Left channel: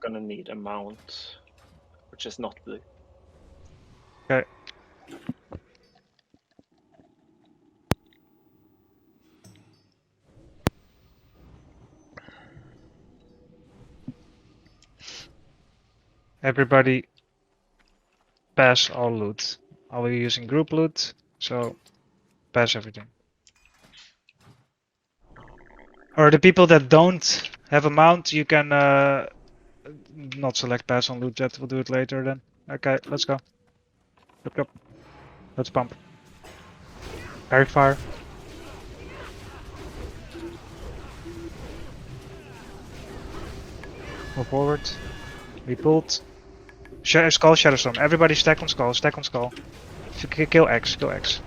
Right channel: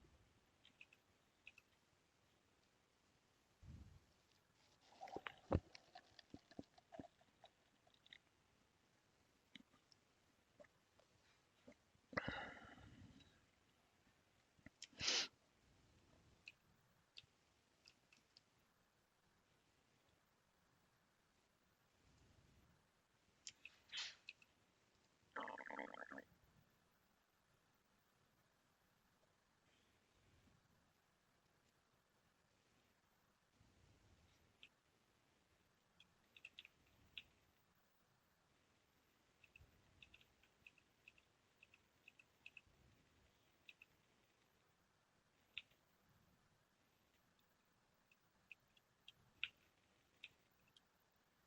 gonna need a mount, which is not blue. Okay. Everybody pass all loot. I'll be using group loot, so pass everything. Or the people that don't have a mount, you can not select pass on loot yet. We'll do it later then. Okay, let's go. Look up. Let's pump. Parry fire. Move forward. We pulled. Skull, Shadowstorm. Everybody stack on skull. Stack on skull. Kill X. Kill X.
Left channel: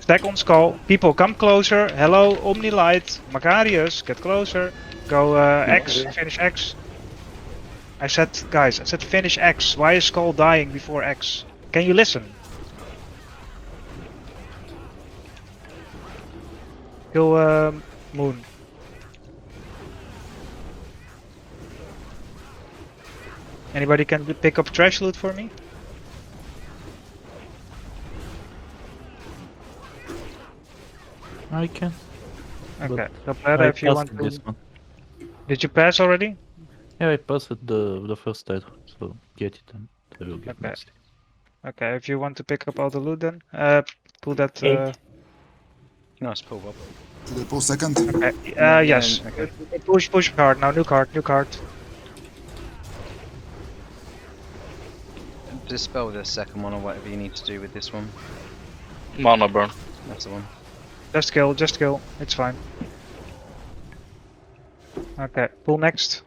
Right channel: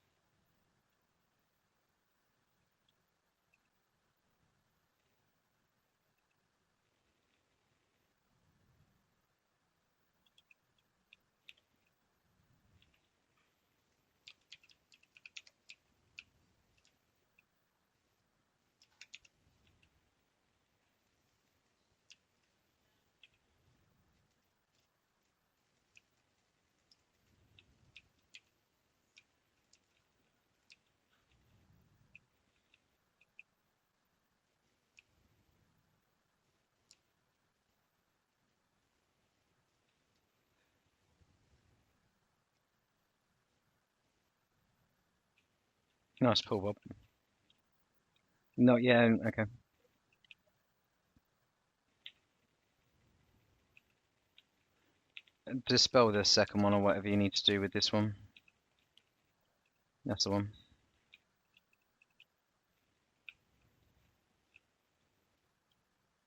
Stack on skull. People, come closer. Hello, Omni Light. Macarius, get closer. Go X. Finish X. I said, guys, I said finish X. Why is skull dying before X? Can you listen? Kill Moon. Anybody can pick up trash loot for me? I can. Okay, But Tablera, I if you want passed to. this one. Did you pass already? Yeah, I passed the first side, so get it and I will get Okay. next. Okay, if you want to pick up all the loot then, pull that. Nice pull, Bob. Should I pull second? Okay. No, Yes. yeah, okay. Push card now. New card. New card. Dispel the second one or whatever you need to do with this one. Mana burn. That's the one. Just kill. Just kill. It's fine. Okay. Pull next.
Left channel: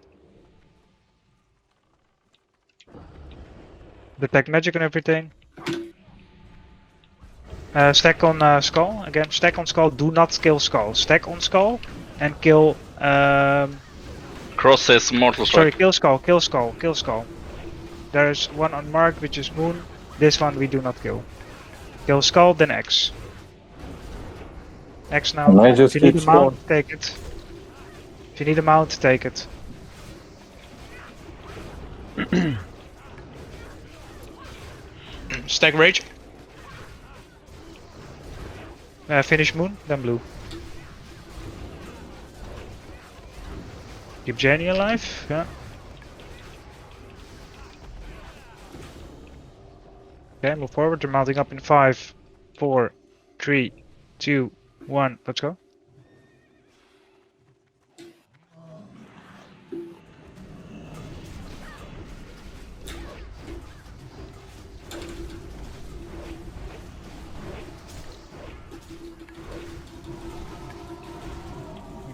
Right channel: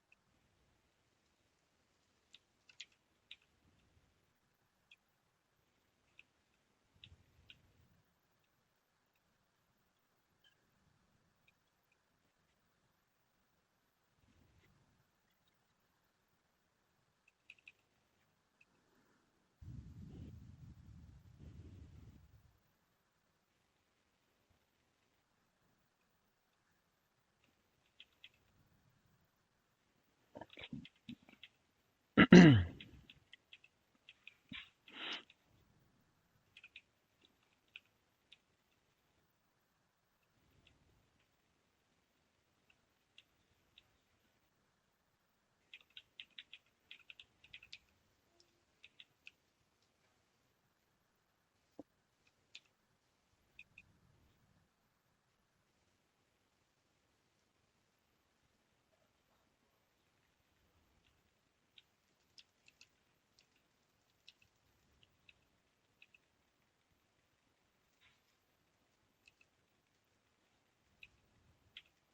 Detect magic and everything. Stack on skull. Again, stack on skull. Do not kill skull. Stack on skull and kill. Cross says mortal Sorry, strike. kill skull. Kill skull. Kill skull. There's one unmarked, which is moon. This one we do not kill. Kill skull, then X. X now. And I If just you need a keep mount, take it. If you need a mount, take it. Stack rage. Finish moon, then blue. Keep Jenny alive, yeah. Okay, move forward. They're mounting up in 5, 4, 3, 2, 1. Let's go.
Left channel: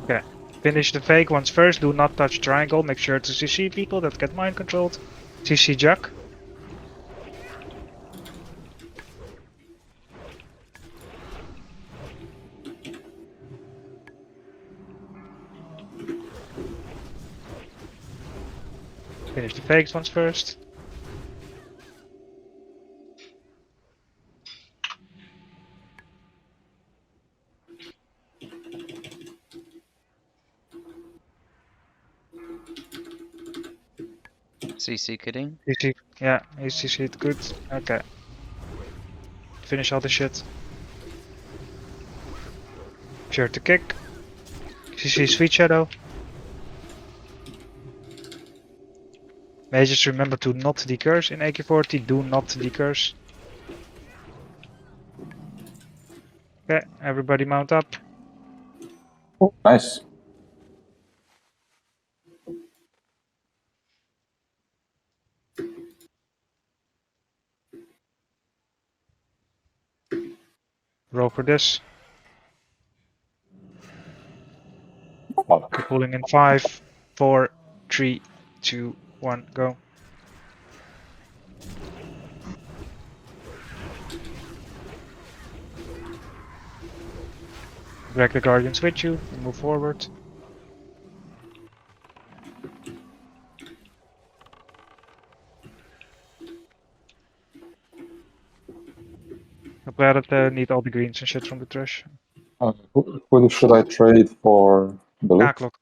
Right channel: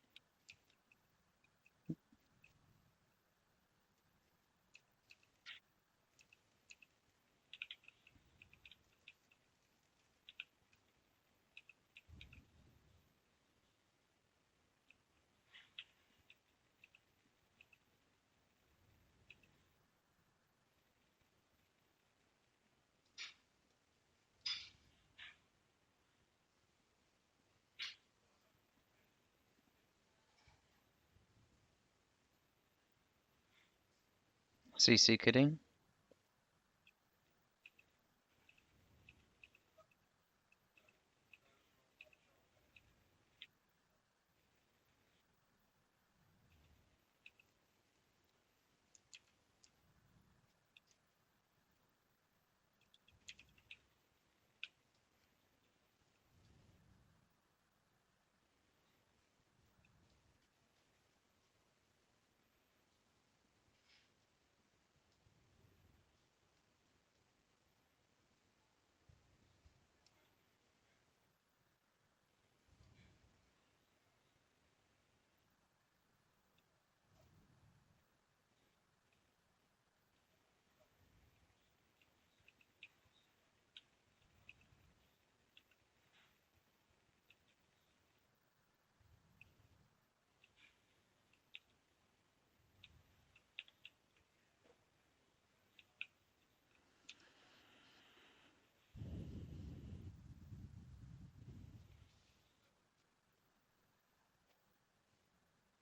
Okay. Finish the fake ones first. Do not touch triangle. Make sure to CC people that get mind controlled. CC Jack. Finish the fakes ones first. CC kidding. CC, yeah, he's CC'd good. Okay. Finish all the shit. Sure to kick. CC Sweet Shadow. May just remember to not decurse in aq40. Do not decurse. Okay, everybody mount up. Oh, nice. Roll for this. Fuck. We're pulling in 5, 4, 3, 2, 1, go. Drag the guardians with you and move forward. I'm glad that need all the greens and shit from the trash. Who should I trade for the loot? Clock.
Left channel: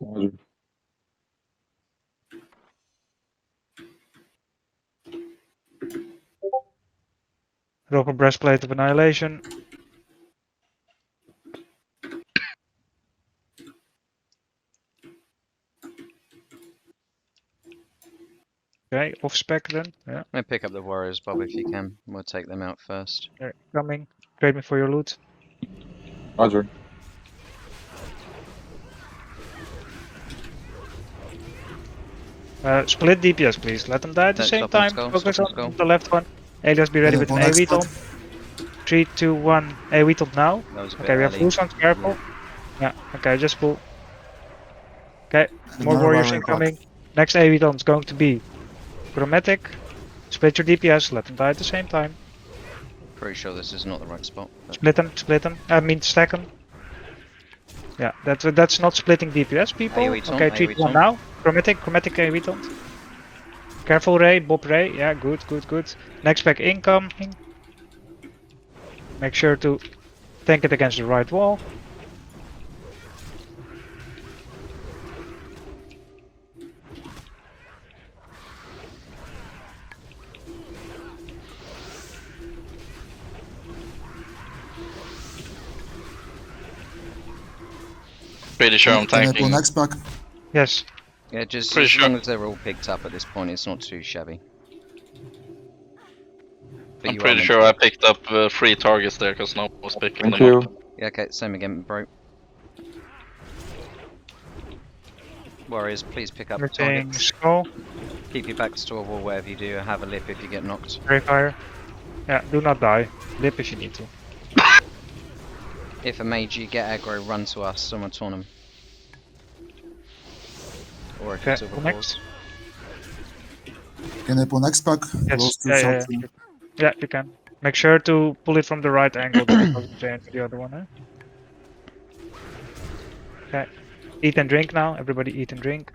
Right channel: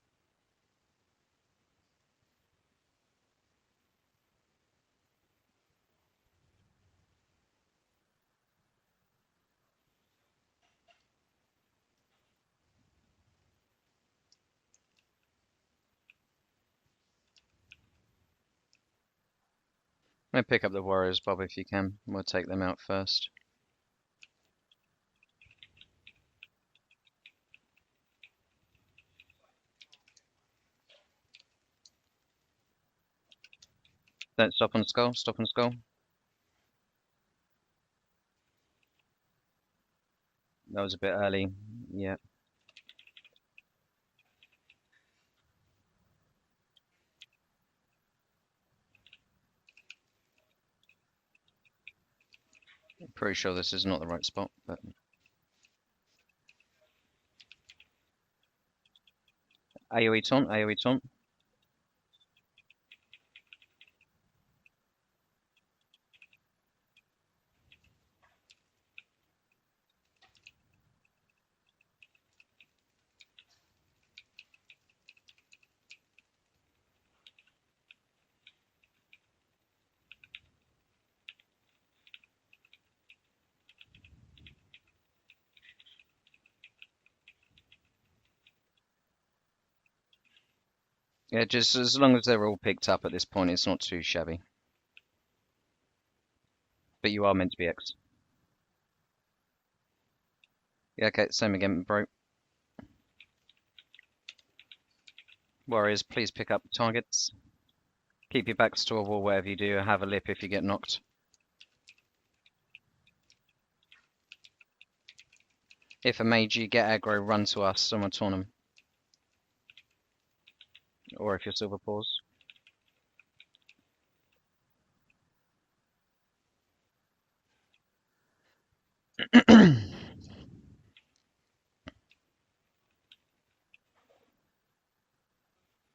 Roger. Rock a breastplate of annihilation. Okay, off spec then. Yeah, I'm gonna pick up the warriors, Bob, if you can. We'll take them out first. they're coming. Trade me for your loot. Roger. Split DPS, please. Let them die at the Don't same stop on time. skull, Focus stop on on skull. the left one. Alias, be ready with an AoE taunt. 3, 2, 1. AoE taunt now. That was a bit Okay, we have early. full sounds, careful. Yeah. Yeah, okay, just pull. Okay, more Another warriors warrior clock. incoming. Next AoE taunt is going to be Chromatic. Split your DPS, let them die at the same time. Pretty sure this is not the right spot. But Split them. I mean, stack them. Yeah, that's not splitting DPS, people. AoE taunt, Okay, 3, AoE 2, 1 taunt. now. Chromatic AoE taunt. Careful, Ray, Bob Ray. Yeah, good. Next pack incoming. Make sure to tank it against the right wall. Pretty sure I'm Can I pull tanking. next pack? Yes. yeah, just Pretty as sure. long as they're all picked up at this point, it's not too shabby. But I'm you are pretty meant sure to I get... picked up 3 targets there because no one was picking Thank them you. up. Yeah, okay, same again, bro. Warriors, please pick up Retaining targets. skull. Keep your backs to a wall, whatever you do. Have a lip if you get knocked. Ray fire. Yeah, do not die. Lip if you need to. If a mage you get aggro, run to us, someone taunt him. Or if Okay, it's silver pull paws. Can I pull next pack? Yes. Close to Yeah, shot. yeah, you can. Make sure to pull it from the right angle because it doesn't change the other one, eh? Okay. Eat and drink now. Everybody eat and drink.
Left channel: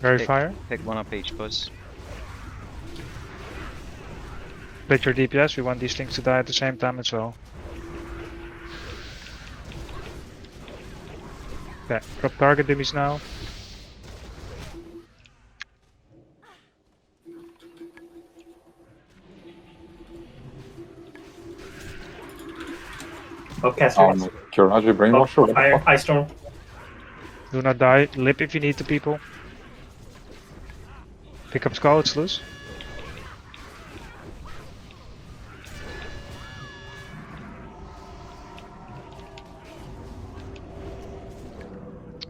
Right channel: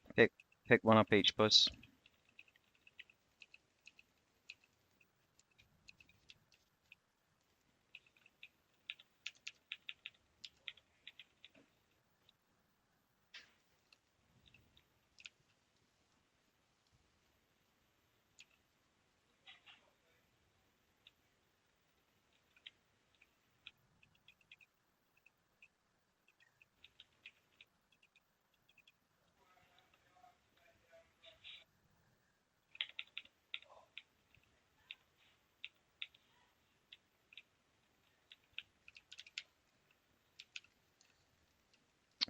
Very Pick. fire. Pick one up each, boys. Split your DPS. We want these things to die at the same time as well. Okay, drop target dummies now. Bobcasters. Kiraji Brainwasher, what the Fire. fuck? Ice Storm. Do not die. Lip if you need to, people. Pick up skull, it's loose.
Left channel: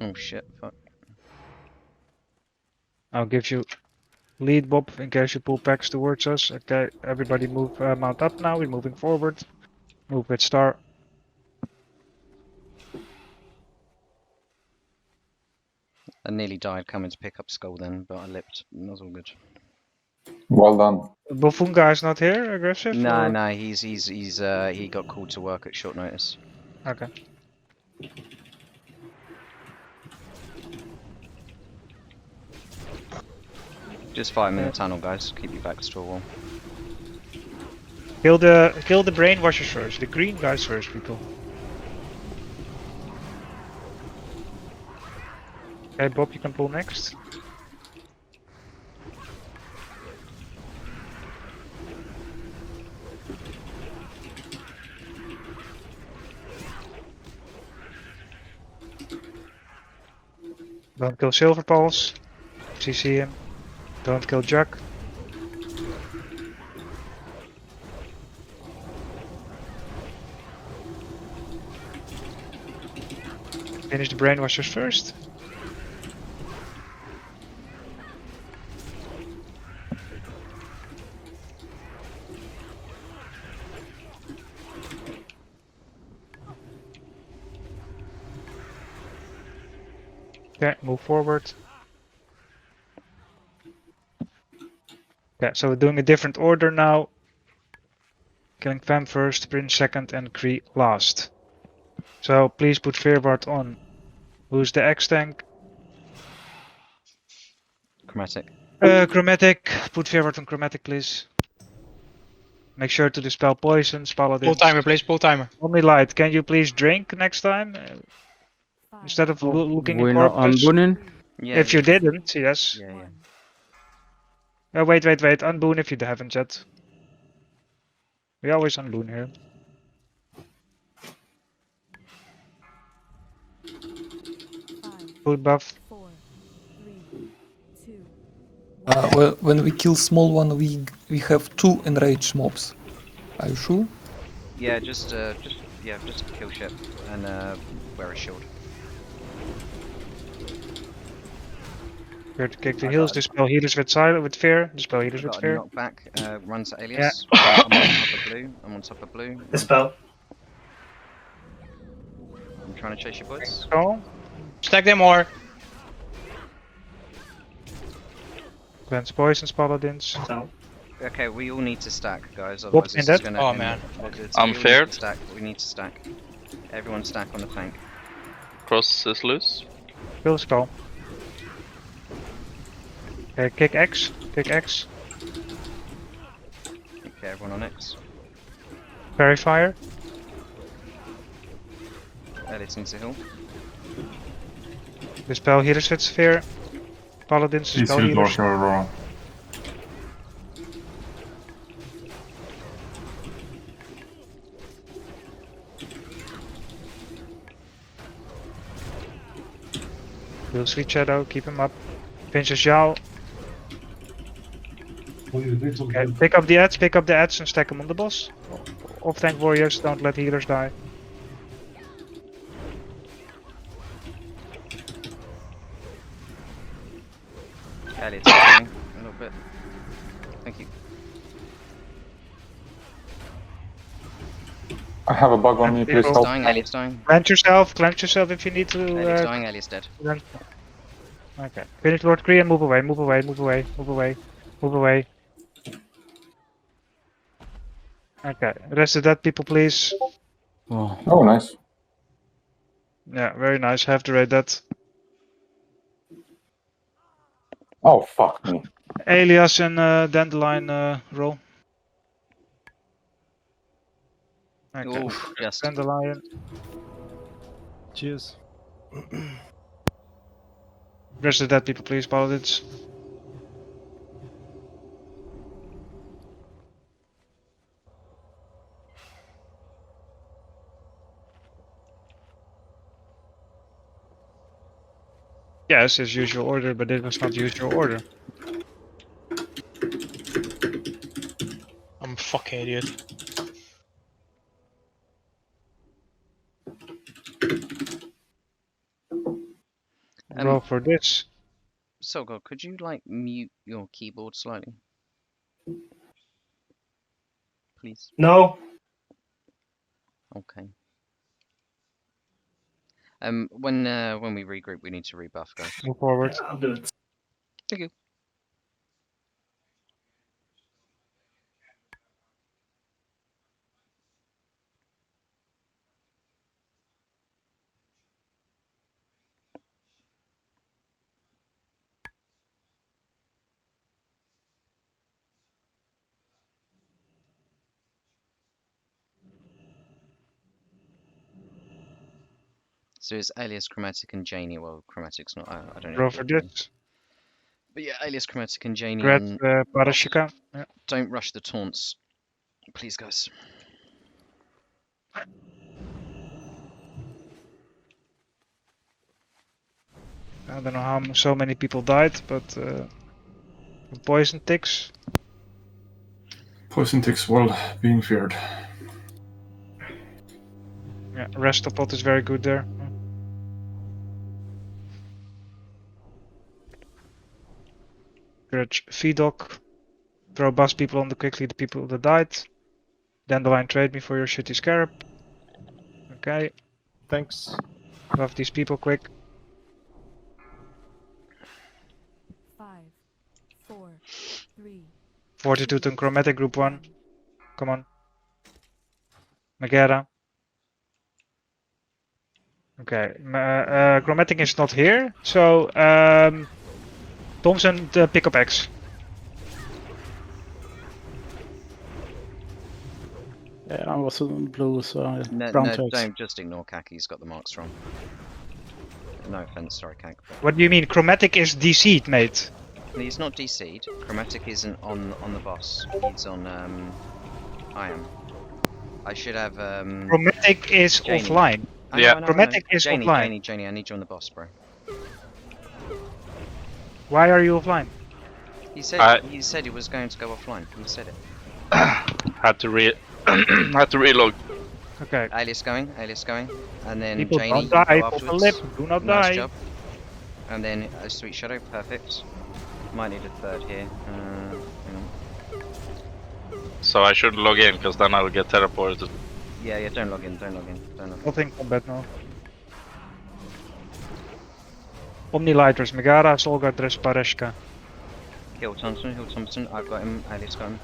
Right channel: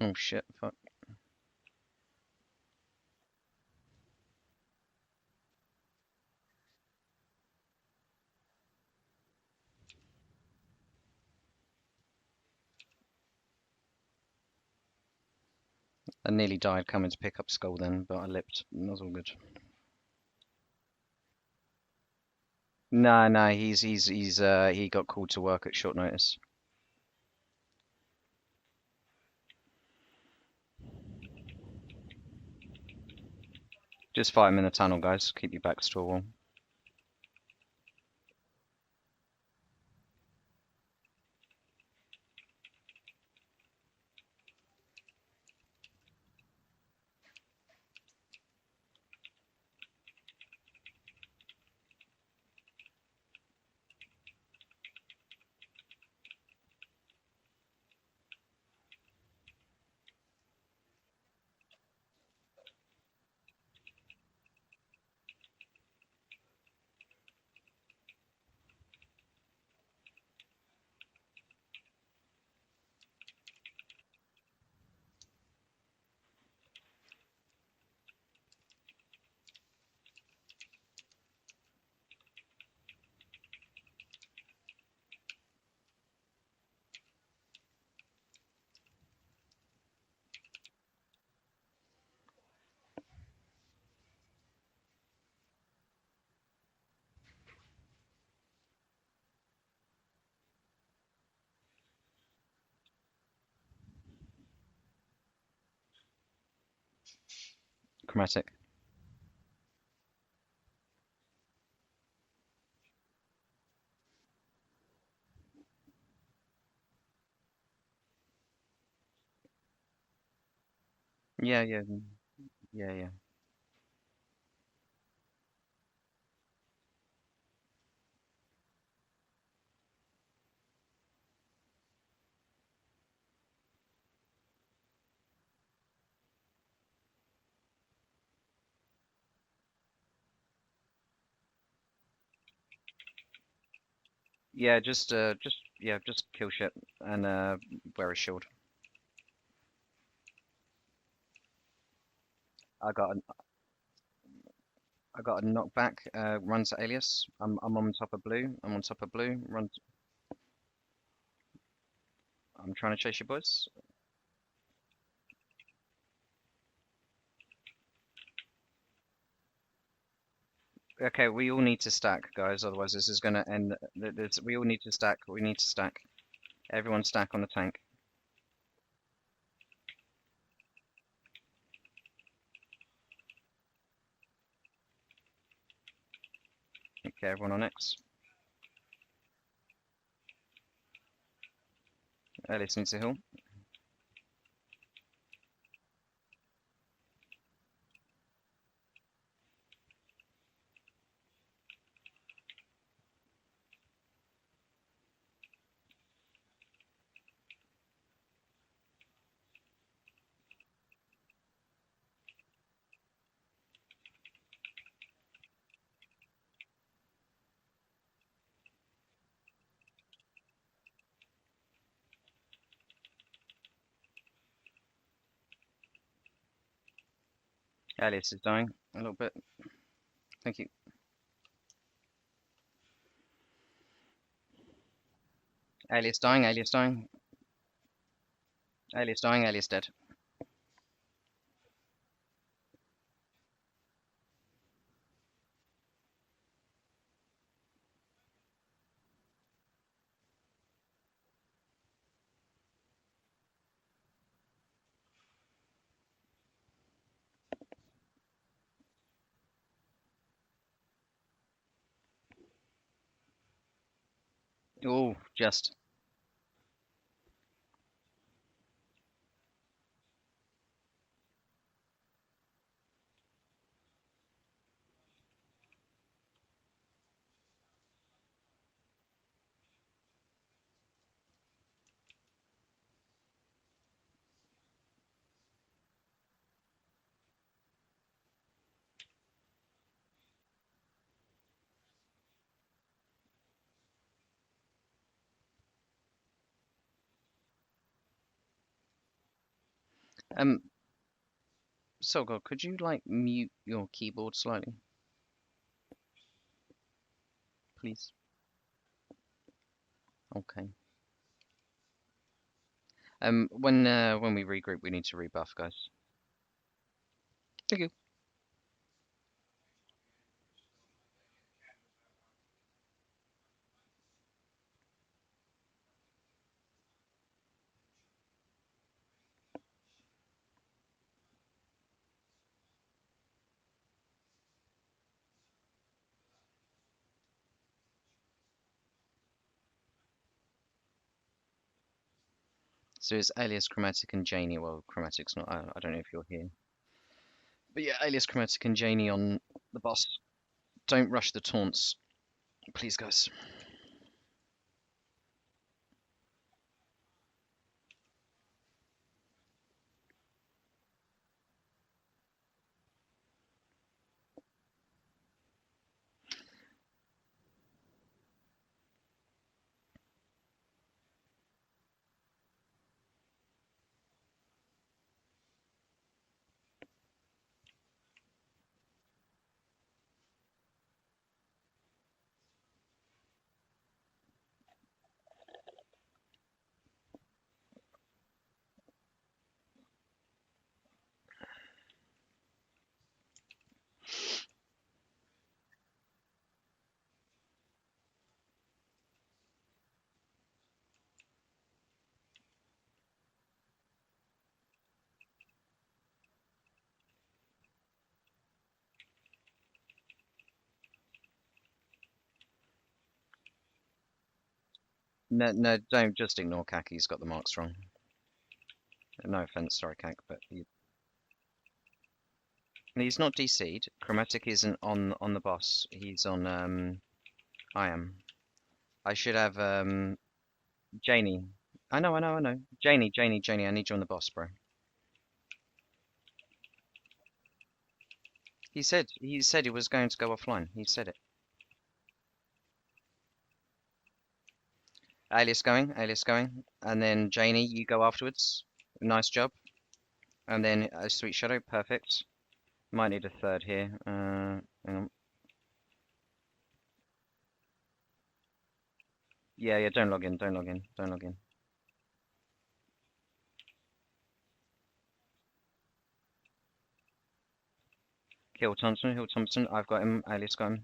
Oh shit, fuck. I'll give you lead, Bob, in case you pull packs towards us. Okay, everybody move, mount up now. We're moving forward. Move with star. I nearly died coming to pick up skull then, but I lipped. That was all good. Well done. Bofunga is not here, aggressive? No, or- no, he got called to work at short notice. Okay. Just fight him in the tunnel, guys. Keep your backs to a wall. Kill the brainwashers first. The green guys first, people. Okay, Bob, you can pull next. Don't kill Silver Pulse. CC him. Don't kill Jack. Finish the brainwashers first. Okay, move forward. Okay, so we're doing a different order now. Killing Fam first, Prince second, and Kree last. So please put Fearbart on. Who's the X tank? Chromatic. Chromatic. Put Fearbart on Chromatic, please. Make sure to dispel poisons, Pull paladins. timer, please. Pull timer. Only light. Can you please drink next time instead of looking at We're not corpses? unbooning. Yeah, If yeah. you didn't, yes. Yeah, yeah. Wait. Unboon if you haven't yet. We always unboon here. Food buff. Well, when we kill small one, we have 2 enraged mobs. Are you sure? Yeah, just kill shit and wear a shield. Here to kick the I heals. got- Dispel healers with silent with fear. Dispel healers I with got a fear. knockback. Run to Alias. I'm on top of blue. I'm on top of blue. Run- Dispel. I'm trying to chase your boys. Oh, Stack them more. cleanse poisons, paladins. No. Okay, we all need to stack, guys. Otherwise, in this is that? gonna Oh, end. man. I'm we all feared. need to stack. We need to stack. Everyone stack on the tank. Cross is loose. Kill skull. Okay, kick X. Kick X. Okay, everyone on X. Fairy fire. Alias needs a heal. Dispel healers with sphere. Paladins, Please dispel heal healers. Dwarf Aurora. Heal Sweet Shadow, keep him up. Pinch his Yao. Okay, pick up the ads and stack them on the boss. Off tank warriors, don't let healers die. Alias is dying a little bit. Thank you. I have a bug on me, please Alias help. dying. Alias dying. Cleanse yourself if you need to. Alias dying. Alias dead. Okay, finish Lord Kree and move away. Okay, rest of that people please. Oh, Oh, nice. Yeah, very nice, have to rate that. Oh, fuck me. Alias and Dandelion roll. Okay. Oh, just. Dandelion. Cheers. Rest of that people please, paladins. Yes, as usual order, but it was not usual order. I'm a fucking idiot. Roll for this. Solgo, could you like mute your keyboard slightly? Please. No. Okay. When we regroup, we need to rebuff, guys. Move forward. I'll do it. Thank you. So it's Alias, Chromatic, and Janie. Well, Chromatic's not. I don't know. Roll for this. But yeah, Alias, Chromatic, and Janie Red on. boss. Parashika. Yeah. Don't rush the taunts, please, guys. I don't know how so many people died, but poison ticks. Poison ticks well being feared. Yeah, Restopot is very good there. Grudge Fedoc. Throw bust people on the quickly the people that died. Dandelion trade me for your shitty scarab. Okay, Thanks. buff these people quick. 5, 4, 3, Fortitude and Chromatic Group 1. Come on. Megara. Okay, Chromatic is not here, so Thompson, pick up X. Yeah, I was on blue, so I No, brown no, to X. don't just ignore Kak. He's got the marks wrong. No offense, sorry, Kak, but What do you mean? Chromatic is DC'd, mate. he's not DC'd. Chromatic isn't on the boss. He's on I am. I should have Chromatic is Janie. offline. I Yeah. know. Chromatic is Janie, offline. Janie, I need you on the boss, bro. Why are you offline? He said I- he said he was going to go offline. He said it. Had to had to reload. Okay. Alias going, and then People Janie, don't die, you go pop a afterwards. lip, do not Nice die. job. And then Sweet Shadow, perfect. Might need a third here. Hang on. So I should log in, because then I'll get teleported. Yeah, don't log in. Nothing combat now. Omnilighters, Megara, Solga, Drespareshka. Hill Thompson. I've got him. Alias got him.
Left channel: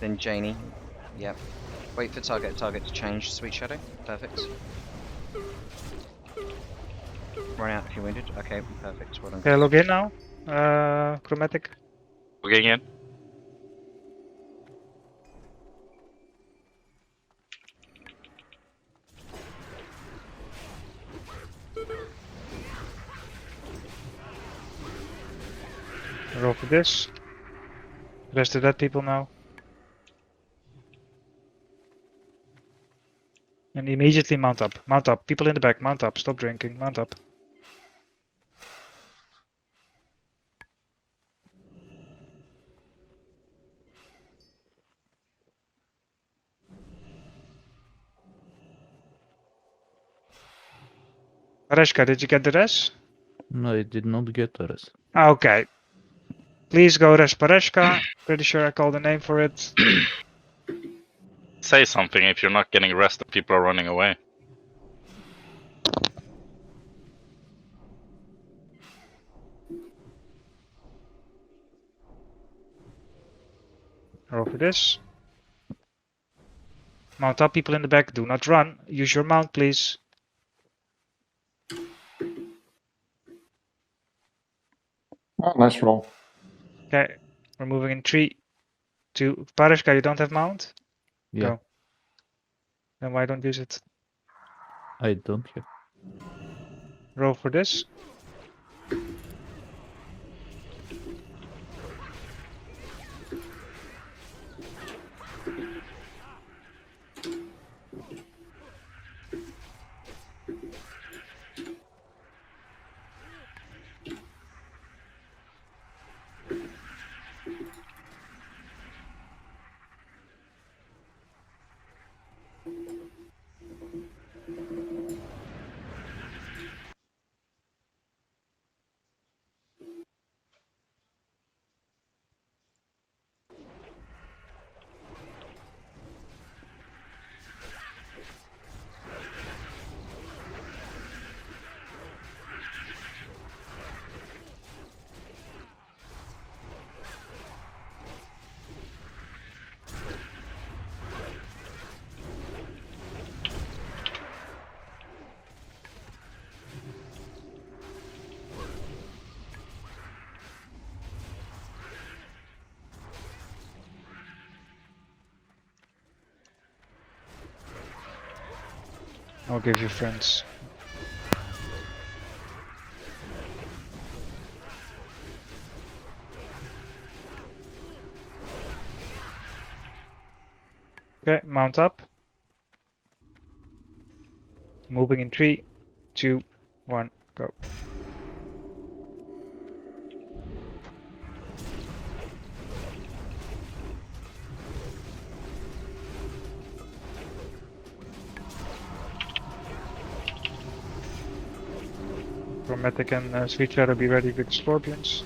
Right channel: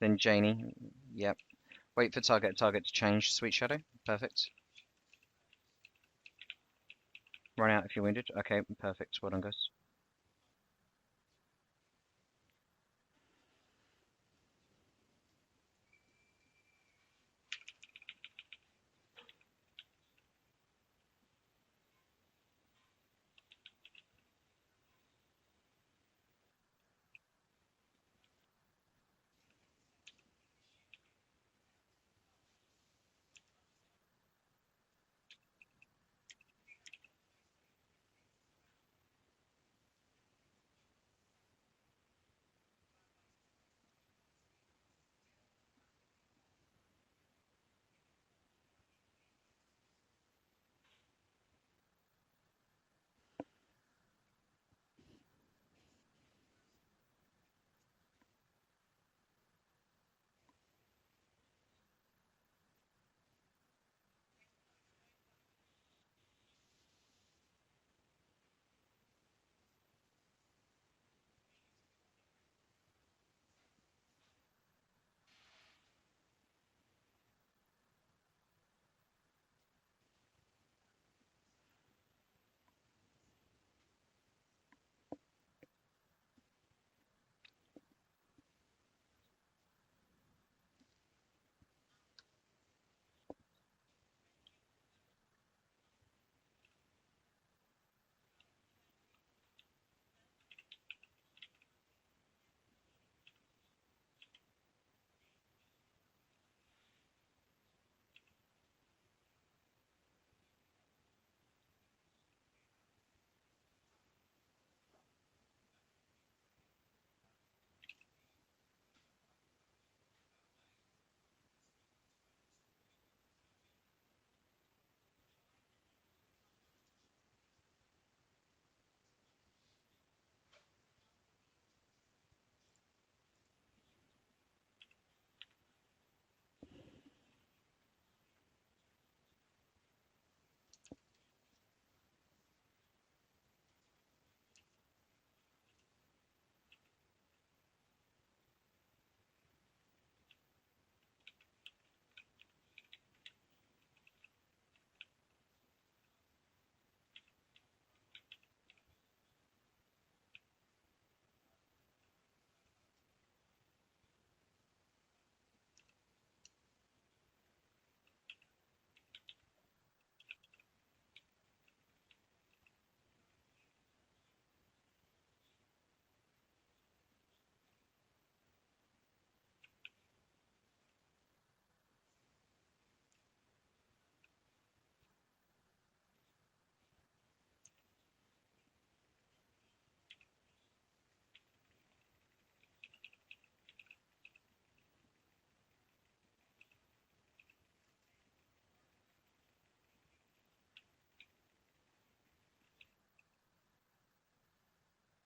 Then Janie. Yep. Wait for target to change. Sweet Shadow, perfect. Run out if you're wounded. Okay, perfect. Well done. Okay, guys. log in now. Chromatic. Logging in. Roll for this. Rest of that people now. And immediately mount up. Mount up. People in the back, mount up. Stop drinking. Mount up. Pareshka, did you get the res? No, I did not get the rest. Okay. Please go res Pareshka. Pretty sure I called the name for it. Say something if you're not getting rest and people are running away. Roll for this. Mount up, people in the back. Do not run. Use your mount, please. Oh, nice roll. Okay. We're moving in 3, 2. Pareshka, you don't have mount? Yeah, Go. Then why don't use it? I don't have. Roll for this. I'll give you friends. Okay, mount up. Moving in 3, 2, 1, go. Chromatic and Sweet Shadow, be ready with the scorpions.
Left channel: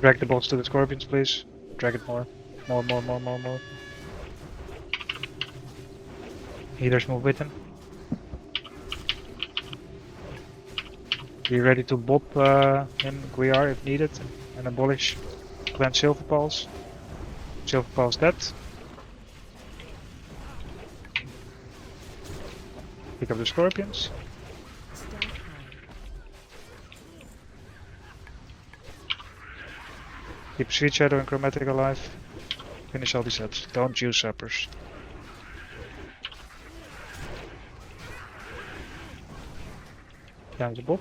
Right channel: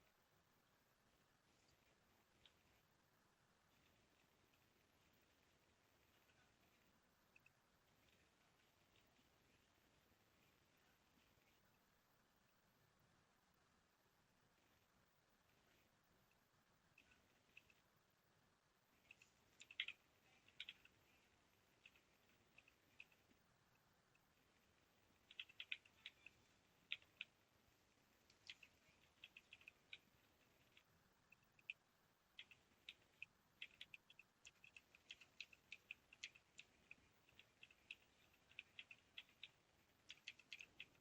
Drag the boss to the scorpions, please. Drag it more. More. Healers move with him. Be ready to bob him, Guiar, if needed, and abolish Clan Silver Pulse. Silver Pulse dead. Pick up the scorpions. Keep Sweet Shadow and Chromatic alive. Finish all these sets. Don't use suppers. Down the bob.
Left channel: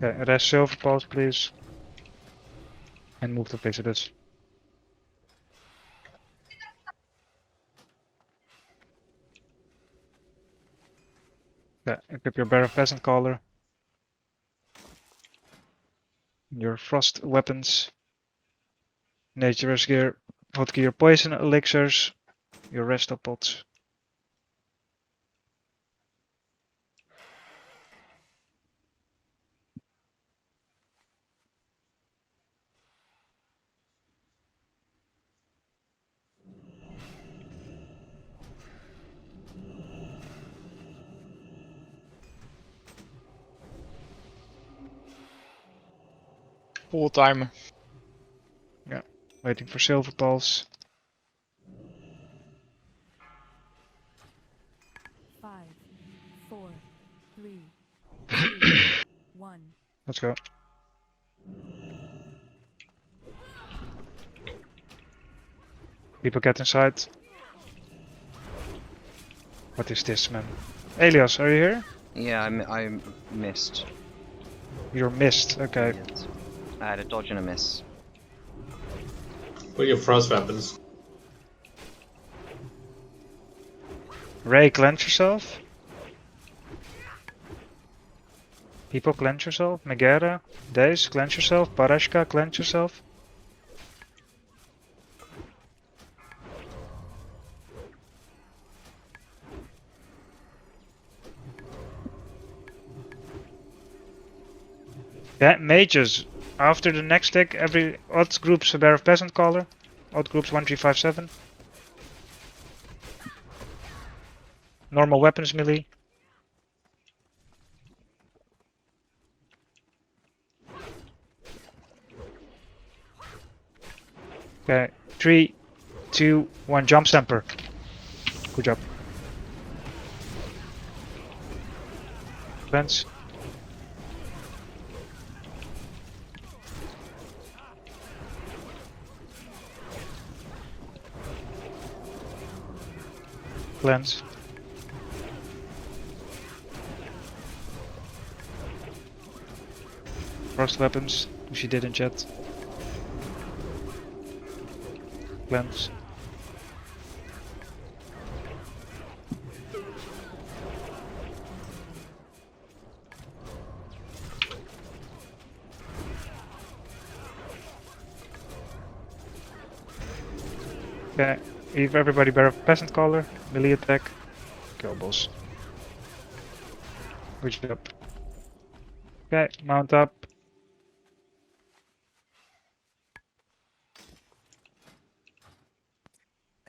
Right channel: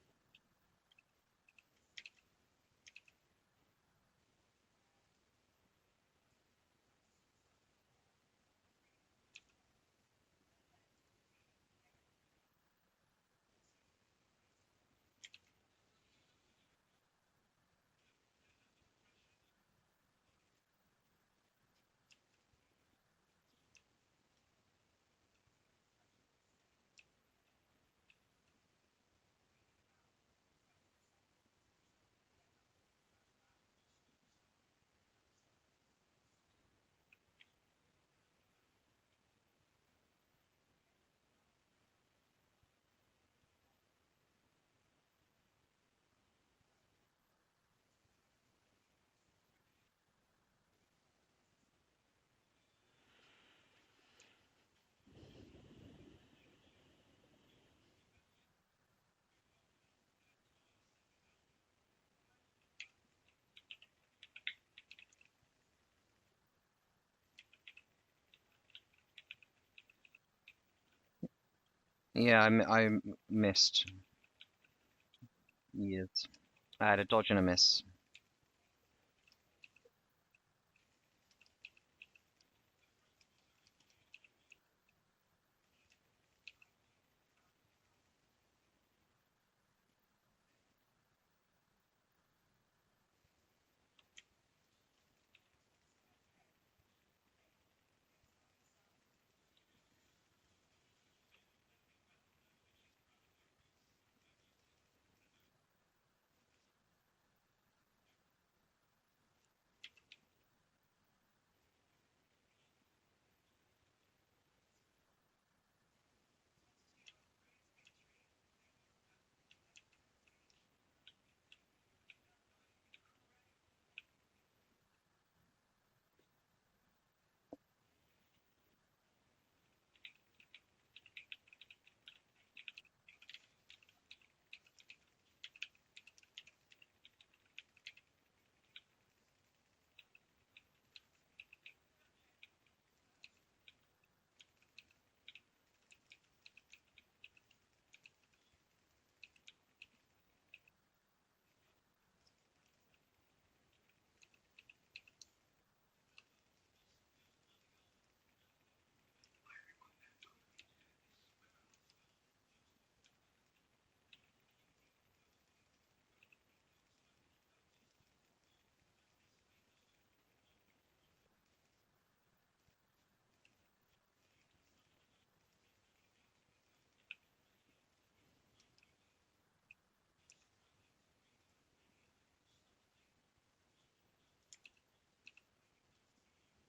Okay, rest Silver Pulse please. And move the visitors. Yeah, equip your Bear of Peasant Collar. Your frost weapons. Nature's gear. Vodka your poison elixirs. Your resto pots. Full timer. Waiting for Silver Pulse. 5, 4, 3, 2, 1. Let's go. People get inside. What is this, man? Elias, are you here? Yeah, I missed. You're missed. Okay. Yes. I had a dodge and a miss. What are your frost weapons? Ray, cleanse yourself. People, cleanse yourself. Megara, Daze, cleanse yourself. Parashka, cleanse yourself. Yeah, mages. After the next deck, every odd groups a Bear of Peasant Collar. Odd groups 1, 3, 5, 7. Normal weapons melee. Okay, 3, 2, 1, jump stamper. Good job. Cleanse. Cleanse. Frost weapons, if you didn't yet. Cleanse. Okay, leave everybody Bear of Peasant Collar, melee attack, kill boss. Good job. Okay, mount up.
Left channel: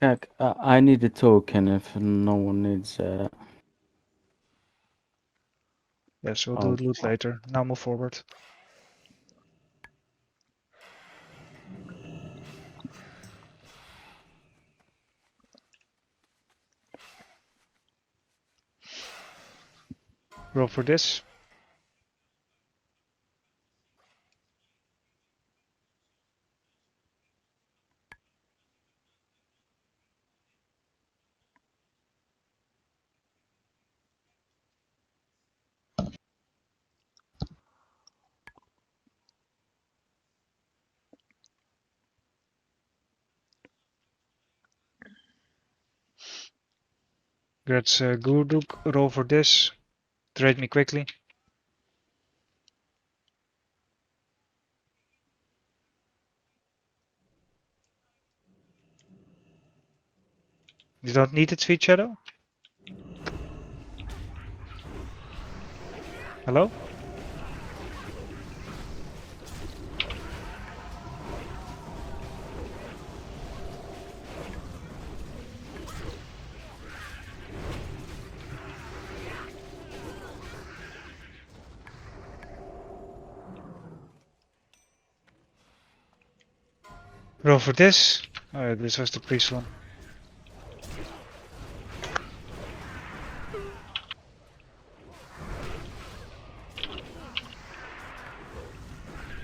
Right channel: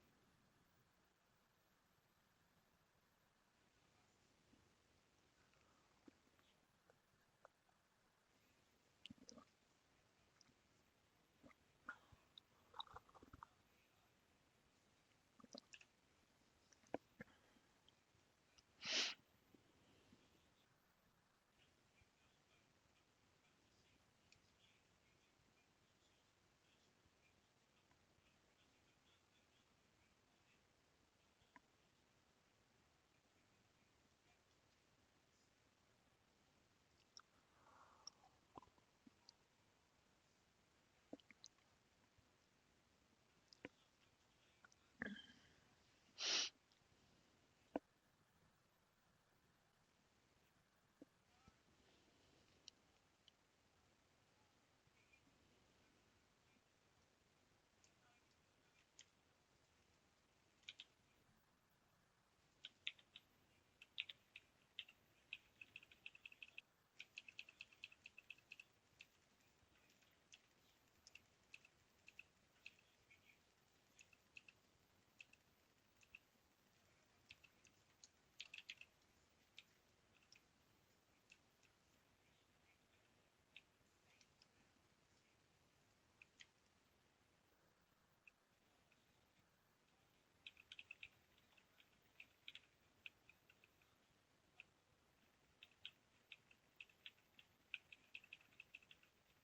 Kijk, I need a token if no one needs. Yes, we'll Oh. do loot later. Now move forward. Roll for this. That's Gurduk. Roll for this. Trade me quickly. You don't need it, Sweet Shadow? Hello? Roll for this. Oh, this was the priest one.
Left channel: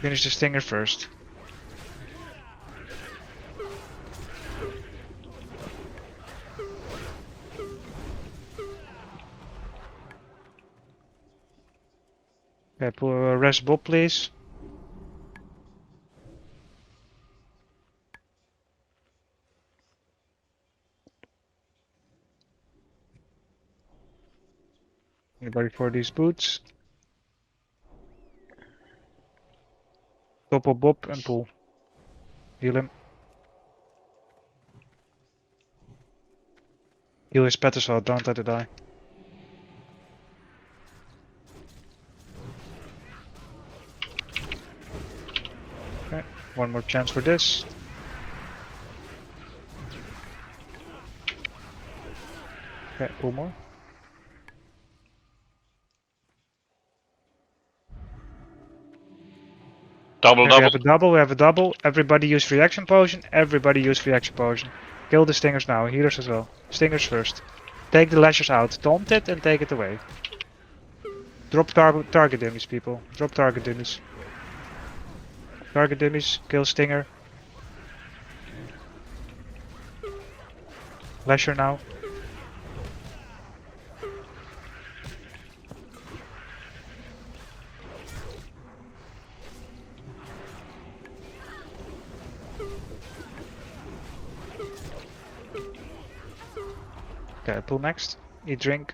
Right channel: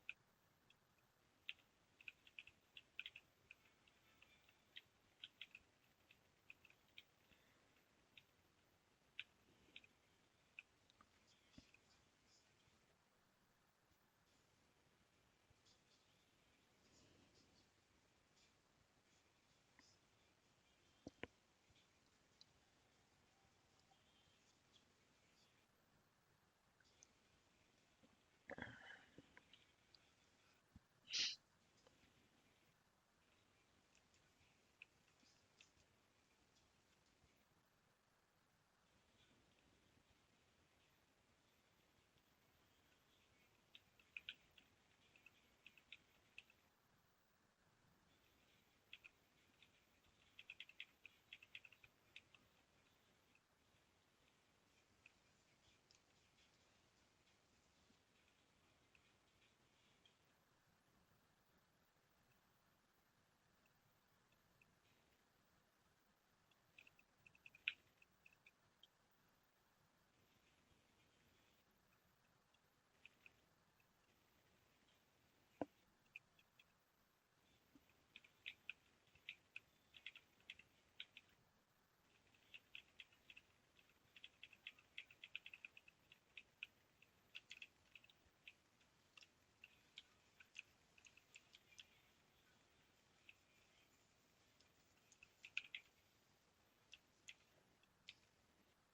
Finish the stinger first. Okay, pull rest Bob, please. Anybody for these boots? Topple Bob and pull. Heal him. Heal his pet as well, don't let it die. Okay, one more chance for this. Okay, pull more. Double, Okay, we double. have a double, we have a double. Everybody use reaction potion, everybody use reaction potion. Kill the stingers now, healers as well. Stingers first. Take the lashes out, taunt it and take it away. Drop target dummies, people. Drop target dummies. Target dummies, kill stinger. Lasher now. Okay, pull next. Eat drink.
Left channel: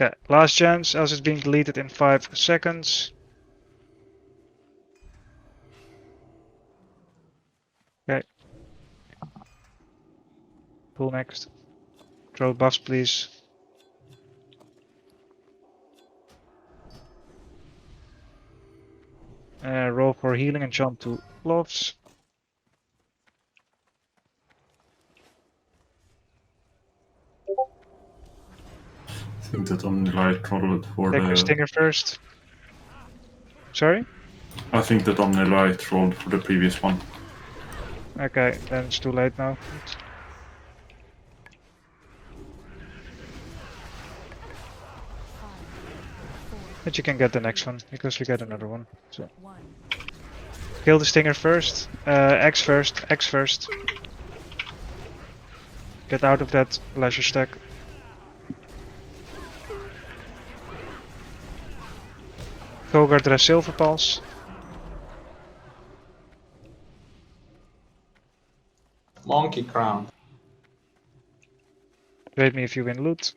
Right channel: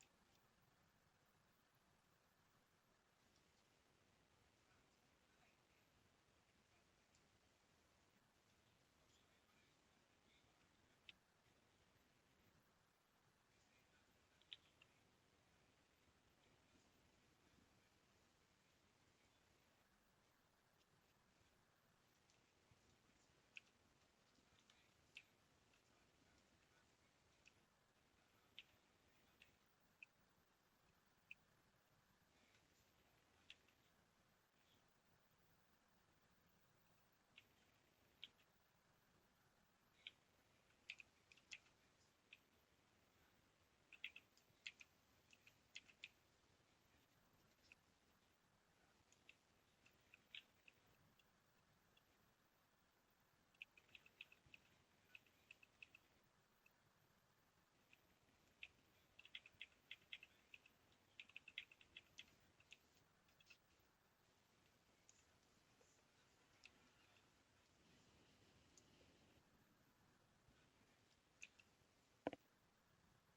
Okay, last chance, else it's being deleted in 5 seconds. Okay. Pull next. Throw buffs, please. Roll for healing and jump to gloves. I think that only light rolled for Take your the. stinger first. Sorry? I think that only light rolled for the previous one. Okay, then it's too late now. But you can get the next one, because we get another one. So kill the stinger first. X first, X first. Get out of that leisure stack. Kogard dress silver pulse. Monkey crown. Rate me if you win loot.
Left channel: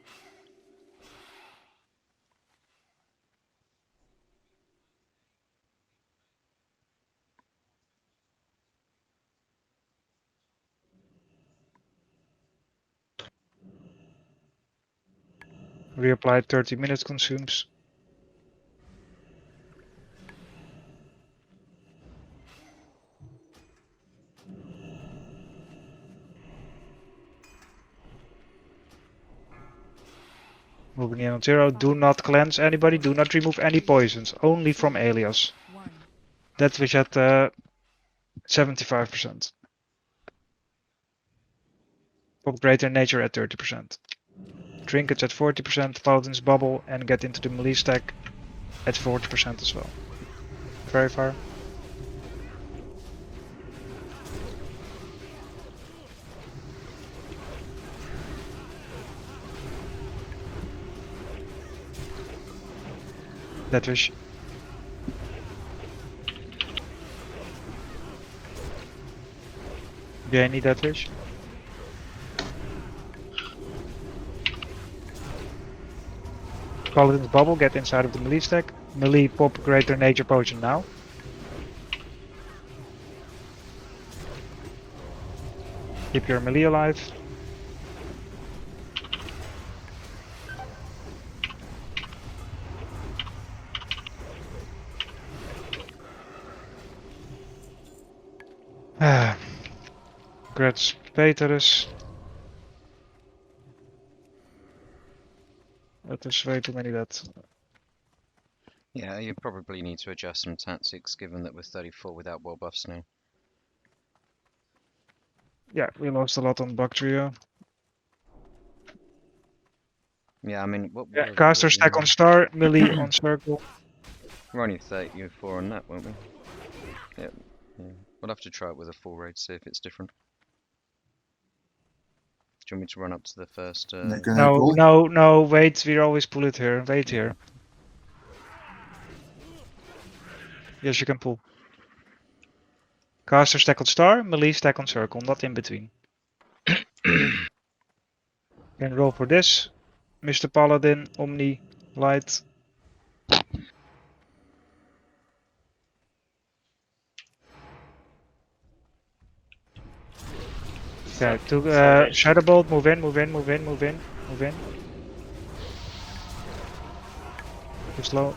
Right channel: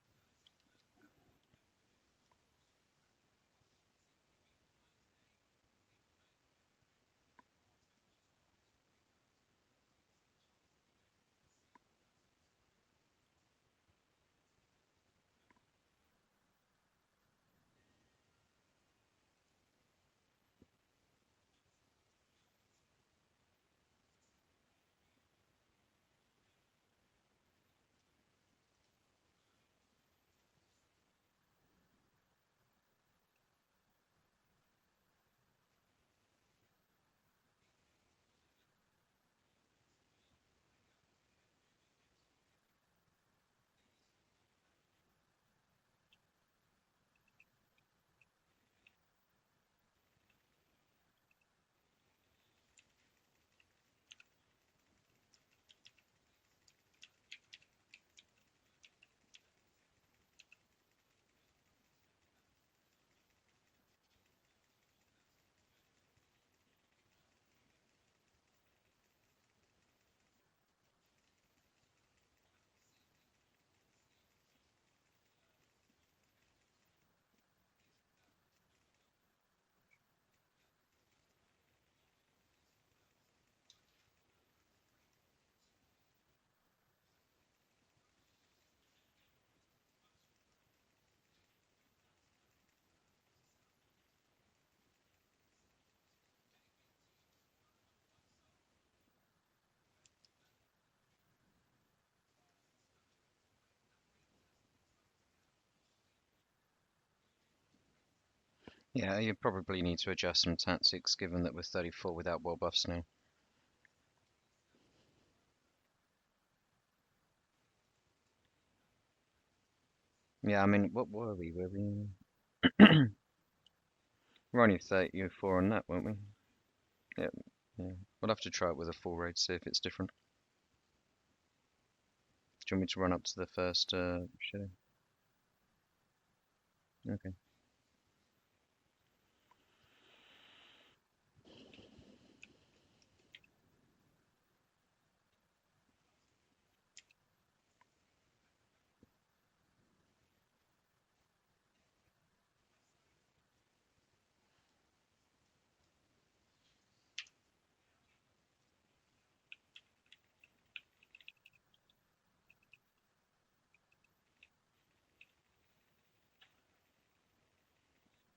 Reapply 30 minutes consumes. Moving in on 0. Do not cleanse anybody. Do not remove any poisons. Only from alias. That was at 75%. Pop greater nature at 30%. Trinkets at 40%. Paladin's bubble and get into the melee stack at 40% as well. Very far. That wish. Do I need that wish? Paladin's bubble, get inside of the melee stack. Melee pop greater nature potion now. Keep your melee alive. Grats Peterus. Dat is way too many that. Yeah, you probably need to adjust some tactics given that we're 34 without world buffs now. Yeah, we lost a lot on Buck Trio. Yeah, I mean, what Yeah, are we caster losing stack now? on star, melee on circle. We're only 34 on that, won't we? Yeah, yeah. We'll have to try it with a full raid, see if it's different. Do you want me to run up to the first? No, wait, we always pull it here. Wait Yeah. here. Yes, you can pull. Caster stack on star, melee stack on circle, not in between. Can roll for this. Mr. Paladin, Omni, Light. Okay, to Salvation. Shadowbolt, move in, move in, move in, move in, move in. Too slow.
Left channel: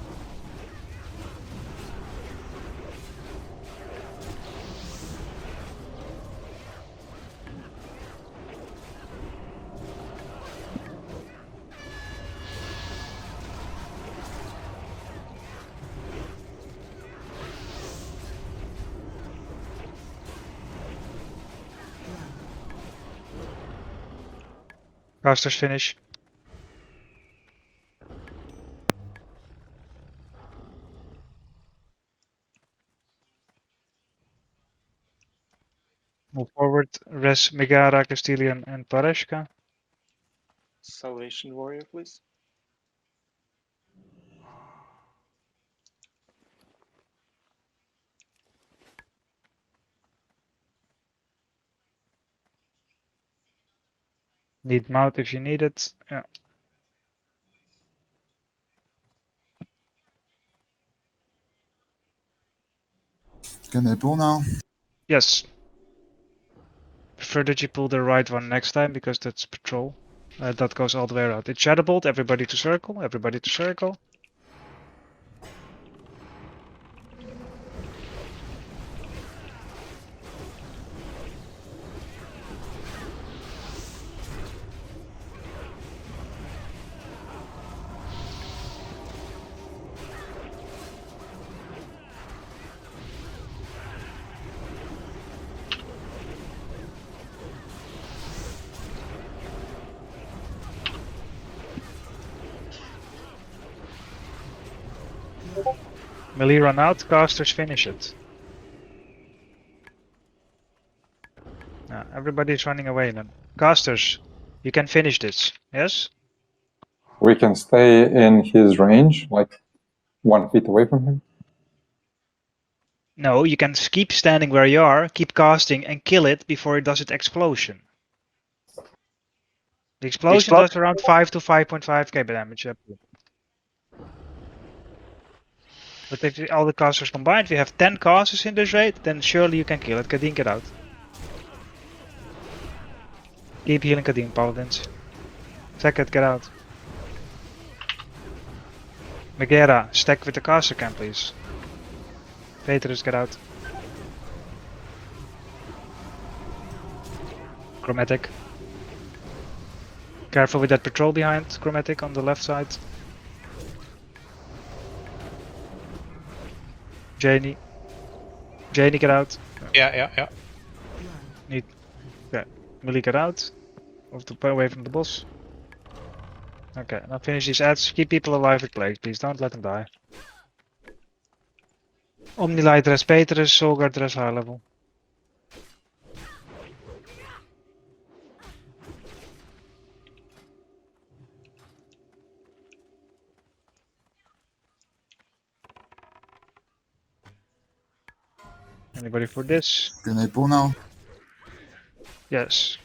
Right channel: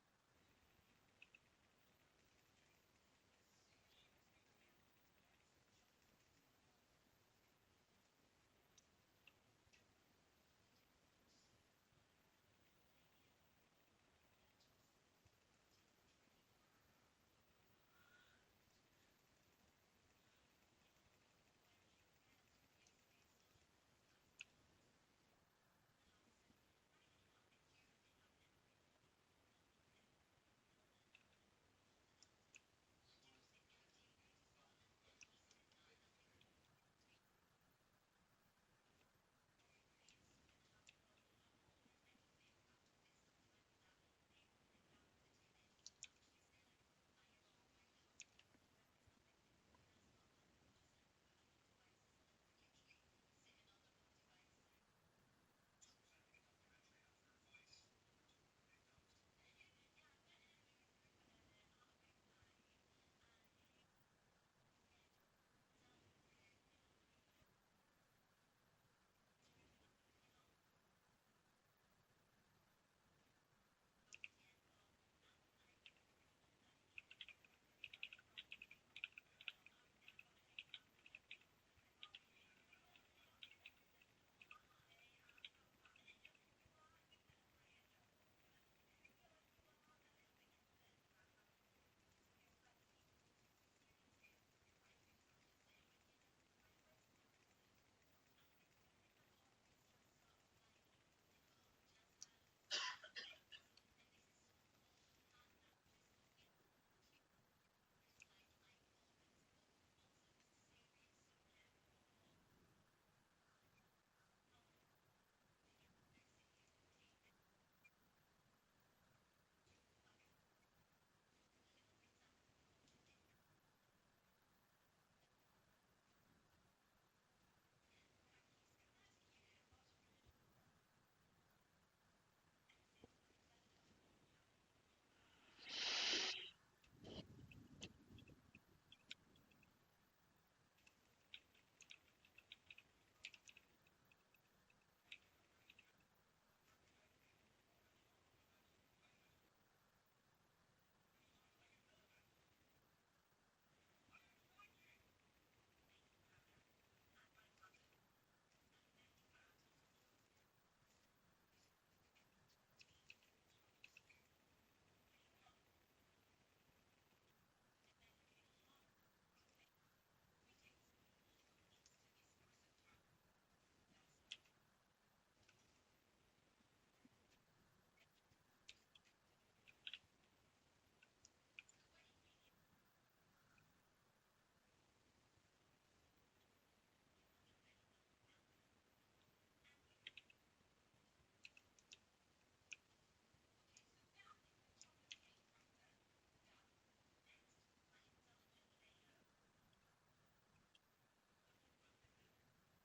Casters finish. Move forward. Res, Megara, Castilian, and Pareshka. Salvation warrior, please. Need mount if you need it. Yeah. Can they pull now? Yes. Prefer that you pull the right one next time because that's patrol. That goes all the way around. It's Shadowbolt, everybody to circle, everybody to circle. Melee run out, casters finish it. Everybody's running away then. Casters, you can finish this, yes? We can stay in his range, like 1 feet away from him. No, you can keep standing where you are, keep casting and kill it before it does its explosion. The explosion does around 5 to 5.5k damage. But if all the casters combined, we have 10 casters in this raid, then surely you can kill it. Kadeen, get out. Keep healing Kadeen, Paladins. Second, get out. Megara, stack with the caster camp, please. Petrus, get out. Chromatic. Careful with that patrol behind Chromatic on the left side. Janie. Janie, get out. Yeah. Millie, get out. Away from the boss. Okay, now finish these ads. Keep people alive with plague, please. Don't let them die. Omnilight, dress Petrus. Solgar, dress high level. Anybody for this? Can they pull now? Yes.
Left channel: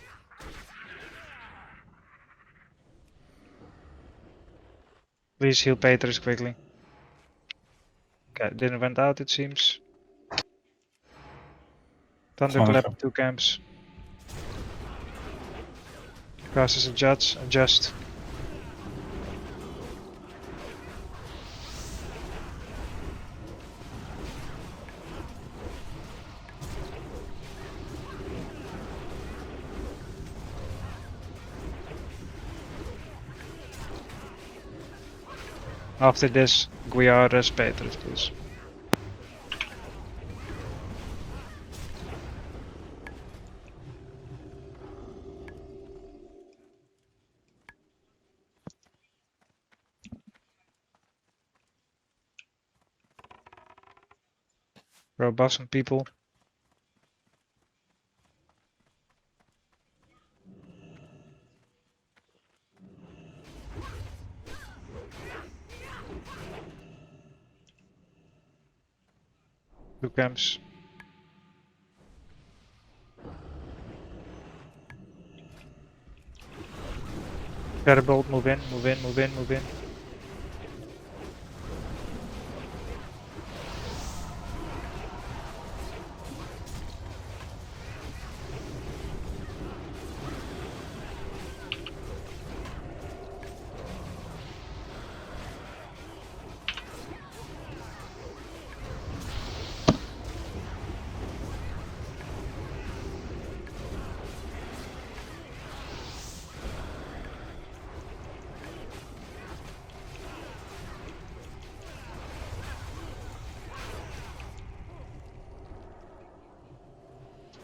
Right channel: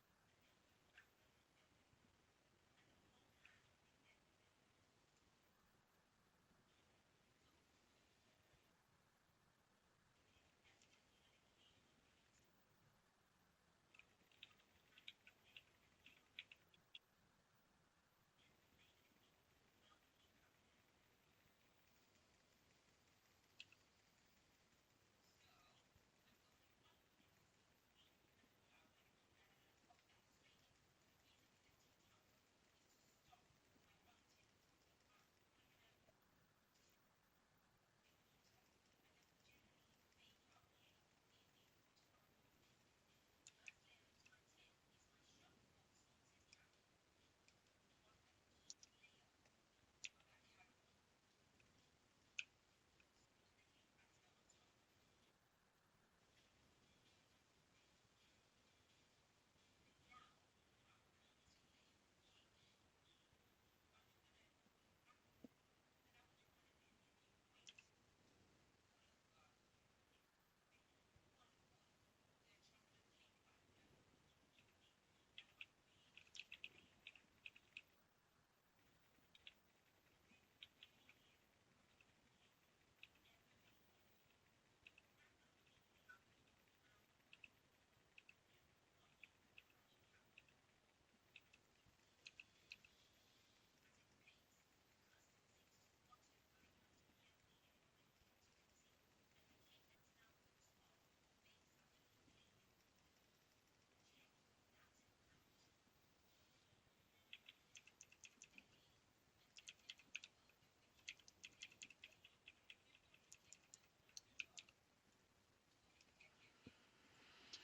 Please heal Petrus quickly. Okay, didn't went out it seems. Thunderclap, 2 camps. Casters adjust. After this, Guiar Peters, please. Bro, buff some people. Two camps. Terbolt, move in, move in, move in, move in.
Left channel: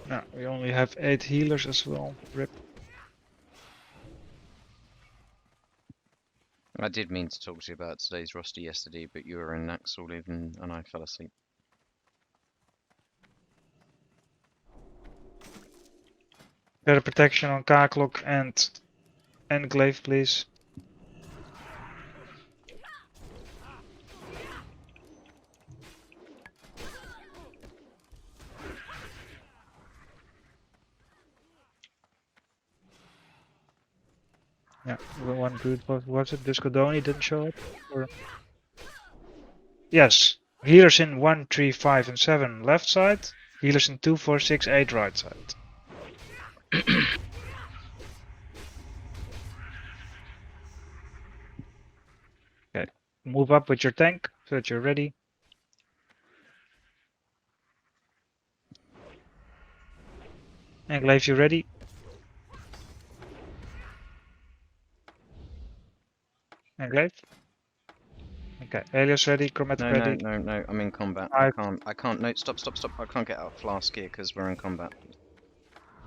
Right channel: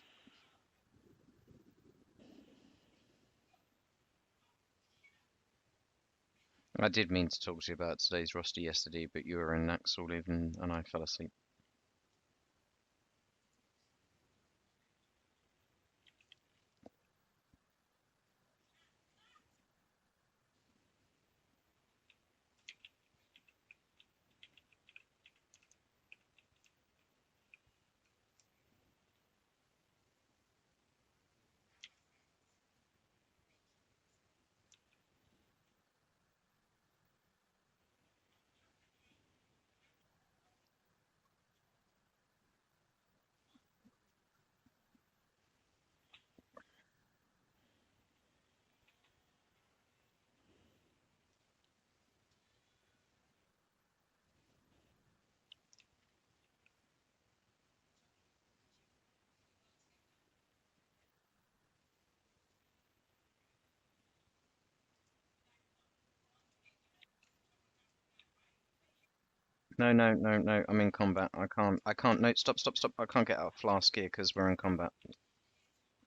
No, we only have 8 healers as well. Rip. I did mean to talk to you about today's roster yesterday, but you were in Naxal even, and I fell asleep. Better protection on aq40 and glaive, please. Yeah, one good. What was it? Discodoni didn't show up? Or... Yes. Healers in 1, 3, 5, and 7 left side. Healers in 2, 4, 6, 8 right side. Okay. Move up with your tank so that you're ready. And glaive, you ready? And glaive? Okay. Alias ready, chromatic No, ready. no, I'm in combat. I can't, no, stop. I can't get out of flask here because we're in combat.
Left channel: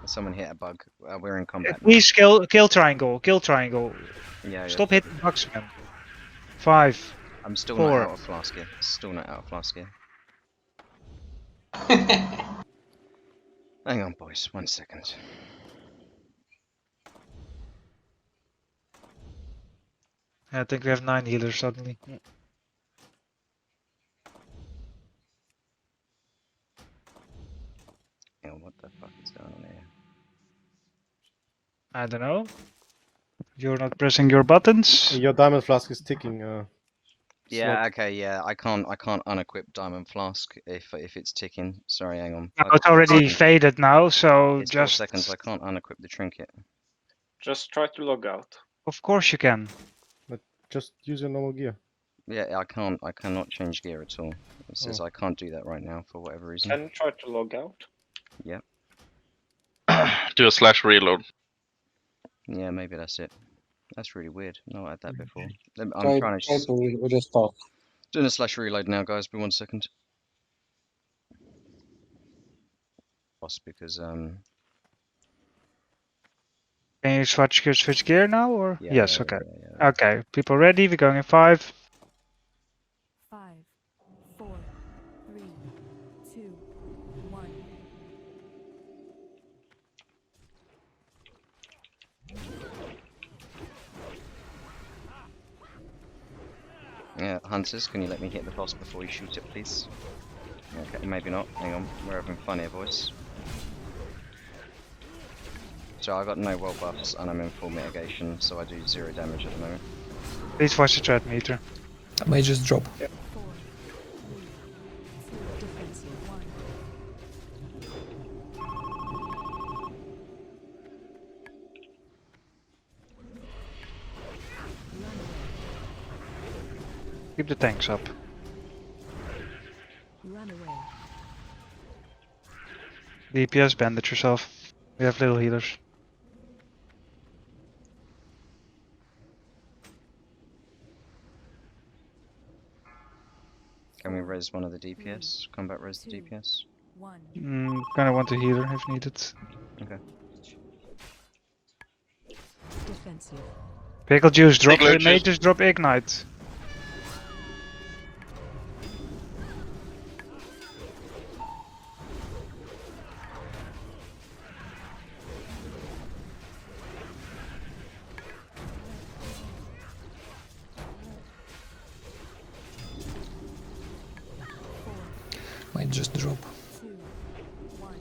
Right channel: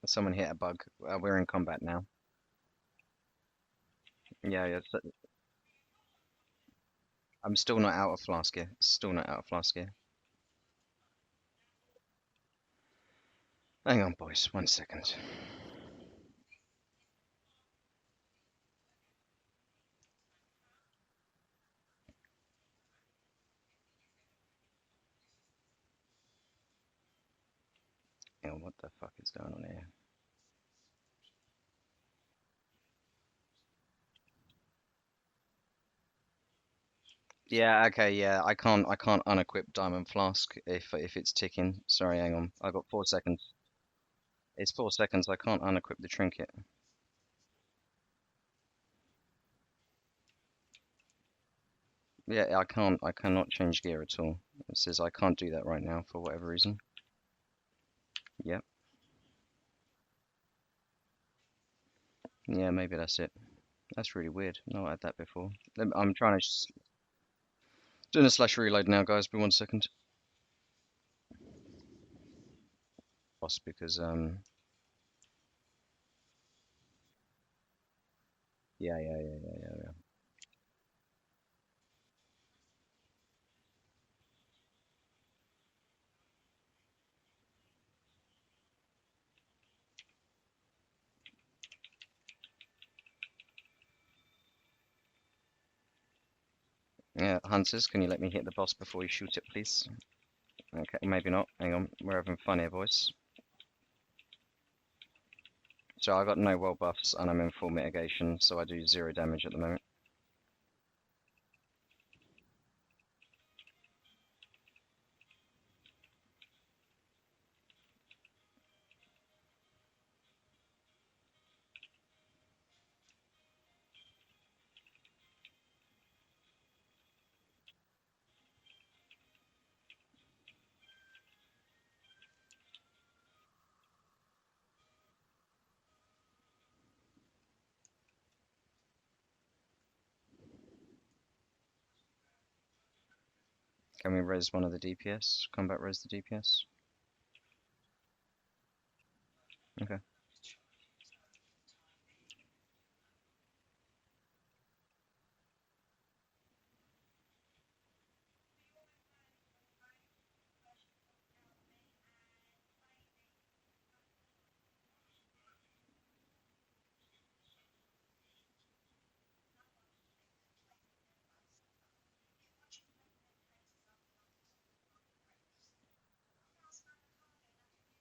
Someone hit a bug. We're in combat now. Please kill triangle, kill triangle. Yeah, Stop hitting bugs, man. 5. I'm still 4. not out of flask here. Still not out of flask here. Hang on, boys. 1 second. I think we have 9 healers suddenly. Yeah, what the fuck is going on here? I don't know. You're not pressing your buttons. Your diamond flask is ticking. Yeah, okay, yeah. I can't unequip diamond flask if it's ticking. Sorry, hang on. It's already faded now, so it's just 4 seconds. I can't unequip the trinket. Just try to log out. Of course you can. But just use your normal gear. Yeah, I cannot change gear at all. It says I can't do that right now for whatever reason. Can try to log out. Yep. Do a slash reload. Yeah, maybe that's it. That's really weird. Not had that before. I'm trying to restart. doing a slash reload now, guys. Be 1 second. Because Can you switch gear now or? yeah, Yes, yeah, okay. yeah. Okay, people ready? We're going in 5. 5, 4, 3, 2, 1. Yeah, hunters, can you let me hit the boss before you shoot it, please? Okay, maybe not. Hang on, we're having fun here, boys. So I got no well buffs and I'm in full mitigation, so I do 0 damage at the moment. Please watch the threat meter. I may just drop. 4, 3, 2, 1. Keep the tanks up. Run away. DPS, bandage yourself. We have little healers. Can we res one of the DPS? Combat res the DPS? Kinda want a healer if needed. Okay. Defensive. Pickle juice, drop Pickle juice. mages, drop ignite. Might just drop. 2, 1.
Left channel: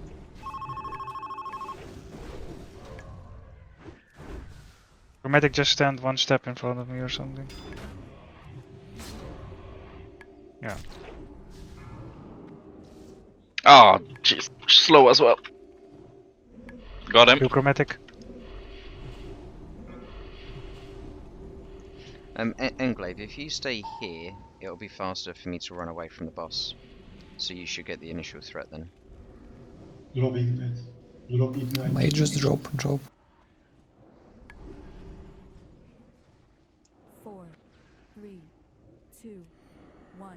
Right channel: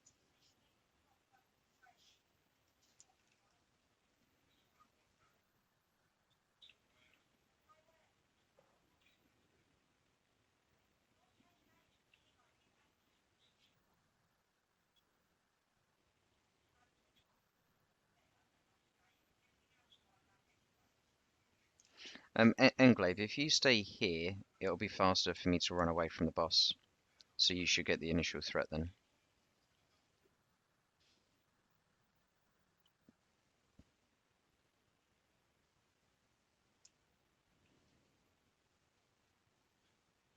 Chromatic just stand one step in front of me or something. Yeah. Oh, jeez. Slow as well. Got him. You chromatic. Englave, if you stay here, it'll be faster for me to run away from the boss. So you should get the initial threat then. Drop ignite. Drop ignite. Might just drop. 4, 3, 2, 1.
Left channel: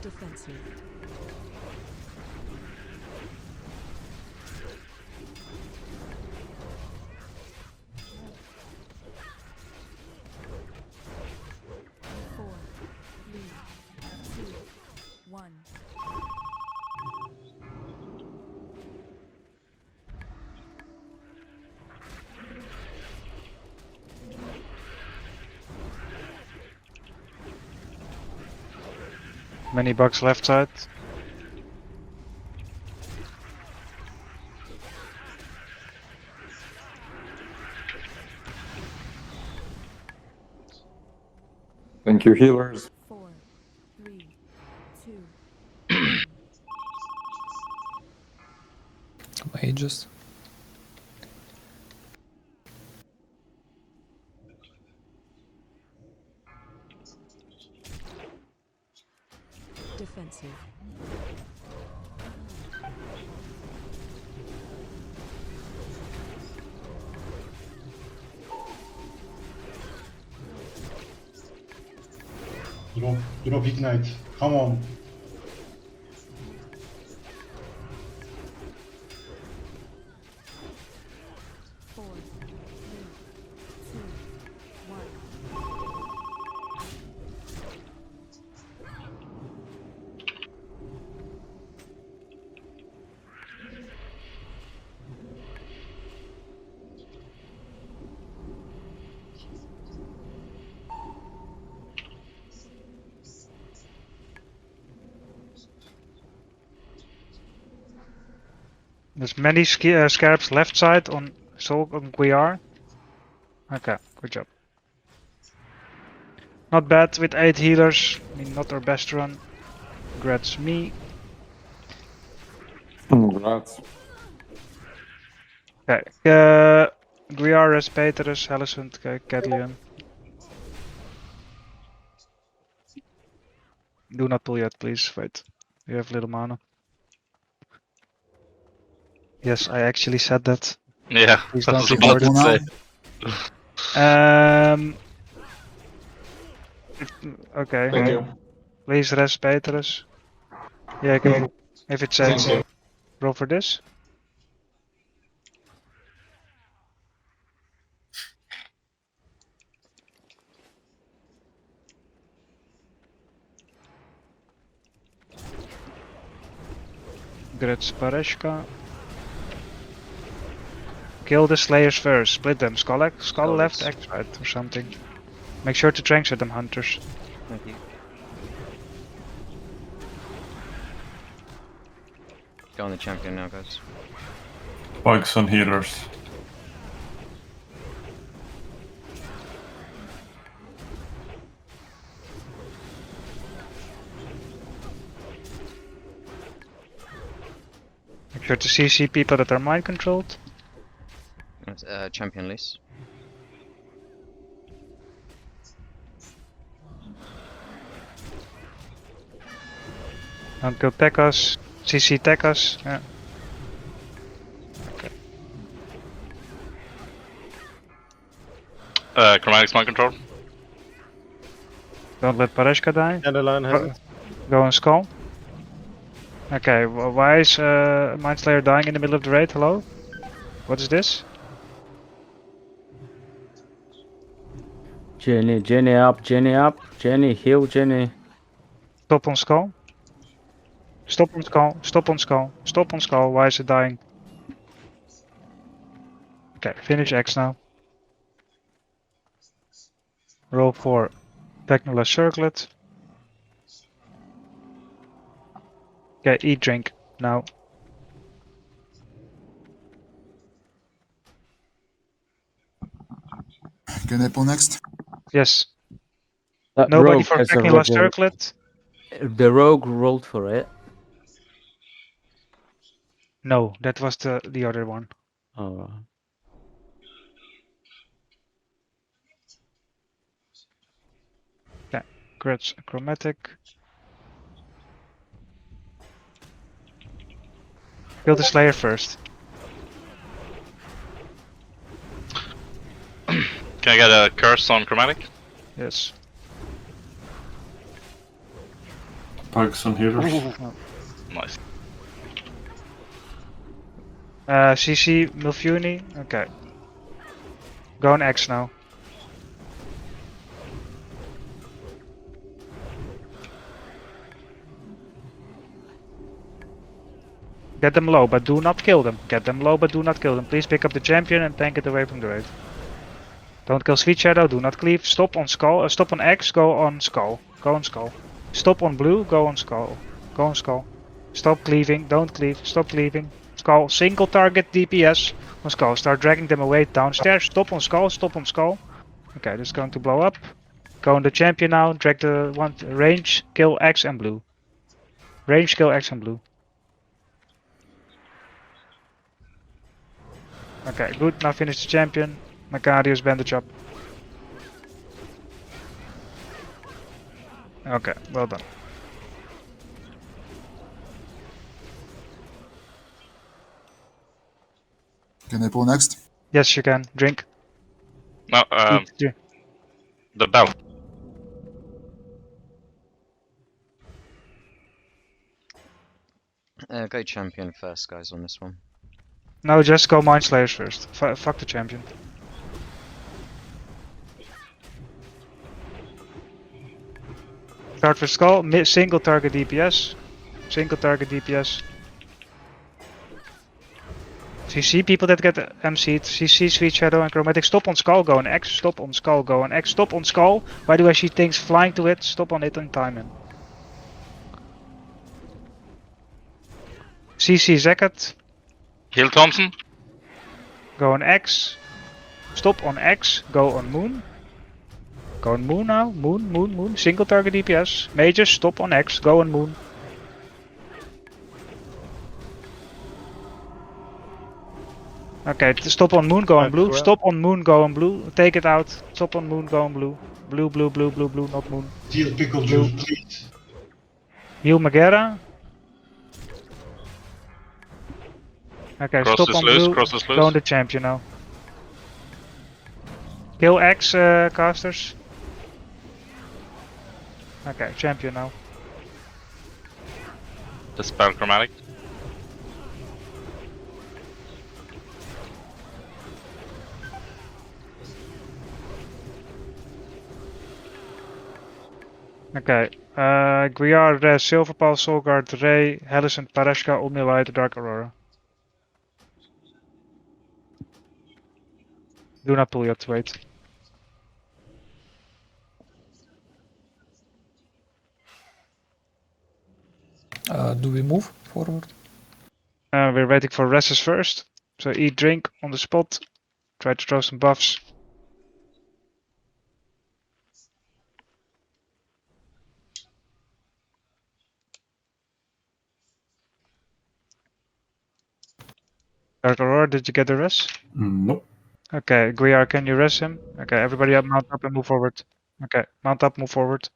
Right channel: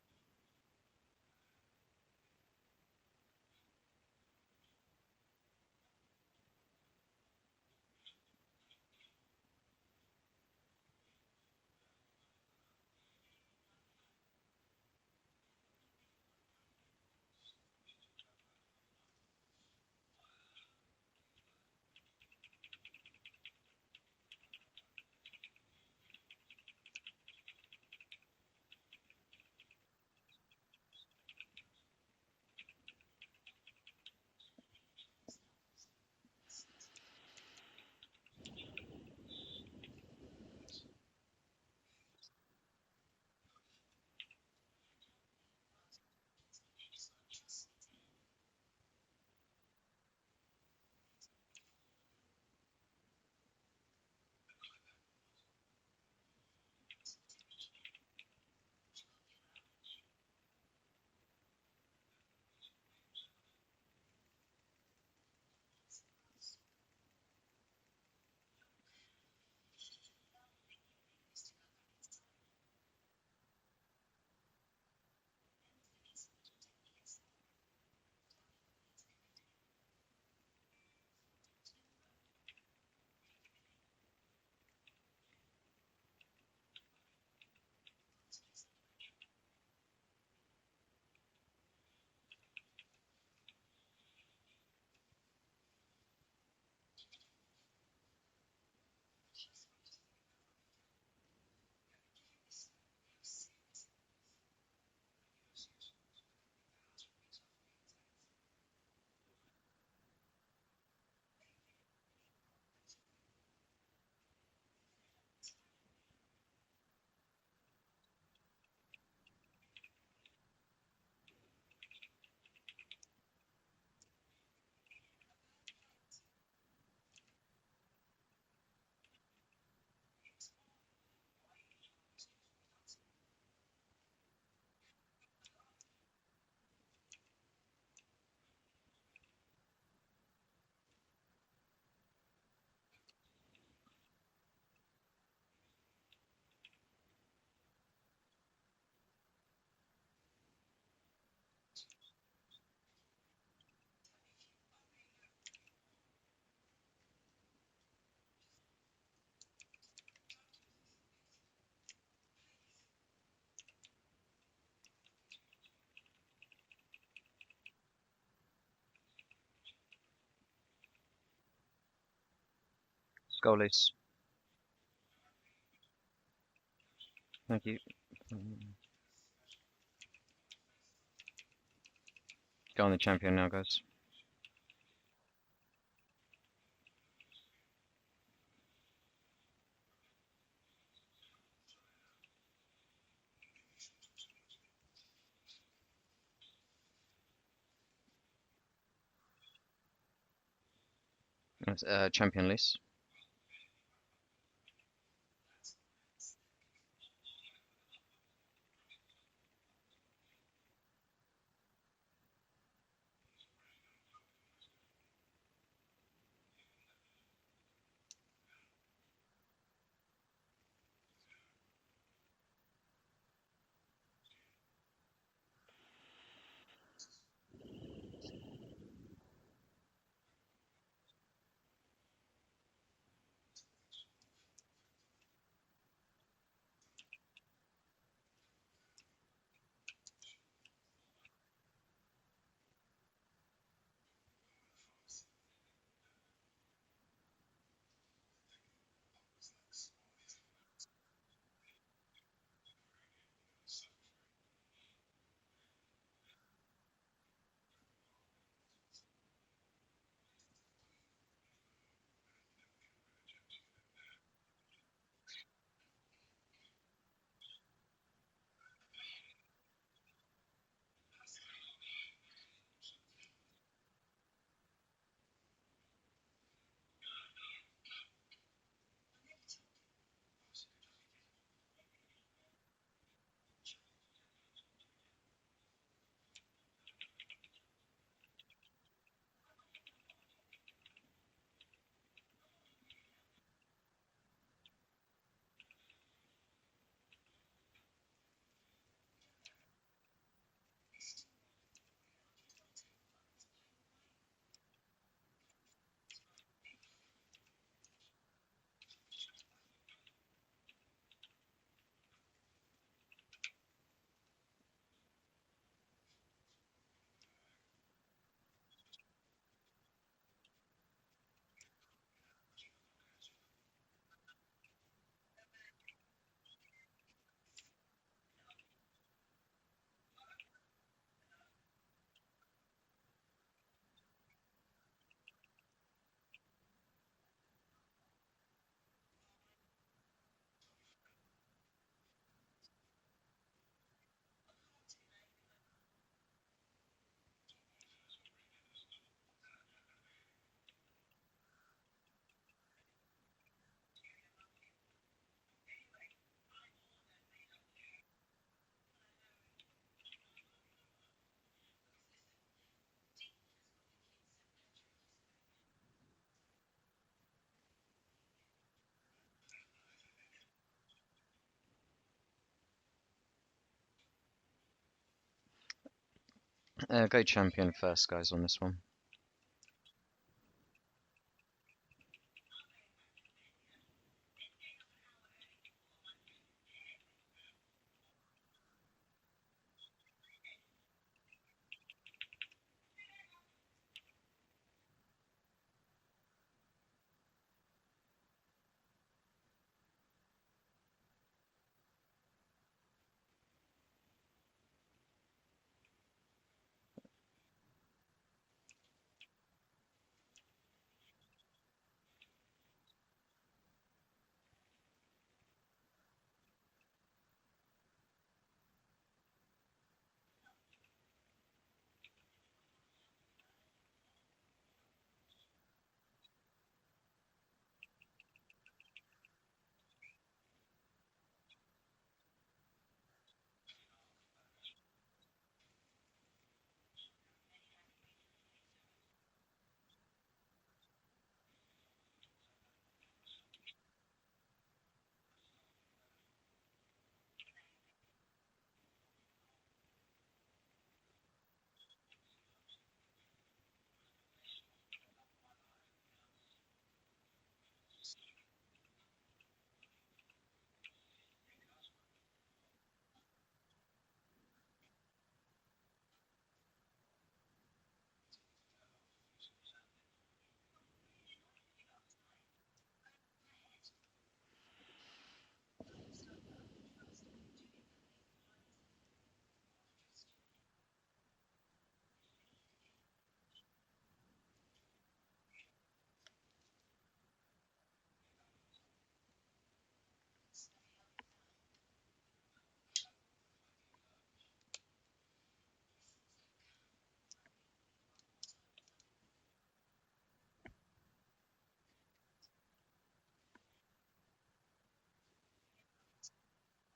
Defensive. Four, three, two, one. Many bugs left side. Thank you, healers. 4, 3, 2, 1. Mages. Defensive. Drop ignite. Come on. 4, 3, 2, 1. There's many scarabs left side on Soul on Guiar. Okay, good job. Not bad with 8 healers. I mean, not our best run. Congrats me. Congrats. Okay, Guiar, Respaterus, Hellisund, Cadlian. Do not pull yet, please. Wait, you have little mana. Yes, I actually said that. Yeah, Please I don't was about record to it. Okay. Thank you. Please rest Petrus. Yeah, I can, if it Thank says you. roll for this. Grits Pareshka. Kill the slayers first. Split them. Skull left, Skulls. X right or something. Make sure to trank them hunters. Thank you. Go on the champion now, guys. Spikes on healers. Make sure to CC people that are mind controlled. That's, champion list. Uncle tech us. CC tech us. Yeah. Chromatic Smart Control. Don't let Pareshka die. Dandelion has it. Go on skull. Okay, why is Mindslayer dying in the middle of the raid? Hello? What is this? Jenny, Jenny up, Jenny up. Jenny, heal Jenny. Stop on skull. Stop on skull. Stop on skull. Stop on skull. Why is it dying? Okay, finish X now. Roll for Technola Circlet. Okay, eat drink now. Can I pull next? Yes. That Nobody rogue for has Technola already. Circlet? The rogue rolled for it. No, that was the other one. Oh. Okay, Grudge Chromatic. Kill the Slayer first. Can I get a curse on Chromatic? Yes. Pugs on healers. Nice. CC Milfuni. Okay. Go on X now. Get them low, but do not kill them. Get them low, but do not kill them. Please pick up the champion and tank it away from the raid. Don't kill Sweet Shadow, do not cleave. Stop on skull, stop on X, go on skull. Go on skull. Stop on blue, go on skull. Go on skull. Stop cleaving, don't cleave, stop cleaving. Skull, single target DPS on skull. Start dragging them away downstairs. Stop on skull, stop on skull. Okay, this is going to blow up. Go on the champion now, drag the one range, kill X and blue. Range, kill X and blue. Okay, good. Now finish the champion. Macarius bandage up. Okay, well done. Can I pull next? Yes, you can. Drink. No, Drink. the bell. Go champion first, guys, on this one. No, just go Mind Slayers first. Fuck the champion. Start with skull. Single target DPS. Single target DPS. CC people that get MC'd. CC, Sweet Shadow and Chromatic. Stop on skull, go on X. Stop on skull, go on X. Stop on skull. Why do I see things flying to it? Stop on it and time in. CC Zakat. Heal Thompson. Go on X. Stop on X. Go on Moon. Go on Moon now. Moon, Moon, Moon. Single target DPS. Mages, stop on X. Go on Moon. Okay, stop on Moon, go on Blue. Stop on Moon, go on Blue. Take it out. Stop on Moon, go on Blue. Blue, blue, blue, blue, blue, not Moon. Deal pickle Blue. juice, please. Heal Magera. Okay, Cross stop is on loose, Blue. cross is Go loose. on the champion now. Kill X casters. Okay, champion now. Dispel Chromatic. Okay, Guiar, Rez, Silverpal, Soulguard, Ray, Hellicent, Pareshka, Omnilight, Dark Aurora. Do not pull yet, wait. Do we move forward? We're waiting for Rez's first. So eat, drink on the spot. Try to throw some buffs. Dark Aurora, did you get the res? Nope. Okay, Guiar, can you res him? Okay, everybody up, mount up and move forward. Okay, mount up, move forward.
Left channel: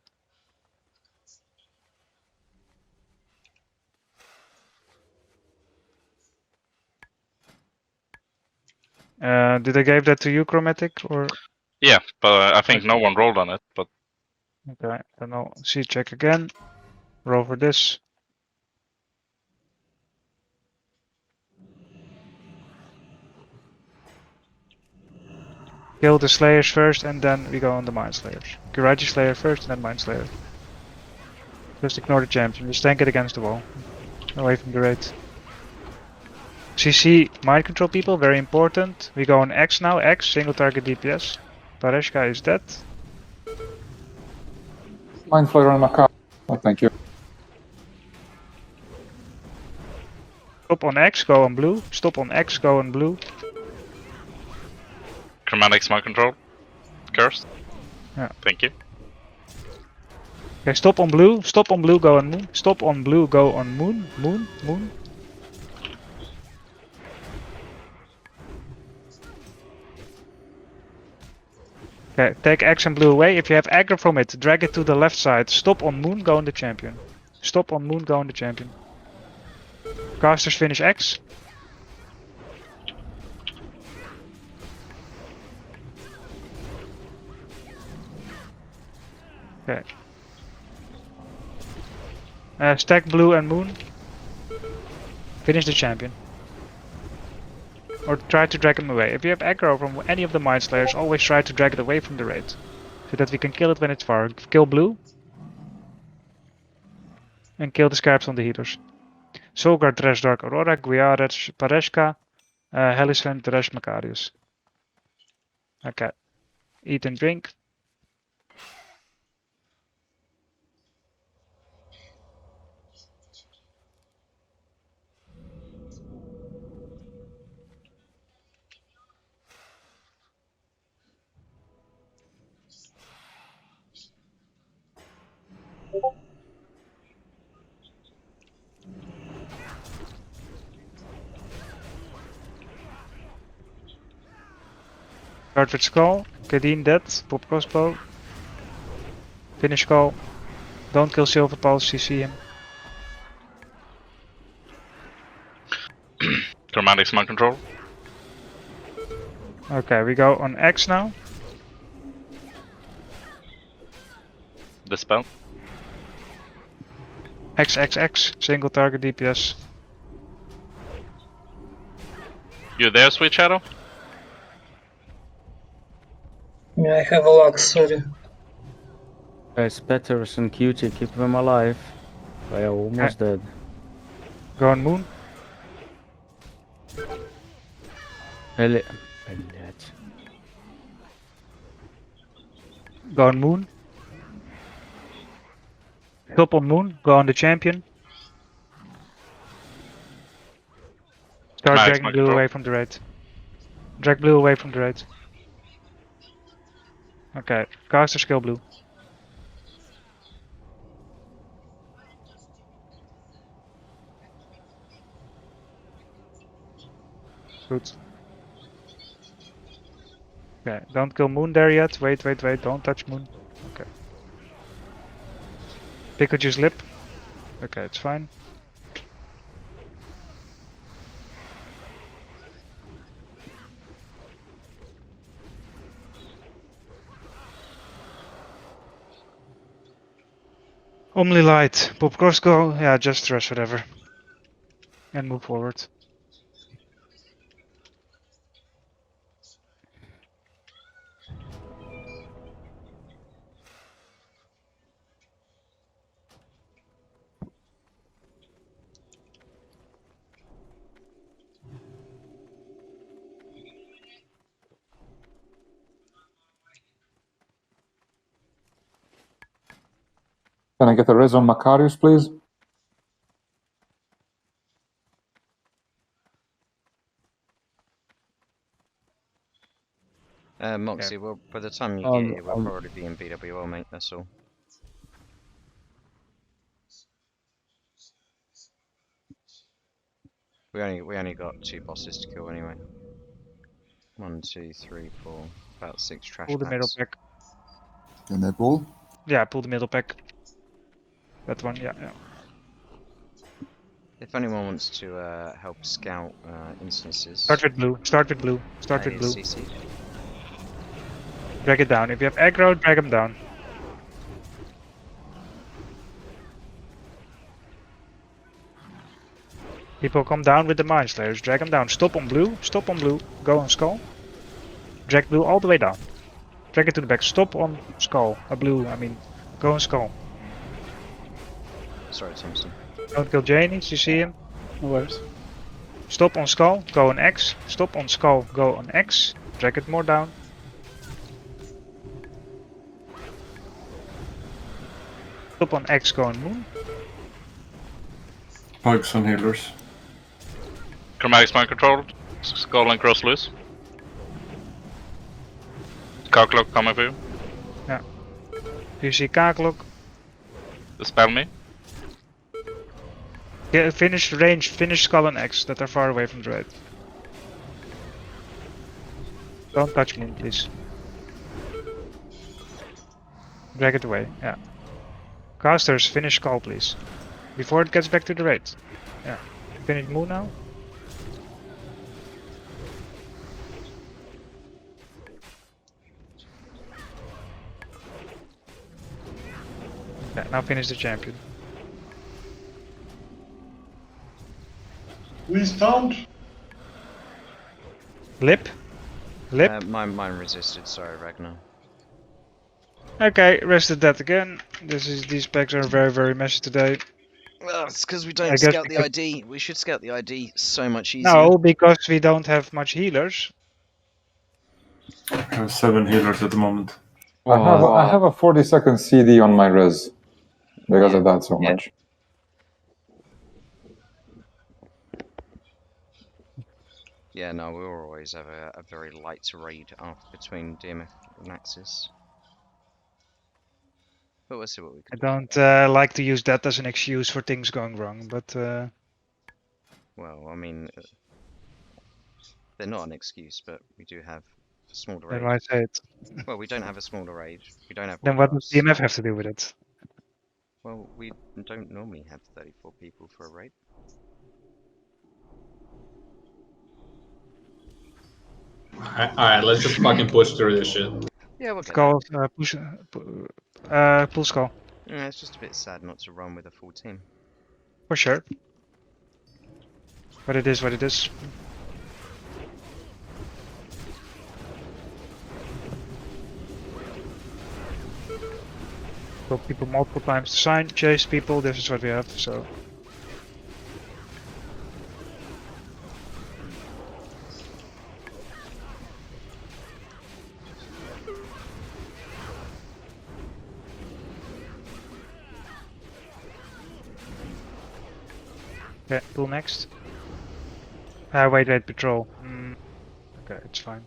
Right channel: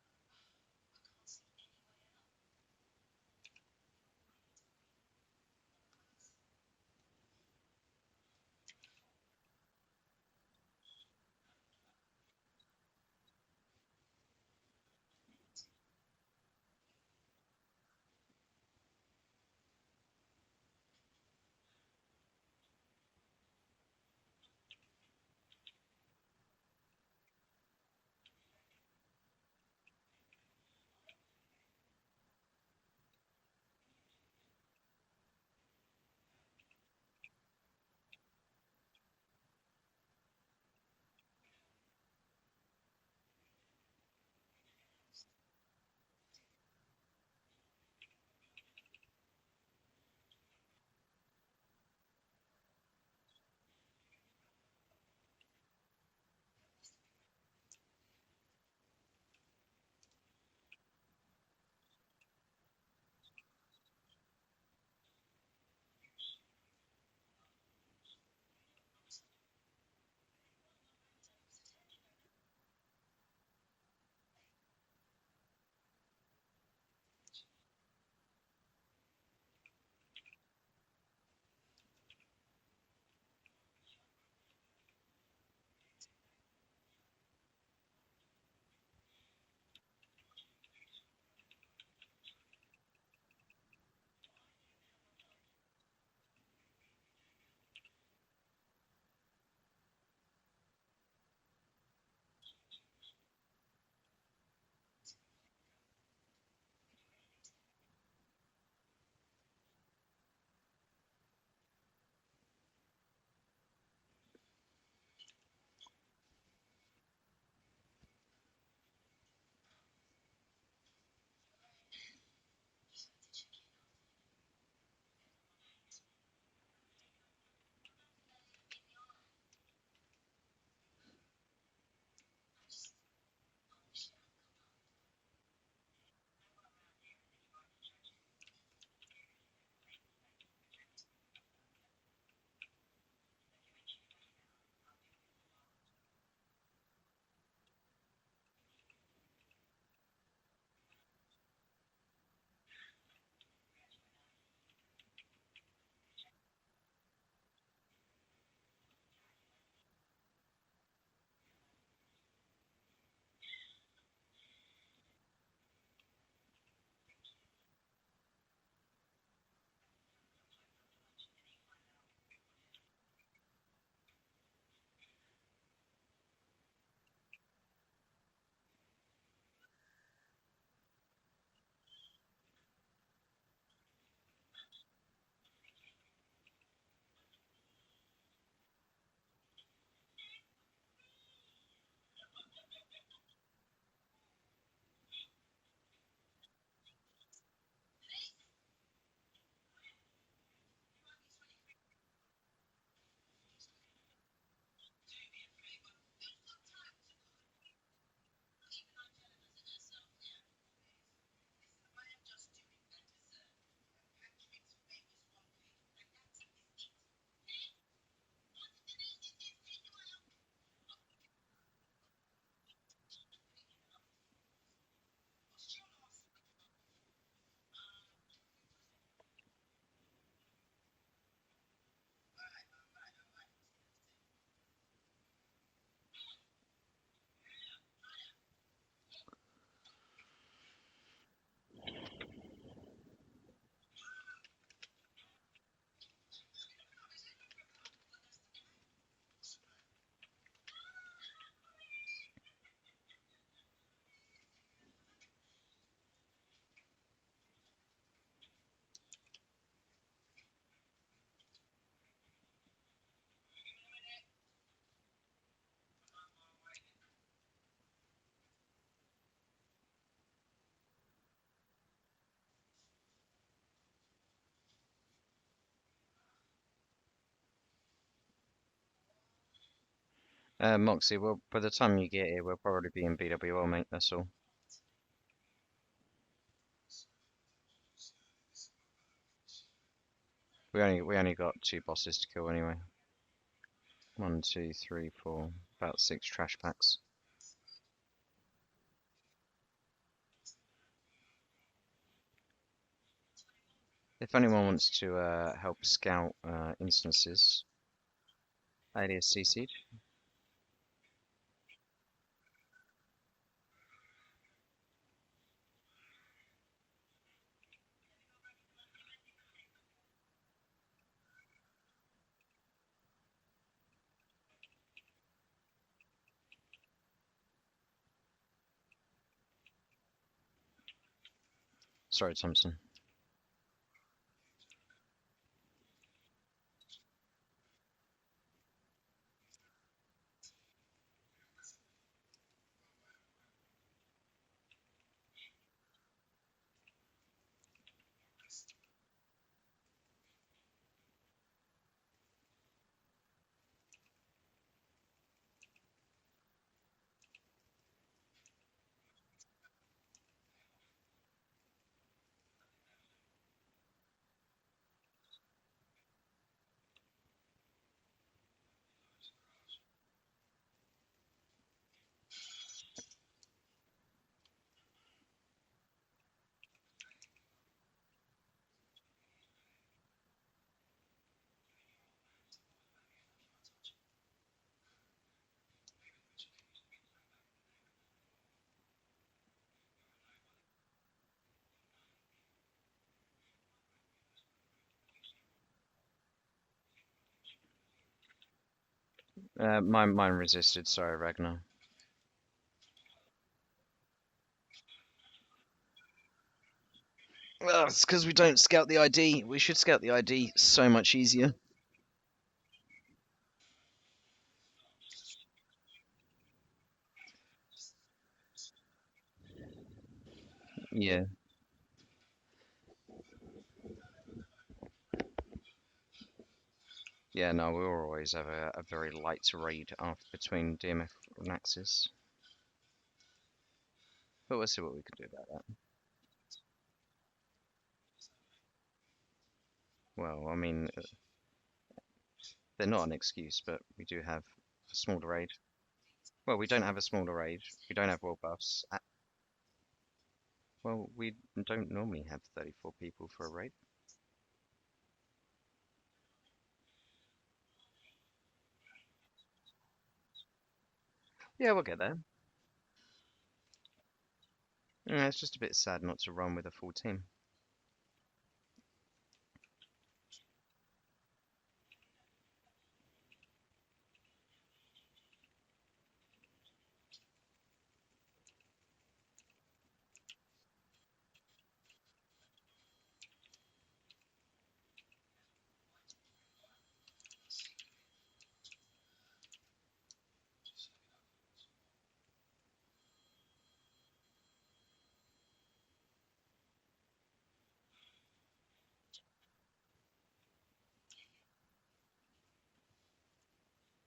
Did I give that to you, Chromatic, or? Yeah, but I think no one rolled on it. But Okay, then I'll see check again. Roll for this. Kill the Slayers first, and then we go on the Mind Slayers. Kiraji Slayer first, and then Mind Slayer. Just ignore the champion. Just tank it against the wall, away from the raid. CC mind control people, very important. We go on X now. X single target DPS. Pareshka is dead. Mind Flayer and Macabre. Oh, thank you. Stop on X, go on blue. Stop on X, go on blue. Chromatic Smart Control. Cursed. Yeah. Thank you. Okay, stop on blue. Stop on blue, go on moon. Stop on blue, go on moon. Moon, moon. Okay, take X and blue away. If you have aggro from it, drag it to the left side. Stop on moon, go on the champion. Stop on moon, go on the champion. Casters finish X. Okay. Stack blue and moon. Finish the champion. Or try to drag him away. If you have aggro from any of the Mind Slayers, always try to drag it away from the raid. So that we can kill it when it's far. Kill blue. And kill the scarabs on the heaters. Solgar, Dresh, Dark Aurora, Guiares, Pareshka, Helisven, Dresh, Macarius. Okay. Eat and drink. Start with Skull. Kadeen dead. Pop crossbow. Finish Skull. Don't kill Silver Pulse, CC him. Chromatic Smart Control. Okay, we go on X now. Dispel. XXX, single target DPS. You there, Sweet Shadow? Yeah, I have a lot, sorry. Guys, Petters and Cutie, keep them alive. They are almost dead. Go on Moon. Elliot. Go on Moon. Stop on Moon. Go on the champion. Start Nice, dragging Mike, blue bro. away from the raid. Drag blue away from the raid. Okay, casters kill blue. Good. Okay, don't kill Moon there yet. Wait, wait, wait. Don't touch Moon. Okay. Pikachu's lip. Okay, it's fine. Only light. Pop cross go. Yeah, just rush whatever. And move forward. Can I get a res on Macarius, please? Moxie, well, by the time you get here, we'll Um, probably be in BWL, mate, that's all. We only got 2 bosses to kill anyway. 1, 2, 3, 4, about 6 trash Pull the middle packs. pack. Can I pull? Yeah, pull the middle pack. That one, yeah, yeah. If anyone wants to help scout instances, Start with blue. Start with blue. Start with blue. CC'd. Drag it down. If you have aggro, drag him down. People come down with the Mind Slayers. Drag them down. Stop on blue. Stop on blue. Go on skull. Drag blue all the way down. Drag it to the back. Stop on skull. Blue, I mean. Go on skull. Sorry, Thompson. Don't kill Janie. You see him? No worries. Stop on skull. Go on X. Stop on skull. Go on X. Drag it more down. Stop on X. Go on moon. Pikes and healers. Chromatics mind control. Skull and cross loose. Cow clock coming for you. Do you see Kaklok? Dispel me. Yeah, finish range. Finish skull and X that are far away from the raid. Don't touch moon, please. Drag it away. Yeah. Casters, finish skull, please. Before it gets back to the raid. Yeah. Finish moon now. Yeah, now finish the champion. We stand. Lip? Lip? Mine resisted, sorry, Ragnar. Okay, rested that again. These packs are very messy today. Well, it's because we I don't guess scout the because- ID. We should scout the ID so much easier. No, because we don't have much healers. I have 7 healers at the moment. I have a 40-second CD on my res because Yeah, of that so yeah. much. Yeah, no, we'll always have a very light raid between DMF and Axis. But we'll see what we I can do. don't like to use that as an excuse for things going wrong, but Well, I mean, they're not an excuse, but we do have a smaller then raid. why say it? Well, we don't have a smaller raid. We don't have Then all what does buffs. DMF have to do with it? Well, we don't normally have 34 people for a raid. Alright, let's just fucking push through this shit. Yeah, we'll get Skull, pull skull. there. Yeah, it's just a bit sad not to run with a full team. For sure. But it is what it is. Kill people multiple times to sign, chase people, this is what we have, so. Okay, pull next. Wait, patrol. Okay, it's fine.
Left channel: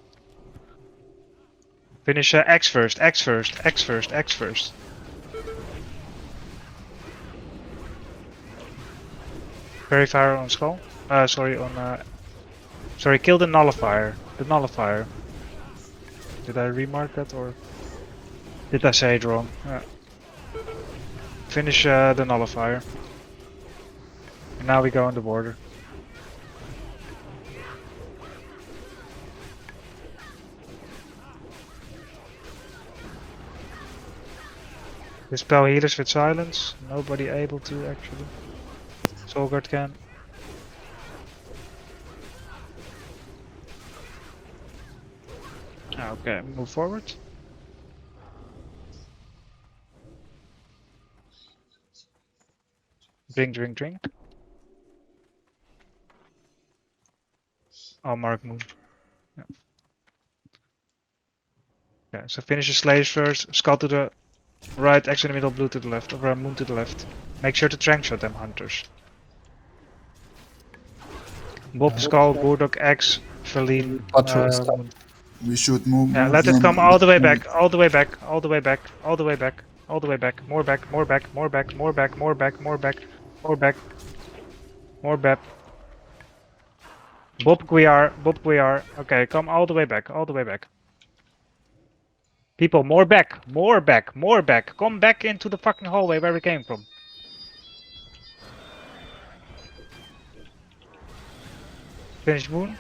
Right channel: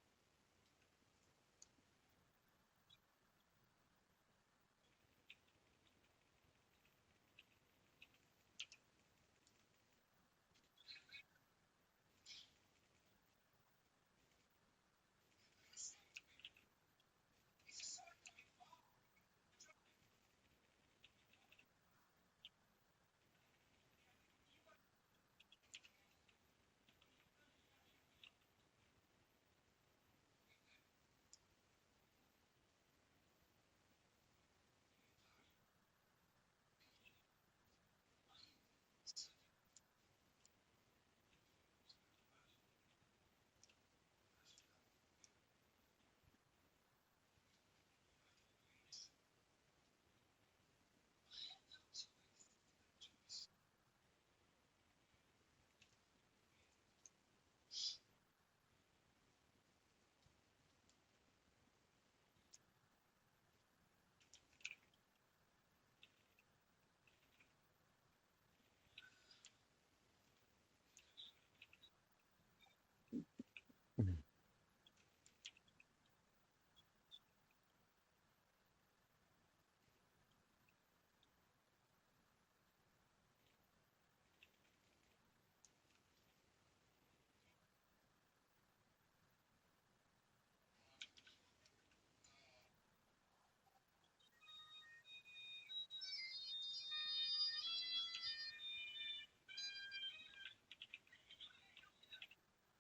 Finish X first, X first, X first, X first. Very fire on skull. Sorry, on. Sorry, kill the nullifier. The nullifier. Did I remark that or did I say it wrong? Finish the nullifier. And now we go on the border. Dispel healers with silence. Nobody able to actually. Soulguard can. Okay, move forward. Drink. I'll mark moon. Yeah. Okay, so finish the slaves first. Skull to the right, X in the middle, blue to the left, or moon to the left. Make sure to trank shot them, hunters. Bob, Skull, Burdock, X, Feline, Moon. We should move. Yeah, let it come all the way back, all the way back, all the way back, all the way back, all the way back, more back, more back, more back, more back, more back, more back, more back, more back. Bob Guiar, okay, come all the way back, all the way back. People, more back, more back, more back. Come back into the fucking hallway where we came from. Finish Moon.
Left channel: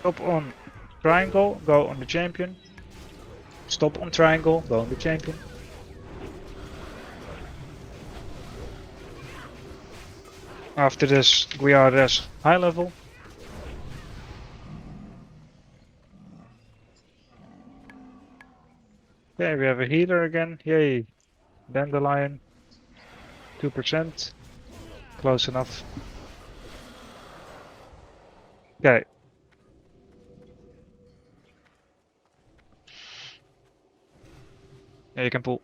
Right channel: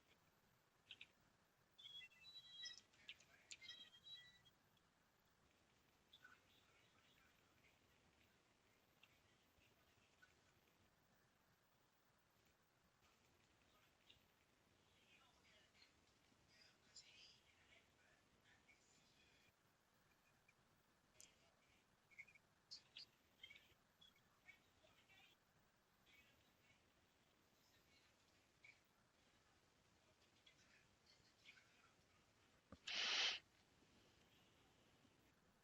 Stop on triangle, go on the champion. Stop on triangle, go on the champion. After this, we are res high level. Okay, we have a healer again. Yay. Dandelion. 2%. Close enough. Okay. Yeah, you can pull.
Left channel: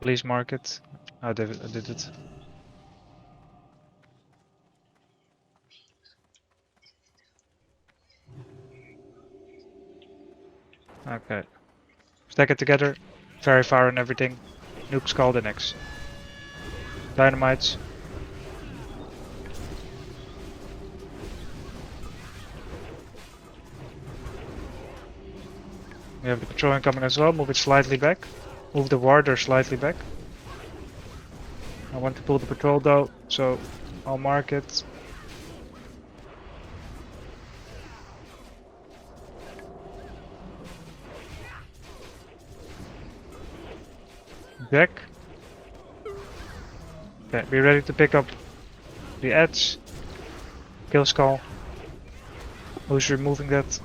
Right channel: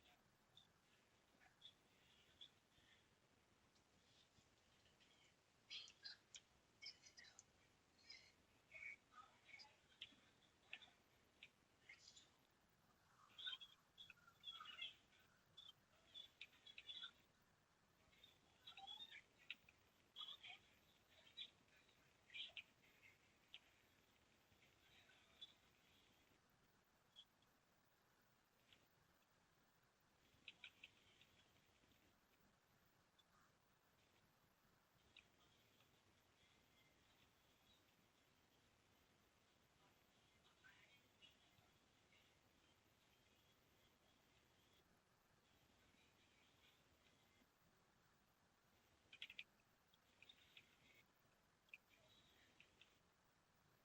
Please mark it. I did it. Okay. Stack it together. Fairy fire and everything. Nuke skull the next. Dynamites. We have the patrol incoming as well. Move it slightly back. Move the warder slightly back. I want to pull the patrol though, so I'll mark it. Back. Okay, be ready to pick up the edge. Kill skull. Who's removing that?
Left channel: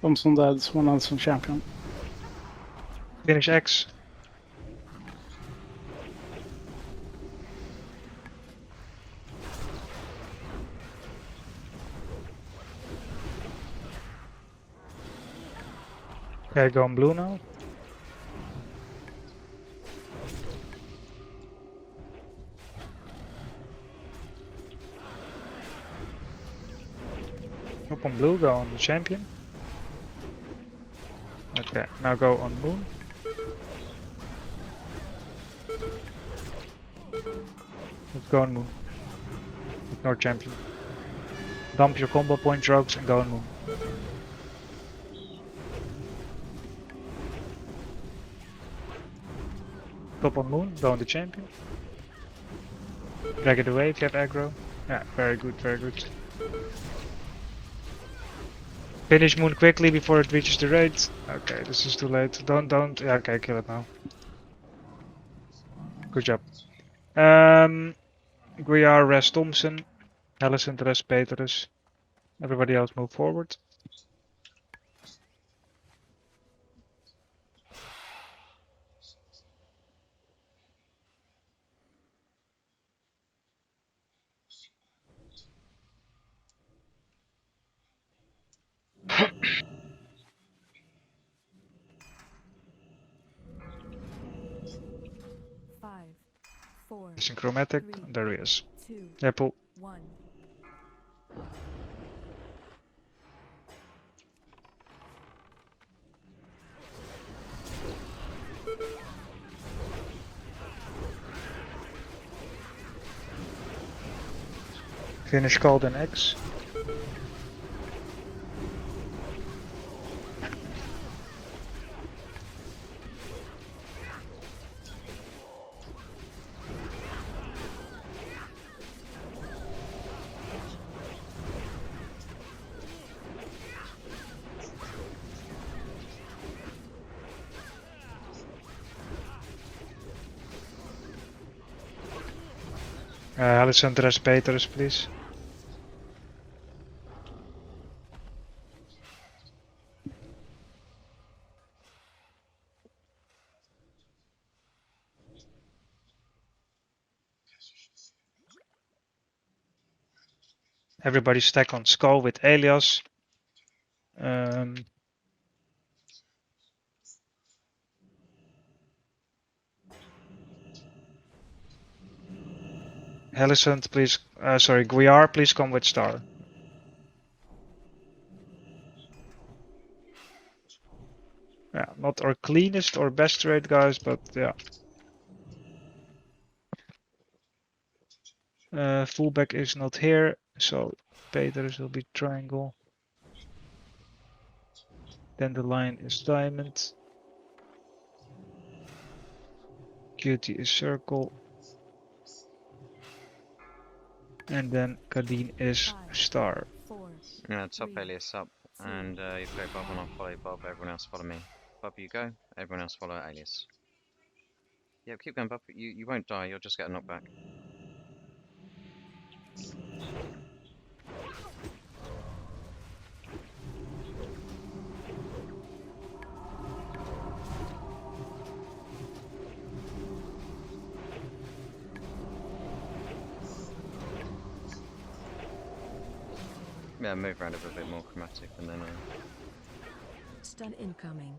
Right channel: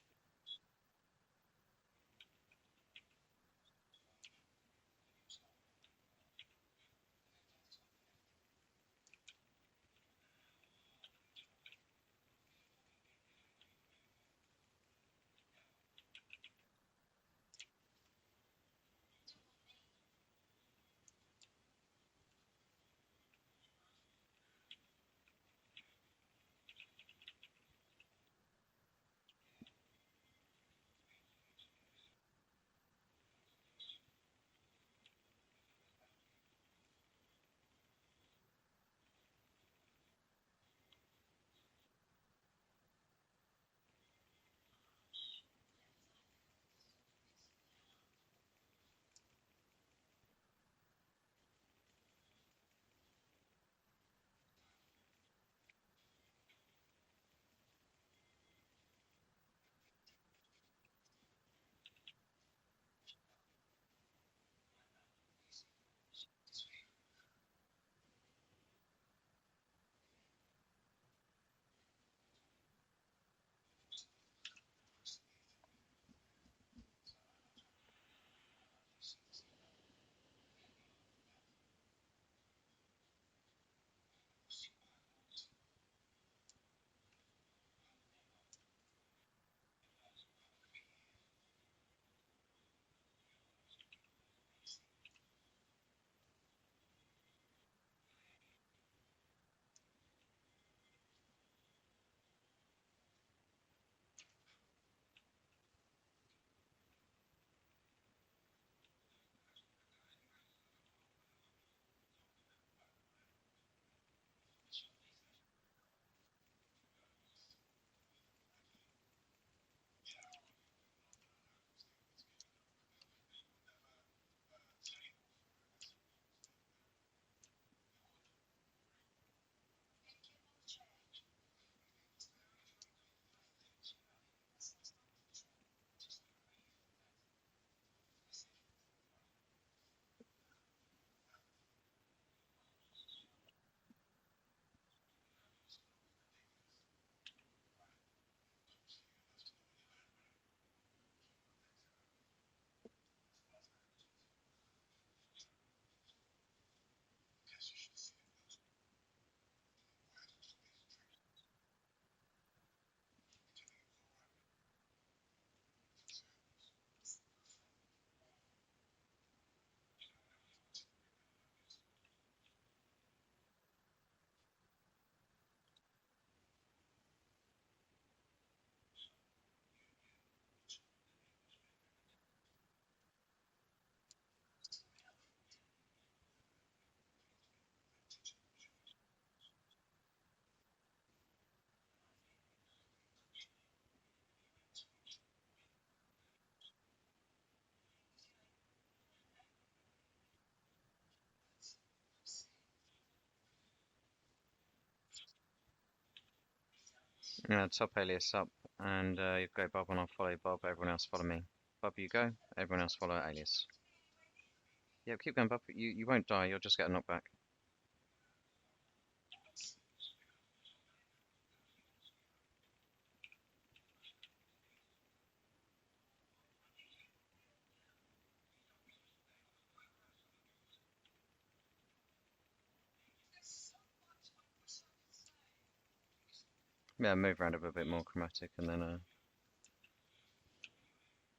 Thompson dead, one else on champion. Finish X. Okay, go on blue now. Up on blue, go on the champion. Okay, now go on moon. Let's go on moon. Ignore champion. Dump your combo point rogues and go on moon. Top on moon, go on the champion. Drag it away if you have aggro. Yeah, very good, very good. Finish moon quickly before it reaches the raid. Okay, this is too late. Don't. Yeah, okay, kill it now. Good job. Guiar, res Thompson. Alicent, res Petrus. Everybody else move forward. Five, four, Synchromatic. three, There he is. 2, Yeah, pull. 1. Finish called an X. Alicent, res Petrus, please. Everybody stack on skull with Elias. Alicent, please. Sorry, Guiar, please come with Star. Yeah, not our cleanest or best trade, guys, but yeah. Fullback is not here, so Peters will be triangle. Then the line is diamond. QT is circle. And then Kadeen is star. Yeah, top alias up, and you go Bob and I'll follow Bob, everyone else follow me. Bob, you go, everyone else follow alias. Yeah, keep going, Bob. You won't die, you'll just get a knockback. Yeah, move around a bit more chromatic, and then Stun incoming.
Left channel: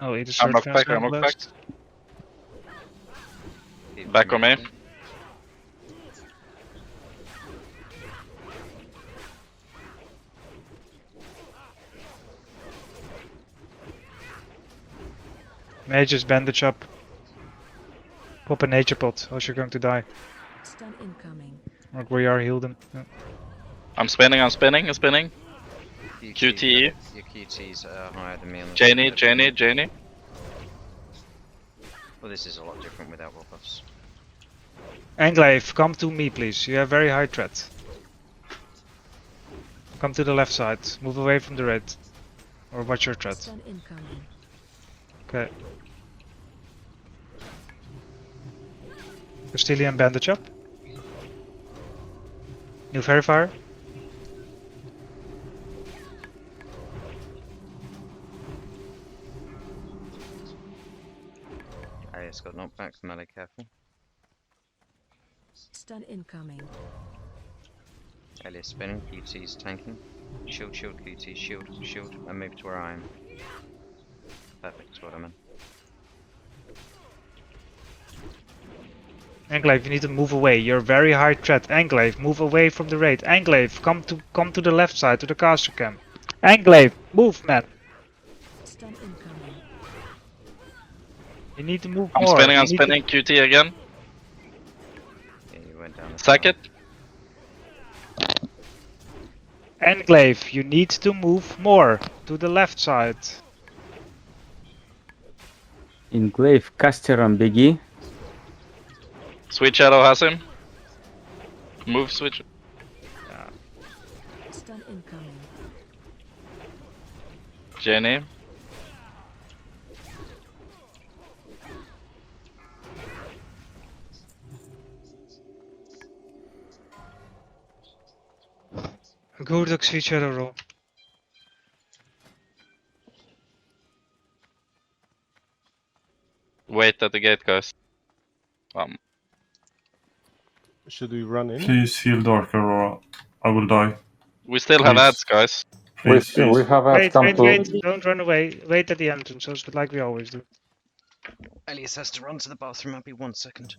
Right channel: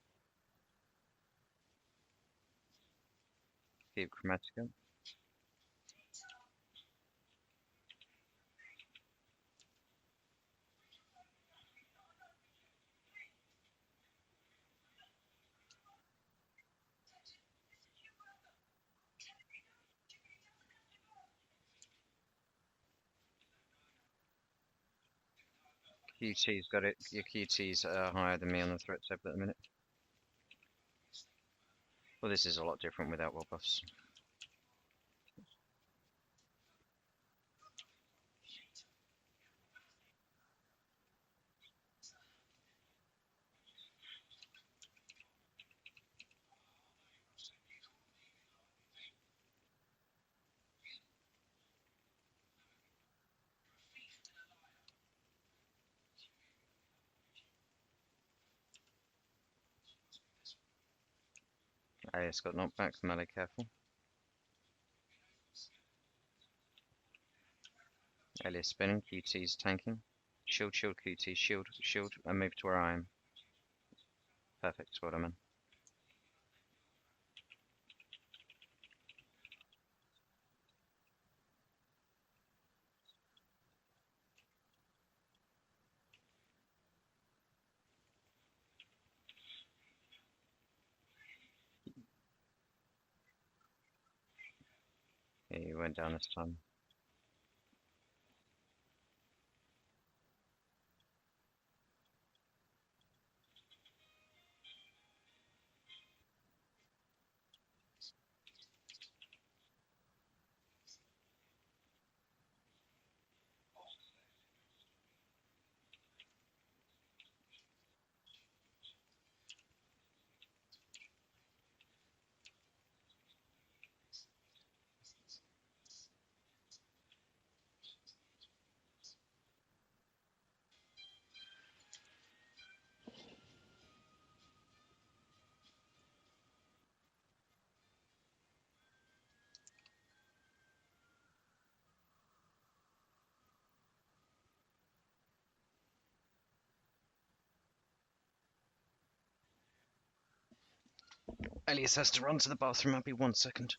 Oh, it is I'm third knocked back, fast I'm knocked back. blast. keep Back on me. chromatic. Mages bandage up. Pop a nature pot, else you're going to die. Stun incoming. Like we are healed them. Yeah. I'm spinning, I'm spinning, I'm spinning. QT's QT. got it. Your QT's higher than me on the Janie, top. Janie, Janie. Well, this is a lot different without wall buffs. Anglaive, come to me please. You have very high threat. Come to the left side. Move away from the red. Or watch your threat. Stun incoming. Okay. Castilian bandage up. New verifier. Alias got knocked back, melee careful. Stun incoming. Alias spinning, QT's tanking. Shield, shield, QT, shield, shield, and move to where I am. Perfect, that's what I'm in. Anglaive, you need to move away. You're very high threat. Anglaive, move away from the raid. Anglaive, come to the left side, to the caster camp. Anglaive, move, man. Stun incoming. You need to move I'm more. spinning, You I'm need spinning. QT again. Yeah, you went down a Sack it. Anglaive, you need to move more to the left side. Enclave, caster on Biggie. Sweet Shadow has him. Move, switch. Stun incoming. Jenny. Good Sweet Shadow roll. Wait at the gate, guys. Should we run in? Please heal Darker or I will die. We still have Please. ads, guys. Please, we please. have ads Wait, come wait, to. wait. Don't run away. Wait at the entrance, just like we always do. Alias has to run to the bathroom, I'll be 1 second.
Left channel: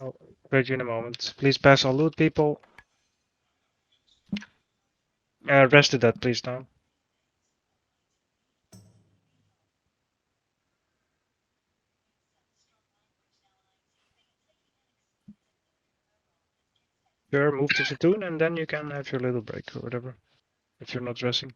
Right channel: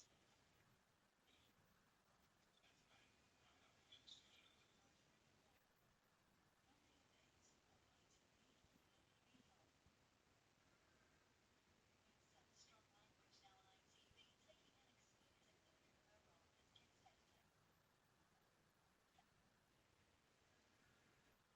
I'll break you in a moment. Please pass all loot, people. Rest of that, please, now. Sure, move to Zatoon and then you can have your little break or whatever. If you're not dressing.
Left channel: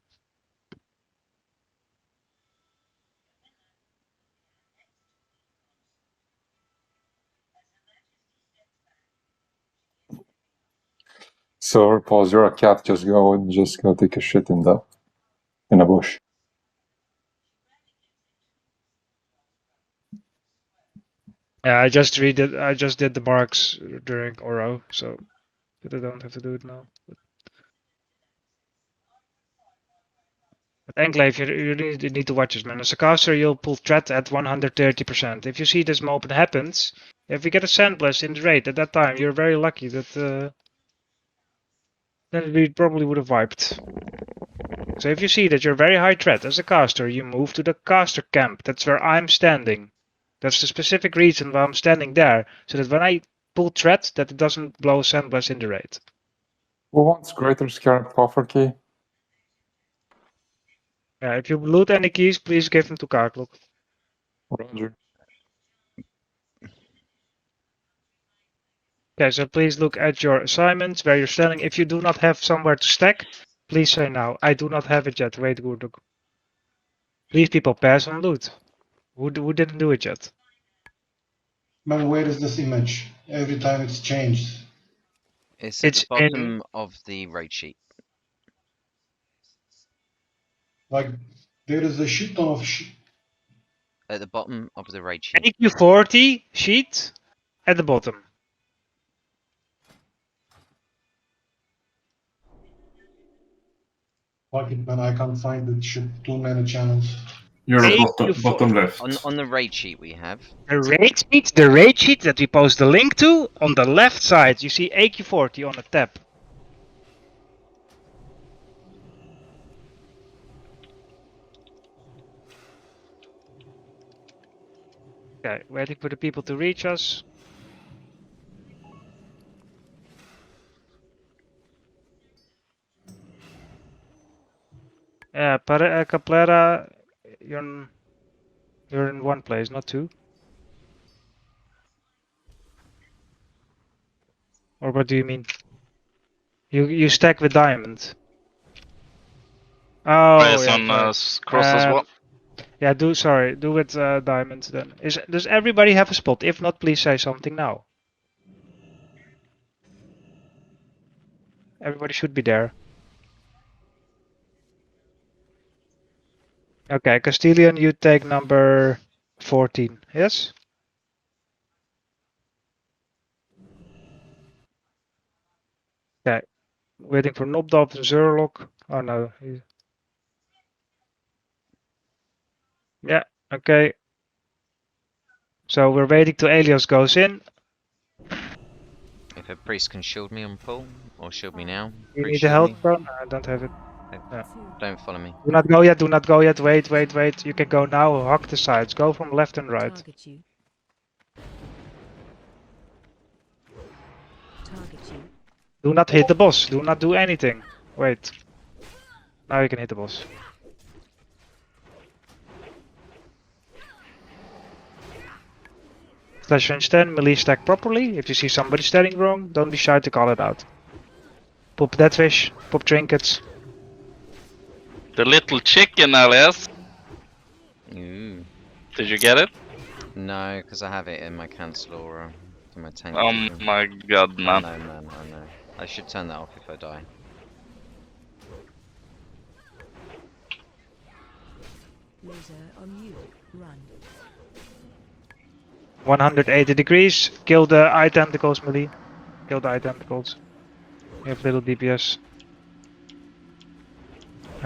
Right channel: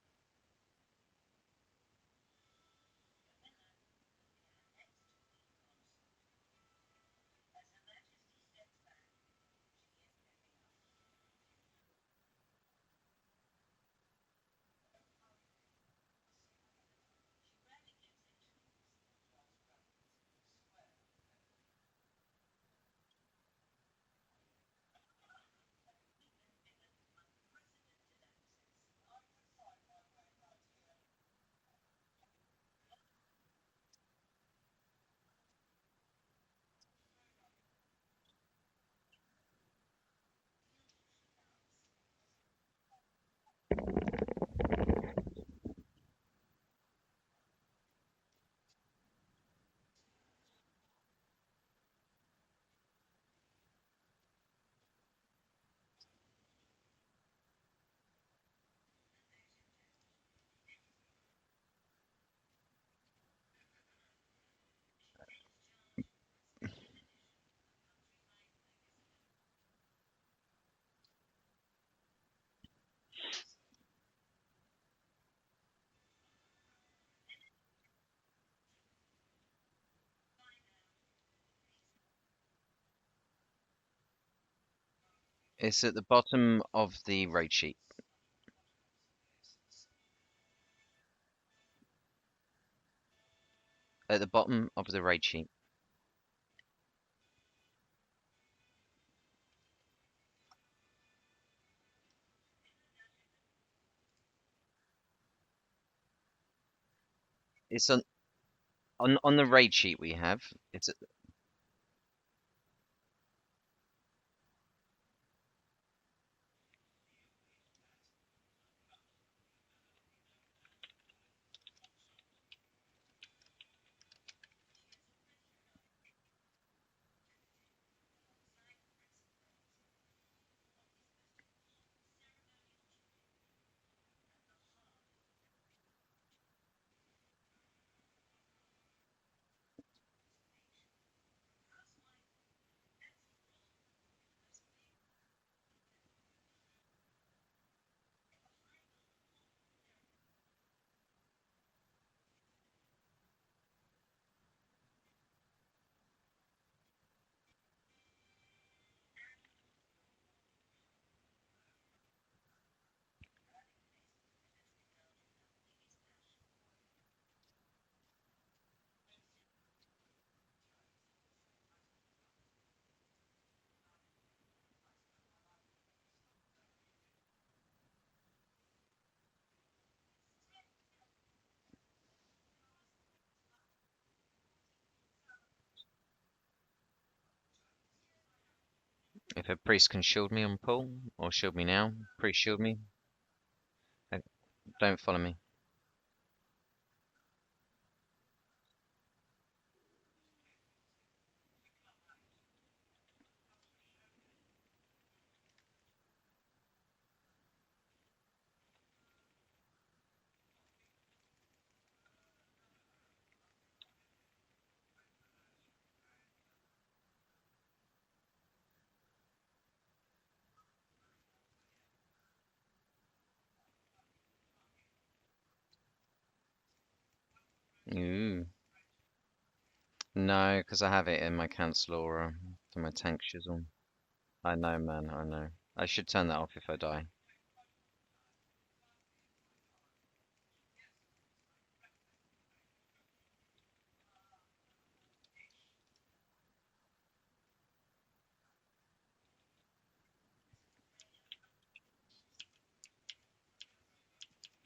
So pause. You're a cat. Just go take a shit in a bush. Yeah, I just did the marks during Oro, so but I don't have to do it now. But Enclave, you need to watch this, man. As a caster, you'll pull threat at 130%. If you see this moment happens, if we get a Sandblast in the raid at that time, you're very lucky that then we probably would have wiped. So if you see that you're very high threat as a caster, you move to the caster camp. That's where I'm standing. That's the specific reason why I'm standing there, so that when I pull threat, that it doesn't blow Sandblast in the raid. Who wants Greater Scarab Coffer Key? Yeah, if you loot any keys, please give them to Karkluk. Roger. Okay, so please look at your assignments where you're standing. If you do not have somewhere to stack, please say now. I do not have it yet. Wait, Gurduk. Please, people, pass on loot. Who didn't do it yet? Man, where is this image? Every time it's changed. It's at the It's in. bottom of the raid sheet. Like, there is a shit ton of At the bottom of the raid sheet. aq40 sheet at the bottom. Fuck it, man, I can't find it. Shit, too many channels. You're Hey, at bottom left. On the raid sheet we have. The raid sheet that we post the link to, on the left side, you see aq40 on a tab. Okay, waiting for the people to reach us. Yeah, Caplera, you're in one place, not two. Or what do you mean? You stack with diamond. Oh, Yes, yeah, on sorry. cross as well. Yeah, do with diamonds then. Does everybody have a spot? If not, please say something now. Everybody should be there. Okay, Castilian, you take number 14. Yes? Okay. Waiting for Nobdop and Zurlock. Oh no. Yeah, okay. So we're waiting till Elios goes in. If a priest can shield me on pull, or shield me now. You Priest need the shield health, me. bro? No, I don't have it. Yeah. Don't follow me. Do not go yet, do not go yet. Wait. You can go now. Hug the sides. Go from left and right. Target you. Target you. Do not hit the boss. Do not do anything. Wait. Now you can hit the boss. Slash range 10, melee stack properly. If you see somebody standing wrong, don't be shy to call it out. Pop dead fish, pop trinkets. The little chicken, Alias. Ooh. Did you get it? No, because I have it in my cancel aura for my tank. Oh my god, man. I know, man, I know. I should turn that off if I die. Laser on you. Run. 180 degrees. Kill the eye tentacles, melee. Kill the eye tentacles. You have little DPS.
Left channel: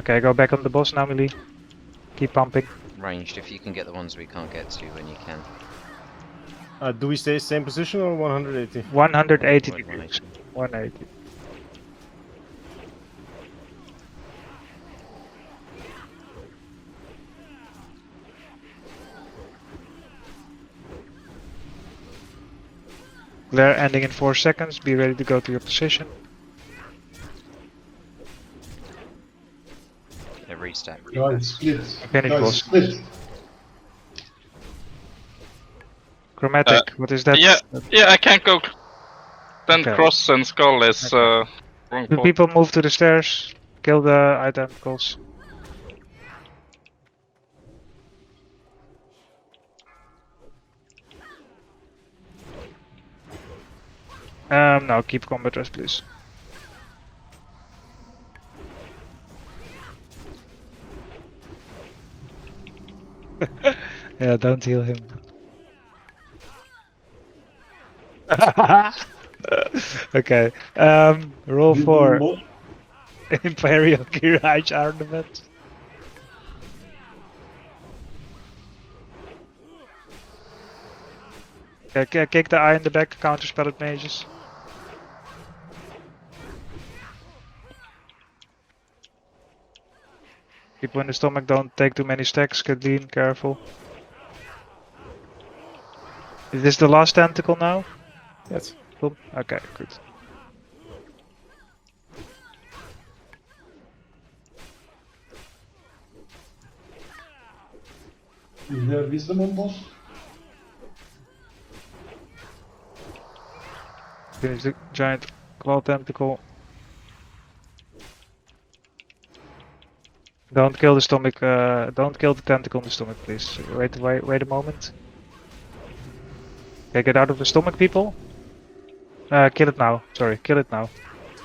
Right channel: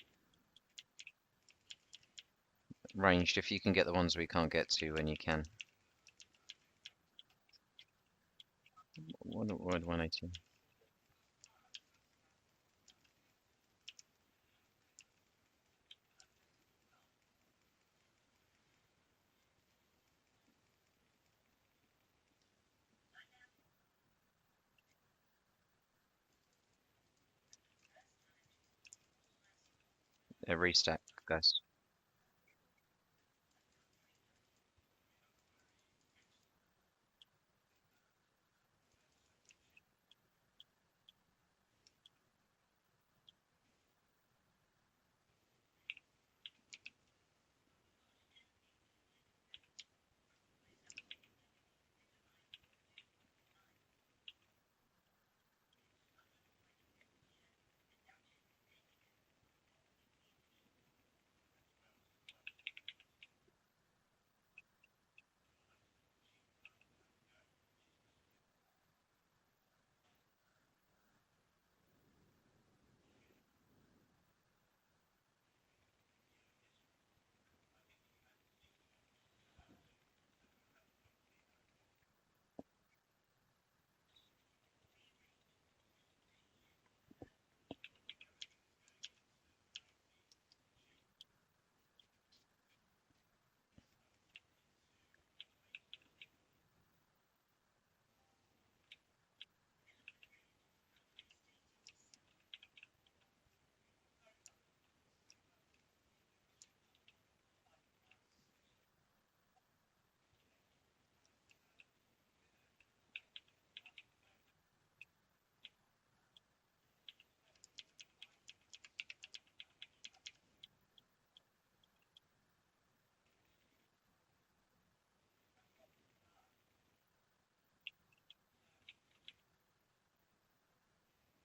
Okay, go back on the boss now, melee. Keep pumping. Ranged, if you can get the ones we can't get to when you can. Do we stay same position or 180? 180 degrees. 180. 180. Glare ending in 4 seconds. Be ready to go to your position. A restack. Guys, split. Finish Guys, boss. split. Chromatic. What is that? Yeah, I can't go. Then Okay. cross and skull is wrong Do port. people move to the stairs? Kill the eye tentacles. No, keep combat rest, please. Yeah, don't heal him. Okay. Roll for Imperial Kiraj Ornament. Okay, kick the eye in the back, counterspell it mages. People in the stomach don't take too many stacks, get lean, careful. Is this the last tentacle now? Yes. Cool. Okay, good. Is there wisdom on boss? Finish the giant claw tentacle. Don't kill the stomach. Don't kill the tentacle in the stomach, please. Wait a moment. Okay, get out of the stomach, people. Kill it now. Sorry, kill it now.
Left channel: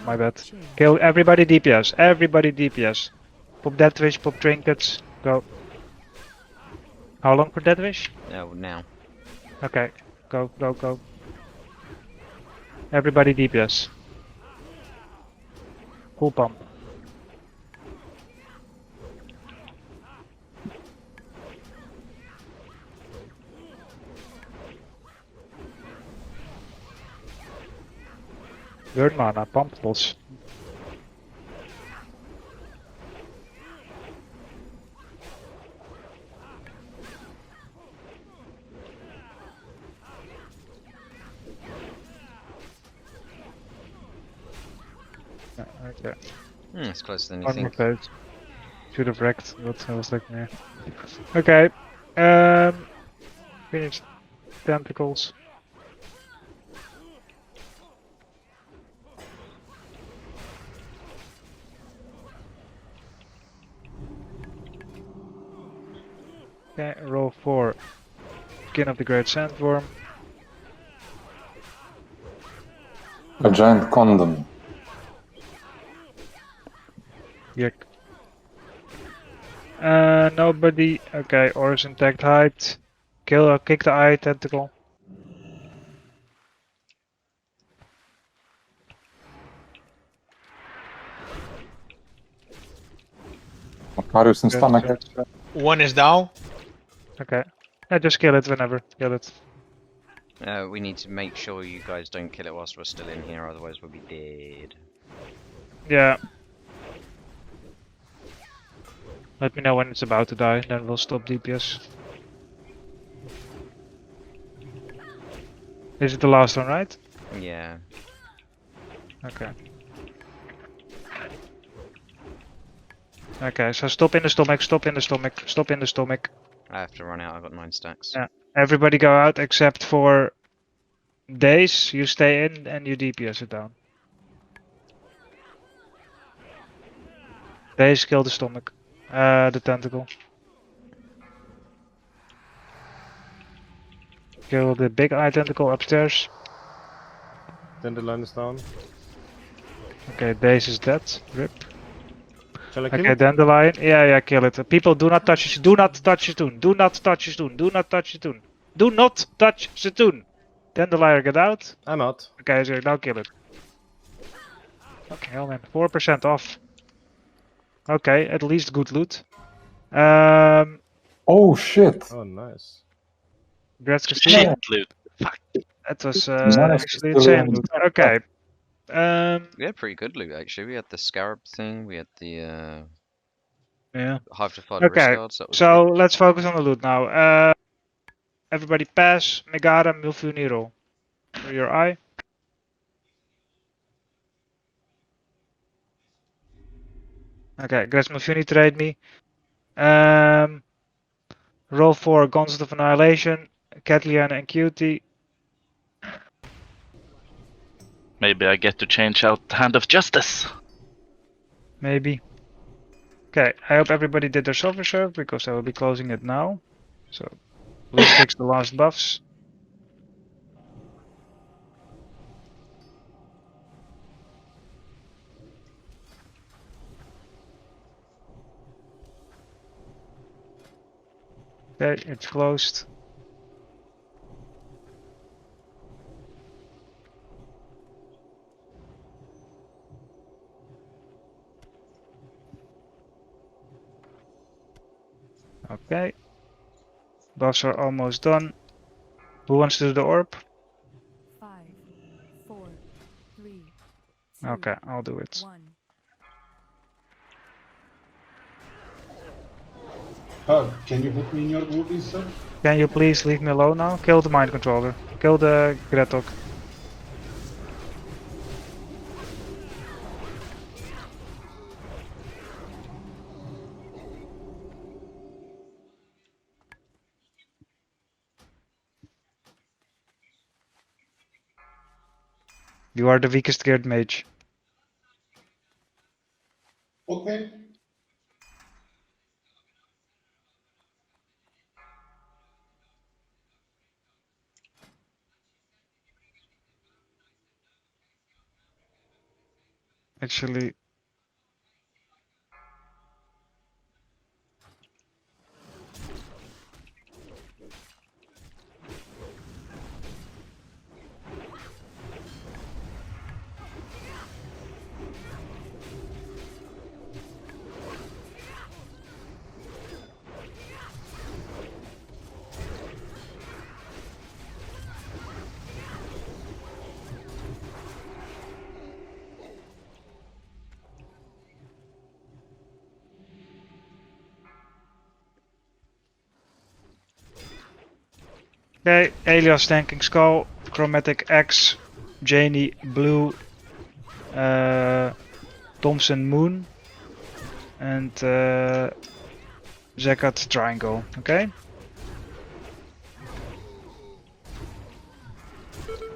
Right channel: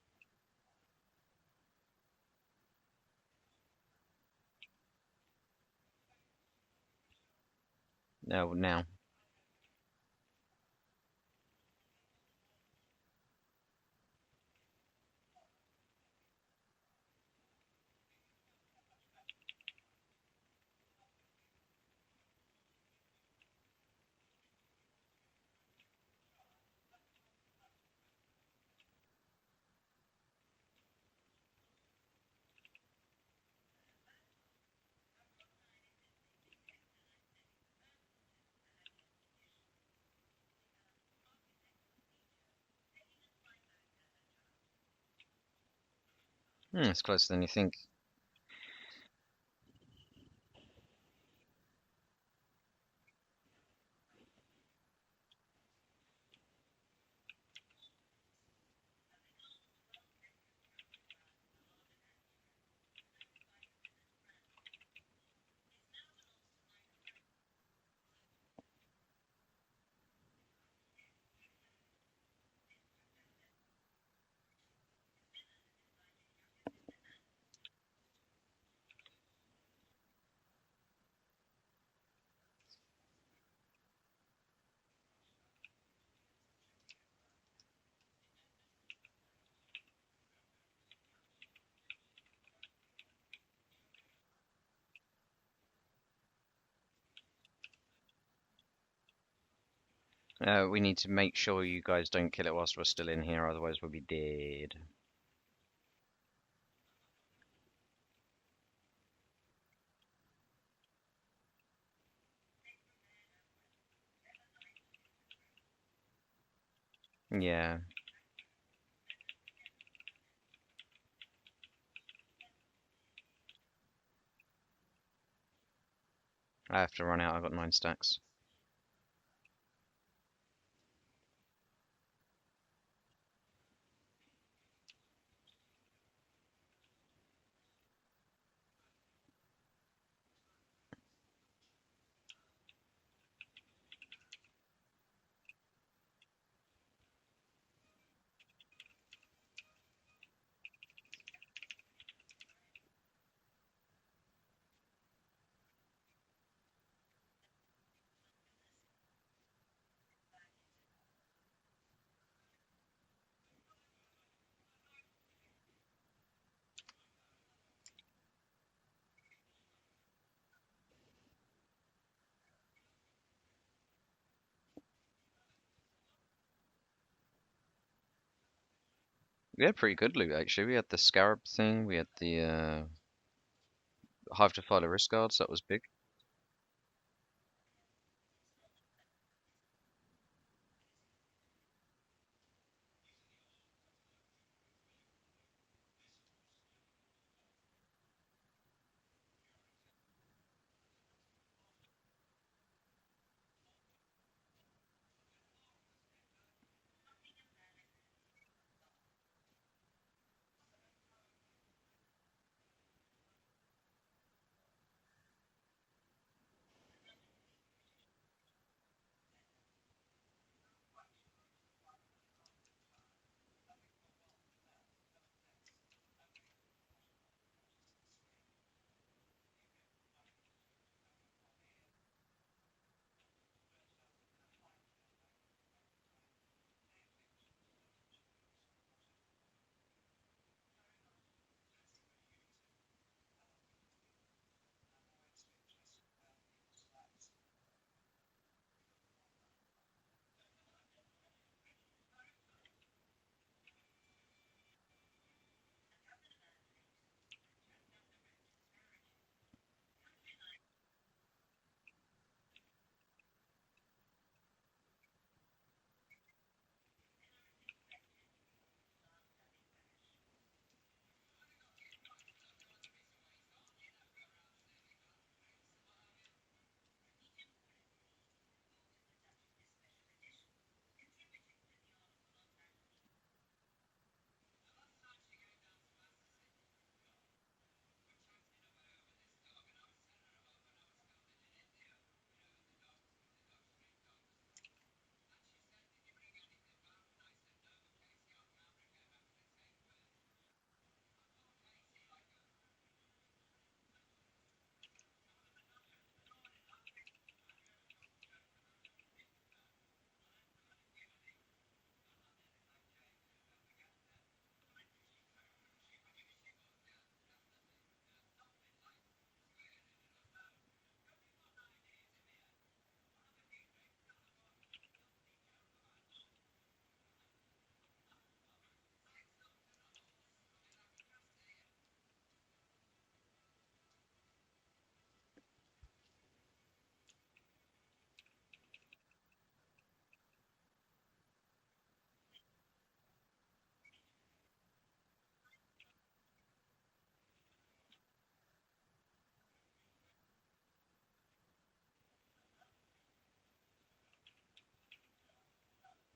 My bad. Kill everybody DPS. Everybody DPS. Pop death wish, pop trinkets. Go. How long for death wish? No, now. Okay. Go, go, go. Everybody DPS. Full pump. Burn mana, pump pulse. Okay. It's closer than you One more think. phase. Should have wrecked, but I was like, yeah. Okay. Finish tentacles. Okay, roll 4. Skin of the Great Sandworm. A giant condom. Yuck. Nobody. Okay, Oris intact height. Kick the eye tentacle. Macarius in Yes, stomach. yes. One is down. Okay. Yeah, just kill it whenever. Kill it. We need to make sure you guys don't kill it whilst we're still in here, otherwise we'll be dead. Yeah. Let me know when it's about to die, then we'll stop DPS. Is it the last one, right? Yeah. Okay. Okay, so stop in the stomach, stop in the stomach, stop in the stomach. I have to run out, I've got 9 stacks. Yeah. Everybody go out except for Days. You stay in and you DPS it down. Days kill the stomach. The tentacle. Kill the big eye tentacle upstairs. Dandelion is down. Okay, Days is dead. RIP. Shall I kill Okay, it? Dandelion. Yeah, kill it. People, do not touch it. Do not touch the toon. Do not touch the toon. Do not touch the toon. Do not touch the toon. Dandelion, get out. I'm out. Okay, so now kill it. Okay, hell man, 4% off. Okay, at least good loot. Oh shit! Oh, nice. Gretzky Shit stealing. loot. That was Nice actually stealing. insane loot. Okay. We had pretty good loot actually. We had the scarab thing, we had the Yeah. Hive Defiler wrist Okay, guards, that was so big. let's focus on the loot now. Everybody pass. Megara, Milfuniro. For your eye. Okay, Gretz Milfuni trade me. Roll for Gauntlet of Annihilation, Catlian and Cutie. Maybe I get to change out the Hand of Justice. Maybe. Okay, I hope everybody did their self-reserve because I will be closing it now. So, let's fix the last buffs. Okay, it's closed. Okay. Buffs are almost done. Who wants to do the orb? 5, 4, 3, 2, Okay, I'll do it. 1. Can you put me in your group instead? Can you please leave me alone now? Kill the mind controller. Kill the Gretok. You are the weakest geared mage. Okay. Actually, okay, Elias tanking skull, chromatic X, Janie blue, Thompson moon, and Zekat triangle. Okay.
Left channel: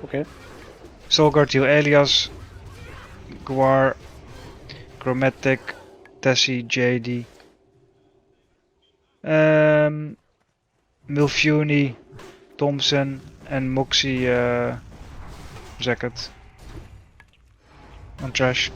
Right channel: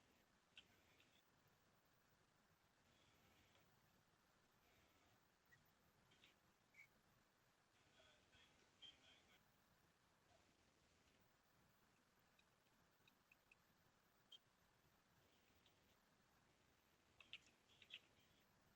Okay. Solgard heal Elias, Guar, chromatic, Tessie, JD, Milfuni, Thompson, and Moxie Zekat. On trash.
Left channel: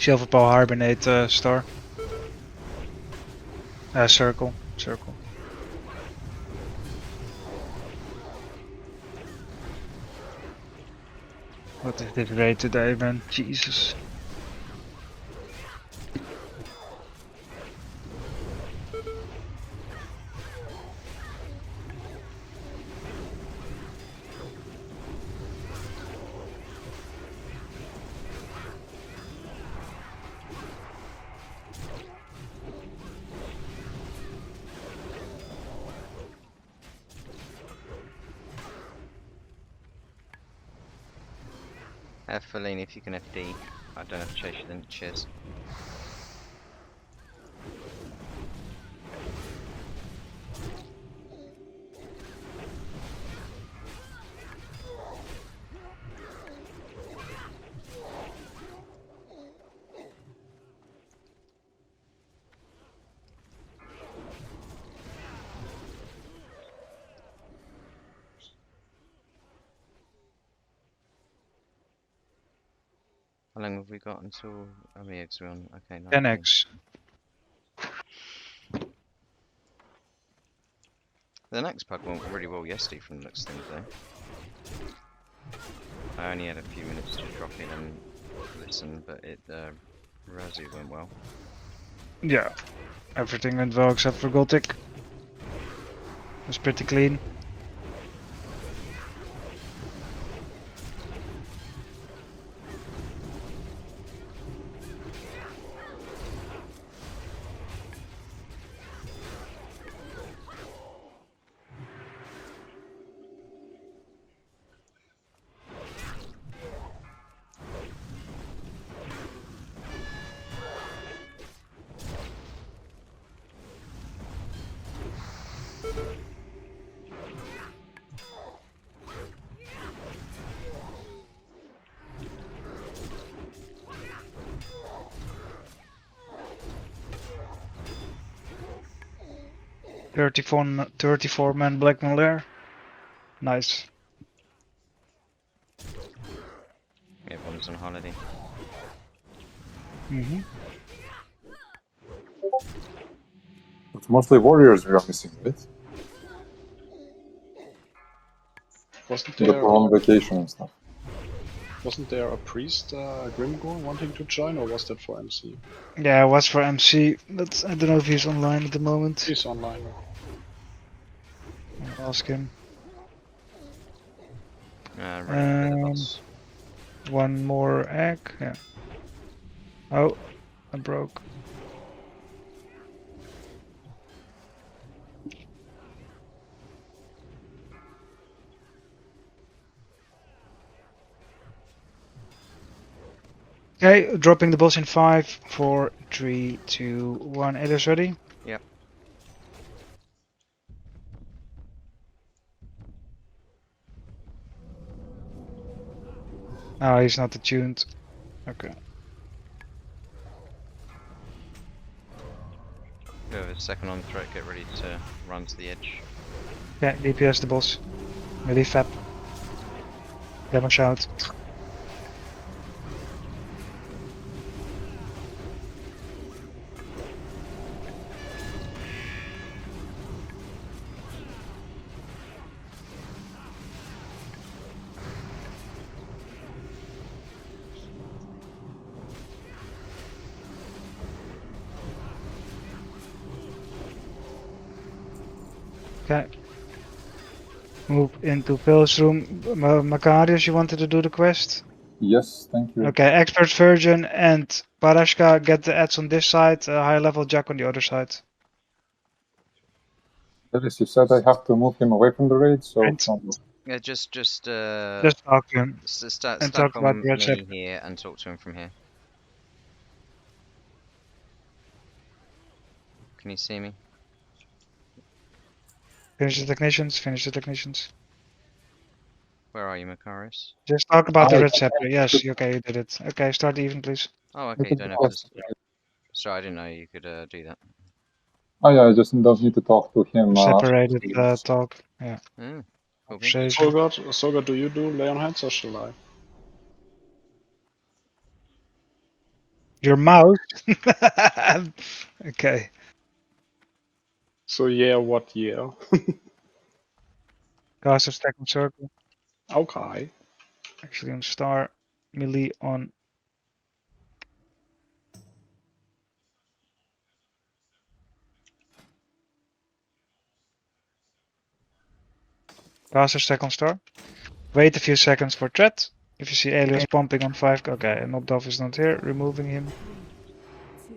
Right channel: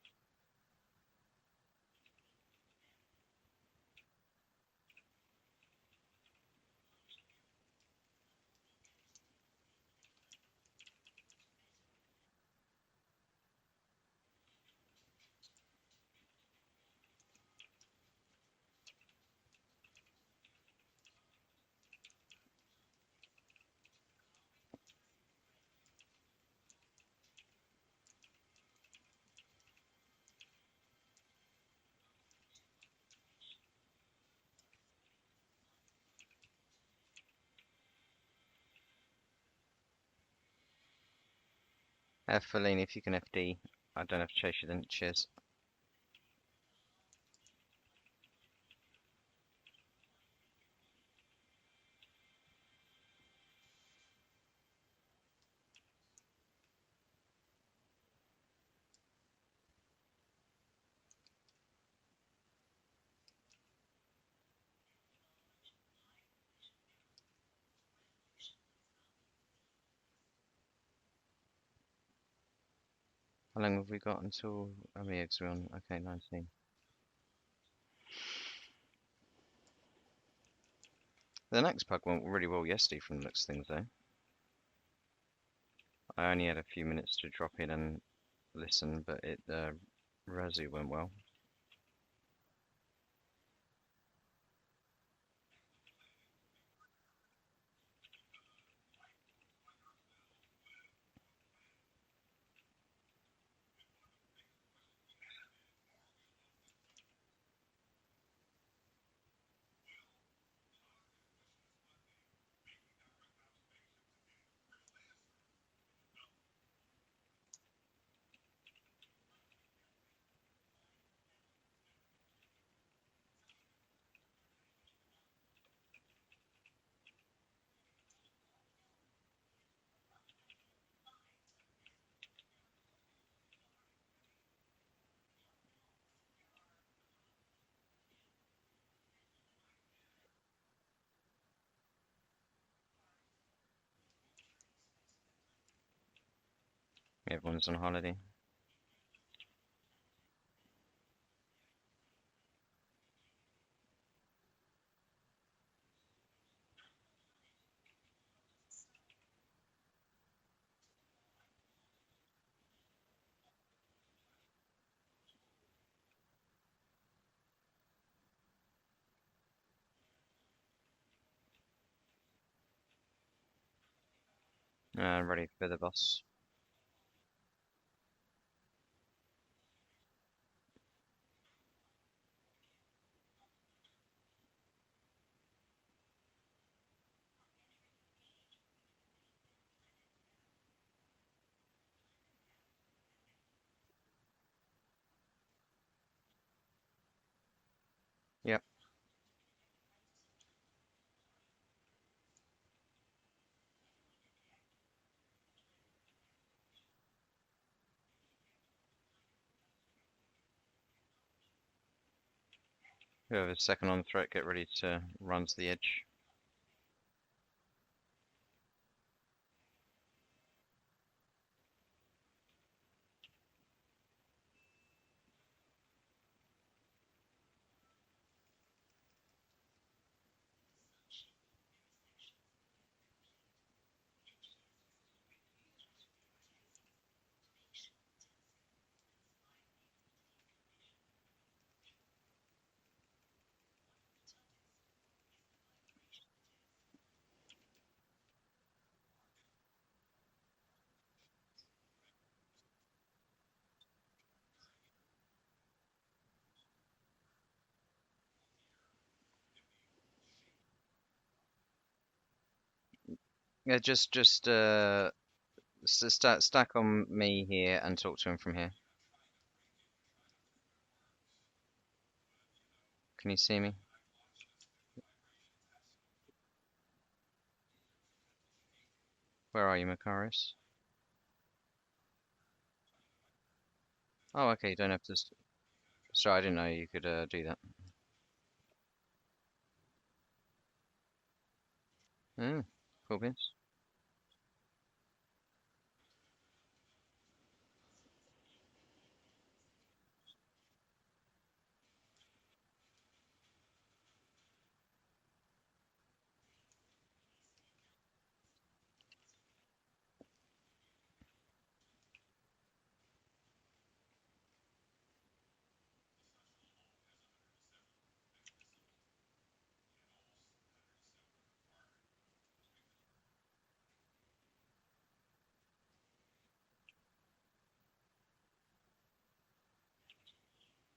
Silver Paw Hibernate star. Circle. Circle. What is this raid today, man? Jesus. Feline, if you can FD. I don't have to chase you then. Cheers. How long have we got until the eggs are on? Okay, 19. 10x. The next pug went really well yesterday from the looks of things though. I only had a few minutes to drop in and listen, but it Razu went well. Yeah. Everything went well except for Gothic. It's pretty clean. Thirty-four man Black Malaire. Nice. Everyone's on holiday. Mm-hmm. It's mostly warriors we are missing, right? Wasn't That there were on vacation and stuff. wasn't there a priest Grimgor wanting to join, or was that for MC? Yeah, it was for MC, but I don't know if he's online at the moment. He's online. I'll ask him. Running for the boss. One more egg. Yeah. Oh, I broke. Okay, dropping the boss in 5, 4, 3, 2, 1. It is ready. Yep. Oh, he's not attuned. Okay. Whoever's second on threat, get ready to run to the edge. Okay, DPS the boss. Melee fap. Demo shout. Okay. Move into Phil's room. Macarius, you wanted to do the quest? Yes, thank you. Okay, Expert Virgin and Parashka get the ads on this side, high level Jack on the other side. Alice, you said I have to move him away from the raid, so Right. Yeah, just Just talk to him. stack and talk about on the red me chip. here and talk to him from here. Can you see me? Finish the technicians, finish the technicians. Where are you, Macarius? Just talk about the red scepter. Yes, okay, you did it. Okay, start even, please. Oh, okay, you don't have to. Sorry, I didn't know you could do that. Oh yeah, I just don't need to talk to him. Separated talk. Yeah. Cool beans. Sogard, do you do Leon Heads or shall I? Your mouse? Okay. So yeah, what year? Cast a stack on circle. Okay. Actually on star. Melee on. Caster stack on star. Wait a few seconds for threat. If you see alias pumping on 5, okay, knocked off is not here, removing him. 3, 2,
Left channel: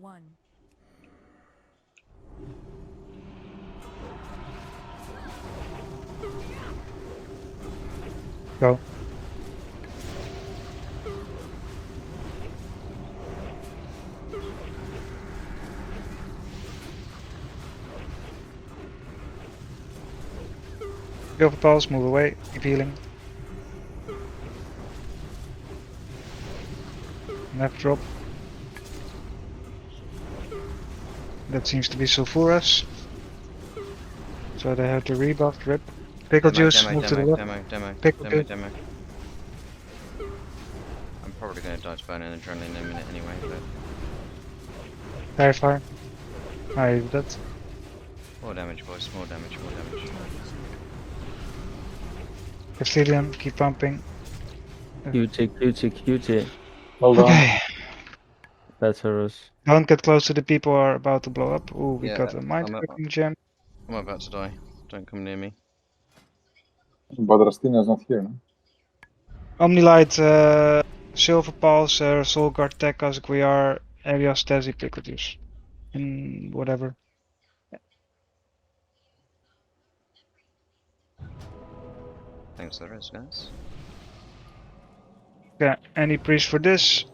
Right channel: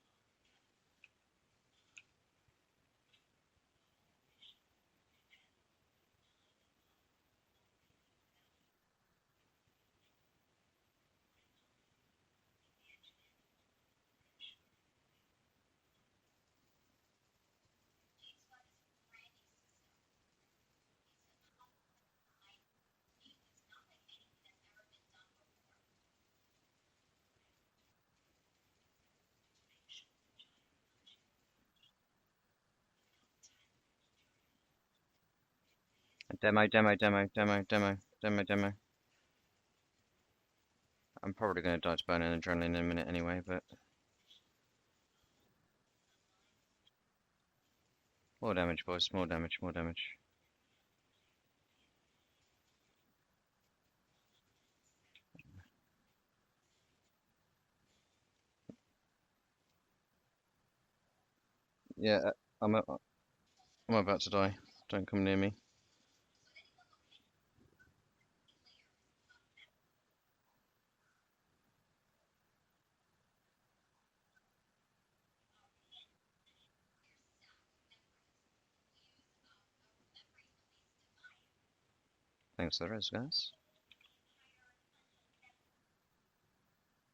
1. Go. Go for pulse, move away, keep healing. Left drop. That seems to be Sulfuras. So they have to rebuff, rip. Pickle juice, move to the left. Demo. I'm probably going to die to burn an adrenaline in a minute anyway, but... Clarify. I did that. More damage, boys, more damage. Castilian, keep pumping. QT. Hold Okay. Better us. Don't get close to the people who are about to blow up. Ooh, we Yeah, got a mind-fucking gem. I'm about to die. Don't come near me. But Rastina's not here, no? Omnilight, Silver Pulse, Soul Guard, Tech, as we are, Elias, Tezzy, Pickle Juice. And whatever. Thanks for the rest, guys. Okay, any priest for this?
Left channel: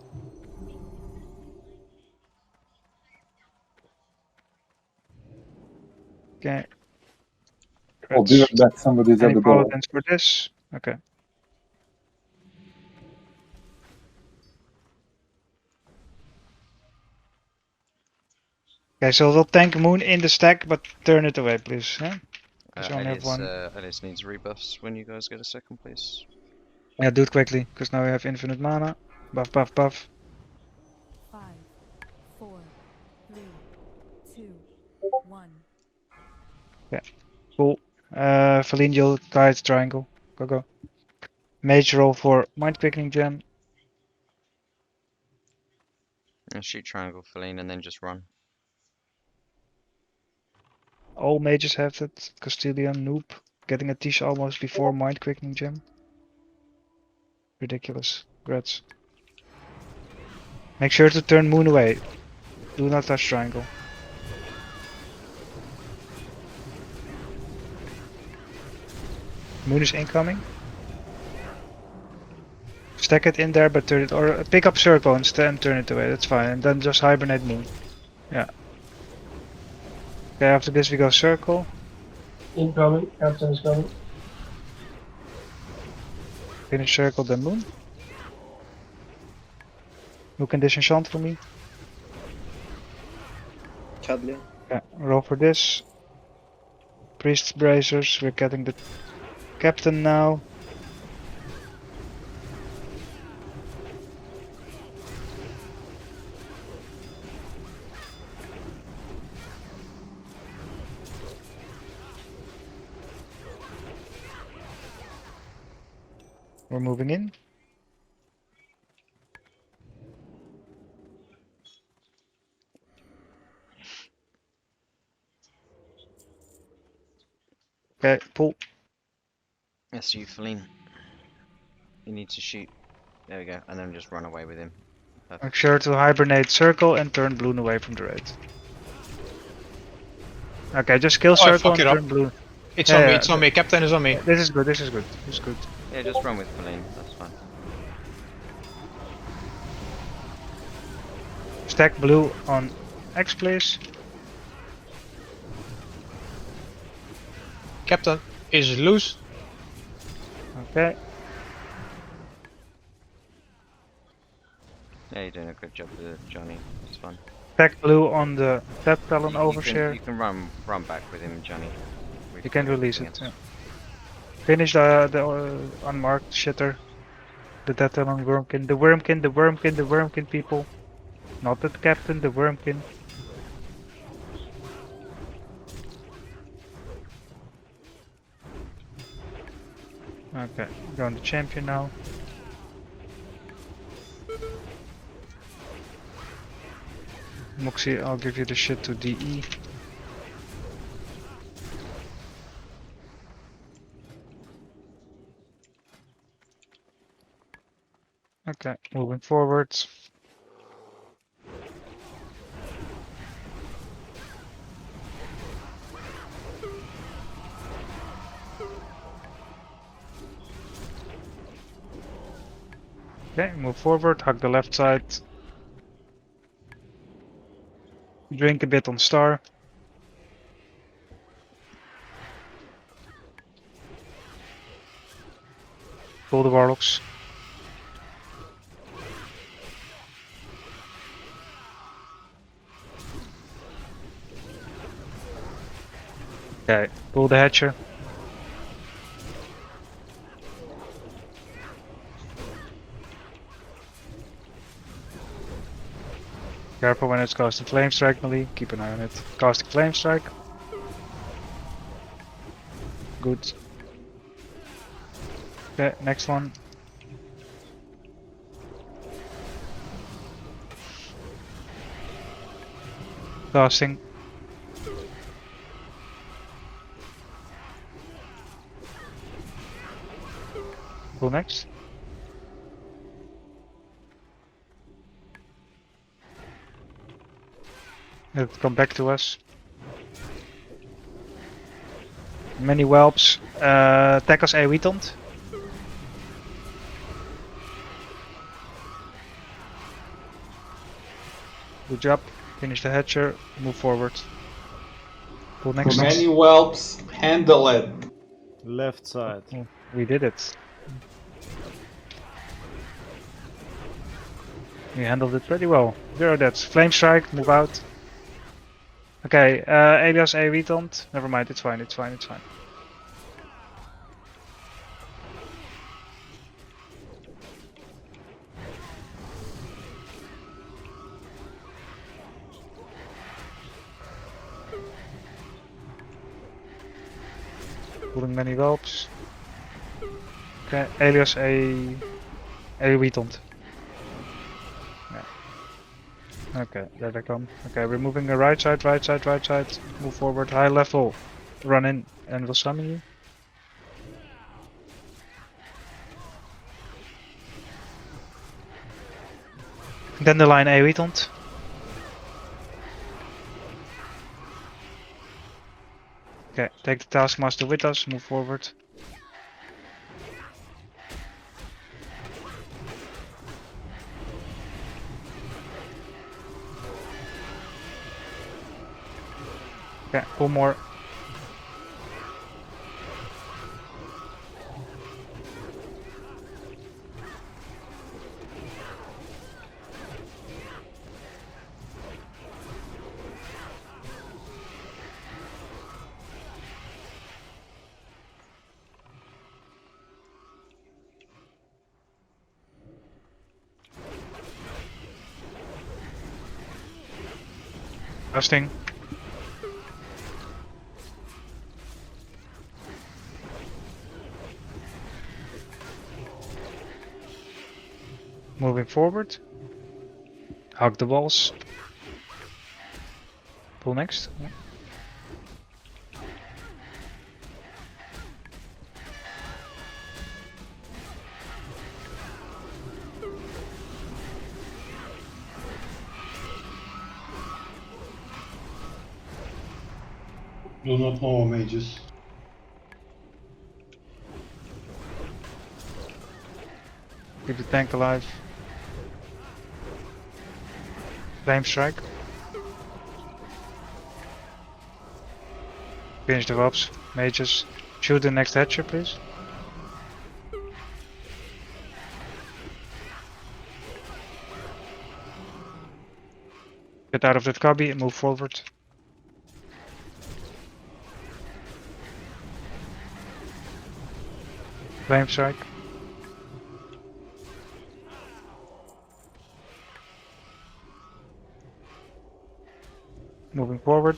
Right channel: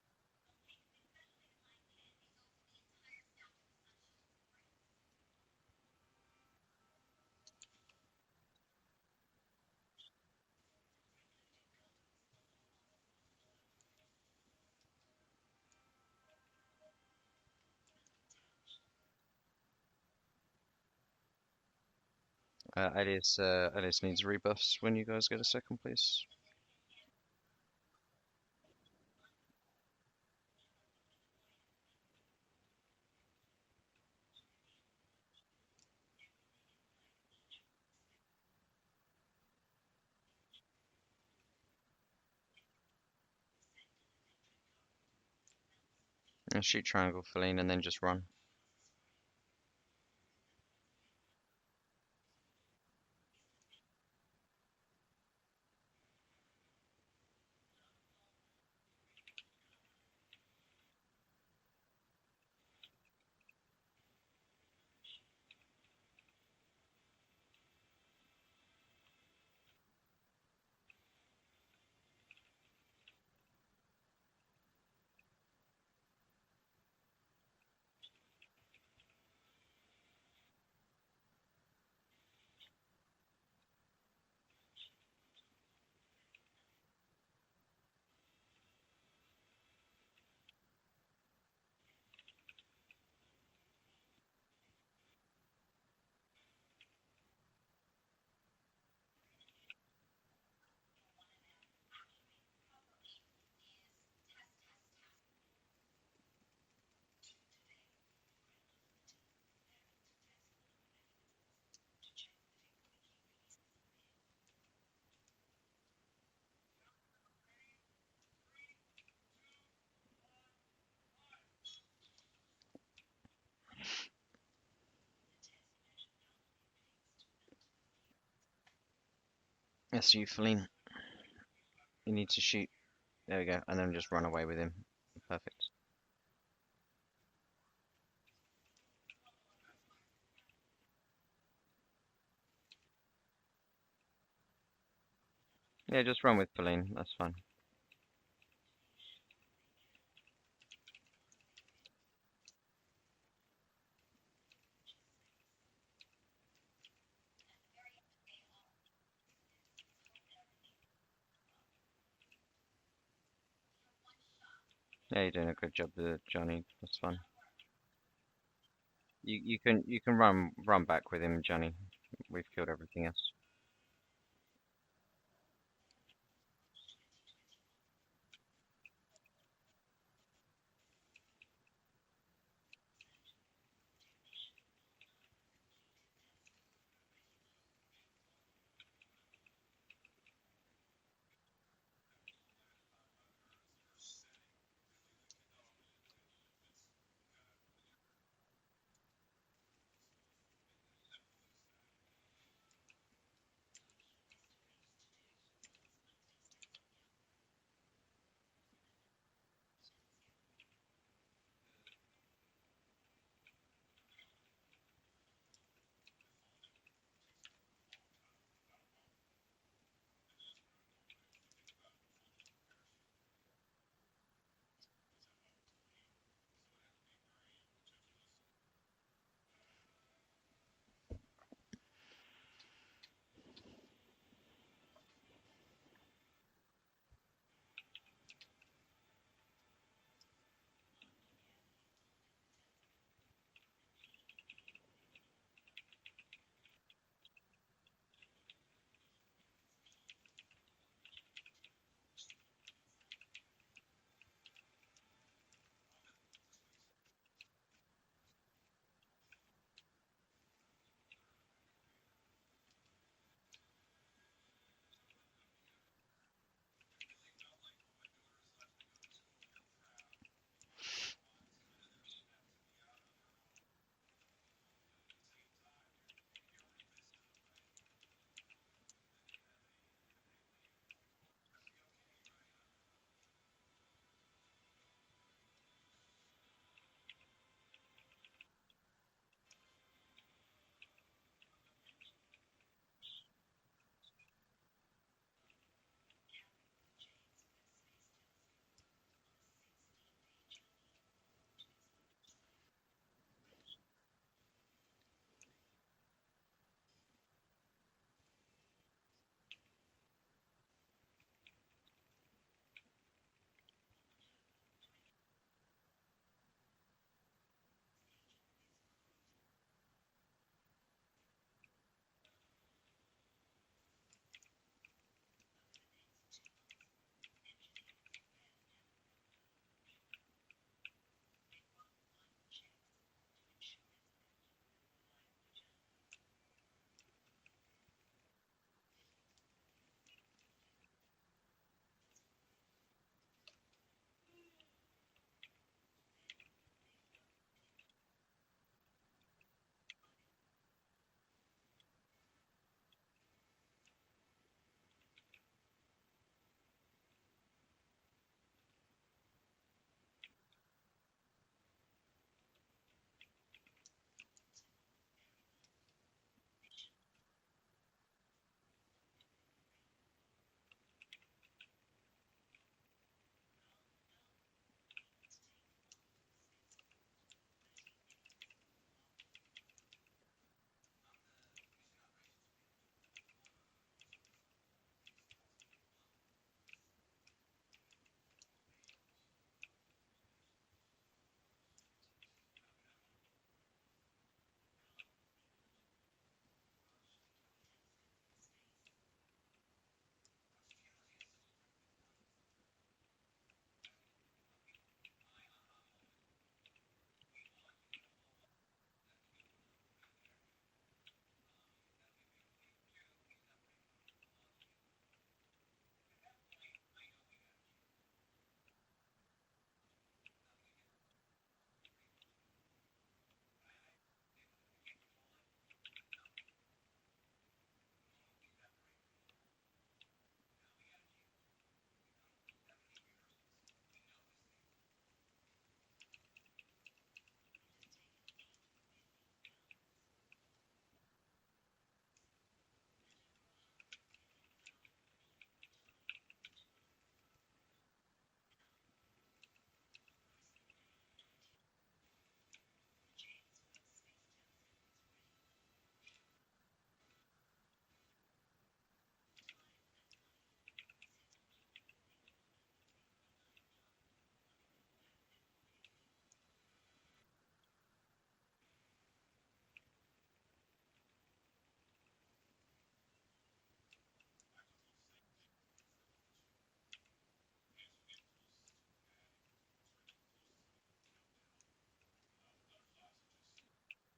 Okay. I'll be right back, somebody's at Any the door. paladins for this? Okay. Okay, so we'll tank Moon in the stack, but turn it away, please. Yeah? You only have one. Alice needs rebuffs when you guys get a second, please. Yeah, do it quickly, because now we have infinite mana. Buff, buff, buff. 5, 4, 3, 2, 1. Yeah, cool. Valindial guide triangle. Go. Mage roll for mind quickening gem. And shoot triangle, Feline, and then just run. All mages have that. Castilian noob. Getting a Tish almost before mind quickening gem. Ridiculous. Grats. Make sure to turn Moon away. Do not touch triangle. Moon is incoming. stack it in there, but turn it, or pick up circle instead and turn it away. That's fine. And then just hibernate moon. Yeah. Okay, after this we go circle. Incoming. Captain is coming. Finish circle, then moon. Who can disenchant for me? Chadley. Yeah, roll for this. Priest bracers, we're getting the captain now. We're moving in. Okay, pull. That's you, Feline. You need to shoot. There we go, and then just run away with him. Make Perfect. sure to hibernate circle and turn Bloon away from the raid. Okay, just kill Oh, I circle fuck and it up. turn Bloon. It's Yeah, on me, yeah, it's on me. Captain is on me. This is good, this is good, this is good. Yeah, just run with Feline. That's fine. Stack blue on X, please. Captain is loose. Okay. Yeah, you're doing a good job with Johnny. That's fine. Stack blue on the Tap Talon You overshare. can run back with him, Johnny. We've You can got release everything it. else. Yeah. Finish the unmarked shitter. The Tap Talon Wormkin. The Wormkin, the Wormkin, the Wormkin people. Not the captain, the Wormkin. Okay, going to champion now. Moxie, I'll give you the shit to DE. Okay, moving forwards. Okay, move forward, hug the left side. Drink a bit on star. Pull the warlocks. Okay, pull the hatcher. Careful when it's casting Flame Strike, Melee. Keep an eye on it. Casting Flame Strike. Good. Okay, next one. Casting. Go next. Let it come back to us. Many whelps. Attack us Aewetant. Good job. Finish the hatcher. Move forward. Pull next. Many whelps, handle it. Left side. Oh, we did it. We handled it pretty well. 0 deaths. Flame Strike, move out. Okay, Elias Aewetant. Never mind, it's fine, it's fine, it's fine. Pulling many whelps. Okay, Elias Aewetant. Okay, there they come. Okay, we're moving the right side, right side, right side. Move forward, high level. Run in, and we'll summon you. Dandelion Aewetant. Okay, take the Taskmaster with us, move forward. Okay, pull more. Casting. Moving forward. Hug the walls. Pull next. Yeah. Do not know mages. Keep the tank alive. Flame strike. Finish the wops. Mages. Shoot the next hatcher, please. Get out of that cubby and move forward. Flame strike. Moving forward.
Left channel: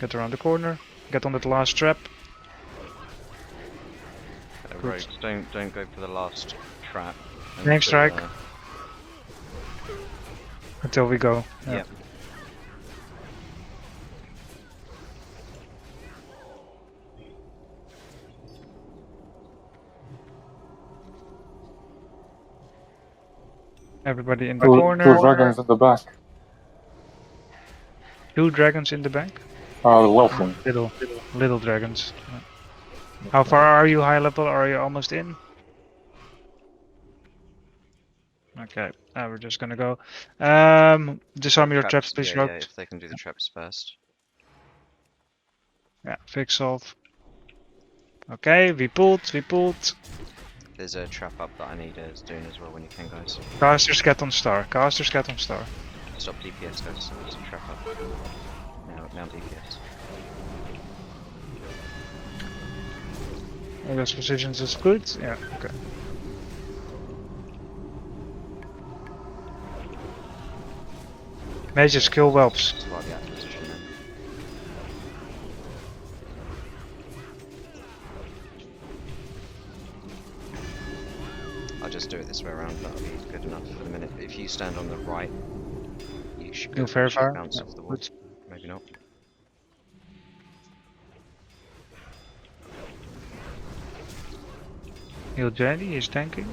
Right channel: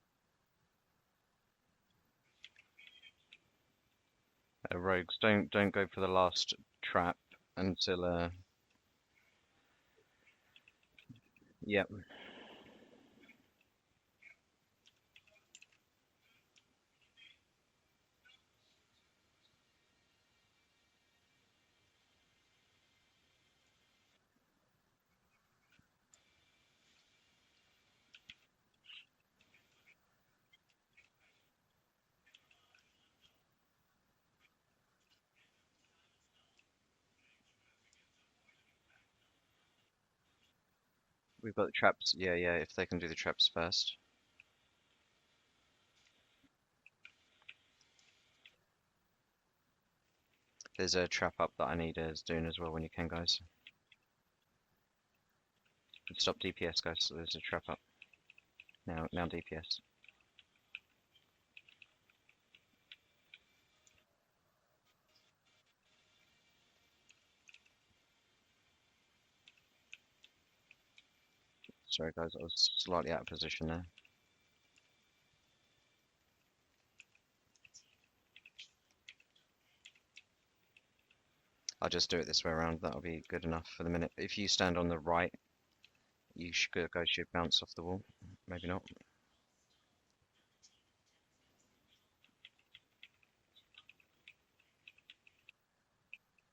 Get around the corner. Get on that last trap. Rogues, don't go for the last trap. Flame strike. Until we go. Yep. Everybody in the Two corner. dragons in the back. 2 dragons in the back. Welcome. Little dragons. How far are you high level? Are you almost in? Okay, we're just gonna go. Disarm your traps, please, Yeah, Rogue. yeah, if they can do the traps first. Yeah, fix solve. Okay, we pulled. There's a trap up that I need doing as well when you can, guys. Casters get on star. Casters get on star. Stop DPS, guys. So there's a trap up. Now DPS. All those positions is good. Yeah, okay. Mages kill whelps. Slightly out of position then. I'll just do it this way around, that'll be good enough for the minute. If you stand on the right, you should Do go fair fire? bounce Yeah, off the wall. good. Maybe not. Heal Jenny, he's tanking.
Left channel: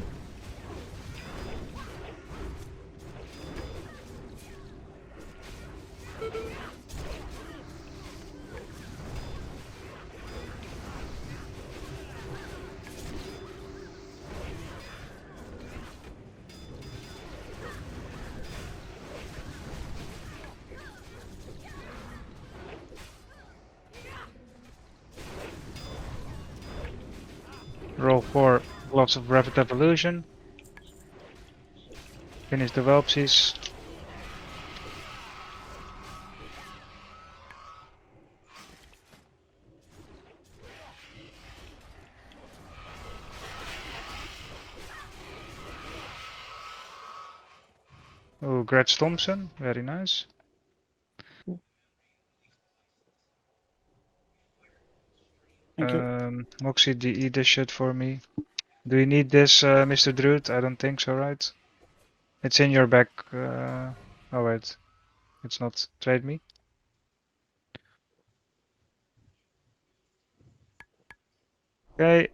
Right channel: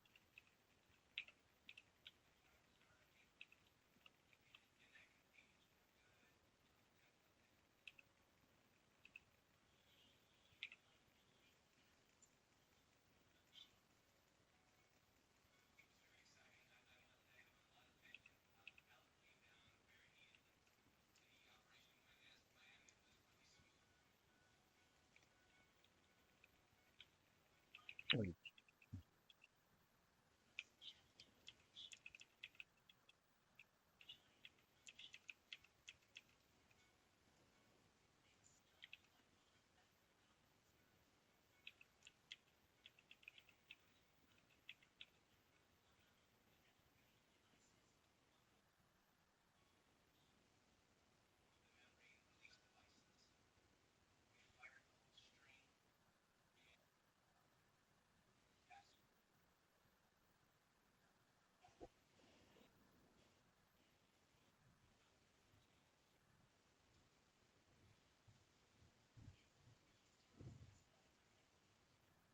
Roll for lots of rapid evolution. Finish the whelpsies. Oh, Gretz Thompson, very nice. Moxie, eat this shit for me. Do you need this, Mr. Druid? I don't think so, right? It's in your back. Oh wait, it's not. Trade me. Okay.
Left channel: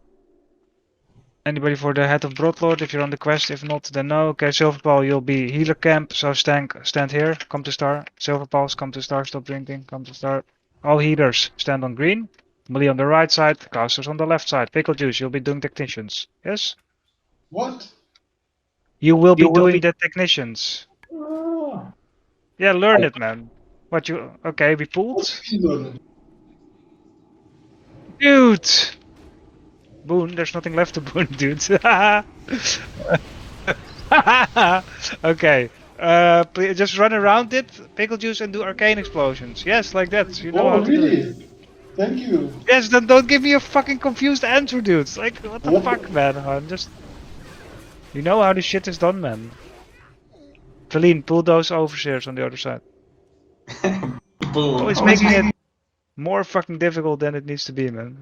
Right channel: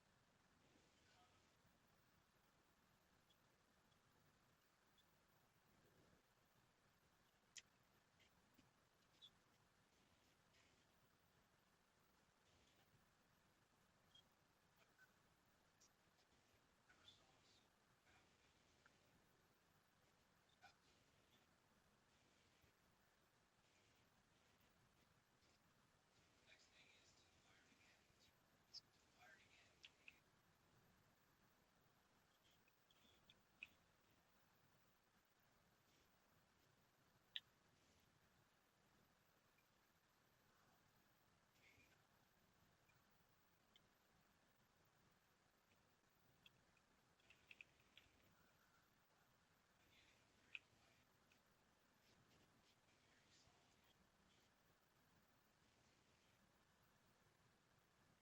Anybody for the head of Broadlord if you're on the quest? If not, then no. Okay, Silverpaw, you'll be healer camp. So stand here. Come to star. Silverpaws, come to star. Stop drinking. Come to star. All healers stand on green. Melee on the right side. Casters on the left side. Pickle juice, you'll be doing technicians. Yes? What? You will be doing the technicians. Ah, Yeah, learn it, man. What you? Okay, we pulled. learn it. Dude! Boon, there's nothing left to boon, dude. Okay. Just run around it, pickle juice, and do arcane explosions. Yes, like that. You know Oh, how to do it. really? Thank you. Yes, then don't give me a fucking confused answer, dude. Like, what the fuck, man? Just... You know how this shit is done, man. Feline, pull those overseers on the other side. Always making it more fucking difficult than it needs to be, man.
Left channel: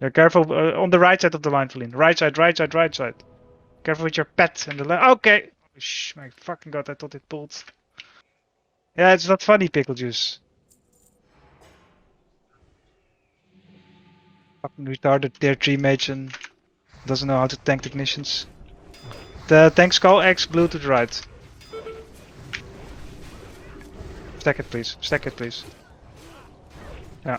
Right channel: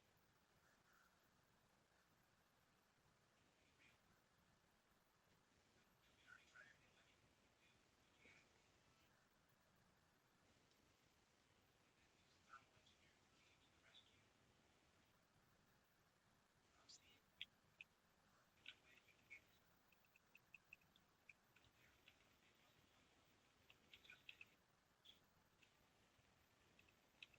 Yeah, careful on the right side of the line, Feline. Right side, right side, right side. Careful with your pet and the left. Okay. Shh, my fucking god, I thought it pulled. Yeah, it's not funny, pickle juice. Fucking retarded tier 3 mage and doesn't know how to tank technicians. The tank skull X blue to the right. Stack it, please. Stack it, please. Yeah.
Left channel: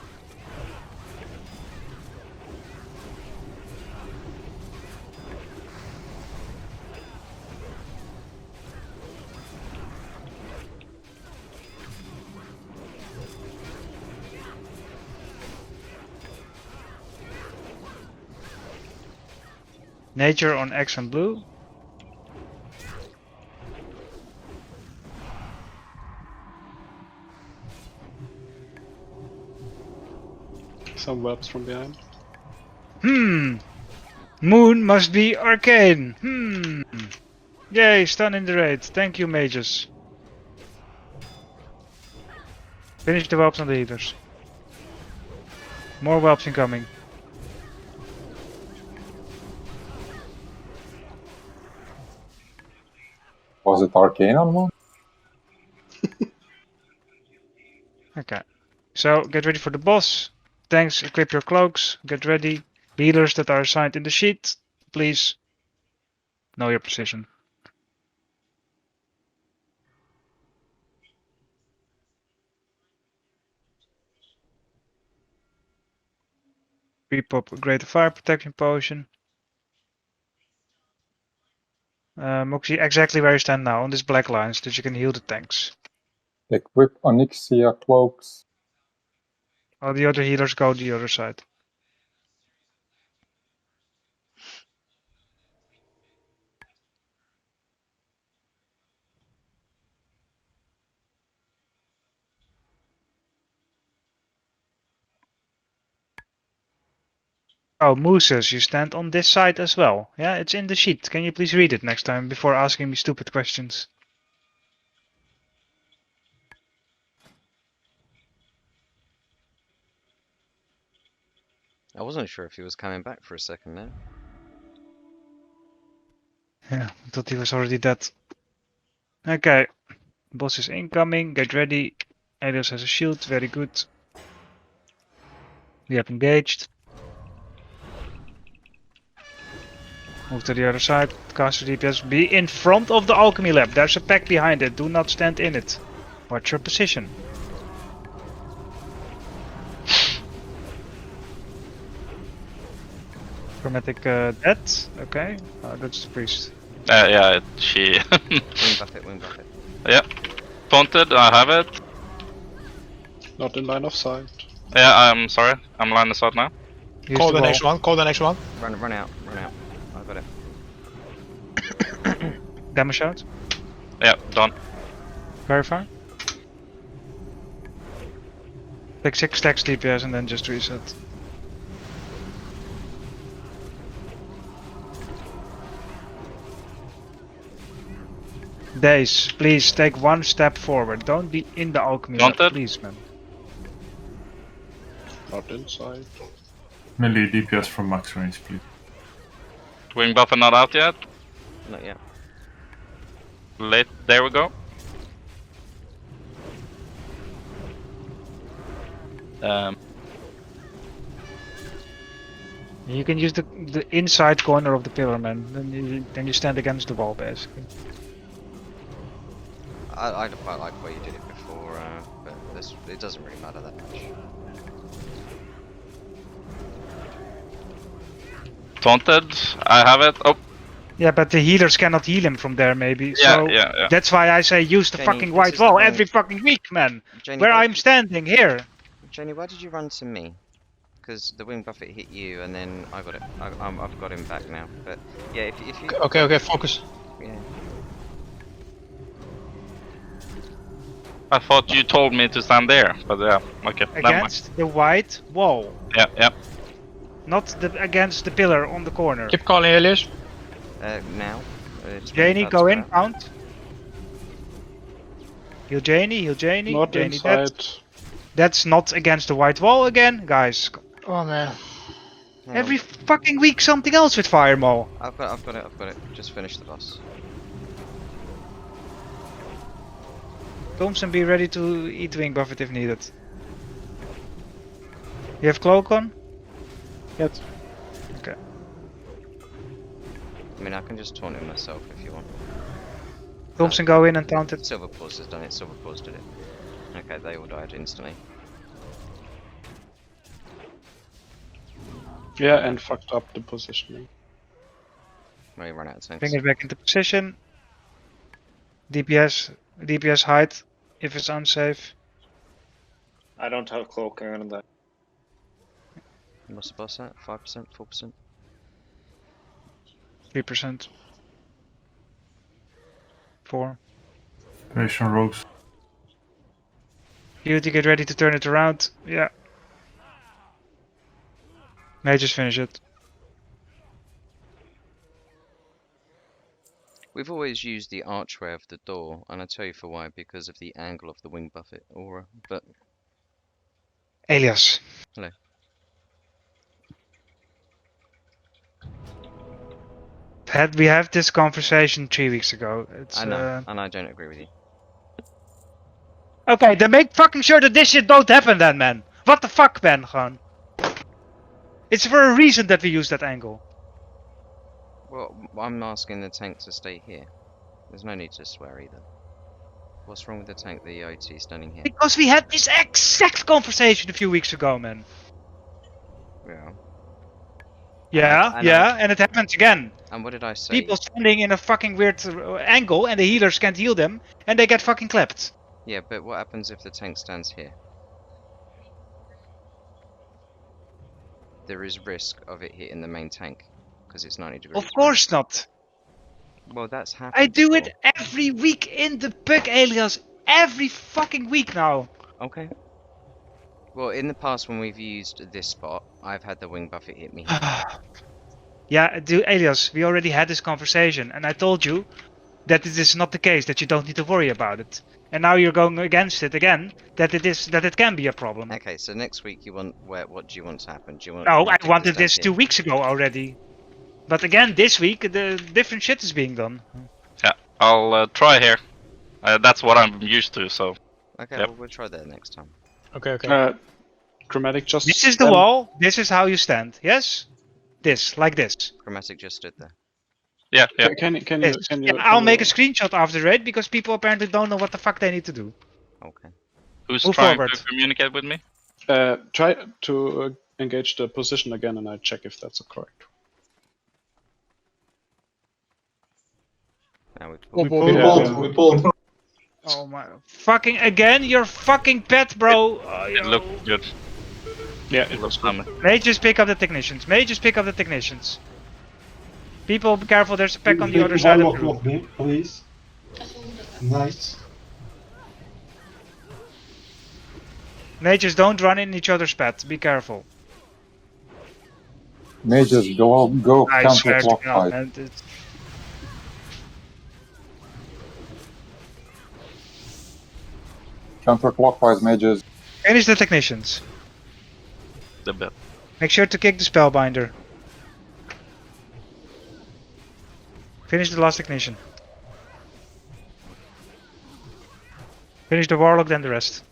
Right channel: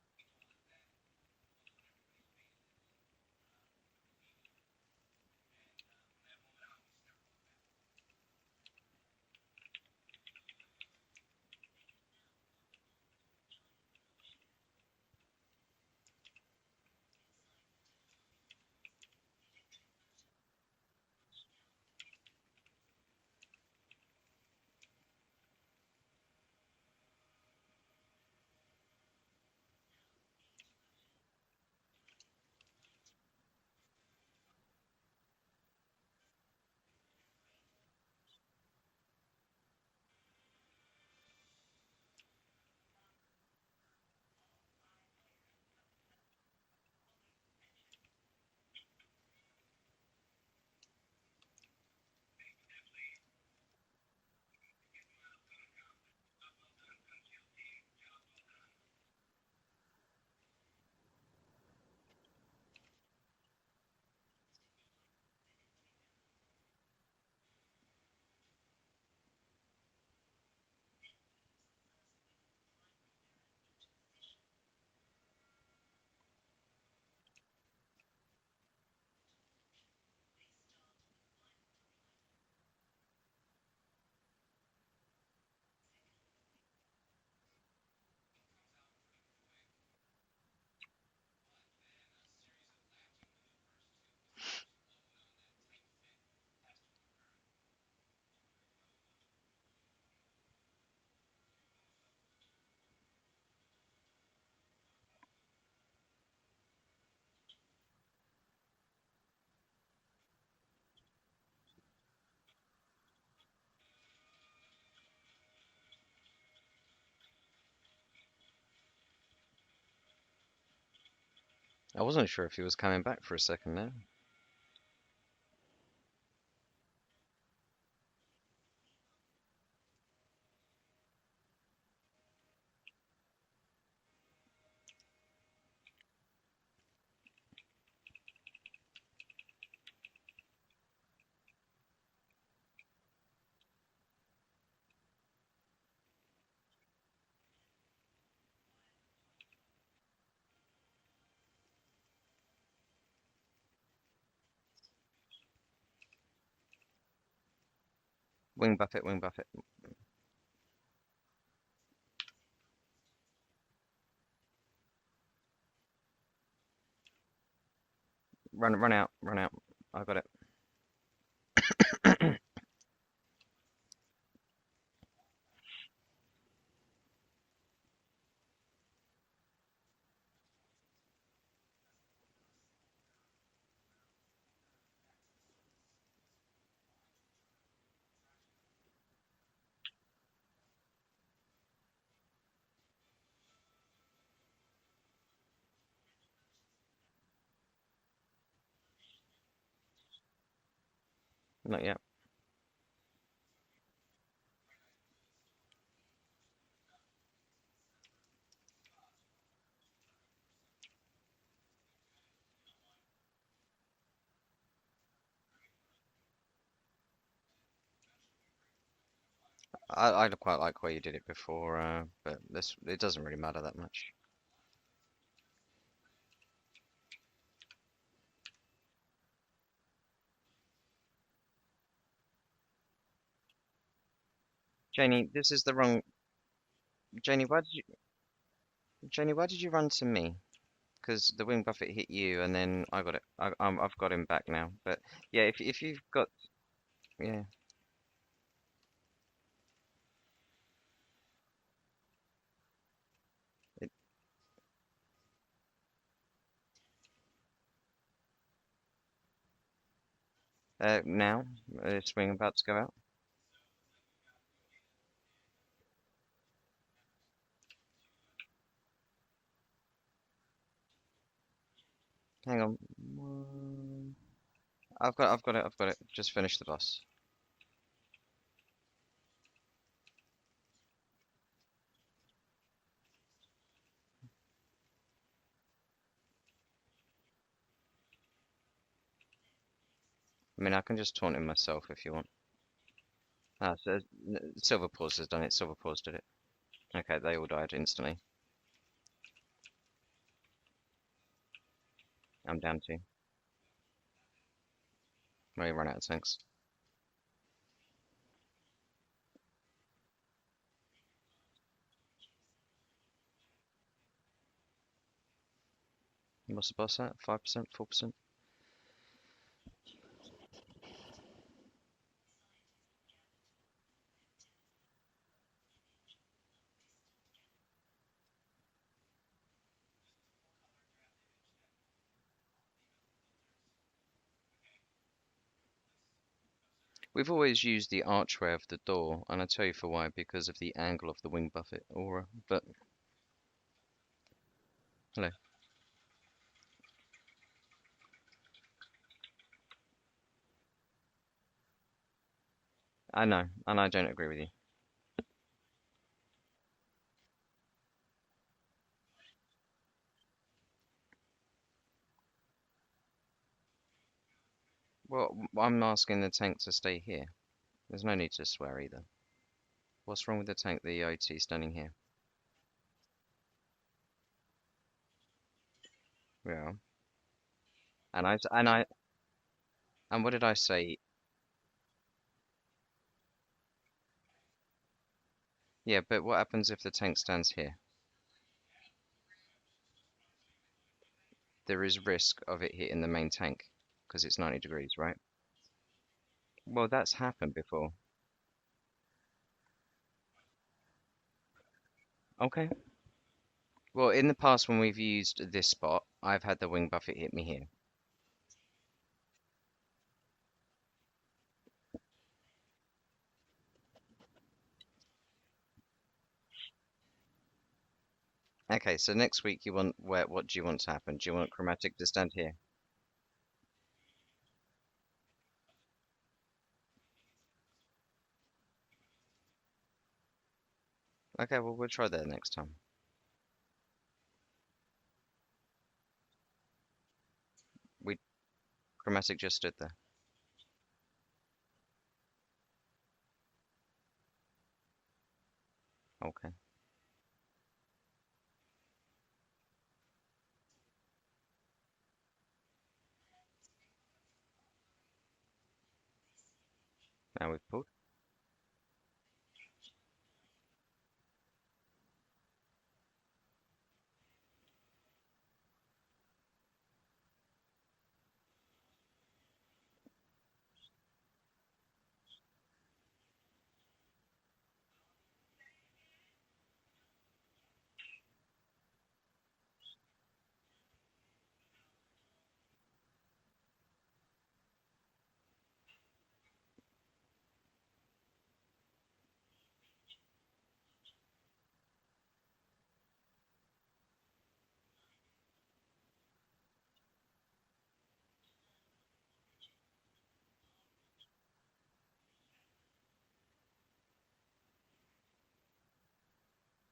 Nature on X and blue. Some webs from behind. Moon must be arcane. Yay, stun in the raid. Thank you, mages. Finish the whelps on the healers. More whelps incoming. Was it arcane on one? Okay. So, get ready for the boss. Tanks, equip your cloaks. Get ready. Healers that are assigned in the sheet, please know your position. Repop a greater fire protection potion. Moxie, exactly where you stand now, on this black line, so that you can heal the tanks. Equip Onyxia cloaks. All the other healers go the other side. Oh, Mooses, you stand on this side as well. Yeah, it's in the sheet. Can you please read it next time before asking me stupid questions? I wasn't sure if he was coming back for a second there. Yeah, I thought he was already dead. Okay, boss is incoming. Get ready. Alias has a shield. Very good. We have engaged. Move to the other side. Cast your DPS. Be in front of the alchemy lab. There's a pack behind it. Do not stand in it. Watch your position. Chromatic dead. Okay. That's the priest. Yeah, she... Wing buffet, wing buffet. Yeah. Taunted, I have it. Not in line of sight. Yeah, I'm sorry. I'm line of sight now. Call the next one, call the next one. Run out, run out. I got it. Damage out. Yeah, done. Verify. Take 6 stacks DPS and then just reset. Days, please take 1 step forward. Don't be in the alchemy lab, please, man. Not inside. Melee DPS from max range, please. Wing buffer not out yet. Not yet. Late. There we go. You can use the inside corner of the pillar, man. Then you stand against the wall, basically. I quite like where you did it before, but it doesn't really matter that much. Taunted, I have it. Oh. Yeah, but the healers cannot heal him from there, maybe. Yeah, so yeah. that's why I say use the Jenny, fucking this white is the wall wrong- every fucking week, man. Jenny, Where why I'm did you- standing here. Jenny, why did you run to me? Because the wing buffet hit you, and then I got it. I've got him back now. But yeah, if you Okay, focus. yeah. I thought you told me to stand there, but yeah, okay. Never mind. Against the white wall. Yeah. Not against the pillar on the corner. Keep calling, Elias. Now. It's Janie, about to go in, out. count. Heal Janie, Not Janie inside. dead. That's not against the white wall again, guys. Oh man. Hang Every on. fucking week something else with Fire Maul. I've got it. Just finish the boss. Thompson, be ready to eat wing buffet if needed. You have cloak on? Yes. Okay. I mean, I can just taunt him myself if you want. Thompson, go in and taunt it. Silver Paws has done it. Silver Paws did it. Okay, they all died instantly. Yeah, and fucked up the positioning. Well, he ran out of tanks. Bring it back into position. DPS height if it's unsafe. I don't have cloak on that. What's the boss at? 5%? 4%? 3%. 4. Patient rogues. You to get ready to turn it around. Yeah. May just finish it. We've always used the archway of the door, and I'll tell you for why, because of the angle of the wing buffet aura, but... Elias. Hello. We had this conversation 3 weeks ago. I know, and I don't agree with you. Okay, then make fucking sure that this shit don't happen then, man. What the fuck, man, gewoon. It's for a reason that we use that angle. Well, I'm asking the tank to stay here. There's no need to swear either. What's wrong with the tank, the OT standing here? Because we had this exact conversation a few weeks ago, man. Yeah. Yeah, and it happens again. And what did I say? People standing in a fucking weird angle and the healers can't heal them and they get fucking clapped. Yeah, but what happens if the tank stands here? There is risk of it hitting the main tank because it's 90 degrees. Of course not. Well, that's happened. I do before. it every week in the bug alias. Every fucking week now. Okay. Well, in the past when we've used this spot, I've had the wing buffet hit me here. Yeah, Elias, we already had this conversation and I told you that this is not the case, that you don't need to worry about it. And now you're going against it again, that it can be a problem. Okay, so next week you want what do you want to happen? Do you want? No, I Chromatic to wanted stand this here? 2 weeks ago already. But again, this week, the different shit is being done. Yeah, I'll try here. That's what I'm used to, so. Okay, yep. well, we'll try that next time. Okay. Chromatic just. This is the wall. This is how you stand. Yes? This, like this. Chromatic just stood there. Yeah. Can you? Yeah, I'll make a screenshot after it because people apparently don't know what the fuck they need to do. Okay. Who's Move trying forward. to communicate with me? Try to engage the position again, and I check if that's correct. Now We pulled. Oh my fucking again, you're fucking pet, bro. It looked good. Yeah, it was coming. May just pick up the technicians. People, be careful. There's a pack on the other side of the room. Please. Nice. Mages, don't run in each other's path. Be careful. Mages, go I swear to God, counterclockwise. man. It's... Counterclockwise, mages. Finish the technicians. The bit. Make sure to kick the spellbinder. Finish the last technician. Finish the warlock, then the rest.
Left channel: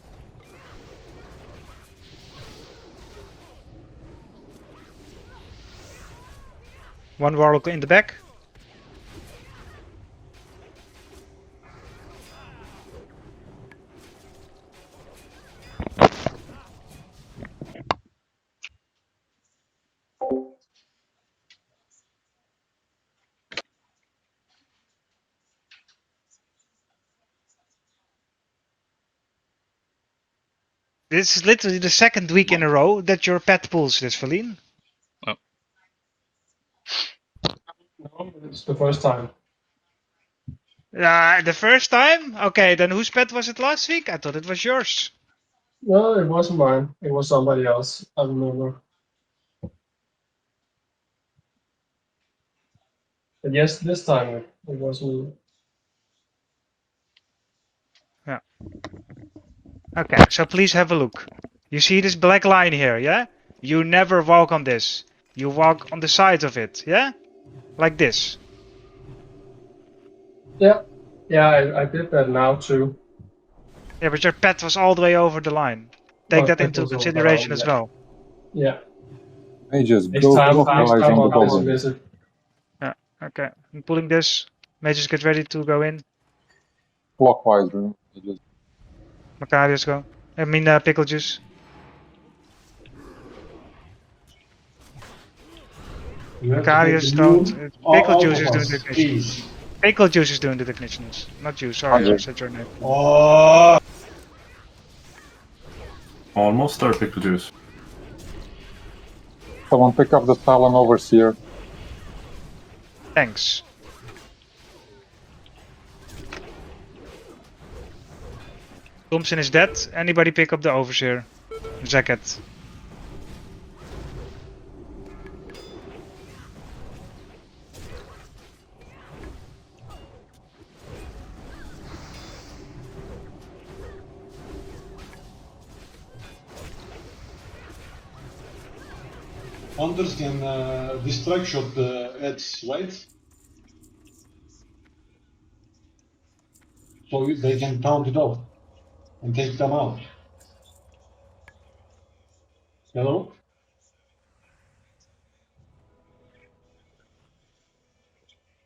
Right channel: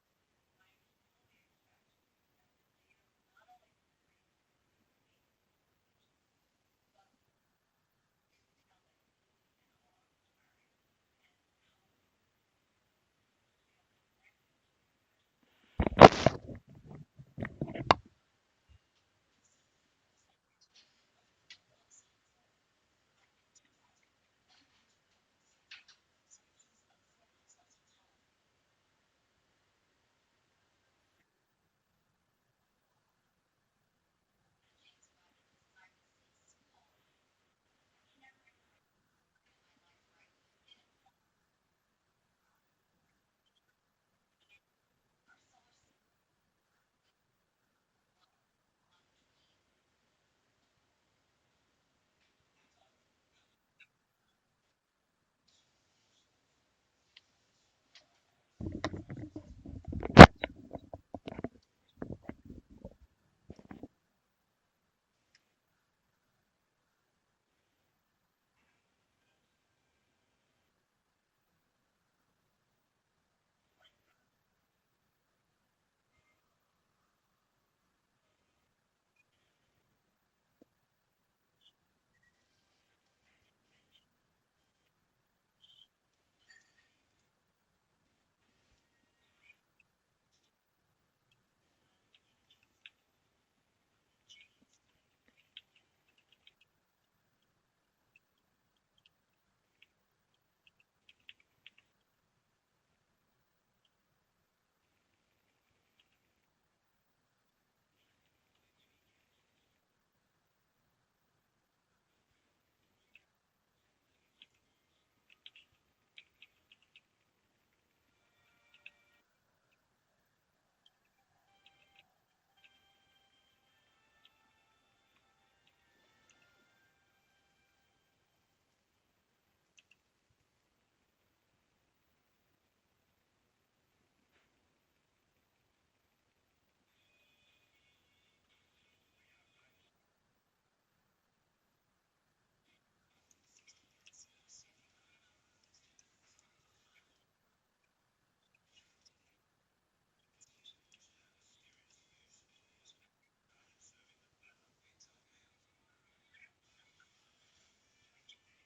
One warlock in the back. This is literally the second week in a row that your pet pulls this, Feline. No, it's the first time. The first time? Okay, then whose pet was it last week? I thought it was yours. No, it wasn't mine. It was somebody else. I remember. But yes, this time it was me. Yeah. Okay, so please have a look. You see this black line here, yeah? You never walk on this. You walk on the side of it, yeah? Like this. Yeah, yeah, I did that now too. Yeah, but your pet was all the way over the line. Take My that pet into was over the consideration line, as yeah. well. Yeah. Mages, Next go time clockwise on the I'll goblin. visit. Yeah, okay. I'm pulling this. Mages get ready to go in. Clockwise, bro. Mages. Macarius go. I mean, pickle juice. You have to take Macarius the don't. moon Pickle out juice of is doing the us, technicians. please. Pickle juice is doing the technicians. Not you, sorry, I 100. said your name. Oh, Almost there, pickle juice. Someone pick up the Talon Overseer. Thanks. Thompson is dead. Anybody pick up the Overseer? Jacket. Hunters can distract shot the ads, right? So they can count it off and take them out. Hello?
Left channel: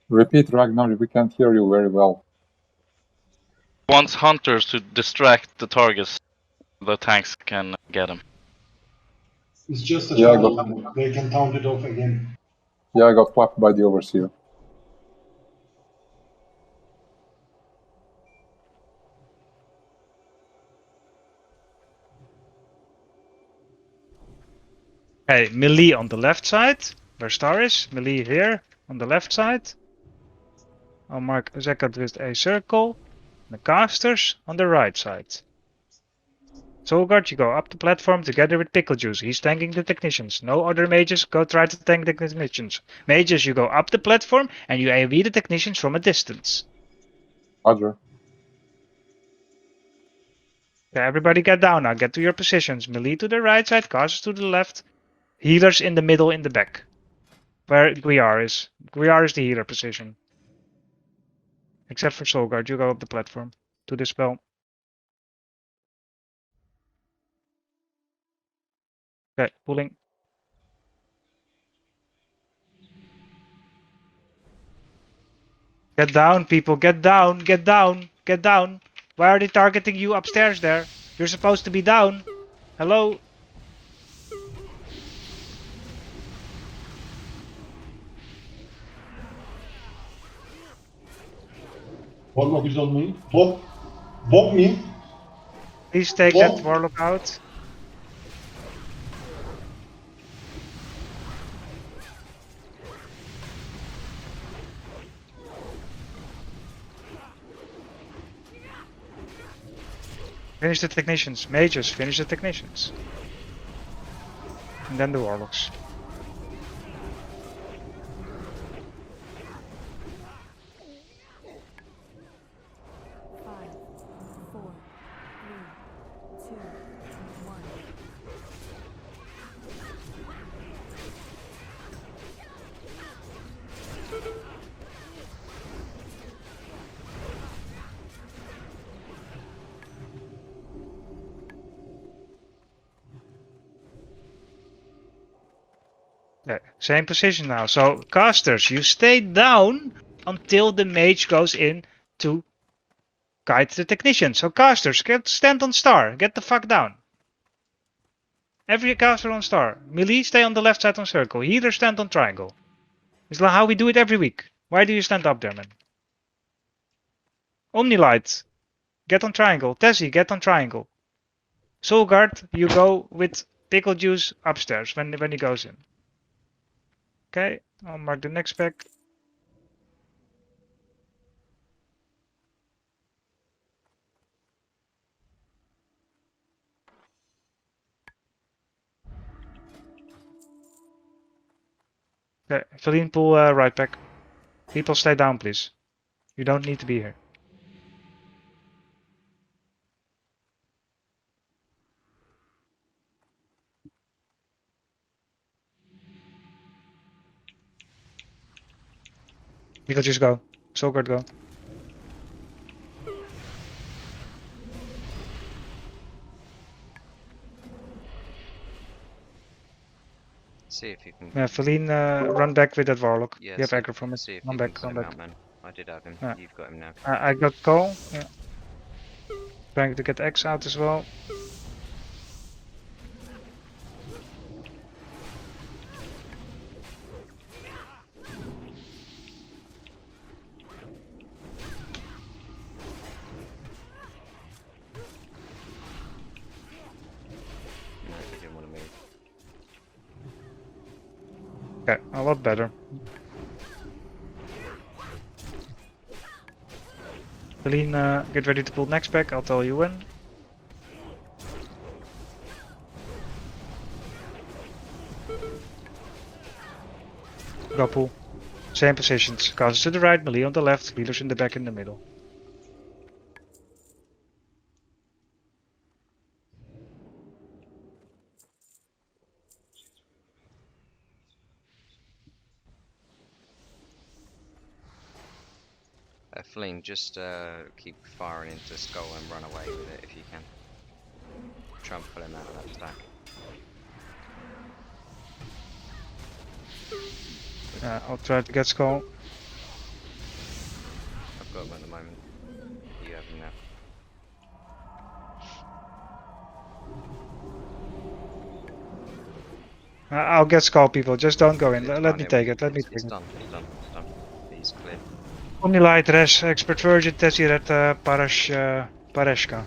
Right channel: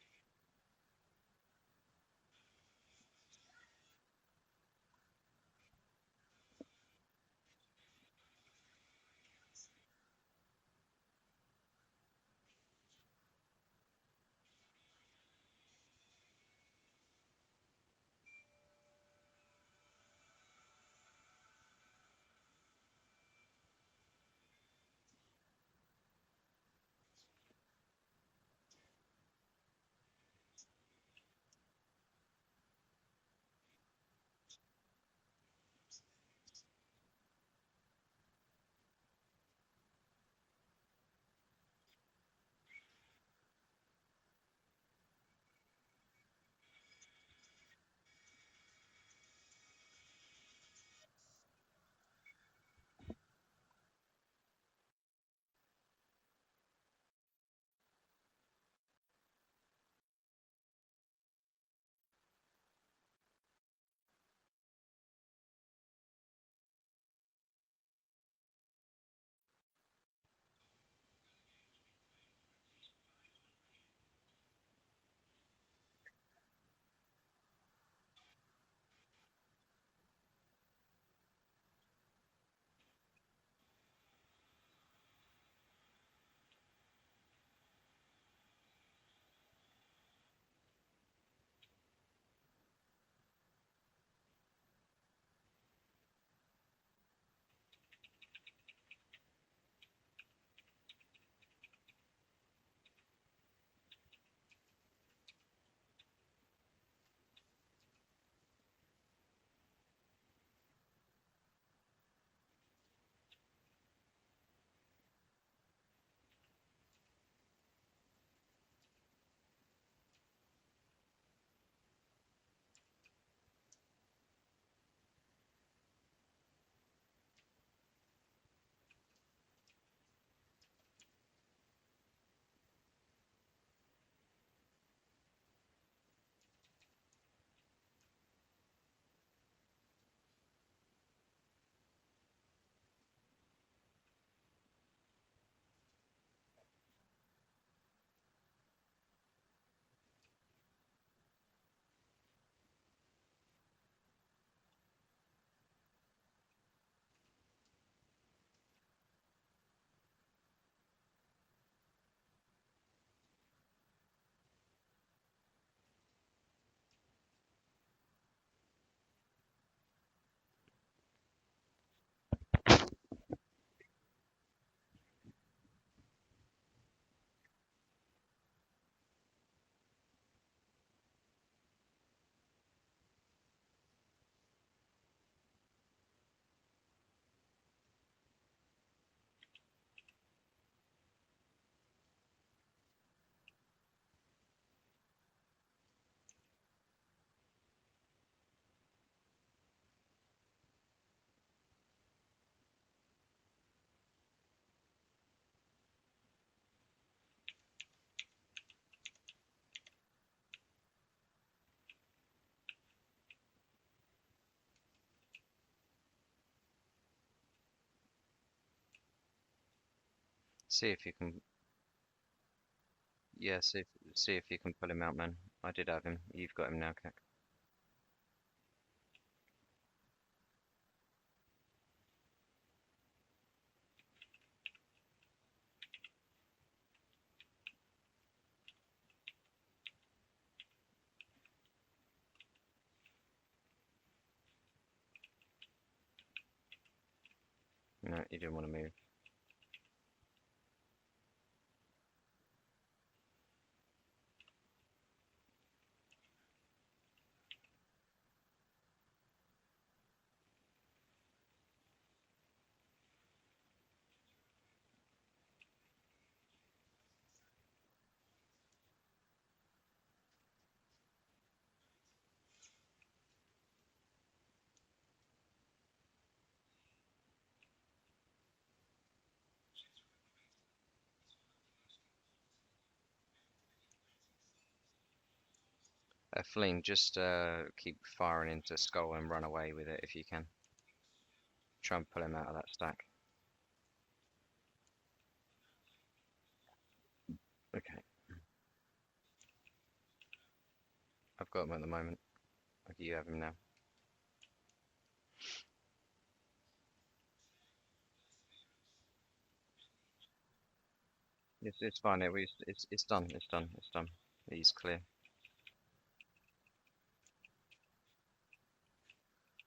Repeat, Ragnar, we can't hear you very well. Wants hunters to distract the targets. The tanks can get them. It's just a Yeah, I shadow. got, They can count it off again. yeah, I got clapped by the Overseer. Hey, melee on the left side. Where Star is. Melee here on the left side. I'll mark Zakat with a circle. The casters on the right side. Solgard, you go up the platform together with Pickle Juice. He's tanking the technicians. No other mages go try to tank the technicians. Mages, you go up the platform and you AoE the technicians from a distance. Roger. Okay, everybody get down now. Get to your positions. Melee to the right side, casters to the left. Healers in the middle in the back. Where Guiar is. Guiar is the healer position. Except for Solgard, you go up the platform to dispel. Okay, pulling. Get down, people. Get down. Get down. Get down. Why are they targeting you upstairs there? You're supposed to be down. Hello? Warlock is on me. Bob. Bob me. Please take Bob. that Warlock out. Finish the technicians. Mages, finish the technicians. And then the Warlocks. Five, four, three, two, one. Okay, same position now. So, casters, you stay down until the mage goes in to guide the technician. So, casters, stand on star. Get the fuck down. Every caster on star. Melee, stay on the left side on circle. Healer, stand on triangle. It's like how we do it every week. Why do you stand up there, man? Omnilight, get on triangle. Tessie, get on triangle. Soul Guard, you go with pickle juice upstairs when he goes in. Okay, I'll mark the next pack. Okay, Feline, pull right pack. People stay down, please. You don't need to be here. People just go. Soul Guard, go. See if you can. Yeah, Feline, run back with that Warlock. Yeah, You have see aggro from it. see if Run you back, can put run him back. out, man. I did have him. Yeah. You've got him now. I got call. Yeah. Trying to get X out as well. No, he didn't want to move. Okay, a lot better. Feline, get ready to pull next pack. I'll tell you when. Go pull. Same positions. Casters to the right, melee on the left, healers in the back in the middle. Feline, just keep firing into Skull and run away with it if you can. Try and pull him out of that stack. I'll try to get Skull. I've got him at the moment. You have him now. I'll get Skull, people. Just don't go in. It's Let fine, me yeah, take it. Let me it's take it. done. It's done. It's done. He's clear. Omnilight, Res, Expert Virgin, Tessiret, Pareshka.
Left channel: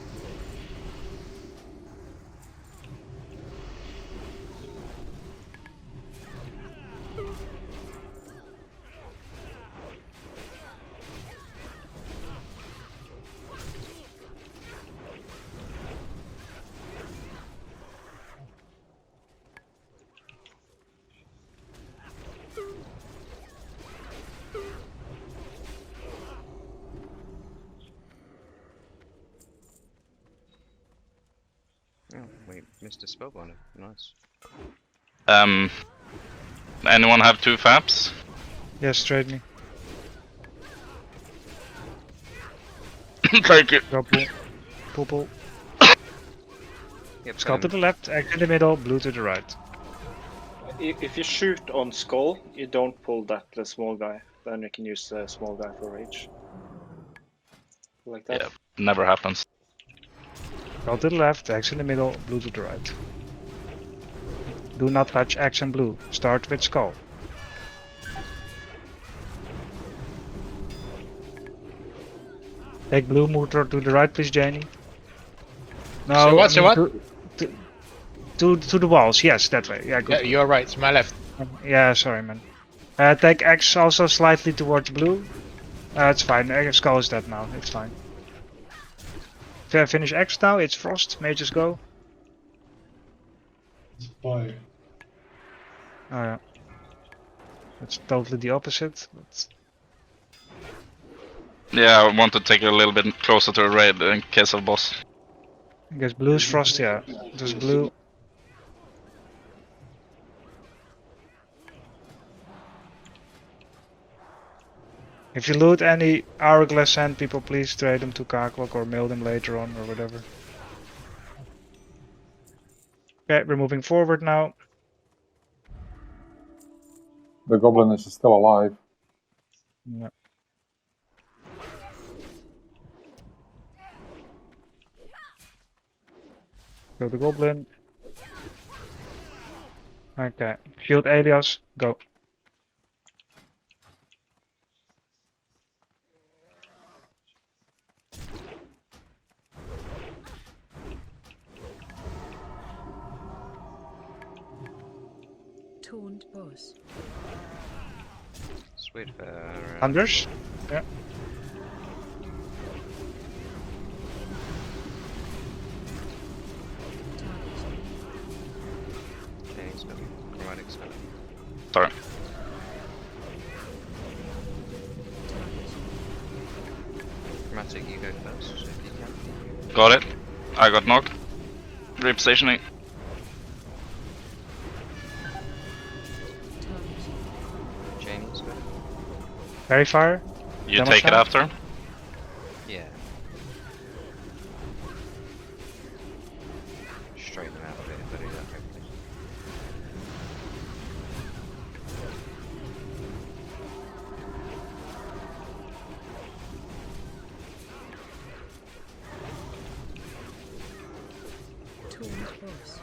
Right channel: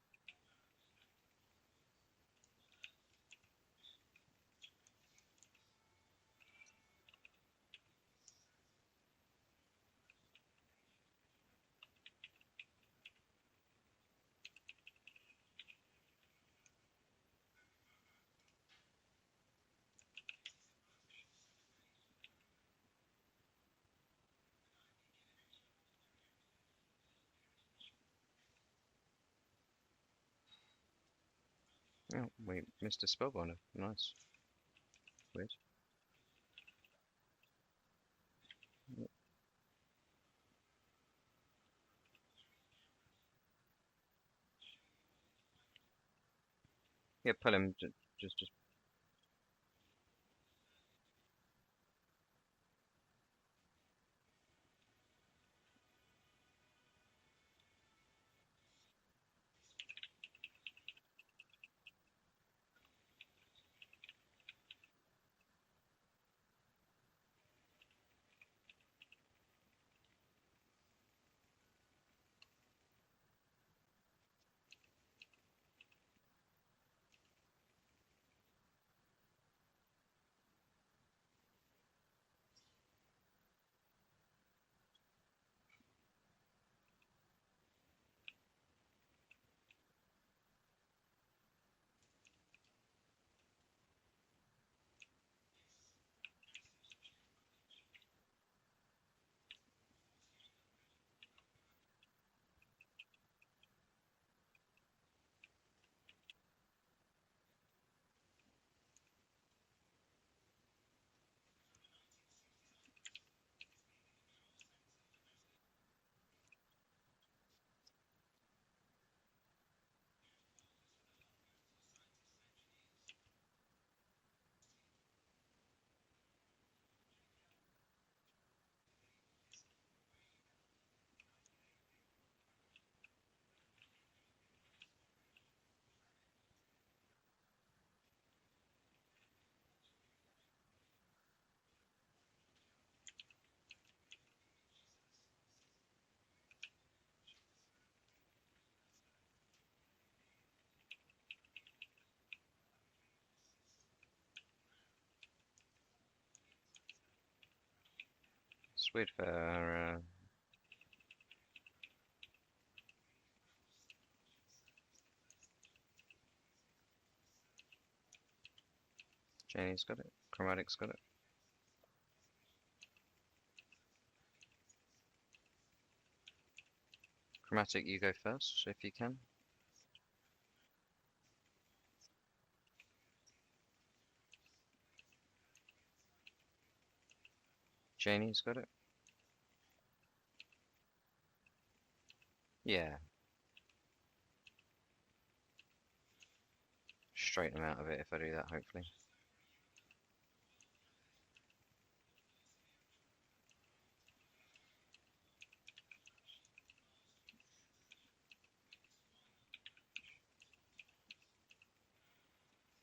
Oh, we missed a spellbinder. Nice. Anyone have 2 faps? Yes, trade me. Thank you. Go pull. Pull, pull. Yep, Skull to the left, X in the middle, blue to the right. If you shoot on Skull, you don't pull that small guy. Then you can use the small guy for rage. Like that. Yeah, never happens. Skull to the left, X in the middle, blue to the right. Do not touch X and blue. Start with Skull. Take blue motor to the right, please, Janie. No, So what? I mean What? To the walls. Yes, that way. Yeah, good. Yeah, you're right. My left. Yeah, sorry, man. Take X also slightly towards blue. It's fine. Skull is dead now. It's fine. Finish X now. It's Frost. Mages go. It's fire. Oh yeah. It's totally the opposite. But... Yeah, I want to take it a little bit closer to the raid in case of boss. I guess blue is Frost. Yeah, just blue. If you loot any hourglass sand, people, please trade them to Kaklok or mail them later on or whatever. Okay, we're moving forward now. The goblin is still alive. Yeah. Go the goblin. Okay, shield Elias, go. Taunt boss. Sweet for Hunters? Yeah. Janie's got it. Chromatic's got it. Sorry. Chromatic, you go first if you can. Got it. I got knocked. Repositioning. Janie's got it. Very fire. You Demo take it shot? after. Yeah. Straighten them out of it if I do that, hopefully. Taunt boss.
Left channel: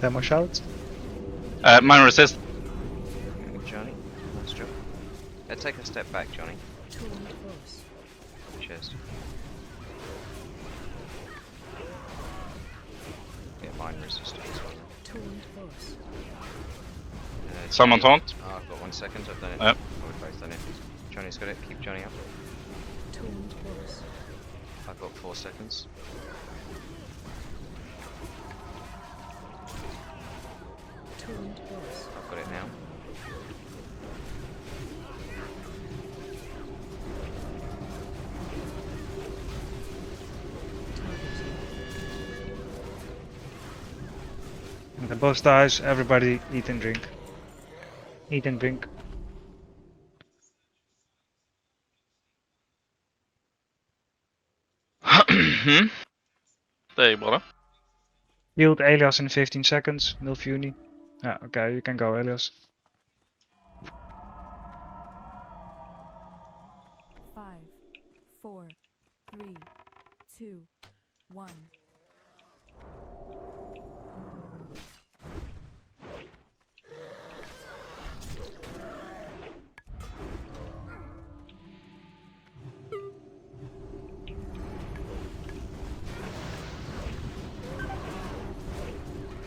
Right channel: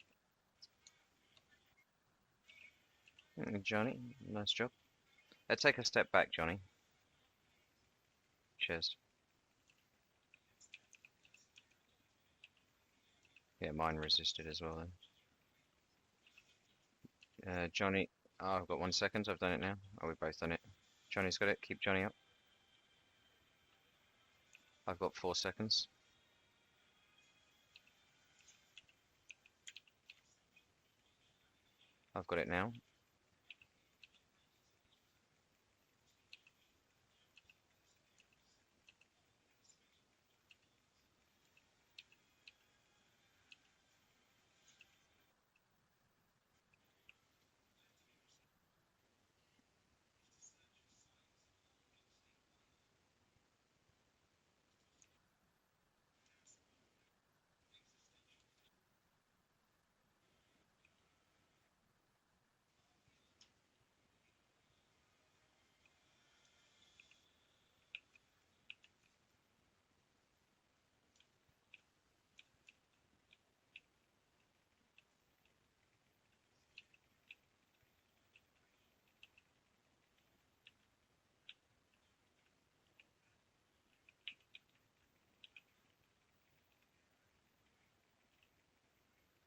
Demo shout. Mine resist. Johnny, nice job. Take a step back, Johnny. Taunt boss. Cheers. Yeah, mine resisted as well then. Taunt boss. Someone Johnny- taunt? Oh, I've got 1 second, I've done it. Yep. Oh, we've both done it. Johnny's got it, keep Johnny up. Taunt boss. I've got 4 seconds. Taunt boss. I've got it now. When the boss dies, everybody eat and drink. Eat and drink. There you bother. Yield Elias in 15 seconds. Milfuni. Yeah, okay, you can go, Elias. 5, 4, 3, 2, 1.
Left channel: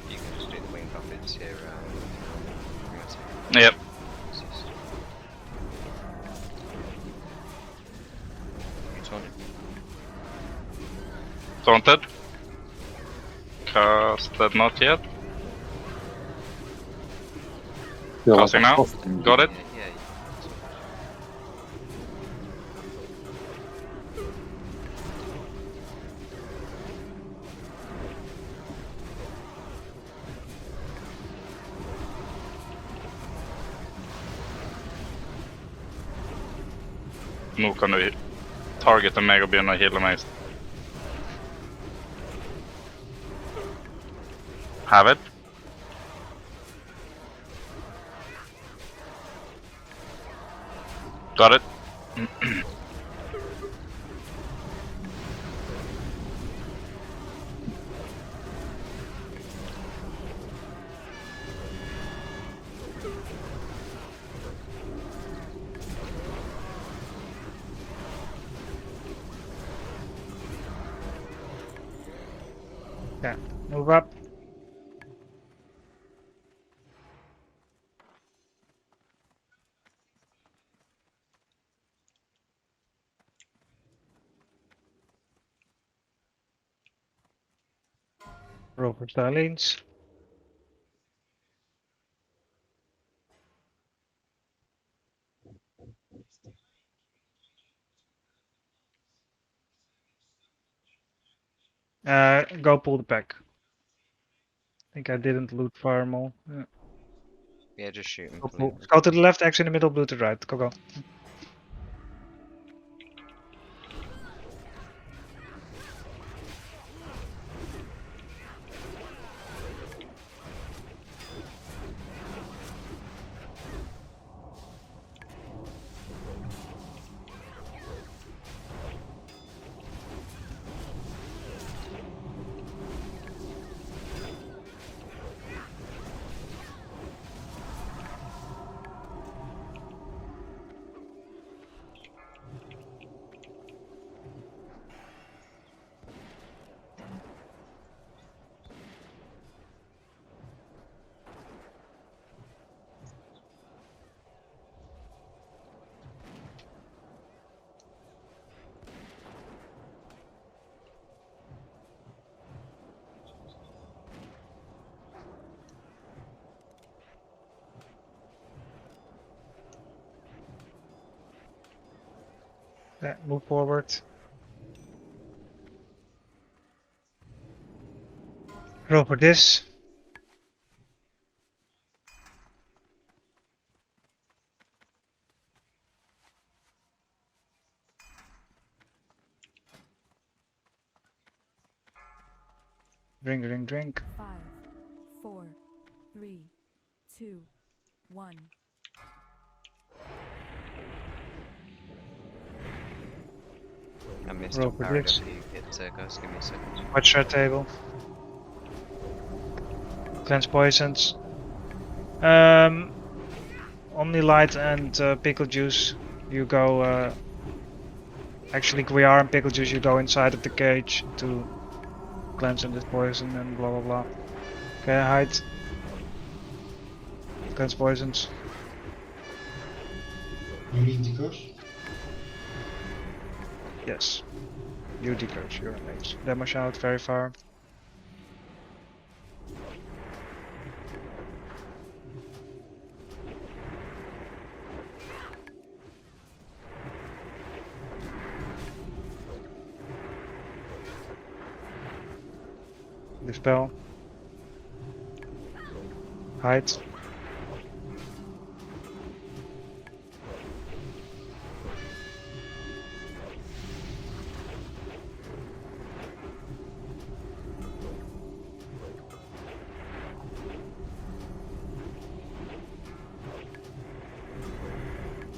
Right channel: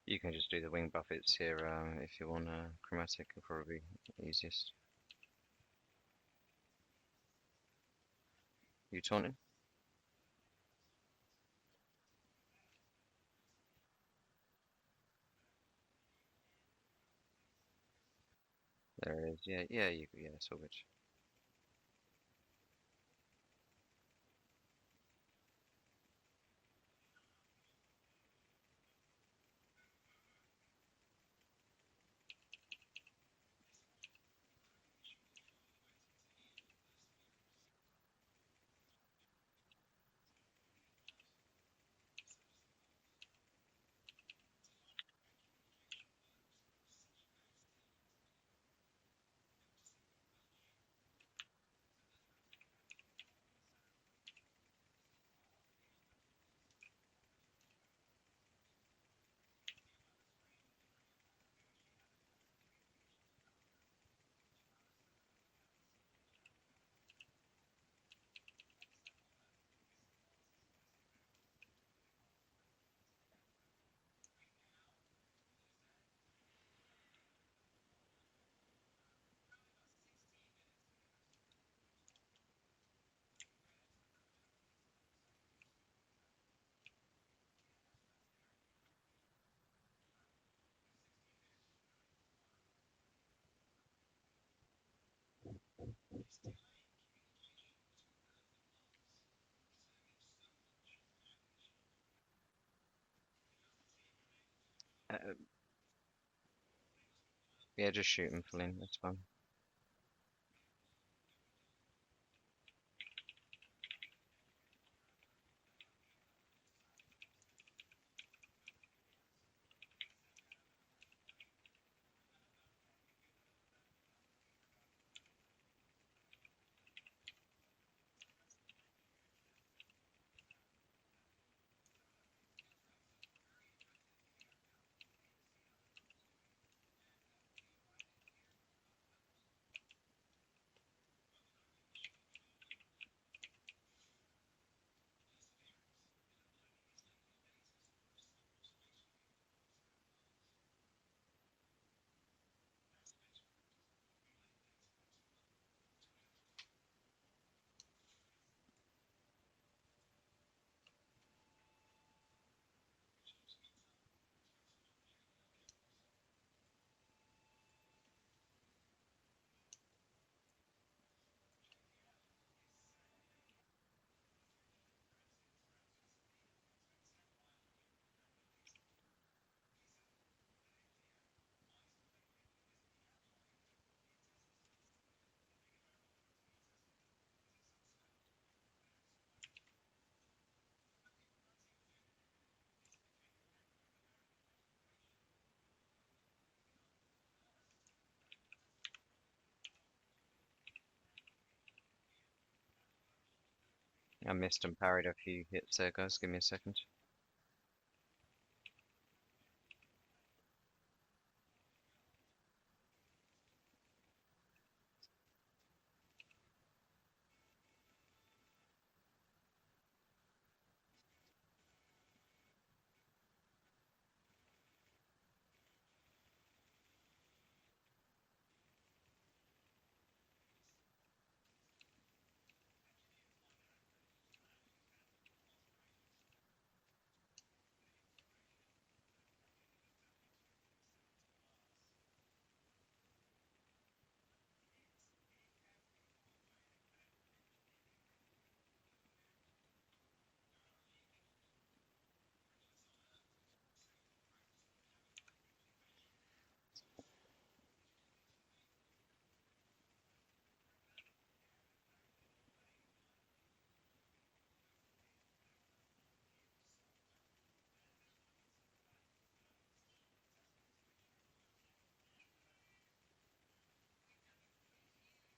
You can just do the wing buffets here if you want chromatic. Yep. Easiest. You taunted? Taunted. Casted not yet. Casting now. Got it. Yeah, it's all good. Nu kan du targeta mig och börja heala mig. Have it. Got it. Yeah, move up. Roll for Starlings. Go pull the pack. I think I didn't loot farm all. Yeah. Yeah, just shoot him. Go to the left, X in the middle, blue to the right. Go, go. Yeah, move forward. Roll for this. Drink, drink, drink. 5, 4, 3, 2, 1. I missed Roll and for parried this. a few hits there, guys. Give me a second. Watch our table. Cleanse poisons. Omni Light and Pickle Juice. You go. Actually, Guiar and Pickle Juice. You go inside of the cage to cleanse this poison and blah blah blah. Okay, hide. Cleanse poisons. You need the curse? Yes. You decurse. You're a mage. Demo shout very far. Dispel. Hide.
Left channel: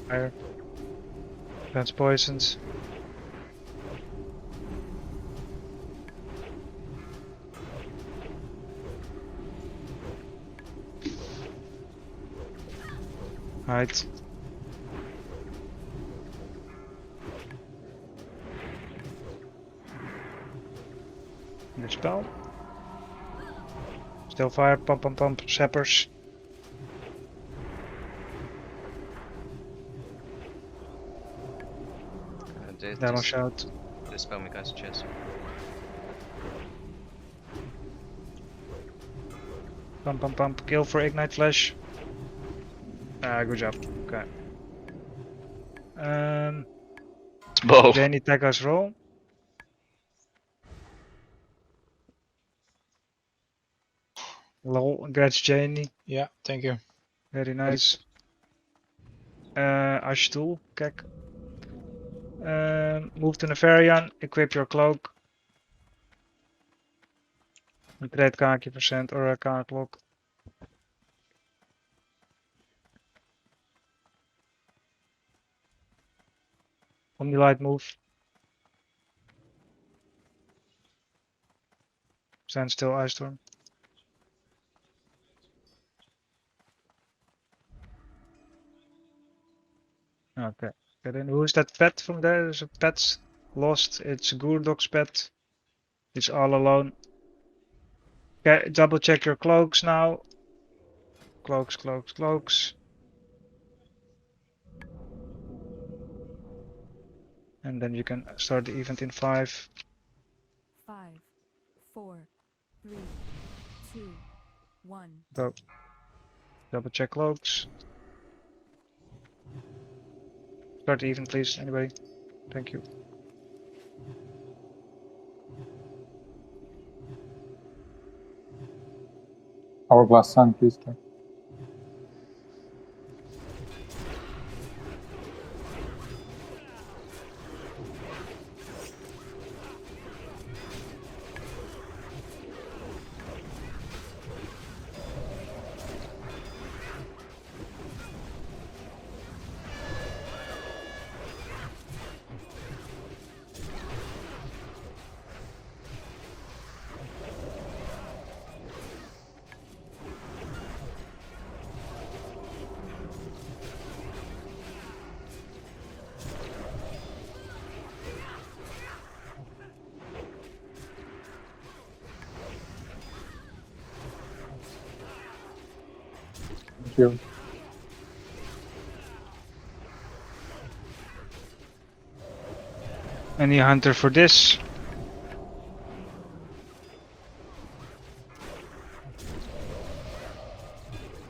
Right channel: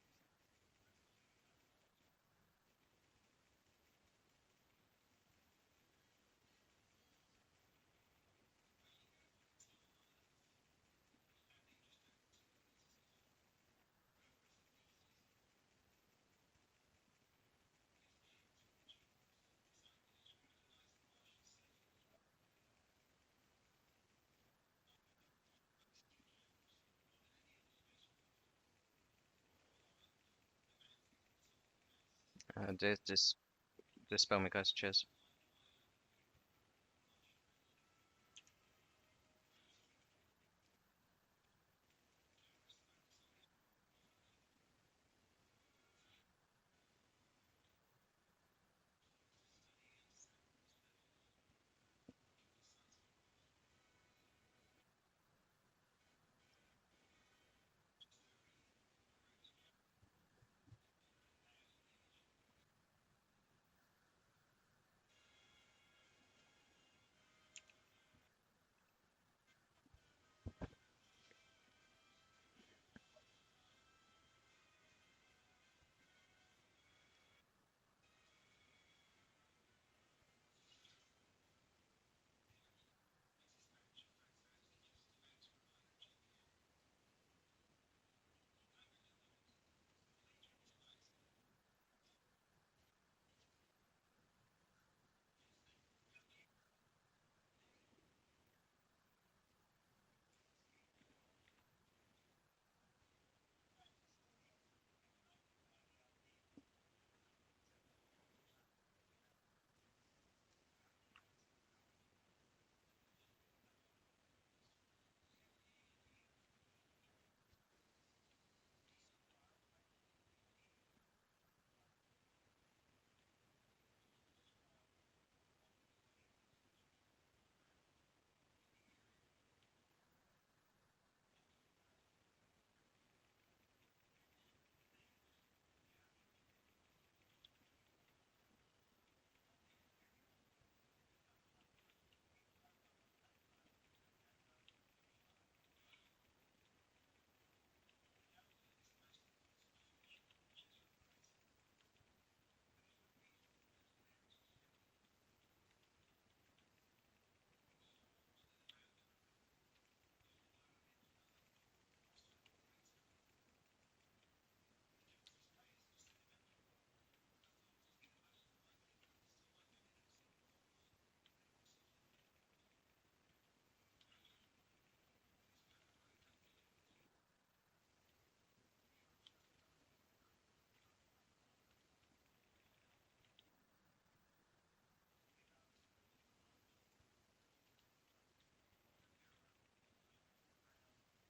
Fire. Cleanse poisons. Hide. Dispel. Still fire. Pump, pump, pump. Sappers. Demo shout. Dispel me, guys. Cheers. Pump, pump, pump. Kill for Ignite Flash. Good job. Okay. Bow. Janie, tag us roll. Lol, congrats Janie. Yeah, thank you. Very nice. Ashtul, kijk. Move to Nefarian, equip your cloak. Create kaakje percent or a card lock. Omni light move. Stand still, Ice Storm. Okay. Get in. Who's that pet from there? There's a pet lost. It's Gurdok's pet. He's all alone. Okay, double check your cloaks now. Cloaks, cloaks, cloaks. And then you can start the event in 5. 5, 4, 3, 2, 1. Go. Double check cloaks. Start the event, please. Anybody? Thank you. Hourglass Sun, please. Check. Thank you. Any hunter for this?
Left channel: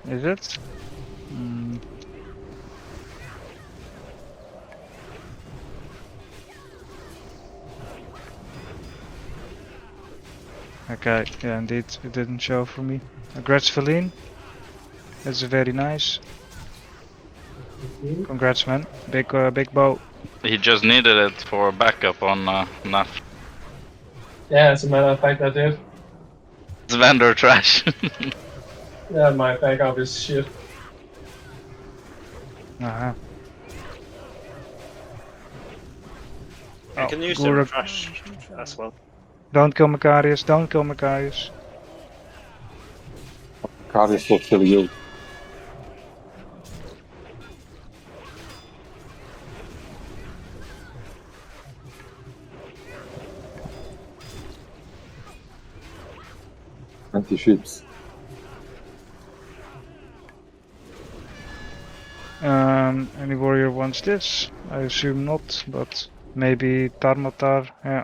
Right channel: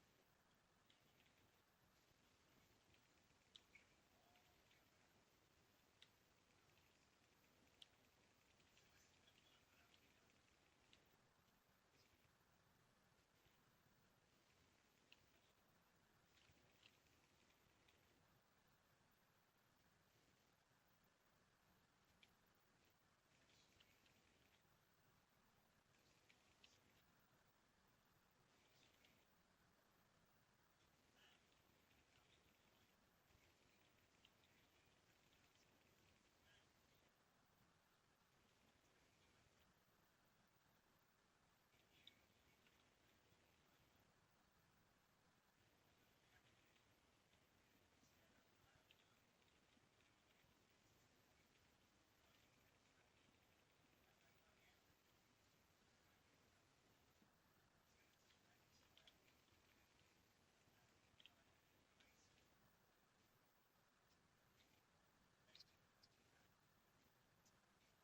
Is it? Okay, yeah, indeed, it didn't show for me. Congrats, Feline. That's very nice. Congrats, man. Big bow. He just needed it for backup on NAF. Yeah, as a matter of fact, I did. It's vendor trash. Yeah, my backup is shit. Uh-huh. You can use them trash as well. Don't kill Macarius, don't kill Macarius. Cardis will kill you. Anti-ships. Any warrior wants this? I assume not, but maybe Tarmatar, yeah.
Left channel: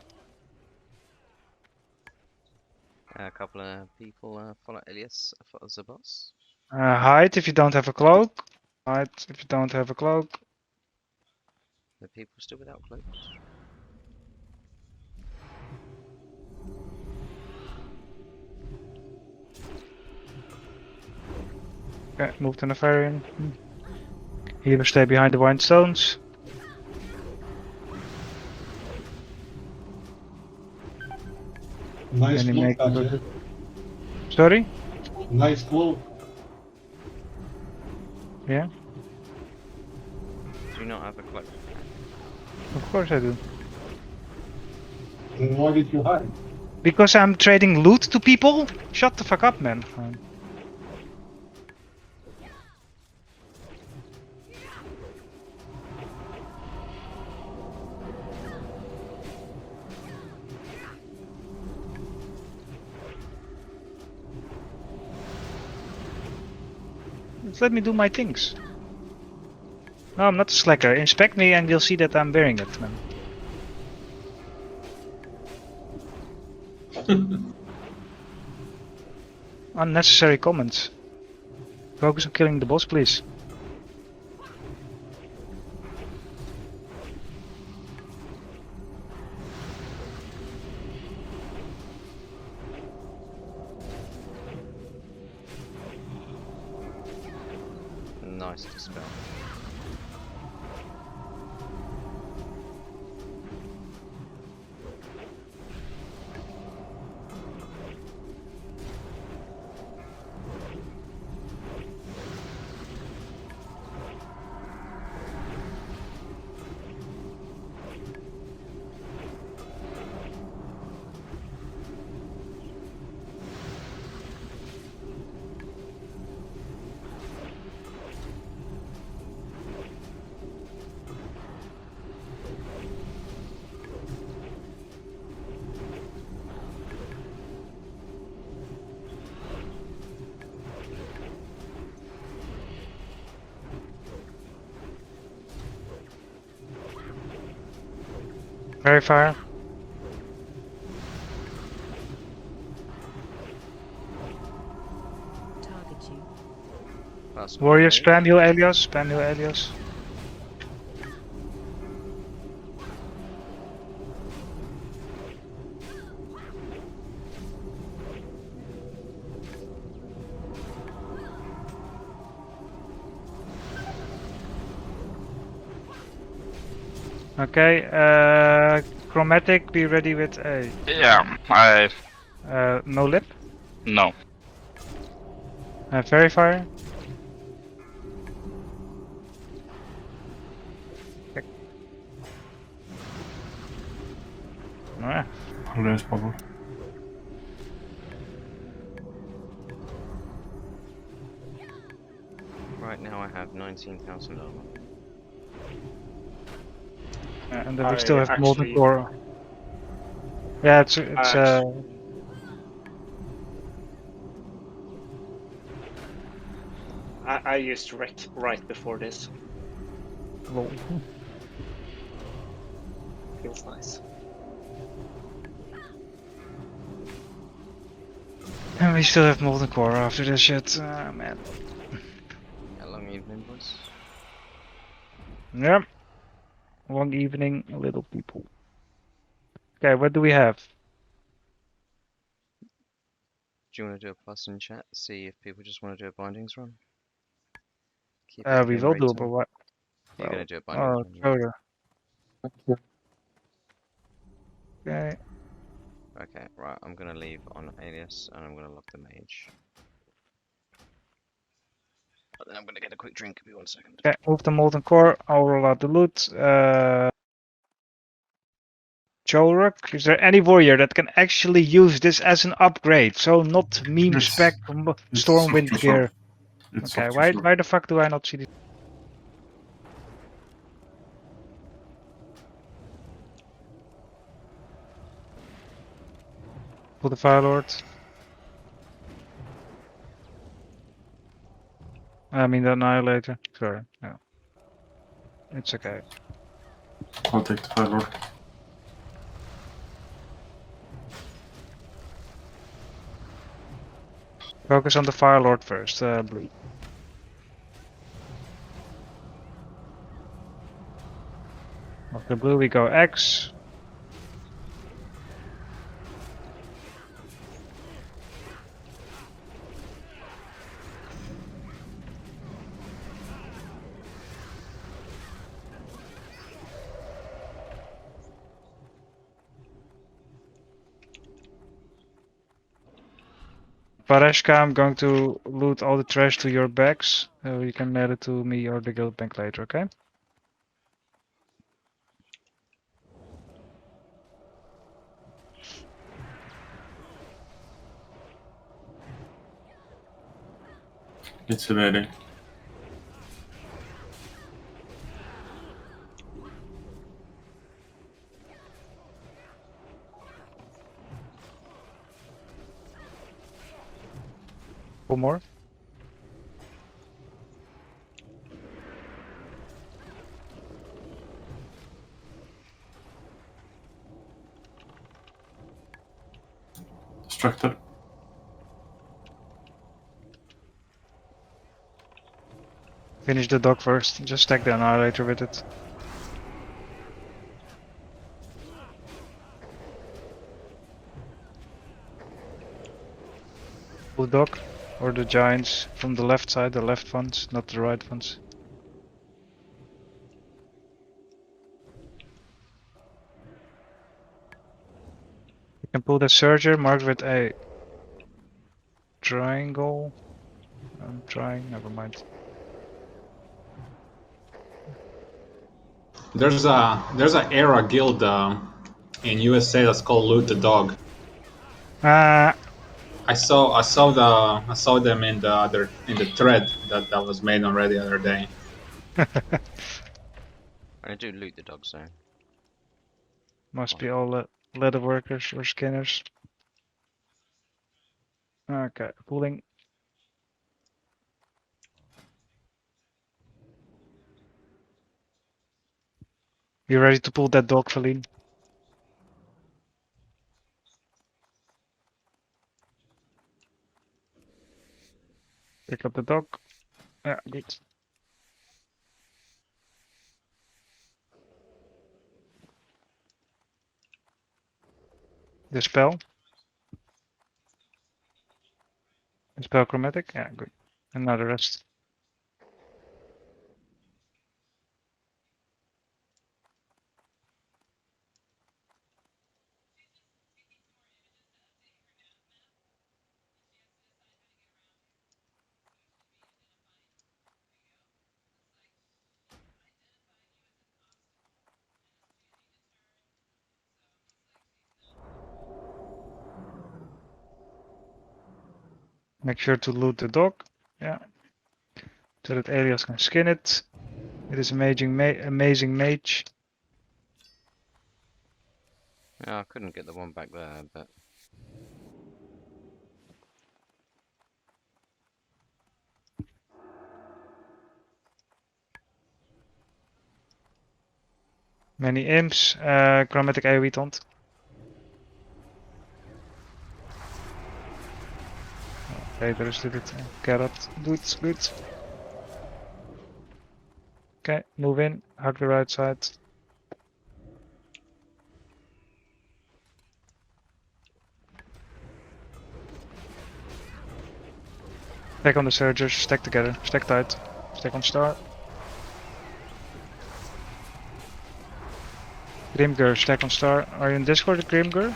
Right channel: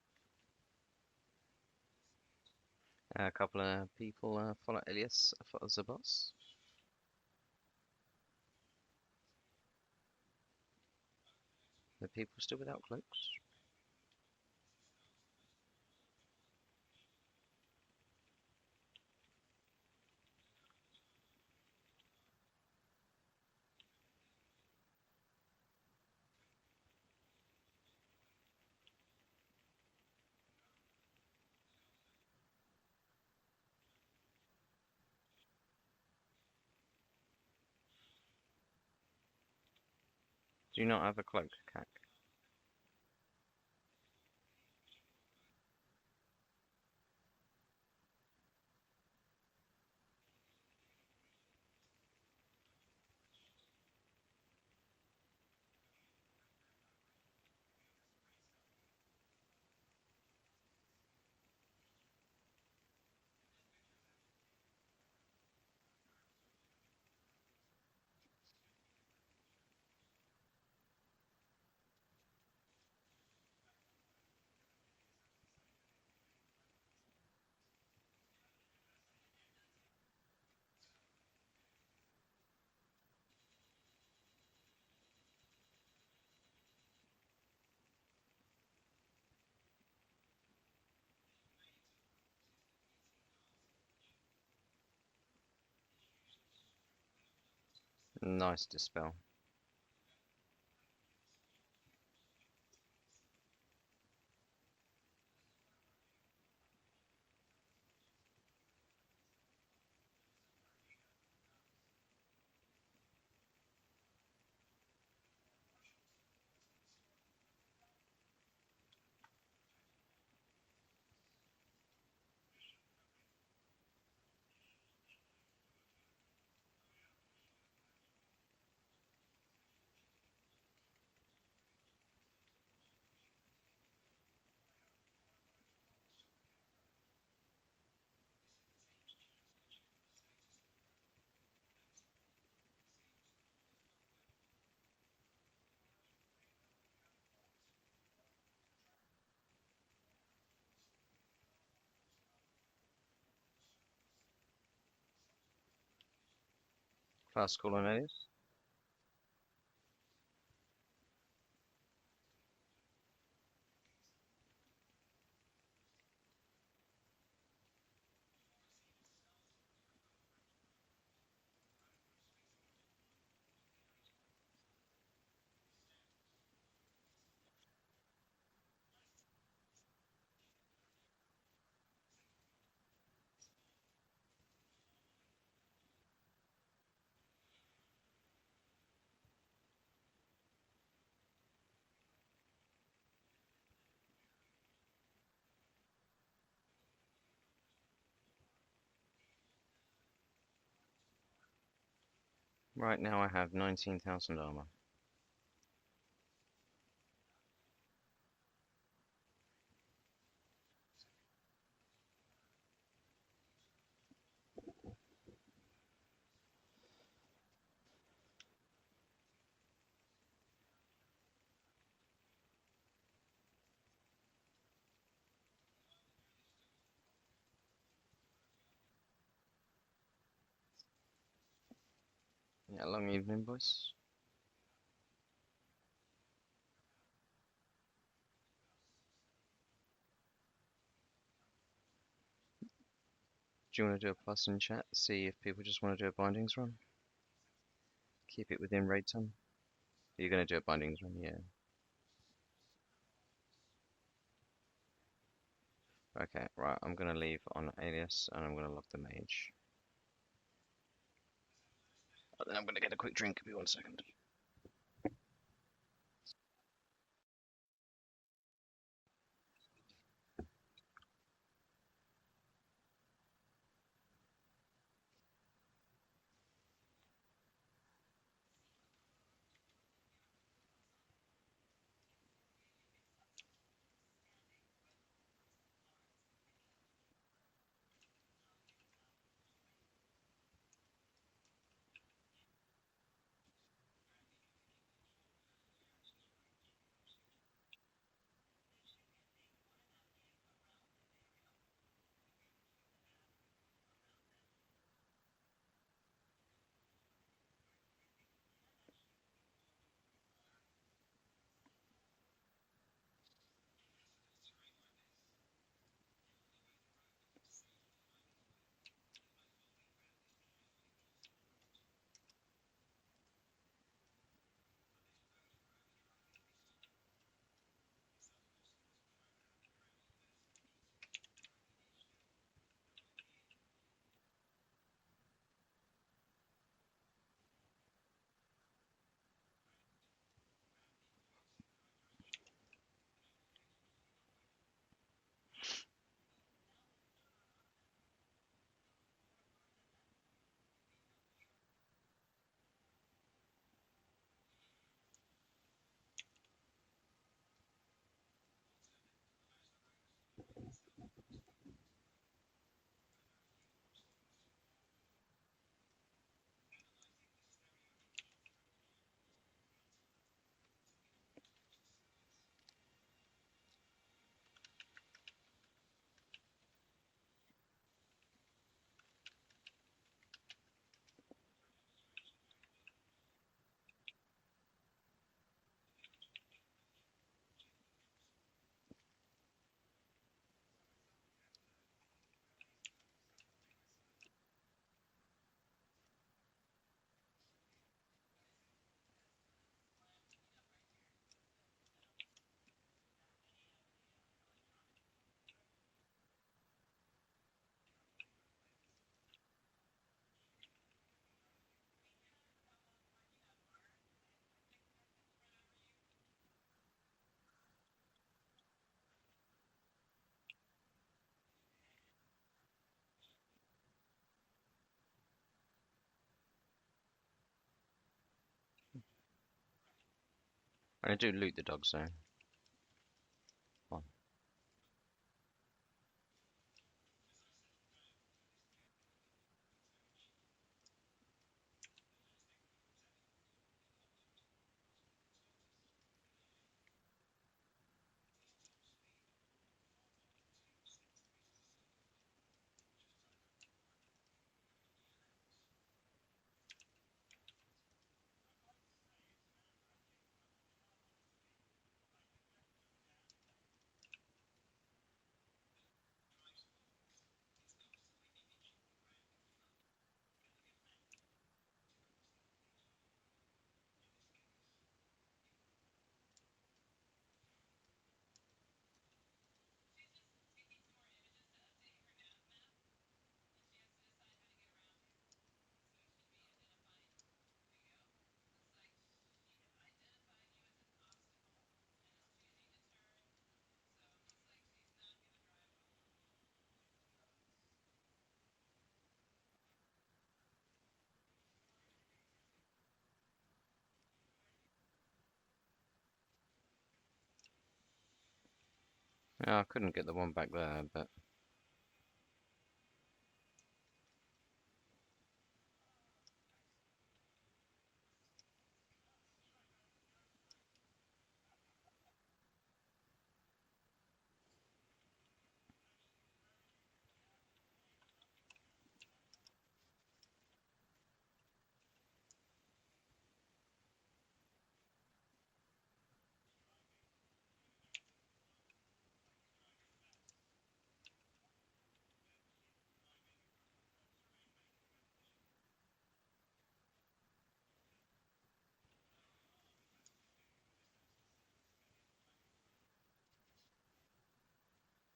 A couple of people follow Elias for the boss. Hide if you don't have a cloak. Hide if you don't have a cloak. The people still without cloaks. Okay, move to Nefarian. Healers stay behind the wine stones. Nice Any cloak, make Katja. Sorry? Nice cloak. Yeah, Do you not have a cloak? of course I do. Then why did you hide? Because I'm trading loot to people? Shut the fuck up, man. Just let me do my things. No, I'm not a slacker. Inspect me and you'll see that I'm wearing it, man. Unnecessary comments. Focus on killing the boss, please. Nice dispel. Very fire. Warrior spam heal Elios, spam heal Elios. Okay, chromatic, be ready with a. Yeah, I. No lip? No. Very fire. Okay. Ah. Less bubble. Right now I have 19,000 armor. And then we still have molten core. Yeah, it's I used wreck right before this. Lol. Feels nice. And we still have molten core after this shit. Man. Yeah, long evening, boys. Yep. Long evening, little people. Okay, what do we have? Do you want to do a plus in chat? See if people just want to do a bindings run. Keep it We within will do, rating. but what? You're gonna do a bindings run. Yeah. Coda. Okay. Okay, right. I'm gonna leave on alias and I'm gonna lock the mage. But then I'm gonna get a quick drink. Give me 1 second. Okay, move the molten core. I'll roll out the loot. Joruk, is there any warrior that can actually use this as an upgrade? So not meme spec Stormwind gear. Okay, why the fuck do I not see this? Pull the Fire Lord. I mean the Annihilator. Sorry, no. It's okay. I'll take the Fire Lord. Focus on the Fire Lord first, Blue. After Blue we go X. Pareshka, I'm going to loot all the trash to your bags. You can mail it to me or the guild bank later, okay? It's evading. One more. Distracted. Finish the dog first. Just stack the Annihilator with it. Blue dog or the giants from the left side, the left ones, not the right ones. You can pull the Surger marked with a triangle. I'm trying, never mind. There's a era guild in USA that's called Loot the Dog. I saw them in the thread that was made already the other day. I do loot the dog zone. Must be all leather workers or skinners. Okay, pulling. You ready to pull that dog, Feline? Pick up the dog. Yeah, good. The spell. The spell chromatic. Yeah, good. And now the rest. Make sure to loot the dog. Yeah. So that alias can skin it. It is amazing mage. Yeah, I couldn't get the one back there, but Many imps. Chromatic AoE taunt. Okay, there is did it. Carrot. Good, good. Okay, move in. Hug the right side. Stack on the surgers, stack together, stack tight. Stack on star. Grimgur, stack on star. Are you in Discord, Grimgur?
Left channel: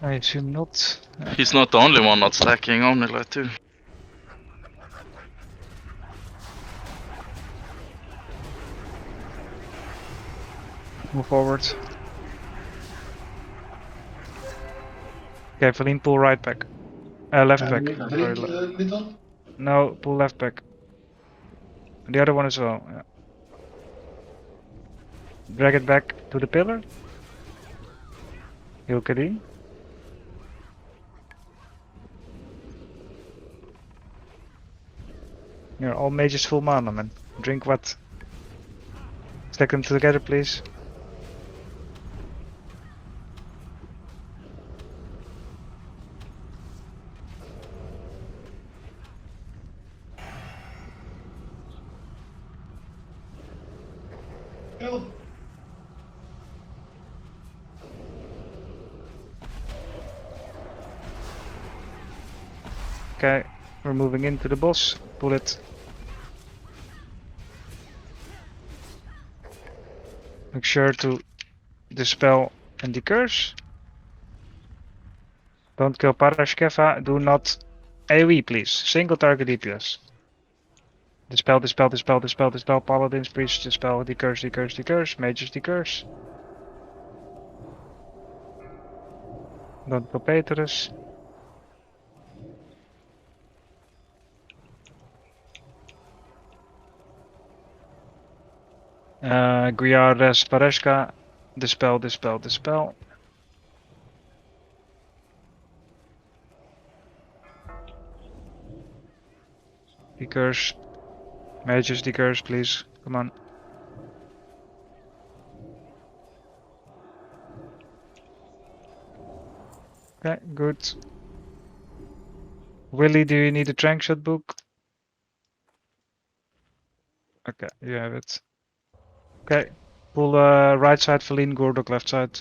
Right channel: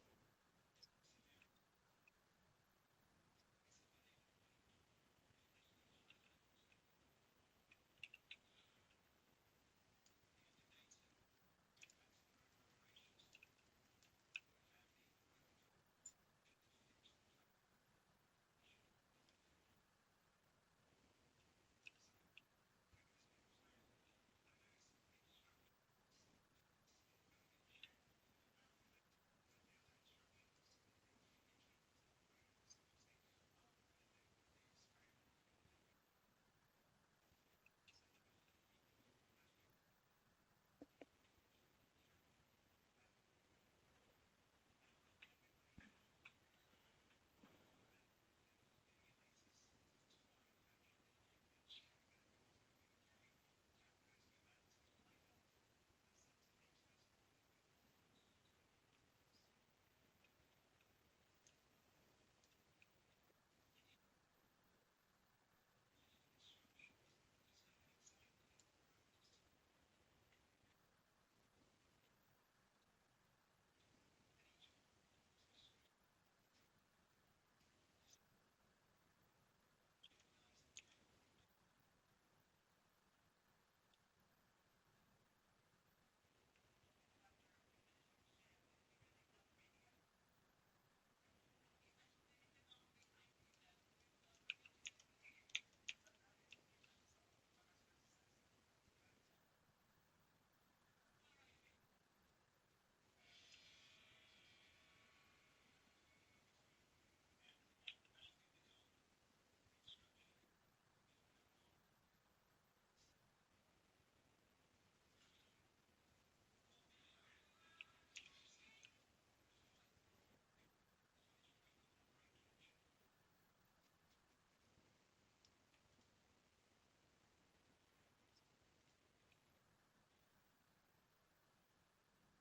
I assume not. He's not the only one not stacking Omnilight too. Move forward. Okay, Valine, pull right back. Left back. Drink Sorry, a little. no, pull left back. The other one as well. Yeah. Drag it back to the pillar. Heal Kadim. You're all mages full mana, man. Drink what? Stack them together, please. Help. Okay, we're moving into the boss. Pull it. Make sure to dispel and decurse. Don't kill Parashkeva. Do not AoE, please. Single target DPS. Dispel, dispel, dispel, dispel, dispel. Paladins, priests, dispel, decurse, decurse, decurse. Mages, decurse. Don't kill Petrus. Guiardes, Pareshka. Dispel, dispel, dispel. Decurse. Mages, decurse, please. Come on. Okay, good. Willy, do you need a trank shot book? Okay, you have it. Okay. Pull right side, Feline, Gordok left side.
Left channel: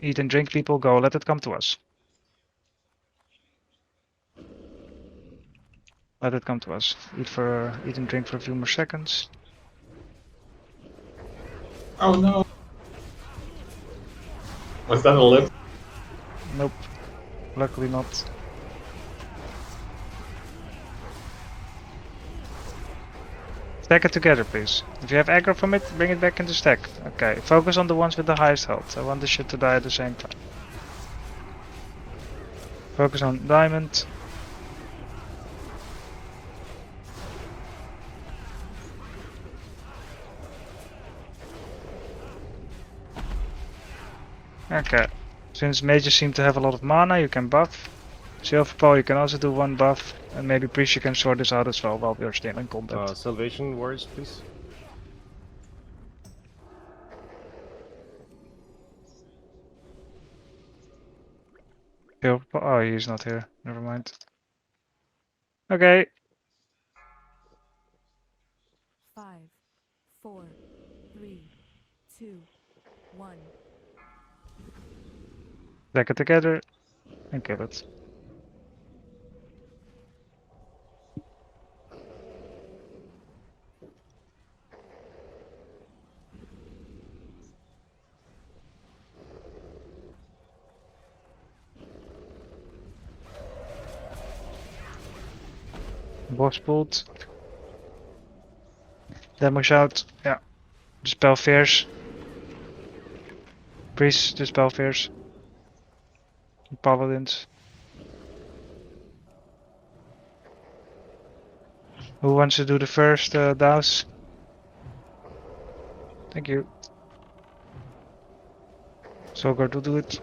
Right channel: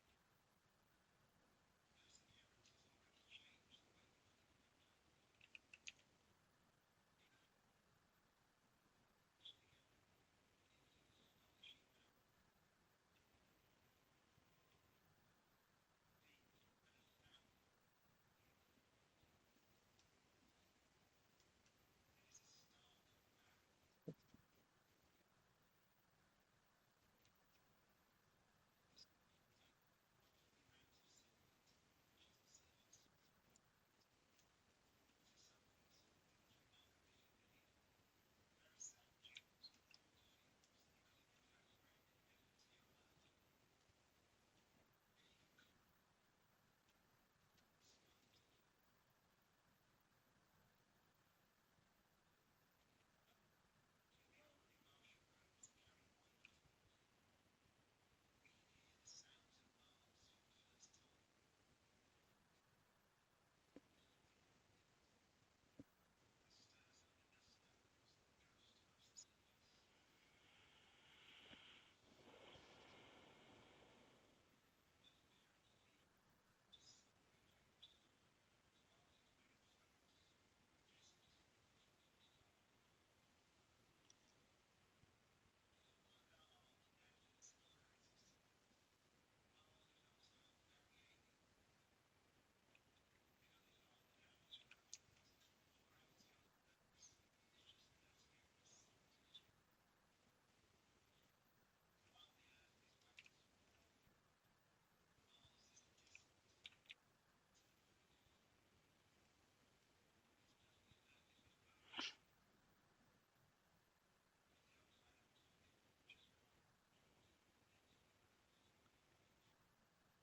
Eat and drink, people, go. Let it come to us. Let it come to us. Eat and drink for a few more seconds. Oh no. Was that a lip? Nope. Luckily not. Stack it together, please. If you have aggro from it, bring it back into stack. Okay, focus on the ones with the highest health. I want this shit to die at the same time. Focus on diamond. Okay. Since mages seem to have a lot of mana, you can buff. Silver Paul, you can also do one buff. And maybe Priest, you can sort this out as well while we're still in combat. Salvation warriors, please. Silver Paul, oh, he's not here. Never mind. Okay. 5, 4, 3, 2, 1. Stack it together and kill it. Boss pulled. Damage out. Yeah. Dispel fears. Priests, dispel fears. Paladins. Who wants to do the first douse? Thank you. So go to do it.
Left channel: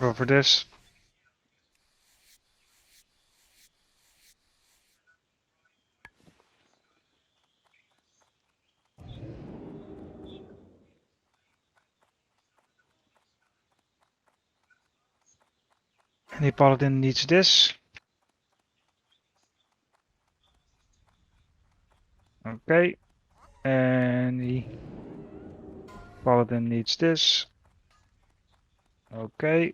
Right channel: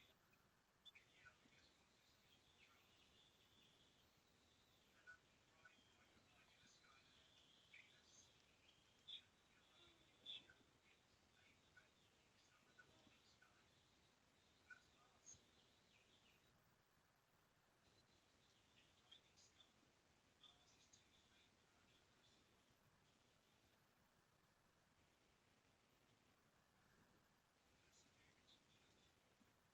Go for this. Any paladin needs this. Okay. Any paladin needs this. Okay.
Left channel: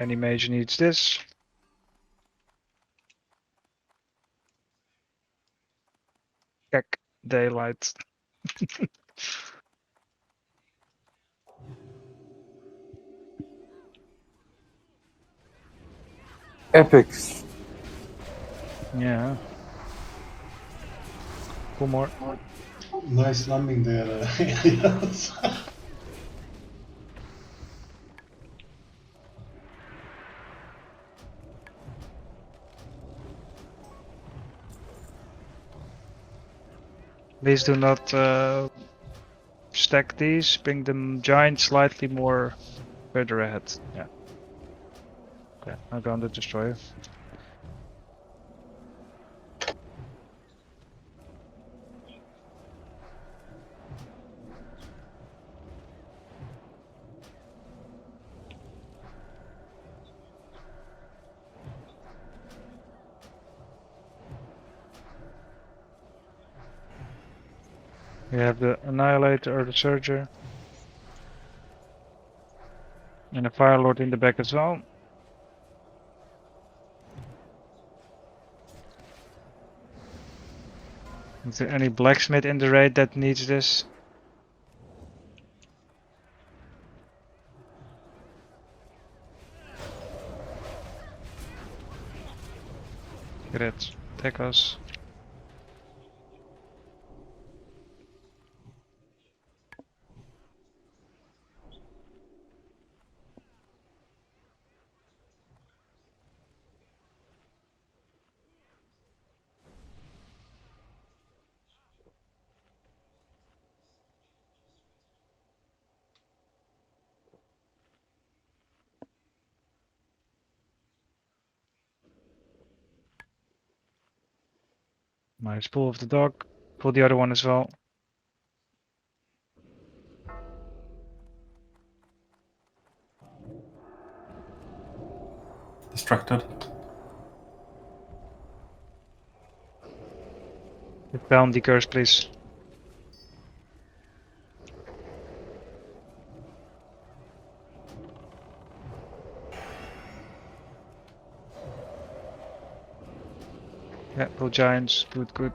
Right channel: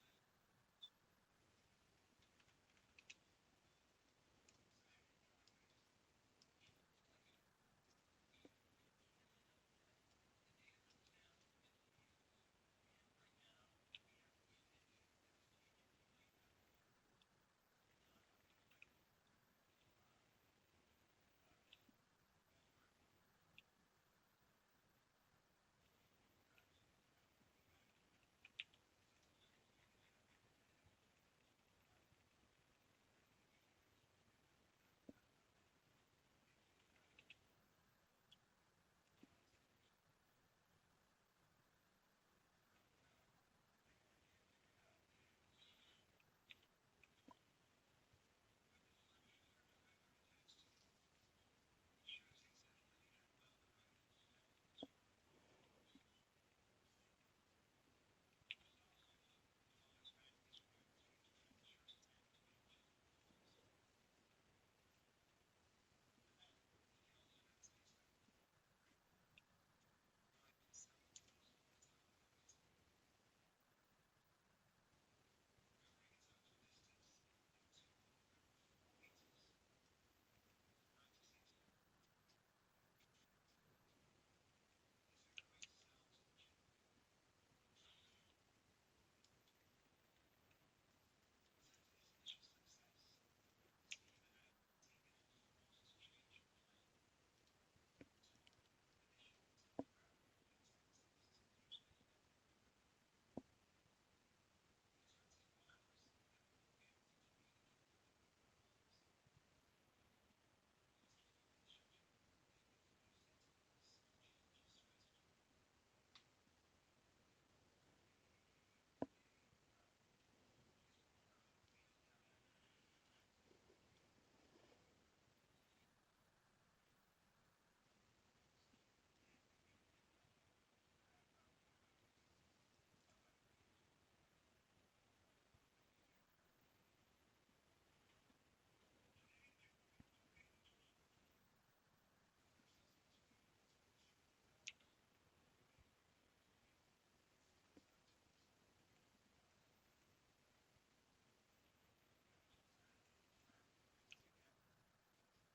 Any mage needs this. Heck, daylight. Epics. Yeah. One more. Nice landing there, Elias. Please do not stack these. Bring the giant slightly more further ahead. Yeah. Okay, I'm going to destroy it. We have the Annihilator or the Surger. And a Fire Lord in the back as well. Is there any blacksmith in the raid that needs this? Great, take us. Nice, pull of the dog. Pull the other one as well. Distracted. Down the curse, please. Yeah, pull giants. Good, good.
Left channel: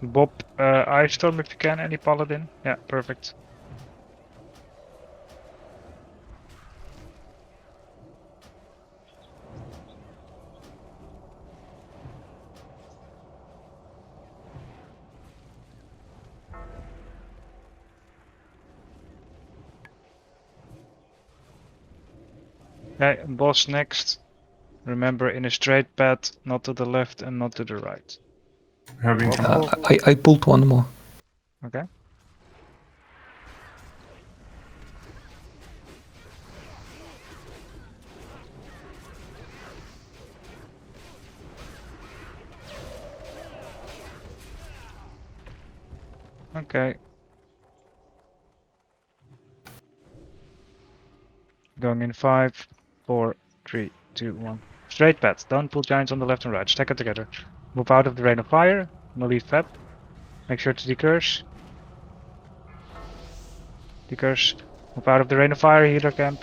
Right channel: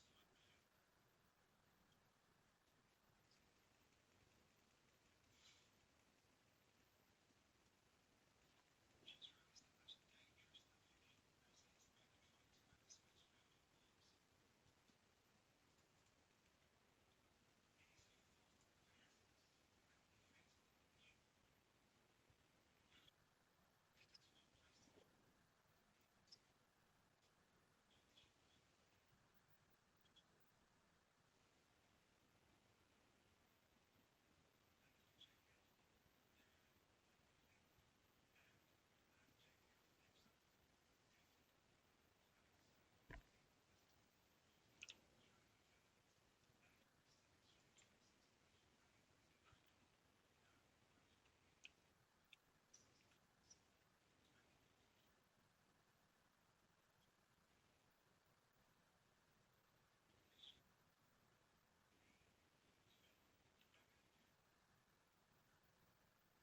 Bob, Ice Storm if you can. Any paladin? Yeah, perfect. Okay, boss next. Remember, in a straight path, not to the left and not to the right. Having I pulled one more. Okay. Okay. Going in 5, 4, 3, 2, 1. Straight path. Don't pull giants on the left and right. Stack it together. Move out of the rain of fire. Melee fab. Make sure to decurse. Decurse. Move out of the rain of fire. Healer camp.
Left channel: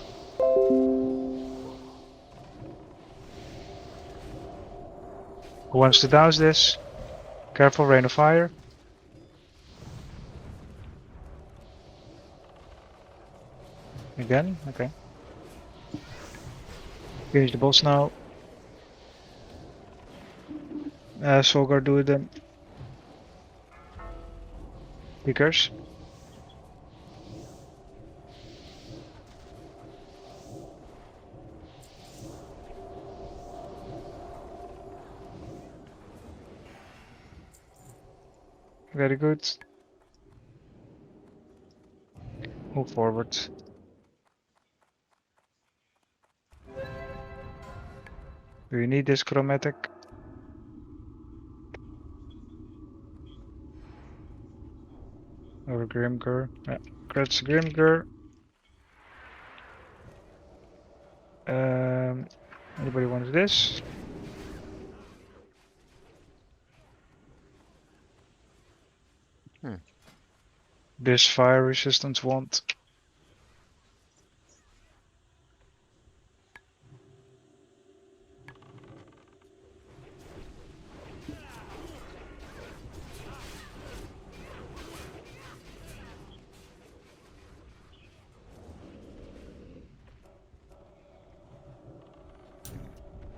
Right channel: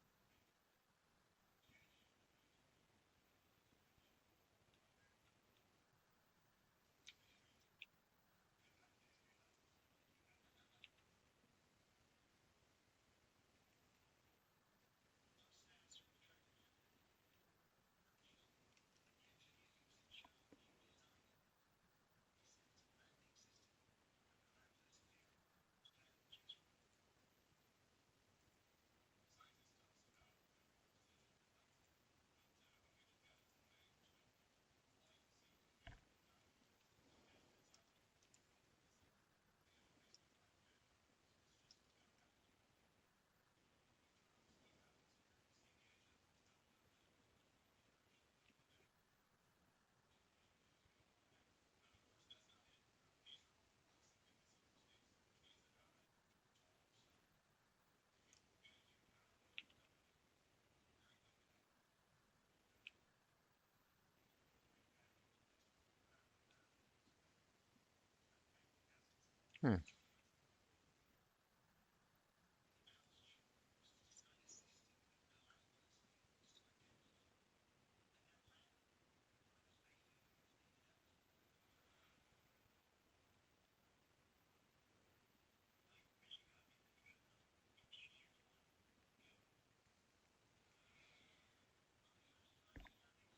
Who wants to douse this? Careful, rain of fire. Again? Okay. Finish the boss now. Solgar, do it then. Speakers. Very good. Move forward. Do you need this chromatic? Or Grimgur? Yeah, that's Grimgur. Anybody wants this? This fire resistance wand.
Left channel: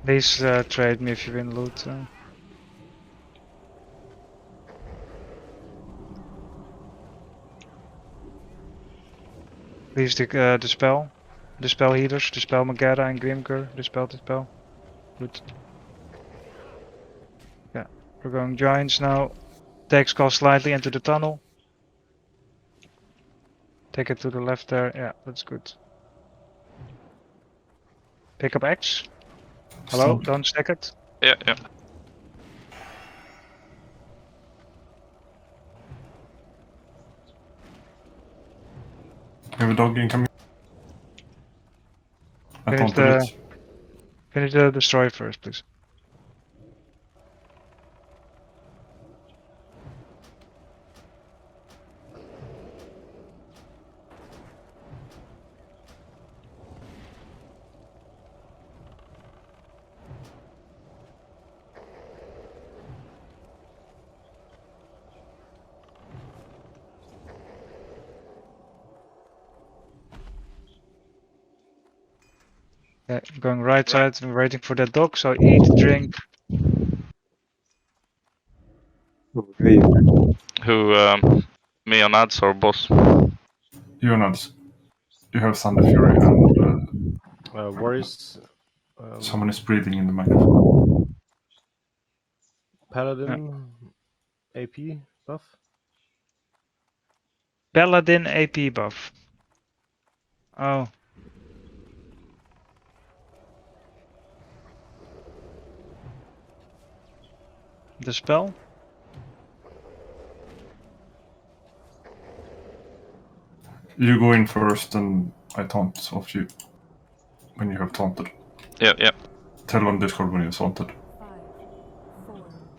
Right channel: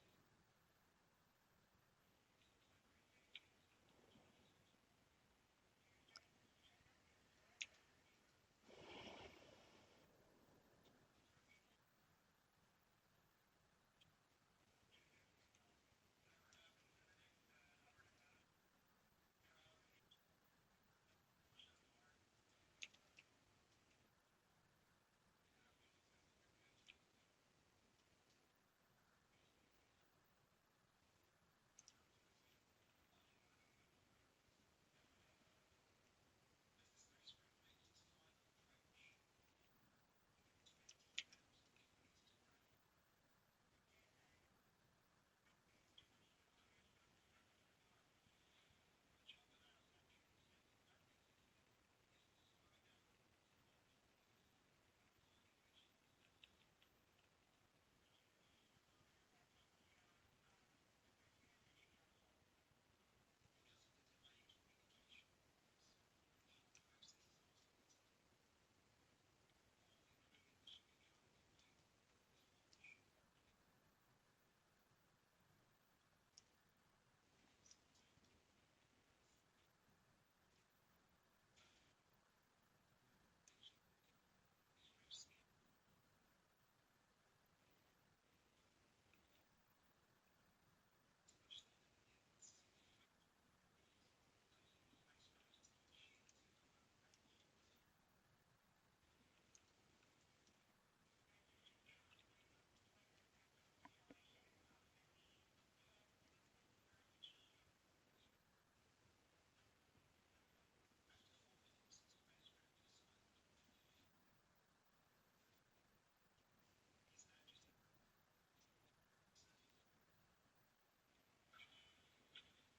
Please trade me if you win loot. Please dispel. Dispel healers, dispel Magara and Grimgur. Dispel. Good. Yeah, we're going giants now. Take skull slightly into the tunnel. Take it to the left there. Yeah, that's good. Pick up X. Hello, don't stack it. Yeah, yeah. You have a dog incoming. I taunted it. Finish the destroy first, please. Yeah, going right side, we're waiting for that dog, so eat, drink. Who, me on ads or boss? You are not. You have Thunder Fury and Warriors. someone is breathing in the microphone. Paladin. AP buff. Paladin AP buff. Oh. The spell? You go in first and I taunt off you when you have taunted. Yeah, yeah. Tell on Discord when you're taunted.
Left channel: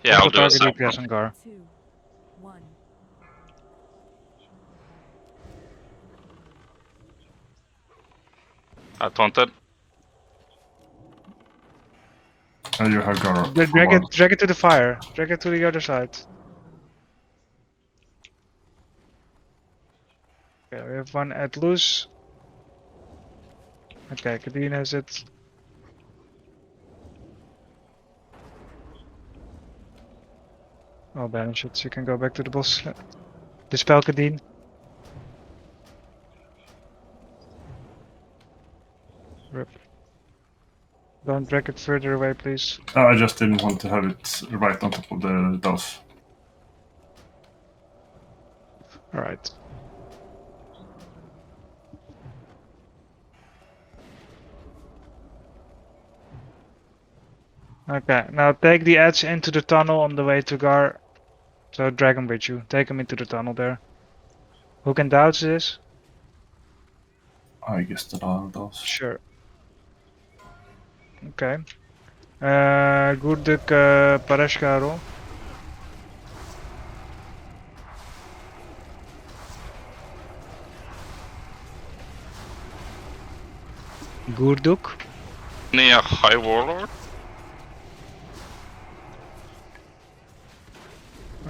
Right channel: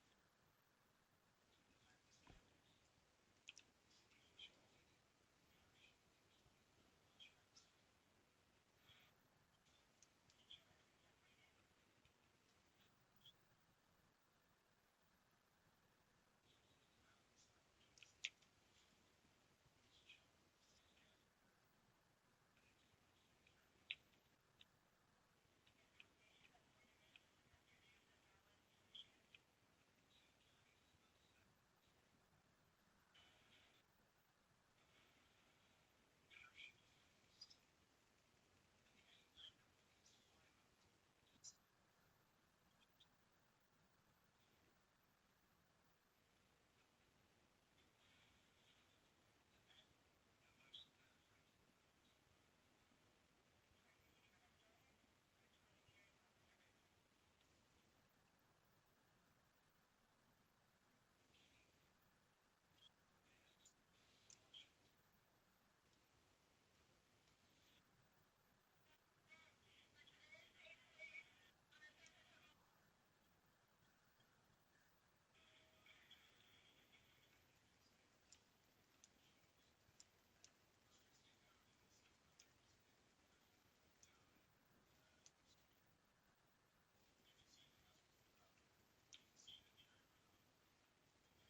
Yeah, I'll do a target sample. DPS on Gar. 2, 1. I taunted. And you have Gara. Drag it to the fire. Drag it to the other side. Okay, we have one at loose. Okay, Kadeen has it. Oh, banish it. So you can go back to the boss. Dispel Kadeen. Rip. Don't drag it further away, please. I just didn't want to have it right on top of the dose. Alright. Okay, now take the edge into the tunnel on the way to Gar. So drag him with you. Take him into the tunnel there. Who can dodge this? I guess the dial does. Sure. Okay. Gurduk Parashkaro. Gurduk. Near High Warlord.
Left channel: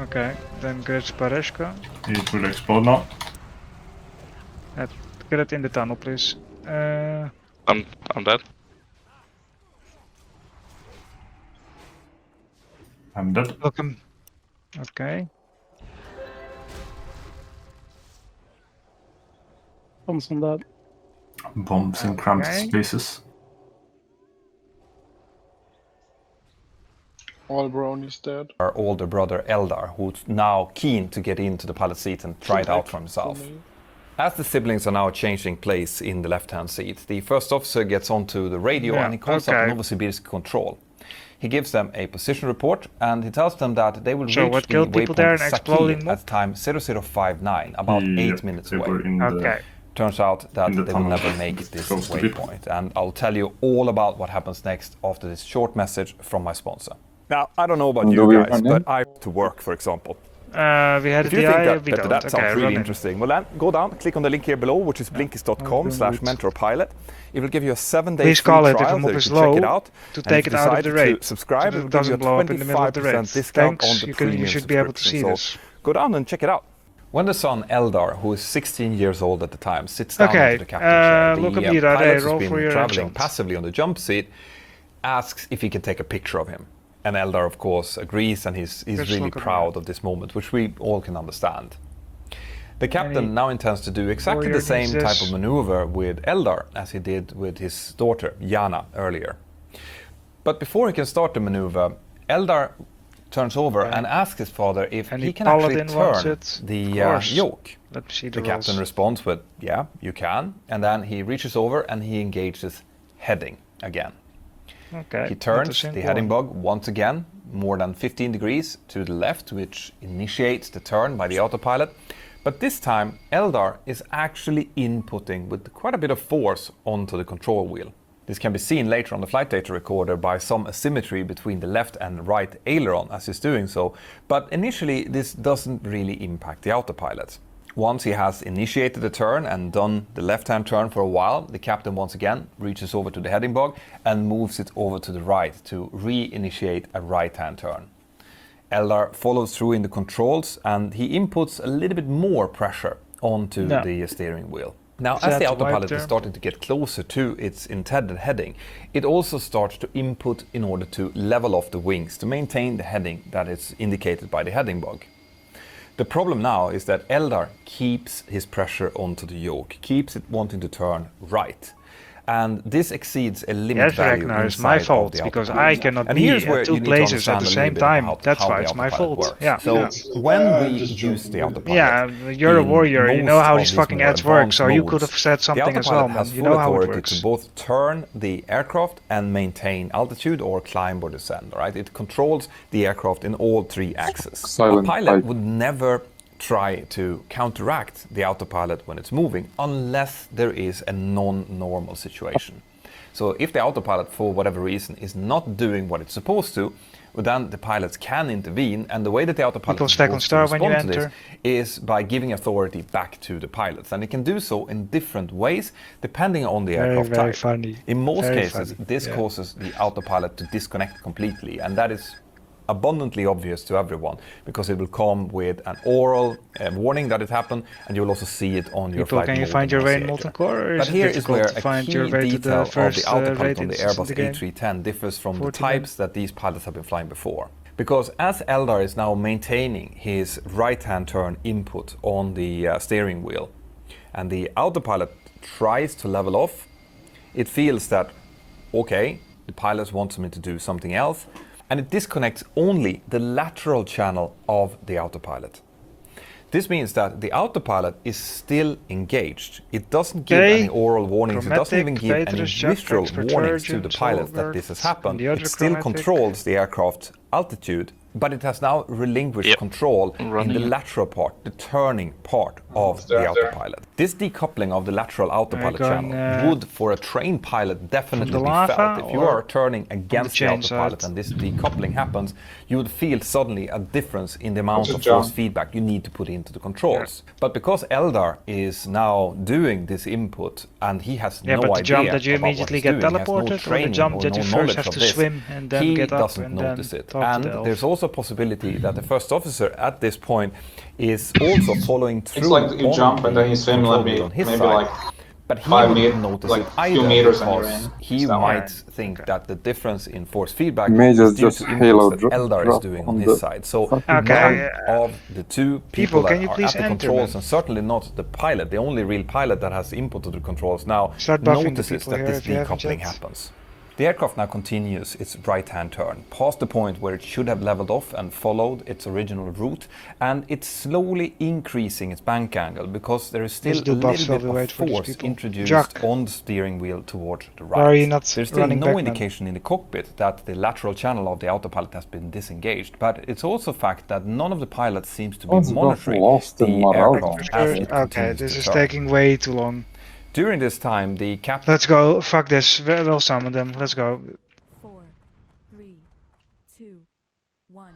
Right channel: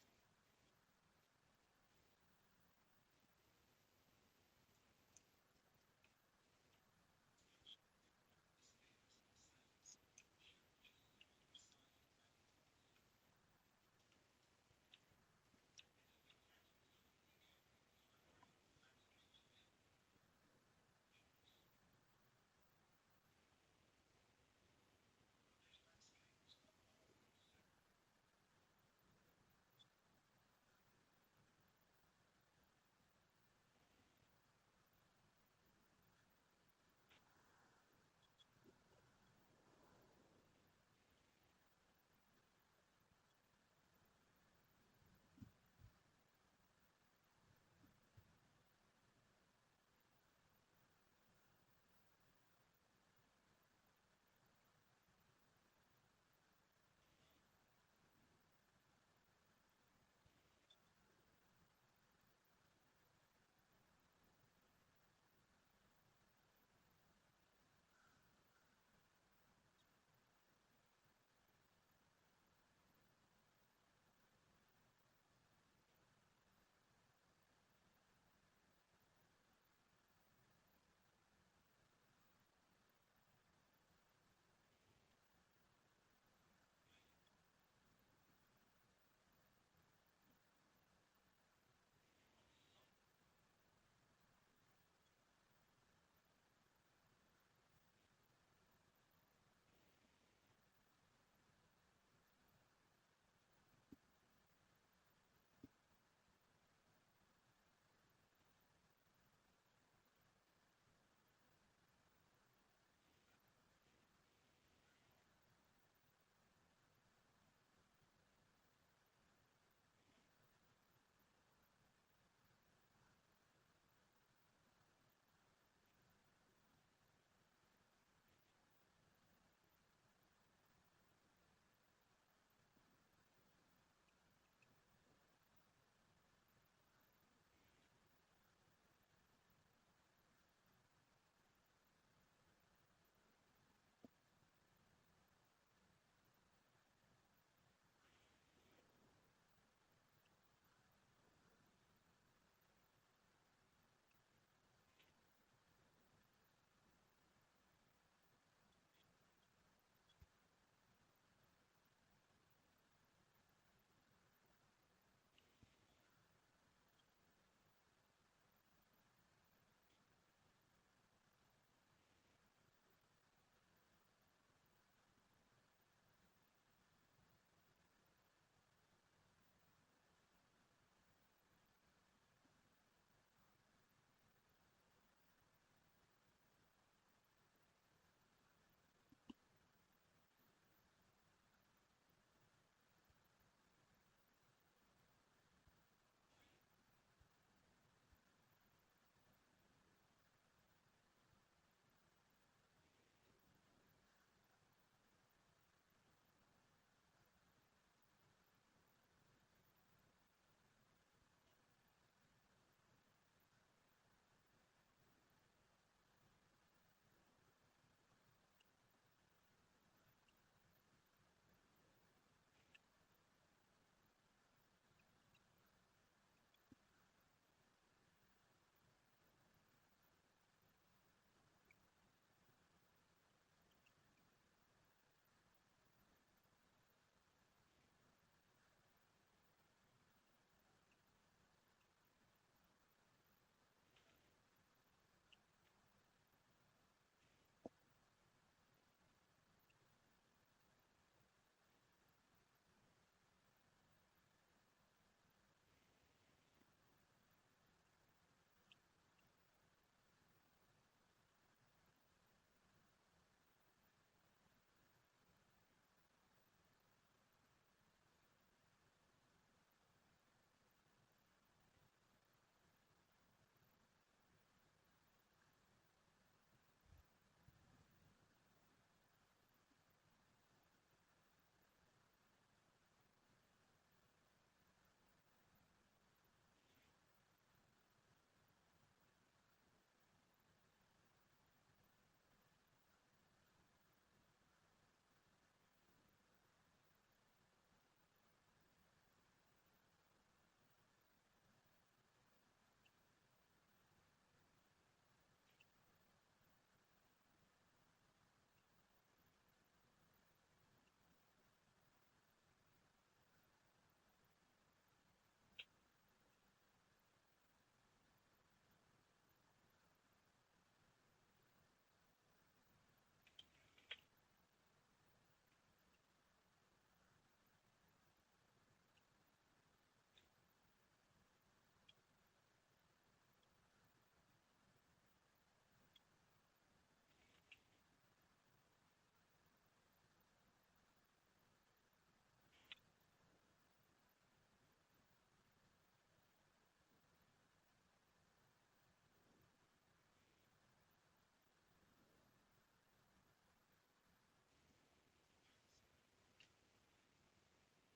Okay, then Gretz Pareshka. It will explode now. Get it in the tunnel, please. I'm dead. I'm dead. Welcome. Okay. Bombs on that. Bombs in cramped Okay. spaces. All bronies dead. Our older brother Eldar, who's now keen to get into the pilot seat and try it out for himself. As the siblings are now changing place in the left-hand seat, the first officer gets onto the radio and he calls up Novosibirsk control. He gives them a position report and he tells them that they will reach the waypoint Saki at time 0059, about 8 minutes away. Turns out that they will never make it this waypoint, and I'll tell you all about what happens next after this short message from my sponsor. Now, I don't know about you guys, but I have to work, for example. We had if you think that sounds really interesting, well then go down, click on the link here below, which is blinkist.com/mentorpilot. It will give you a 7-day free trial it if there a mob you is can low check it out. to And take if it you out of the decided raid. to subscribe, So it it will give you a doesn't blow up in the middle of the raid. 25% discount on Thanks, the you premium should be able to see subscription. this. So go down and check it out. When the son Eldar, who is 16 years old at the time, sits down into the captain's chair, look at the me, pilot who's roll been for your traveling headshot. passively on the jump seat asks if he can take a picture of him. And Eldar, of course, agrees, and he's really proud of this moment, which we all can understand. The captain now intends to do exactly the same type of maneuver with Eldar as he did with his daughter, Jana, earlier. But before he can start the maneuver, Eldar turns over and asks his father if he can actually turn the yoke. The captain responds with, yeah, you can. And then he reaches over and he engages heading again. He turns the heading bug once again, more than 15 degrees to the left, which initiates the turn by the autopilot. But this time, Eldar is actually inputting with quite a bit of force onto the control wheel. This can be seen later on the flight data recorder by some asymmetry between the left and right aileron as he's doing so, but initially this doesn't really impact the autopilot. Once he has initiated the turn and done the left-hand turn for a while, the captain once again reaches over to the heading bug and moves it over to the right to re-initiate a right-hand turn. Eldar follows through in the controls and he inputs a little bit more pressure onto the steering wheel. Now, as the autopilot is starting to get closer to its intended heading, it also starts to input in order to level off the wings to maintain the heading that is indicated by the heading bug. The problem now is that Eldar keeps his pressure onto the yoke, keeps it wanting to turn right. And this exceeds a limit value Ragnar, inside it's my fault of the because autopilot. I cannot And be here's where at you two need to places at understand the a same little bit time. about That's how why the it's my autopilot fault. works. Yeah. So when we use the autopilot, Yeah, you're a warrior. You know how these most fucking more ads work, advanced so you modes, could have said something the as well, autopilot man. has You full know how it authority works. to both turn the aircraft and maintain altitude or climb or descend. Right? It controls the aircraft in all three axes. A pilot would never try to counteract the autopilot when it's moving unless there is a non-normal situation. So if the autopilot, for whatever reason, is not doing what it's supposed to, well, then the pilots can intervene, and the way that the autopilot is supposed to respond to this is by giving authority back to the pilots. And it can do so in different ways, depending on the aircraft type. Funny. In most cases, this causes the autopilot to disconnect completely, and that is abundantly obvious to everyone because it will come with an oral warning that it happened, and you will also see it on your flight. Can you find your way in molten core? Or but is here it is where difficult to a find key your way to detail the first of the autopilot on the instance in Airbus the game? A310 differs from the 49. types that these pilots have been flying before. Because as Eldar is now maintaining his right-hand turn input on the steering wheel, and the autopilot tries to level off, it feels that, okay, the pilot wants me to do something else, and it disconnects only the lateral channel of the autopilot. This means that the autopilot is still engaged. It doesn't give any oral warnings, it doesn't even give any visual warnings to the pilot that this has happened. It still controls the aircraft altitude, but it has now relinquished control in the lateral part, the turning part of the autopilot. This decoupling of the lateral autopilot channel would, for a trained pilot, definitely be felt. If you are turning against the autopilot and this decoupling happens, you would feel suddenly a difference in the amount of force feedback you need to put into the controls. But because Eldar is now doing this input and he has no idea the jump that you about what immediately he's get doing, he has no teleported, or the training jump or that you no first knowledge have of to this, swim and then he get up doesn't and notice then it. talk to And the elf. there's also a possibility that the first officer at this point is also following through. It's like you jump and then you swim on maybe his like But he 5 wouldn't meters, notice like it a few either meters and you're because in. he It's that might way. think that the difference in force feedback Mages is due just to halo inputs that Eldar is drop doing on on his the side. So fucking Okay, none of the two people, people that can you are please at the enter, controls, man? and certainly not the pilot, the only real pilot that has input to the controls now, Start buffing the notices people that here this if you haven't decoupling yet. happens. The aircraft now continues its right-hand turn, past the point where it should have leveled off and followed its original route, and it's slowly increasing its bank angle because there is still Let's a do buffs little while bit we of wait for these force people. introduced Jack, on the steering wheel towards the right. why are you not There's still running no back, man? indication in the cockpit that the lateral channel of the autopilot has been disengaged, but it's also a fact that none of the pilots seems to be What's got monitoring lost in the morale aircraft as it Okay, continues this to is turn. taking way too long. During this time, the captain... Let's go. Fuck this. We'll summon them. Let's go. 4, 3, 2, 1.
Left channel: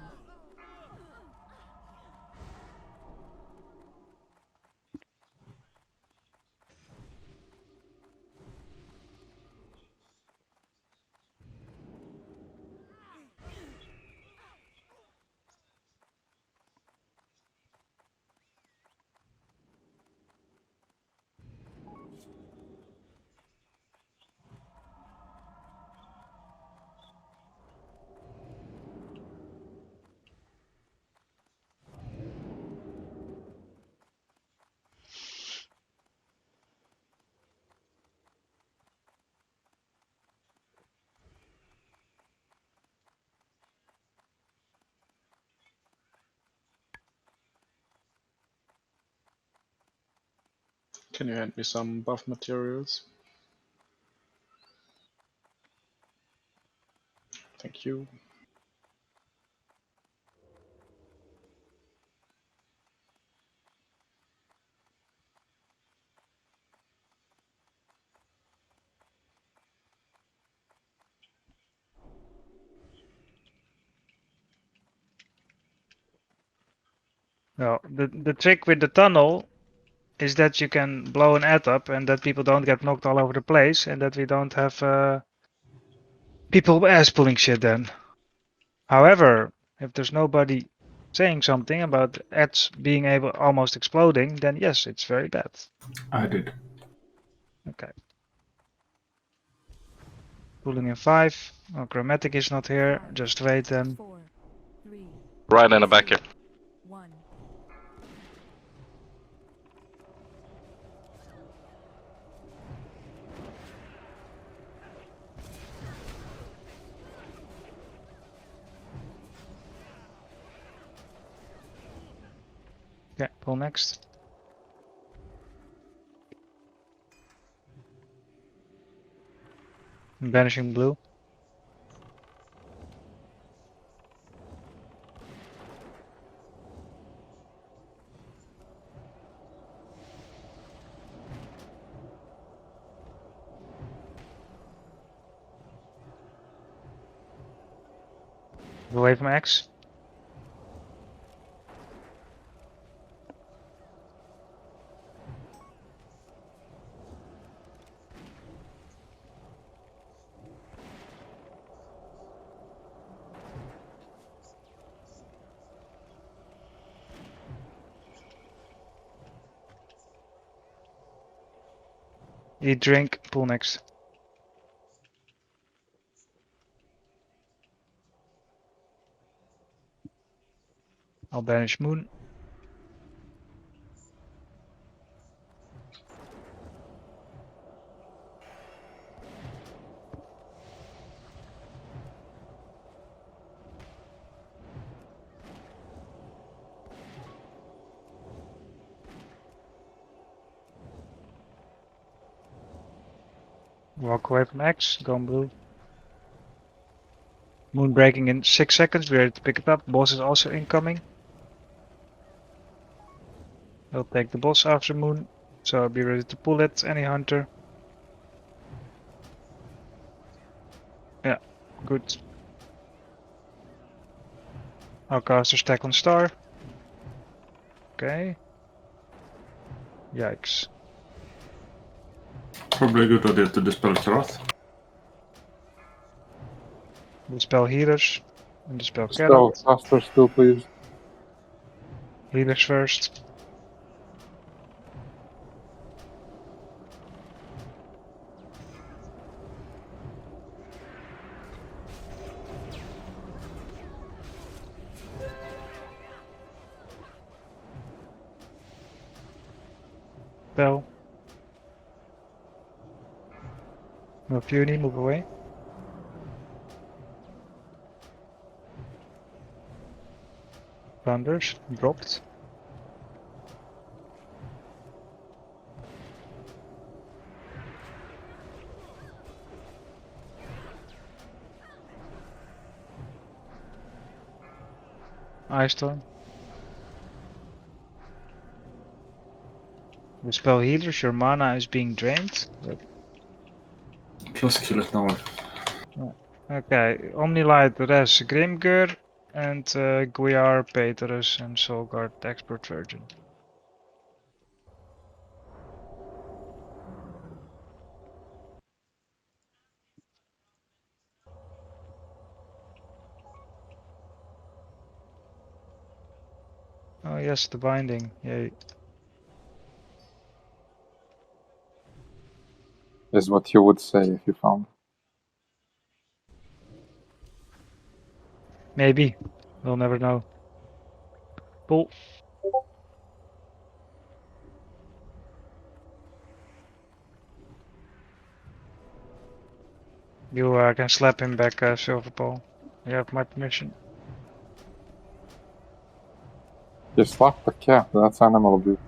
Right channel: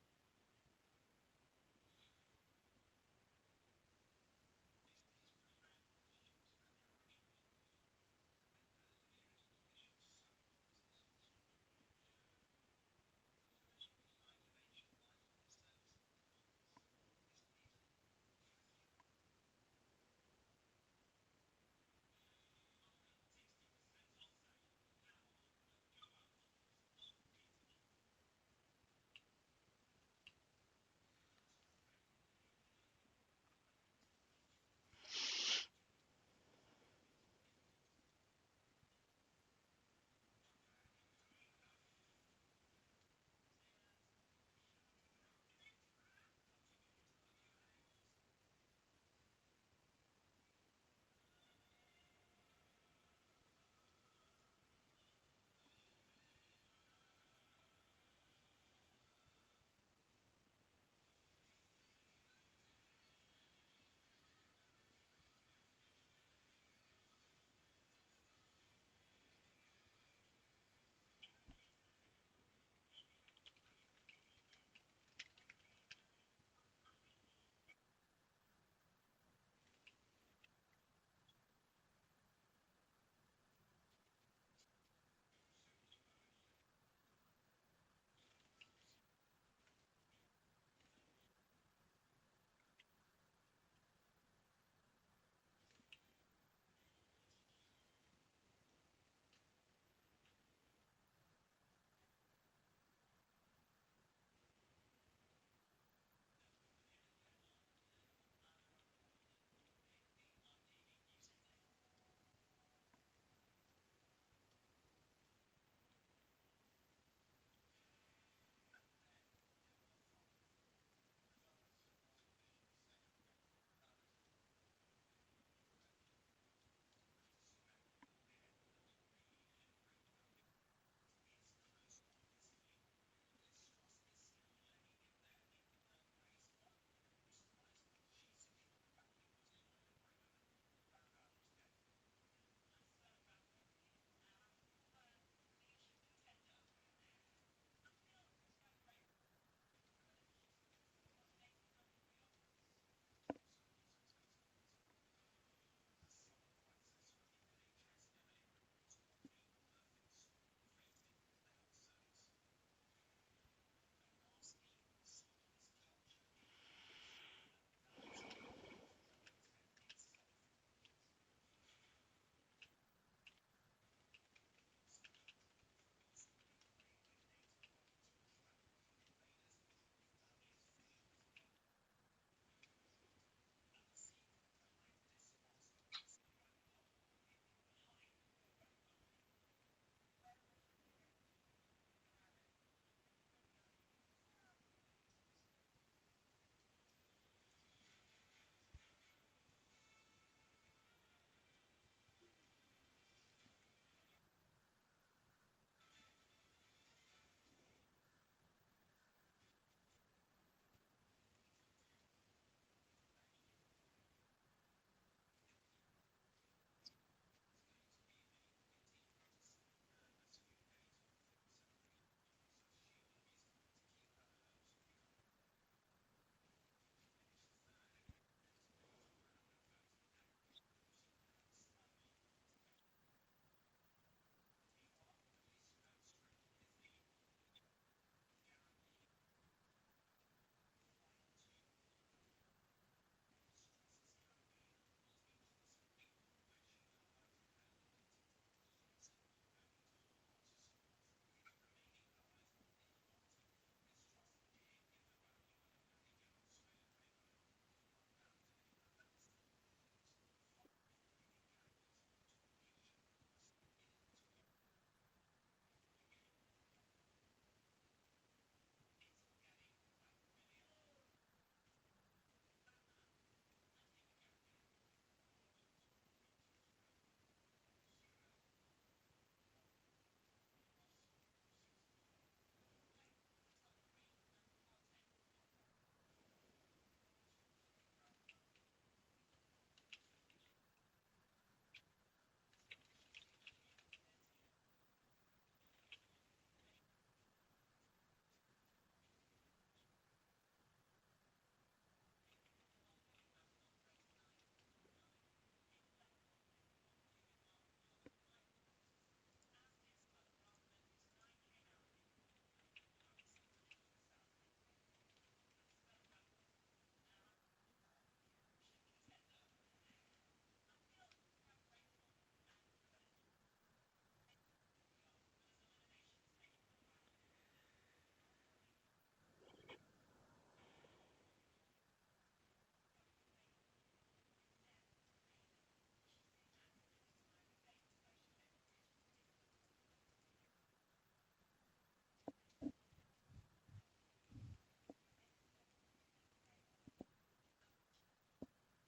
Can you hand me some buff materials? Thank you. Well, the trick with the tunnel is that you can blow an ad up and that people don't get knocked all over the place and that we don't have people ass pulling shit then. However, if there's nobody saying something about ads being able almost exploding, then yes, it's very bad. I did. Okay. Pulling in 5. Oh, Chromatic is not here. Just wait then. 4, 3, Right in the back here. 1. Okay, pull next. Banishing blue. Away from X. Eat, drink, pull next. I'll banish Moon. Walk away from X, gone blue. Moon breaking in 6 seconds, we're ready to pick it up. Boss is also incoming. I'll take the boss after Moon, so I'll be ready to pull it, any hunter. Yeah, good. I'll cast a stack on star. Okay. Yikes. Probably a good idea to dispel Karath. Dispel healers and dispel Spell Carrot. caster still, please. Healers first. Bell. No Fury, move away. Thunders, dropped. Ice Storm. We spell healers, your mana is being drained. Plus kill it now. Okay, Omnilight, Res, Grimgur, and Guiar, Peterus, and Solgard, Expert Virgin. Oh yes, the binding, yay. Is what you would say if you found. Maybe, we'll never know. Pull. You can slap him back, Silverpaw. You have my permission. You slap the cat, that's animal abuse.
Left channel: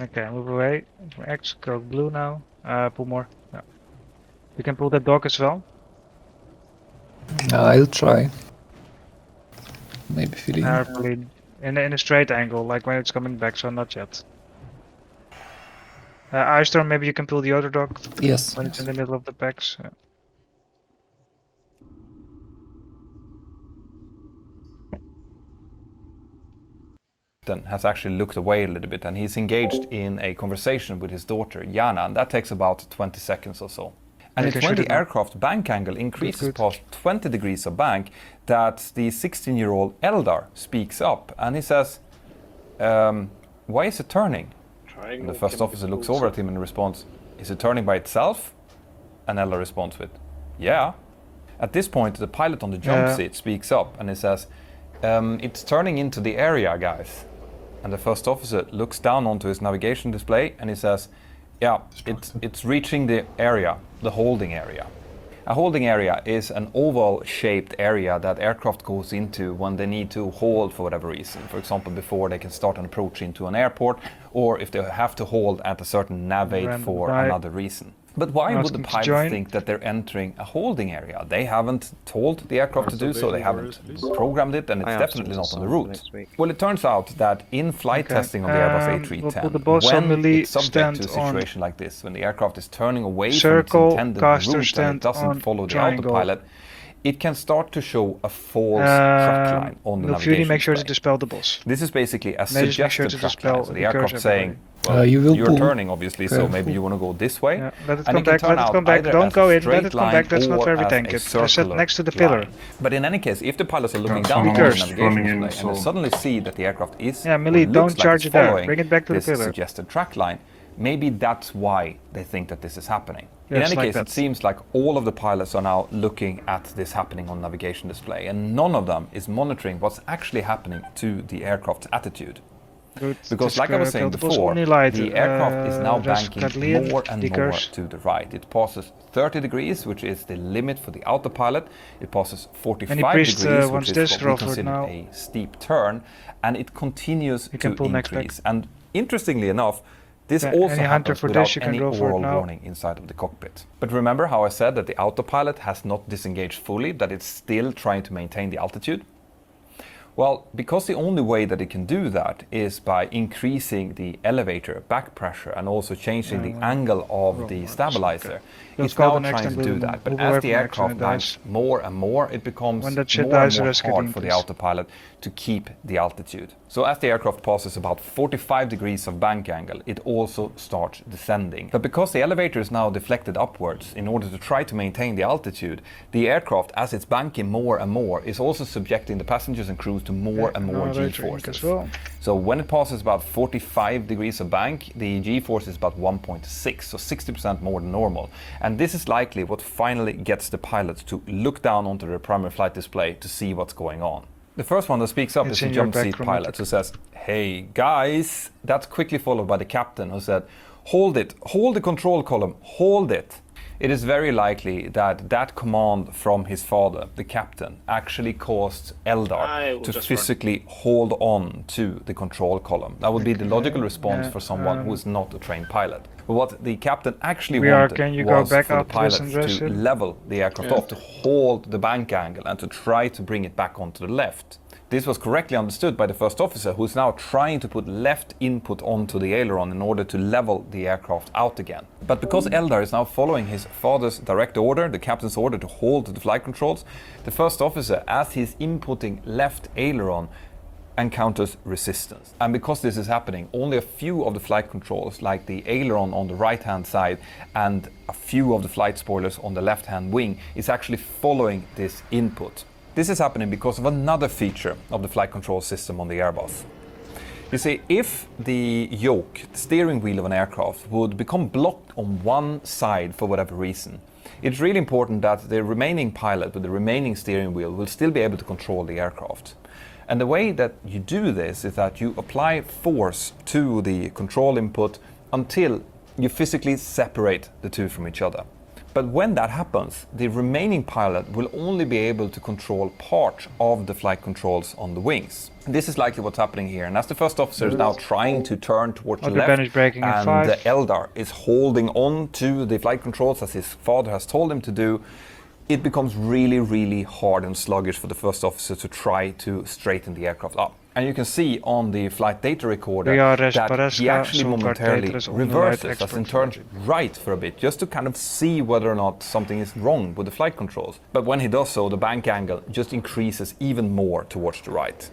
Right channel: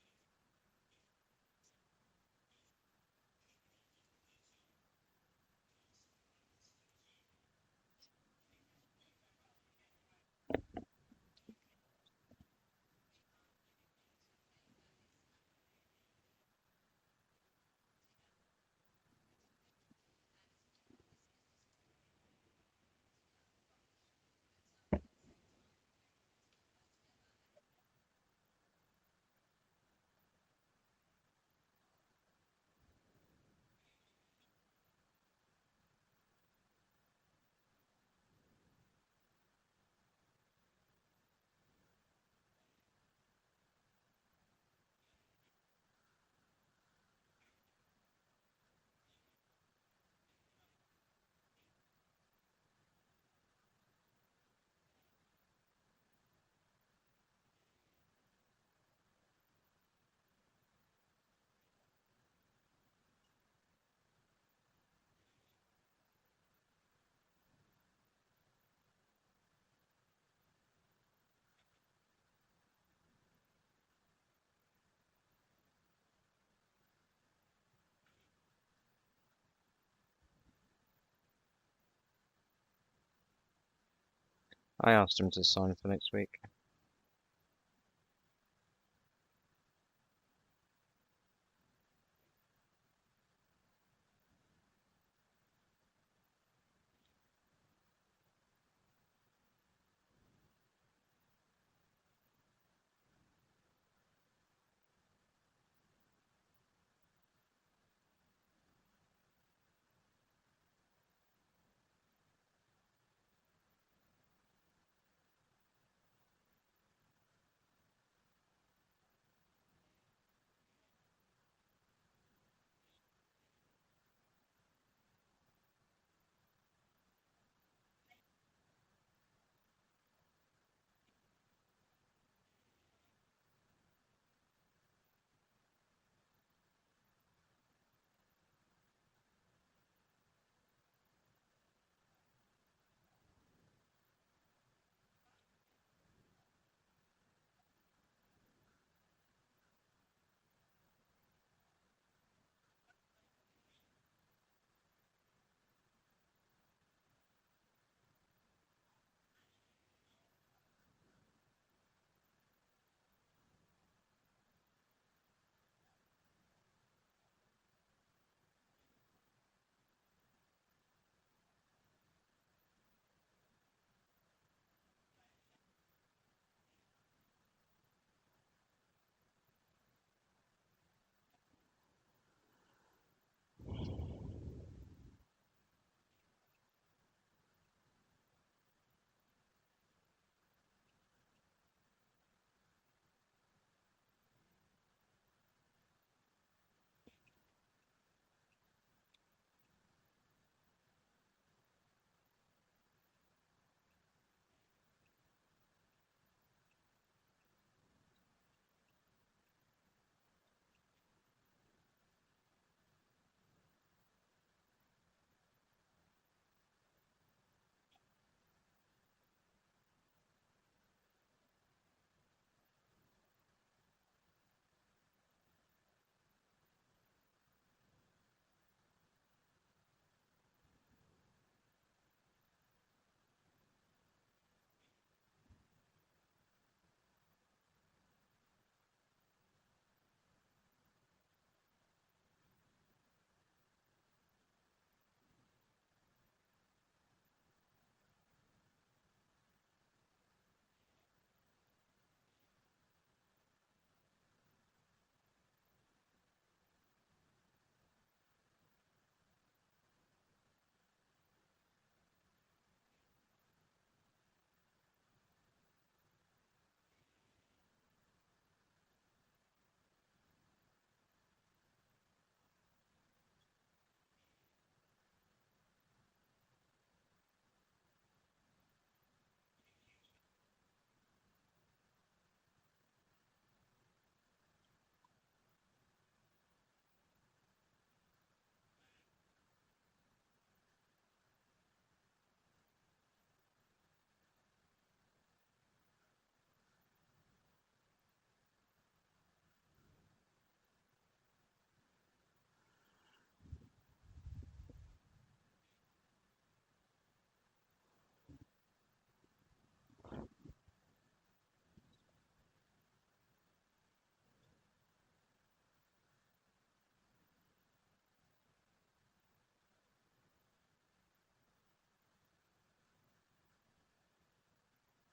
Okay, move away. X, go blue now. Pull more. Yeah. You can pull that dog as well. I'll try. Maybe feeling. Carefully. In a straight angle, like when it's coming back, so not yet. Ice Storm, maybe you can pull the other dog. Yes. When it's in the middle of the packs. Yeah. Has actually looked away a little bit, and he's engaged in a conversation with his daughter Yana, and that takes about 20 seconds or so. And it's when the aircraft bank angle increases past 20 degrees of bank that the 16-year-old Eldar speaks up, and he says, why is it turning? And the first officer looks over at him and responds, is it turning by itself? And Eldar responds with, yeah. At this point, the pilot on the jump seat speaks up, and he says, it's turning into the area, guys. And the first officer looks down onto his navigation display and he says, yeah, it's reaching the area, the holding area. A holding area is an oval-shaped area that aircraft goes into when they need to hold for whatever reason. For example, before they can start an approach into an airport, or if they have to hold at a certain nav for another reason. But why would the pilots think that they're entering a holding area? They haven't told the aircraft to do so, they haven't programmed it, and it's definitely not on the route. Well, it turns out that in flight testing of the Airbus A310, when it's subject to a situation like this, when the aircraft is turning away from its intended route and it doesn't follow the autopilot, it can start to show a false track line on the navigation make sure to display. dispel the boss. This is basically a suggested track line, so the aircraft saying, well, you're turning obviously, so maybe you want to go this way. Yeah, let it and come back, let it come back, don't go in, let it come back, that's not where we tank it. I said next to the pillar. But in any case, if the pilots are looking down on the navigation display and they suddenly see that the aircraft is Millie, don't charge it there, bring it back to the pillar. Suggested track line, maybe that's why they think that this is happening. In Yes, any like case, that. it seems like all of the pilots are now looking at this happening on navigation display, and none of them is monitoring what's actually happening to the aircraft's attitude. Good. Because like I was saying before, the aircraft is now banking more and more to the right. It passes 30 degrees, which is the limit for the autopilot. It passes 45 degrees, which is what we consider a steep turn, and it continues to increase. And interestingly enough, this also happens without any oral warning inside of the cockpit. But remember how I said that the autopilot has not disengaged fully, that it's still trying to maintain the altitude? Well, because the only way that it can do that is by increasing the elevator back pressure and also changing the angle of the stabilizer. It's now trying to do that, but as the aircraft climbs more and more, it becomes more and more hard for the autopilot to keep the altitude. So as the aircraft passes about 45 degrees of bank angle, it also starts descending. But because the elevator is now deflected upwards in order to try to maintain the altitude, the aircraft, as it's banking more and more, is also subjecting the passengers and crews to more and more G-forces. So when it passes about 45 degrees of bank, the G-force is about 1.6, so 60% more than normal. And this is likely what finally gets the pilots to look down onto their primary flight display to see what's going on. The first one that speaks up is the jump seat pilot, who says, "Hey guys," that's quickly followed by the captain, who said, "Hold it, hold the control column, hold it." It is very likely that that command from his father, the captain, actually caused Eldar to physically hold on to the control column. That would be the logical response for someone who is not a trained pilot. But what the captain actually wanted was for the pilots to level the aircraft off, to hold the bank angle and to try to bring it back onto the left. This was correctly understood by the first officer, who is now trying to put left input onto the aileron in order to level the aircraft out again. But because Eldar is now following his father's direct order, the captain's order to hold the flight controls, the first officer, as he's inputting left aileron, encounters resistance. And because this is happening, only a few of the flight controls, like the aileron on the right-hand side and a few of the flight spoilers on the left-hand wing, is actually following this input. This is happening because of another feature of the flight control system on the Airbus. You see, if the yoke, the steering wheel of an aircraft, would become blocked on one side for whatever reason, it's really important that the remaining pilot with the remaining steering wheel will still be able to control the aircraft. And the way that you do this is that you apply force to the control input until you physically separate the two from each other. But when that happens, the remaining pilot will only be able to control part of the flight controls on the wings. This is likely what's happening here. And as the first officer is now trying to turn towards the left, and Eldar is holding on to the flight controls as his father has told him to do, it becomes really, really hard and sluggish for the first officer to try to straighten the aircraft up. And you can see on the flight data recorder that he actually momentarily reverses, as in turns right for a bit, just to kind of see whether or not something is wrong with the flight controls. But when he does so, the bank angle just increases even more towards the right.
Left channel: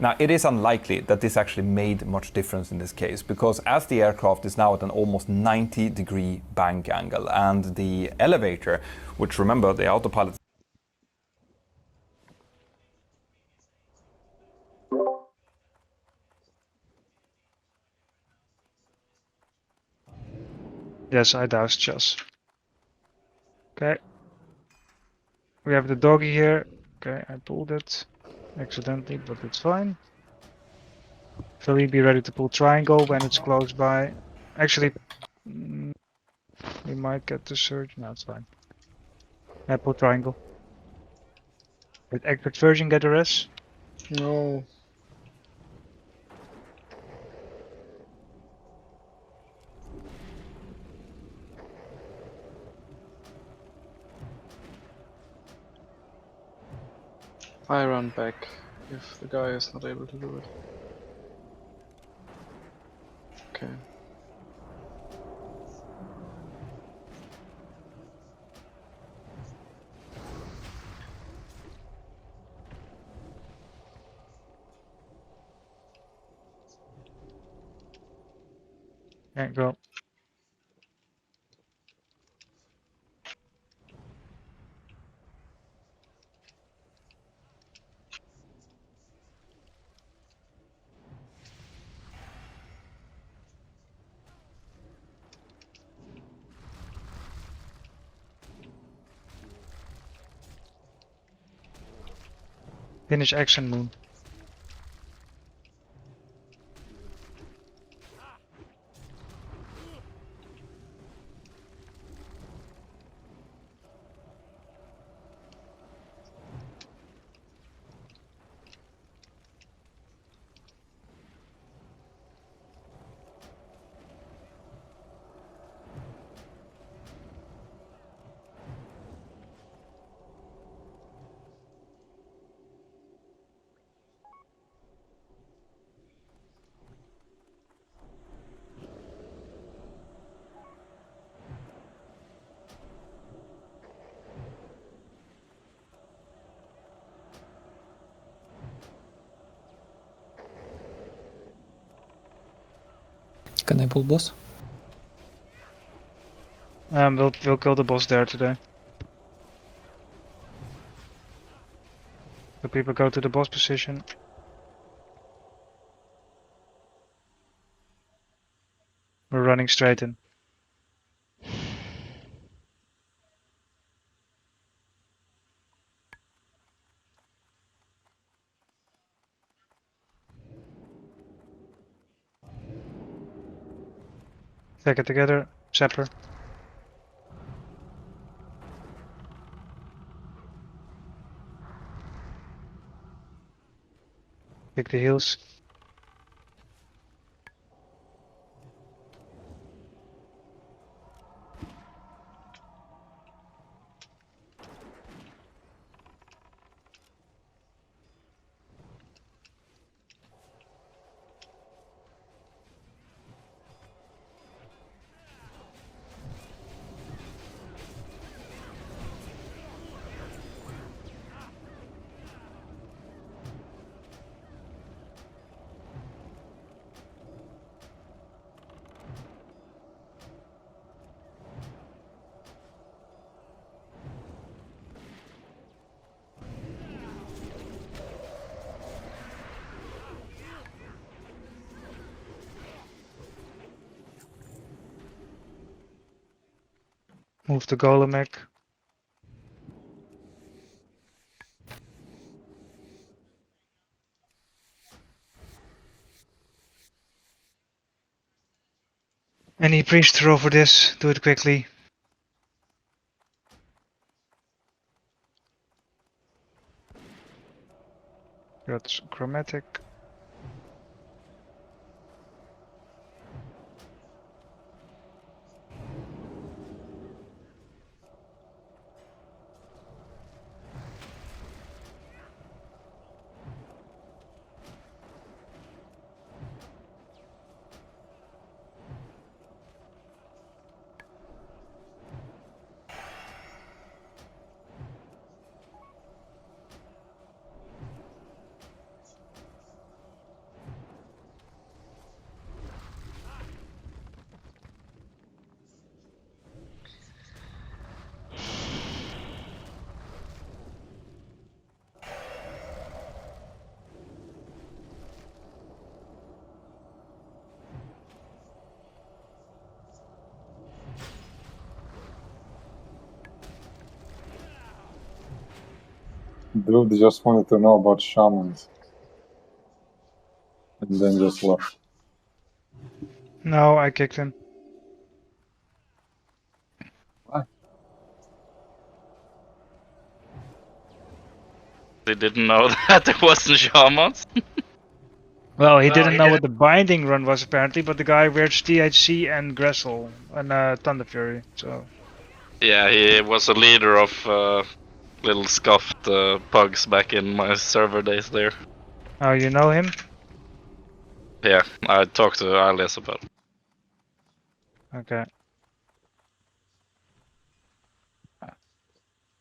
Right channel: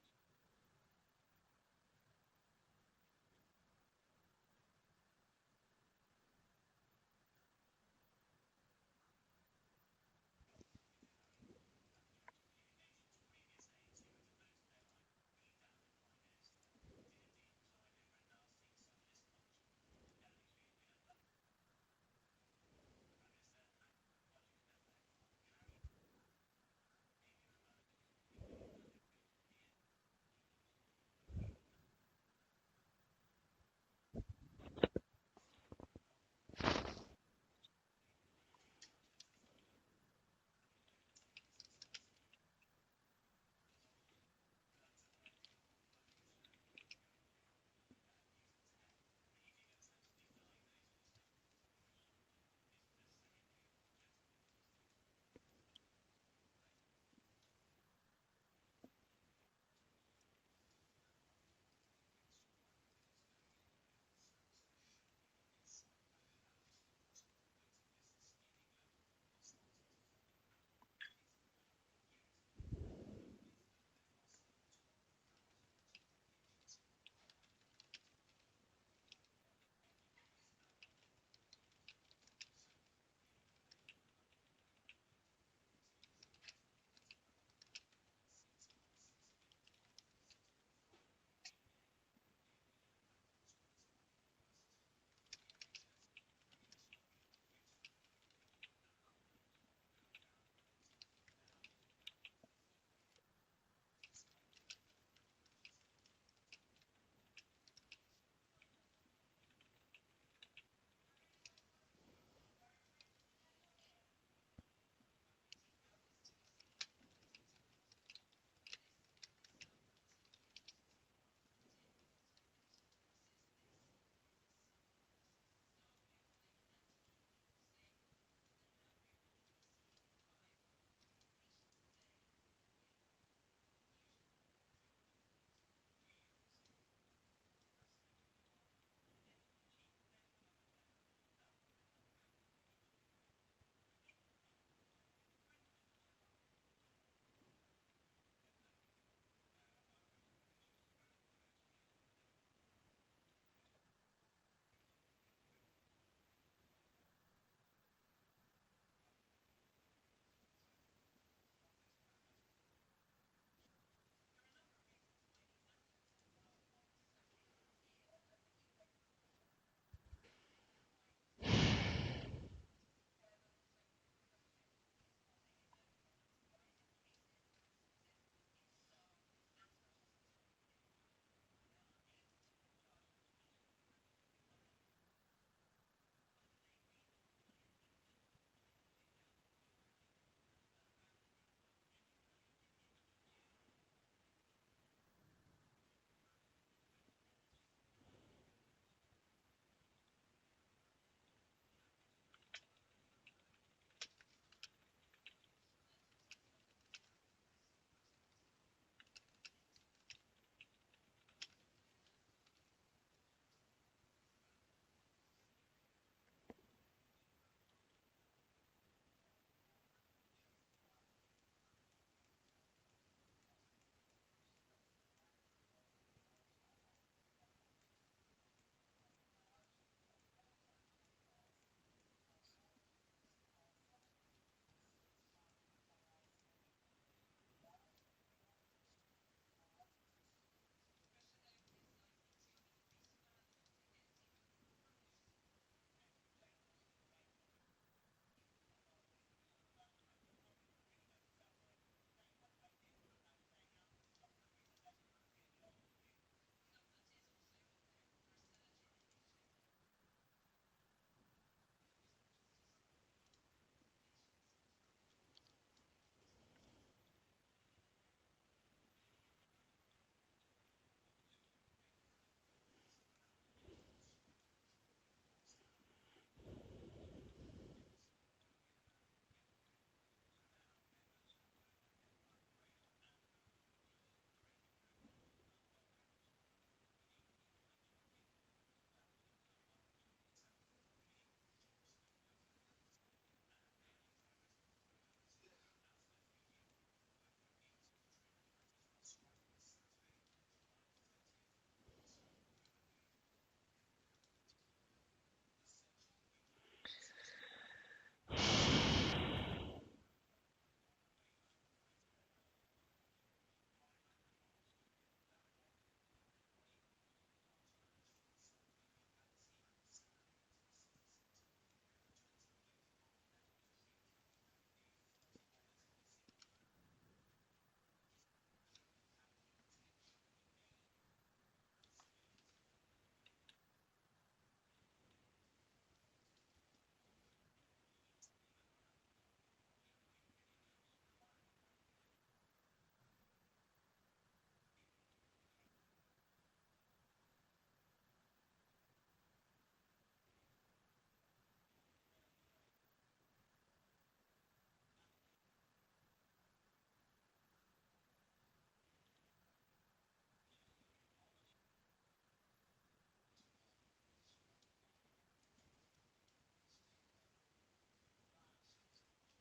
Now, it is unlikely that this actually made much difference in this case, because as the aircraft is now at an almost 90-degree bank angle, and the elevator, which, remember, the autopilot Yes, I doused Chess. Okay. We have the doggy here. Okay, I pulled it accidentally, but it's fine. Philly, be ready to pull triangle when it's close by. Actually, we might get the surge. No, it's fine. I pull triangle. Did expert version get a res? No. I run back if the guy is not able to do it. Okay. Can't go. Finish action moon. Can I pull boss? We'll kill the boss there today. So people go to the boss position. We're running straight in. Take it together. Zapper. Pick the heels. Move the golem egg. Any priest over this? Do it quickly. Got chromatic. Dude just wanted to know about shamans. And then just left. No, I kicked him. Why? They didn't know that there wasn't shamans. Well, he didn't know what the binding run was apparently, but the guy wears THC and Gressel and Thunder Fury, so. Yeah, he was a leader of little scuffed pugs back in my server days there. Oh, you know him? Yeah, I talked to Alias about it. Okay.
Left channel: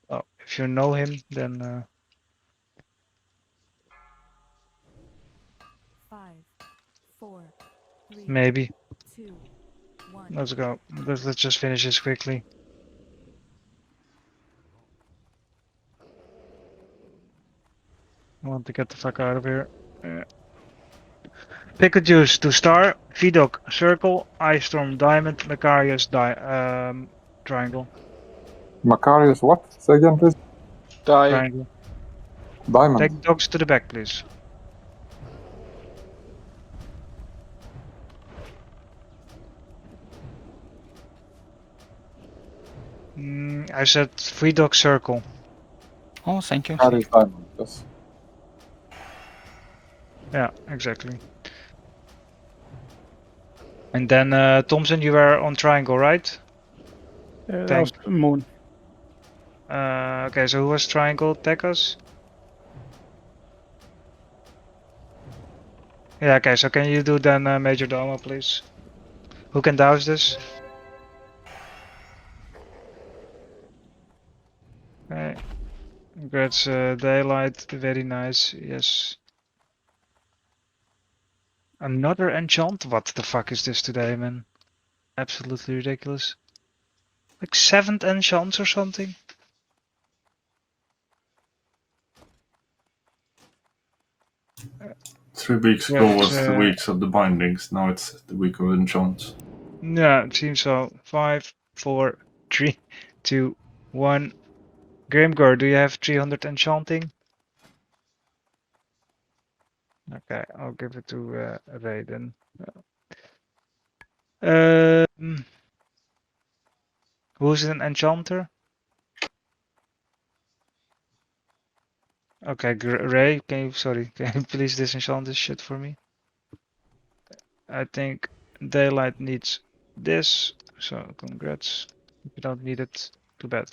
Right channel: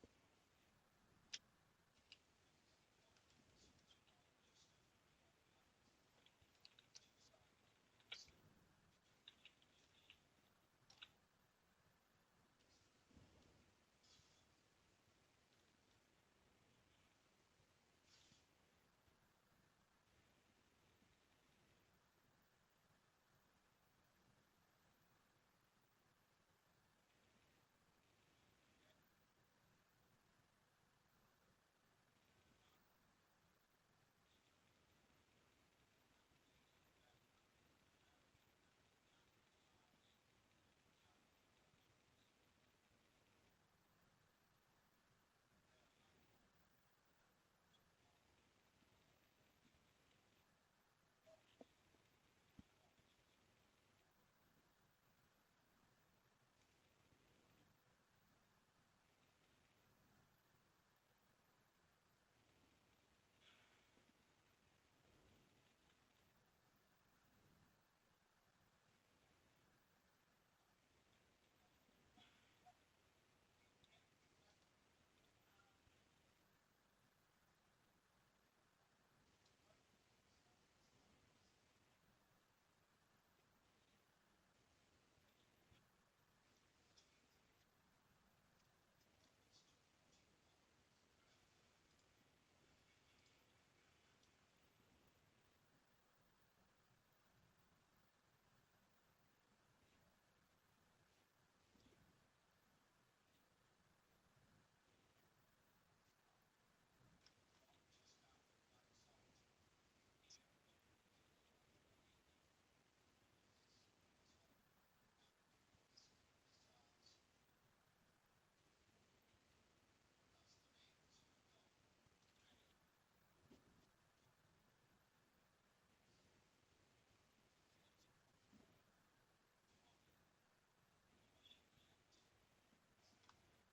Oh, if you know him, then 5, 4, 3, maybe. 2, 1. Let's go. Let's just finish this quickly. I want to get the fuck out of here. Pick a juice to star, Vidok, circle, Ice Storm, diamond, Macarius, triangle. Macarius, what? Say again, please. Triangle. Diamond. Take dogs to the back, please. I said free dog circle. Oh, thank you. Macarius diamond, yes. Yeah, exactly. And then Thompson, you were on triangle, right? That was moon. Okay, so who was triangle? Tekos? Yeah, okay, so can you do then Major Domo, please? Who can douse this? Okay. Congrats, daylight, very nice, yes. Another enchant? What the fuck is this today, man? Absolutely ridiculous. Like 7th enchants or something? 3 weeks ago was the weeks of the bindings, now it's the week of enchants. Yeah, it seems so. 5, 4, 3, 2, 1. Grimgor, do you have 300 enchanting? Okay, I'll give it to Ray then. Who's an enchanter? Okay, Ray, can you can you please disenchant this shit for me? I think Daylight needs this, so congrats. If you don't need it, too bad.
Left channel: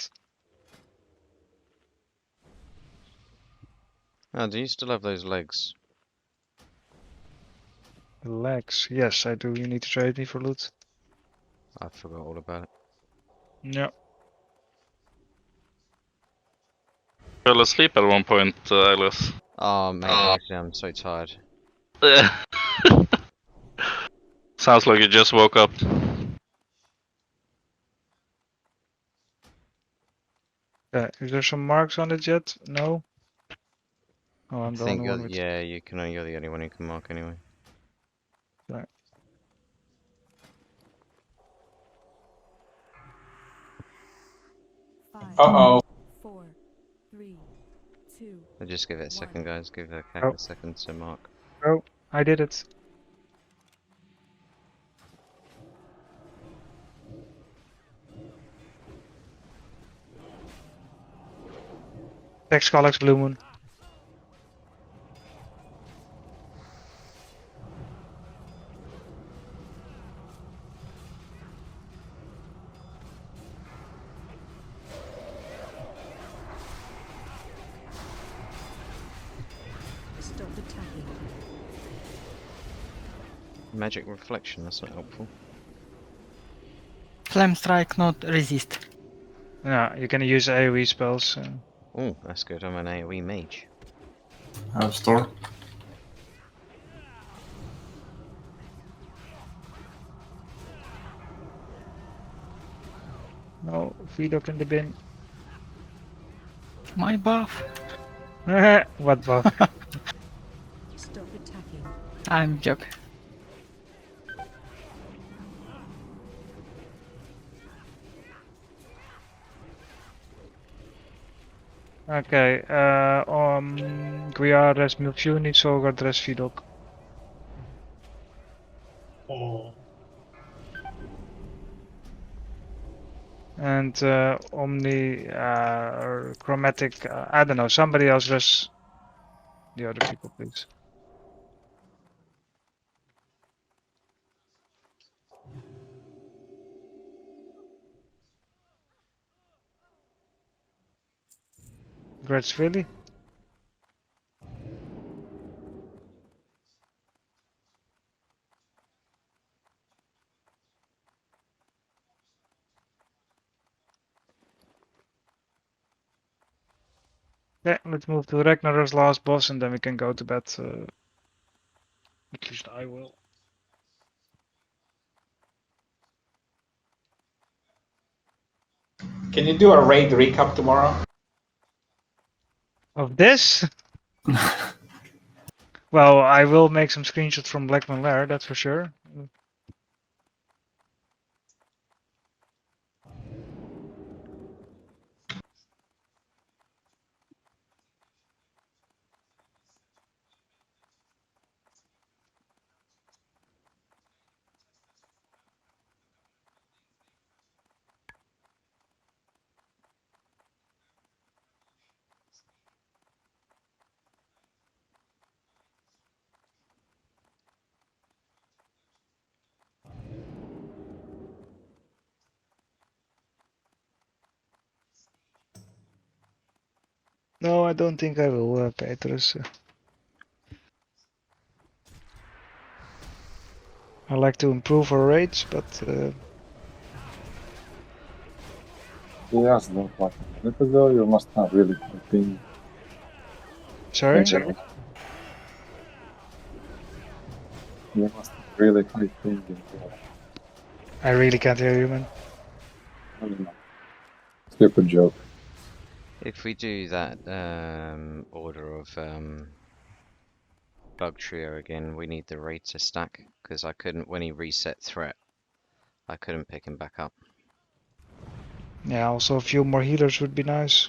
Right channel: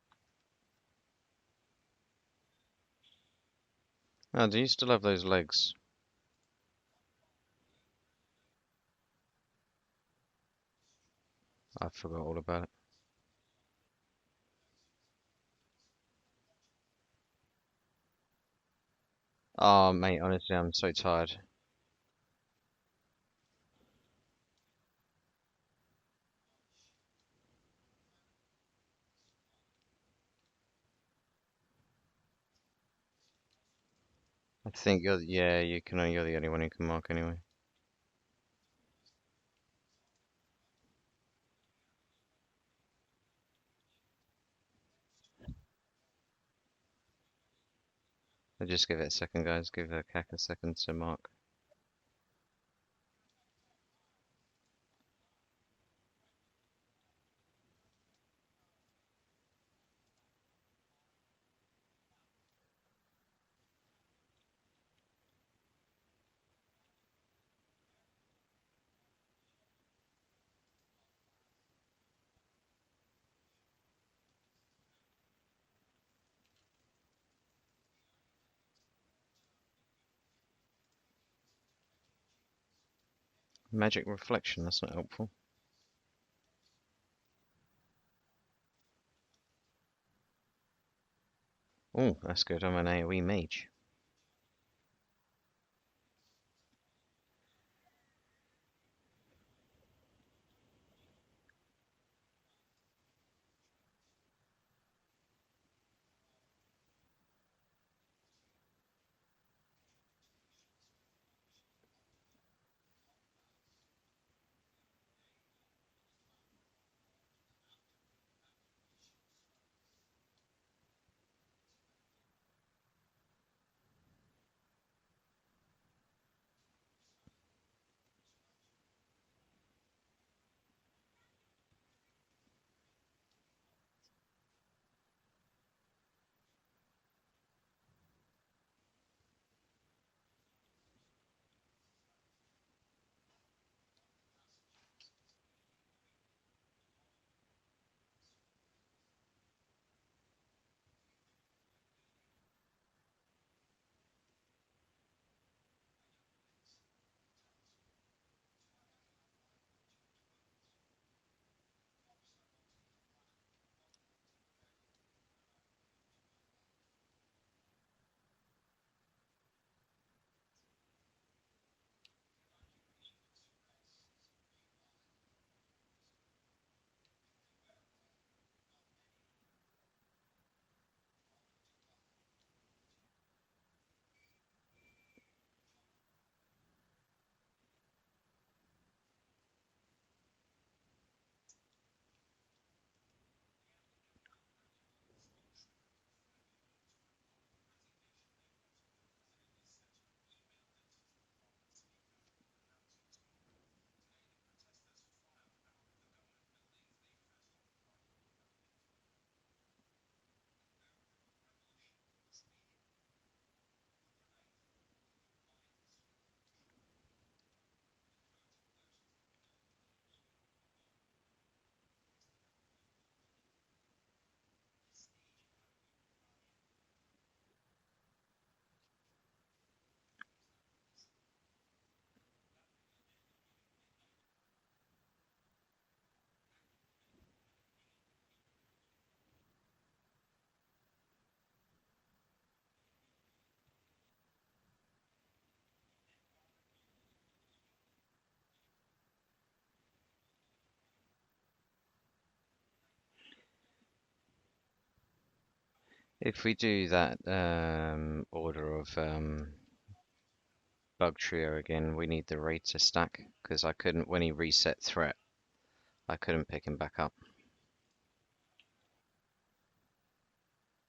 Oh, do you still have those legs? Legs, yes, I do. You need to trade me for loot. I forgot all about it. Yeah. Fell asleep at one point, Alice. Oh, mate, honestly, I'm so tired. Sounds like you just woke up. Is there some marks on it yet? No. Oh, I I'm the think only one with. yeah, you're the only one who can mark anyway. Right. Uh-oh. 4, 3, 2. I'll just give it a second, guys. Give the aq a second to mark. Oh, I did it. Tex Collex Blue Moon. Stop attacking. Magic reflection, that's not helpful. Flame strike, not resist. Yeah, you can use AoE spells. Oh, that's good. I'm an AoE mage. Have store. No, feed up in the bin. My buff. What buff? Stop attacking. I'm joking. Okay, Guiares Milfuni, Sogar, Dress Vidok. Oh. And Omni, Chromatic, I don't know, somebody else dress the other people, please. Grats, really? Yeah, let's move to Ragnar's last boss and then we can go to bed. At least I will. Can you do a raid recap tomorrow? Of this? Well, I will make some screenshots from Blackman Lair, that's for sure. No, I don't think I will, Petrus. I like to improve our rates, but He asked that like a minute ago. You must have really good ping. Sorry? You must have really high ping in here. I really can't hear you, man. I don't know. Stupid joke. If we do that order of Bug Trio again, we need the raid to stack, because I couldn't, when he reset threat, I couldn't pick him back up. Yeah, also a few more healers would be nice.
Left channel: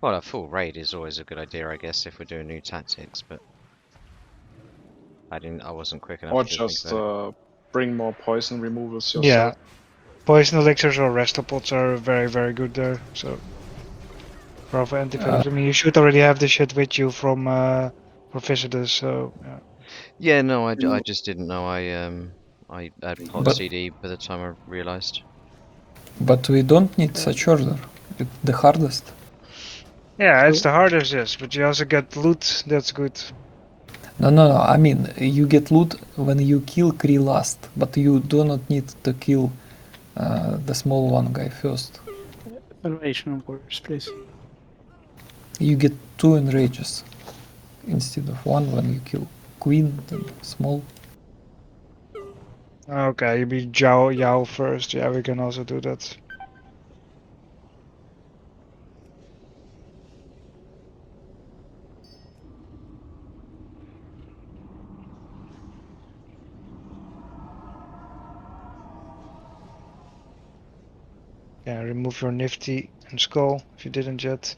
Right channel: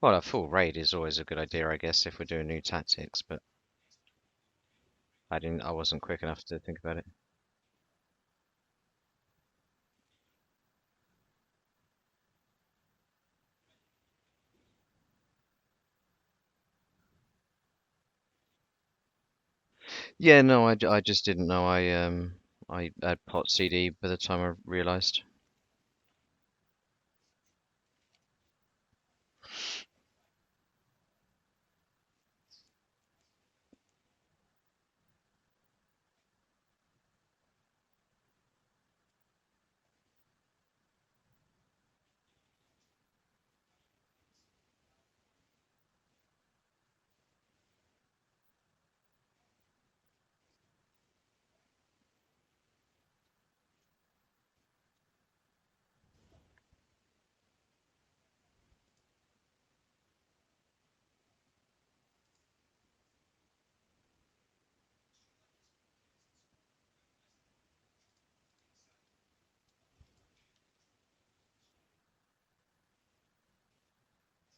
Well, a full raid is always a good idea, I guess, if we're doing new tactics, but I wasn't quick enough Or to just think about it. bring more poison removals yourself. Yeah. Poison elixirs or restopods are very good there. So for anti-venom. I mean, you should already have this shit with you from for visitors. So yeah. Yeah, no, I just didn't know I had pot But- CD by the time I realised. But we don't need such order. It's the hardest. Yeah, it's the hardest, yes, but you also get loot. That's good. No. I mean, you get loot when you kill Kree last, but you do not need to kill the small one guy first. Salvation warriors, please. You get 2 enrages instead of 1 when you kill Queen and small. Okay, you beat Yao first. Yeah, we can also do that. Yeah, remove your Nifty and Skull if you didn't yet.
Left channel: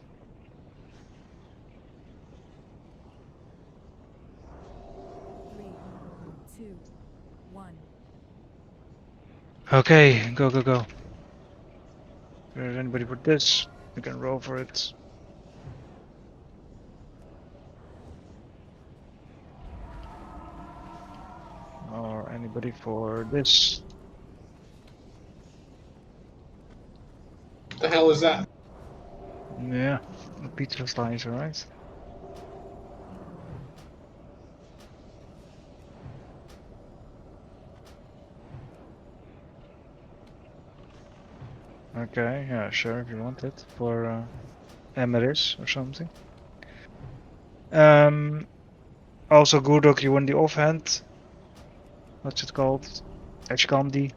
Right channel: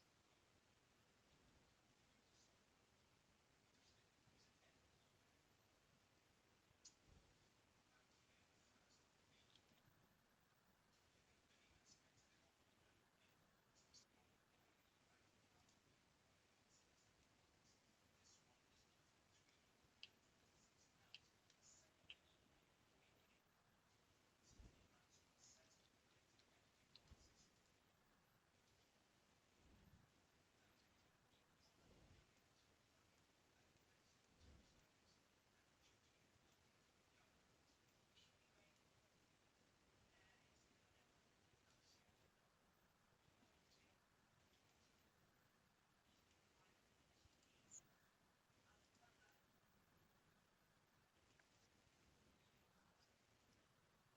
Three, two, one. Okay, go. If there's anybody for this, you can roll for it. Or anybody for this. What the hell is that? Yeah, the pizza slice, alright. Okay, yeah, sure, if you want it. For Emeris or something. Also Gurdok, you want the offhand. What's it called? Aq40.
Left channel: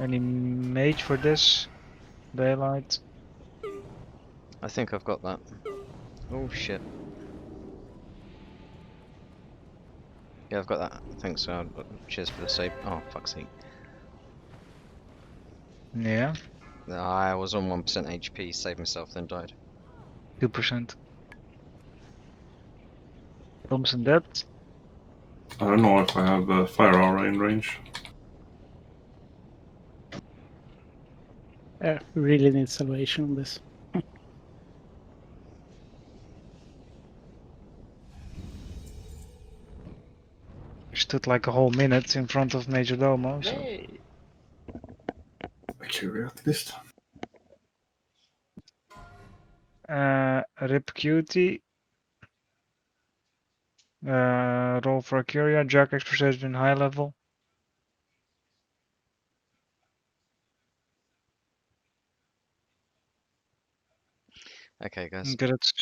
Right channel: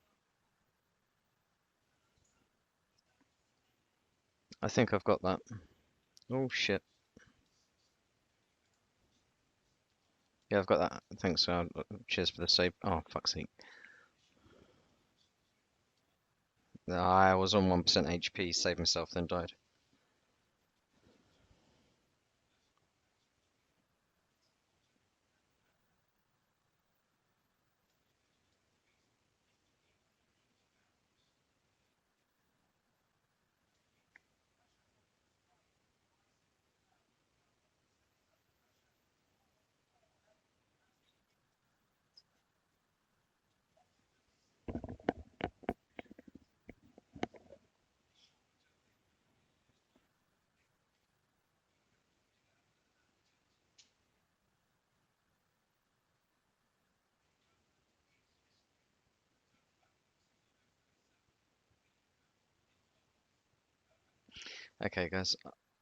Any mage for this? Daylight. I think I've got that. Oh shit. Yeah, I've got that. Thanks. Cheers for the save. Oh, fuck's sake. Yeah. I was on 1% HP, saved myself, then died. 2%. Thompson dead. I don't know if I have a fire aura in range. Yeah, we really need salvation on this. Stood like a whole minute in front of Major Domo. So. Actually, at least. Rip Cutie. Roll for Curia. Jack Exposition high level. Okay, guys. Get it.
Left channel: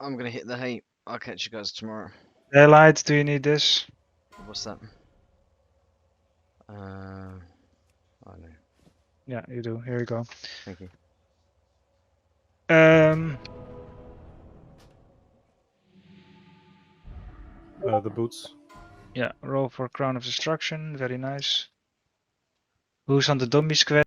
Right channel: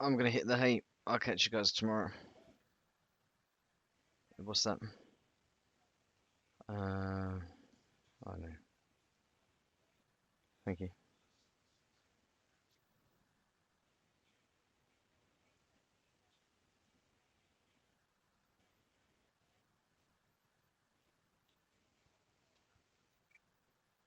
I'm gonna hit the hay. I'll catch you guys tomorrow. Daylight, do you need this? What's that? Oh no. Yeah, you do. Here you go. Thank you. The boots. Yeah, roll for Crown of Destruction. Very nice. Who's on the dummy squad?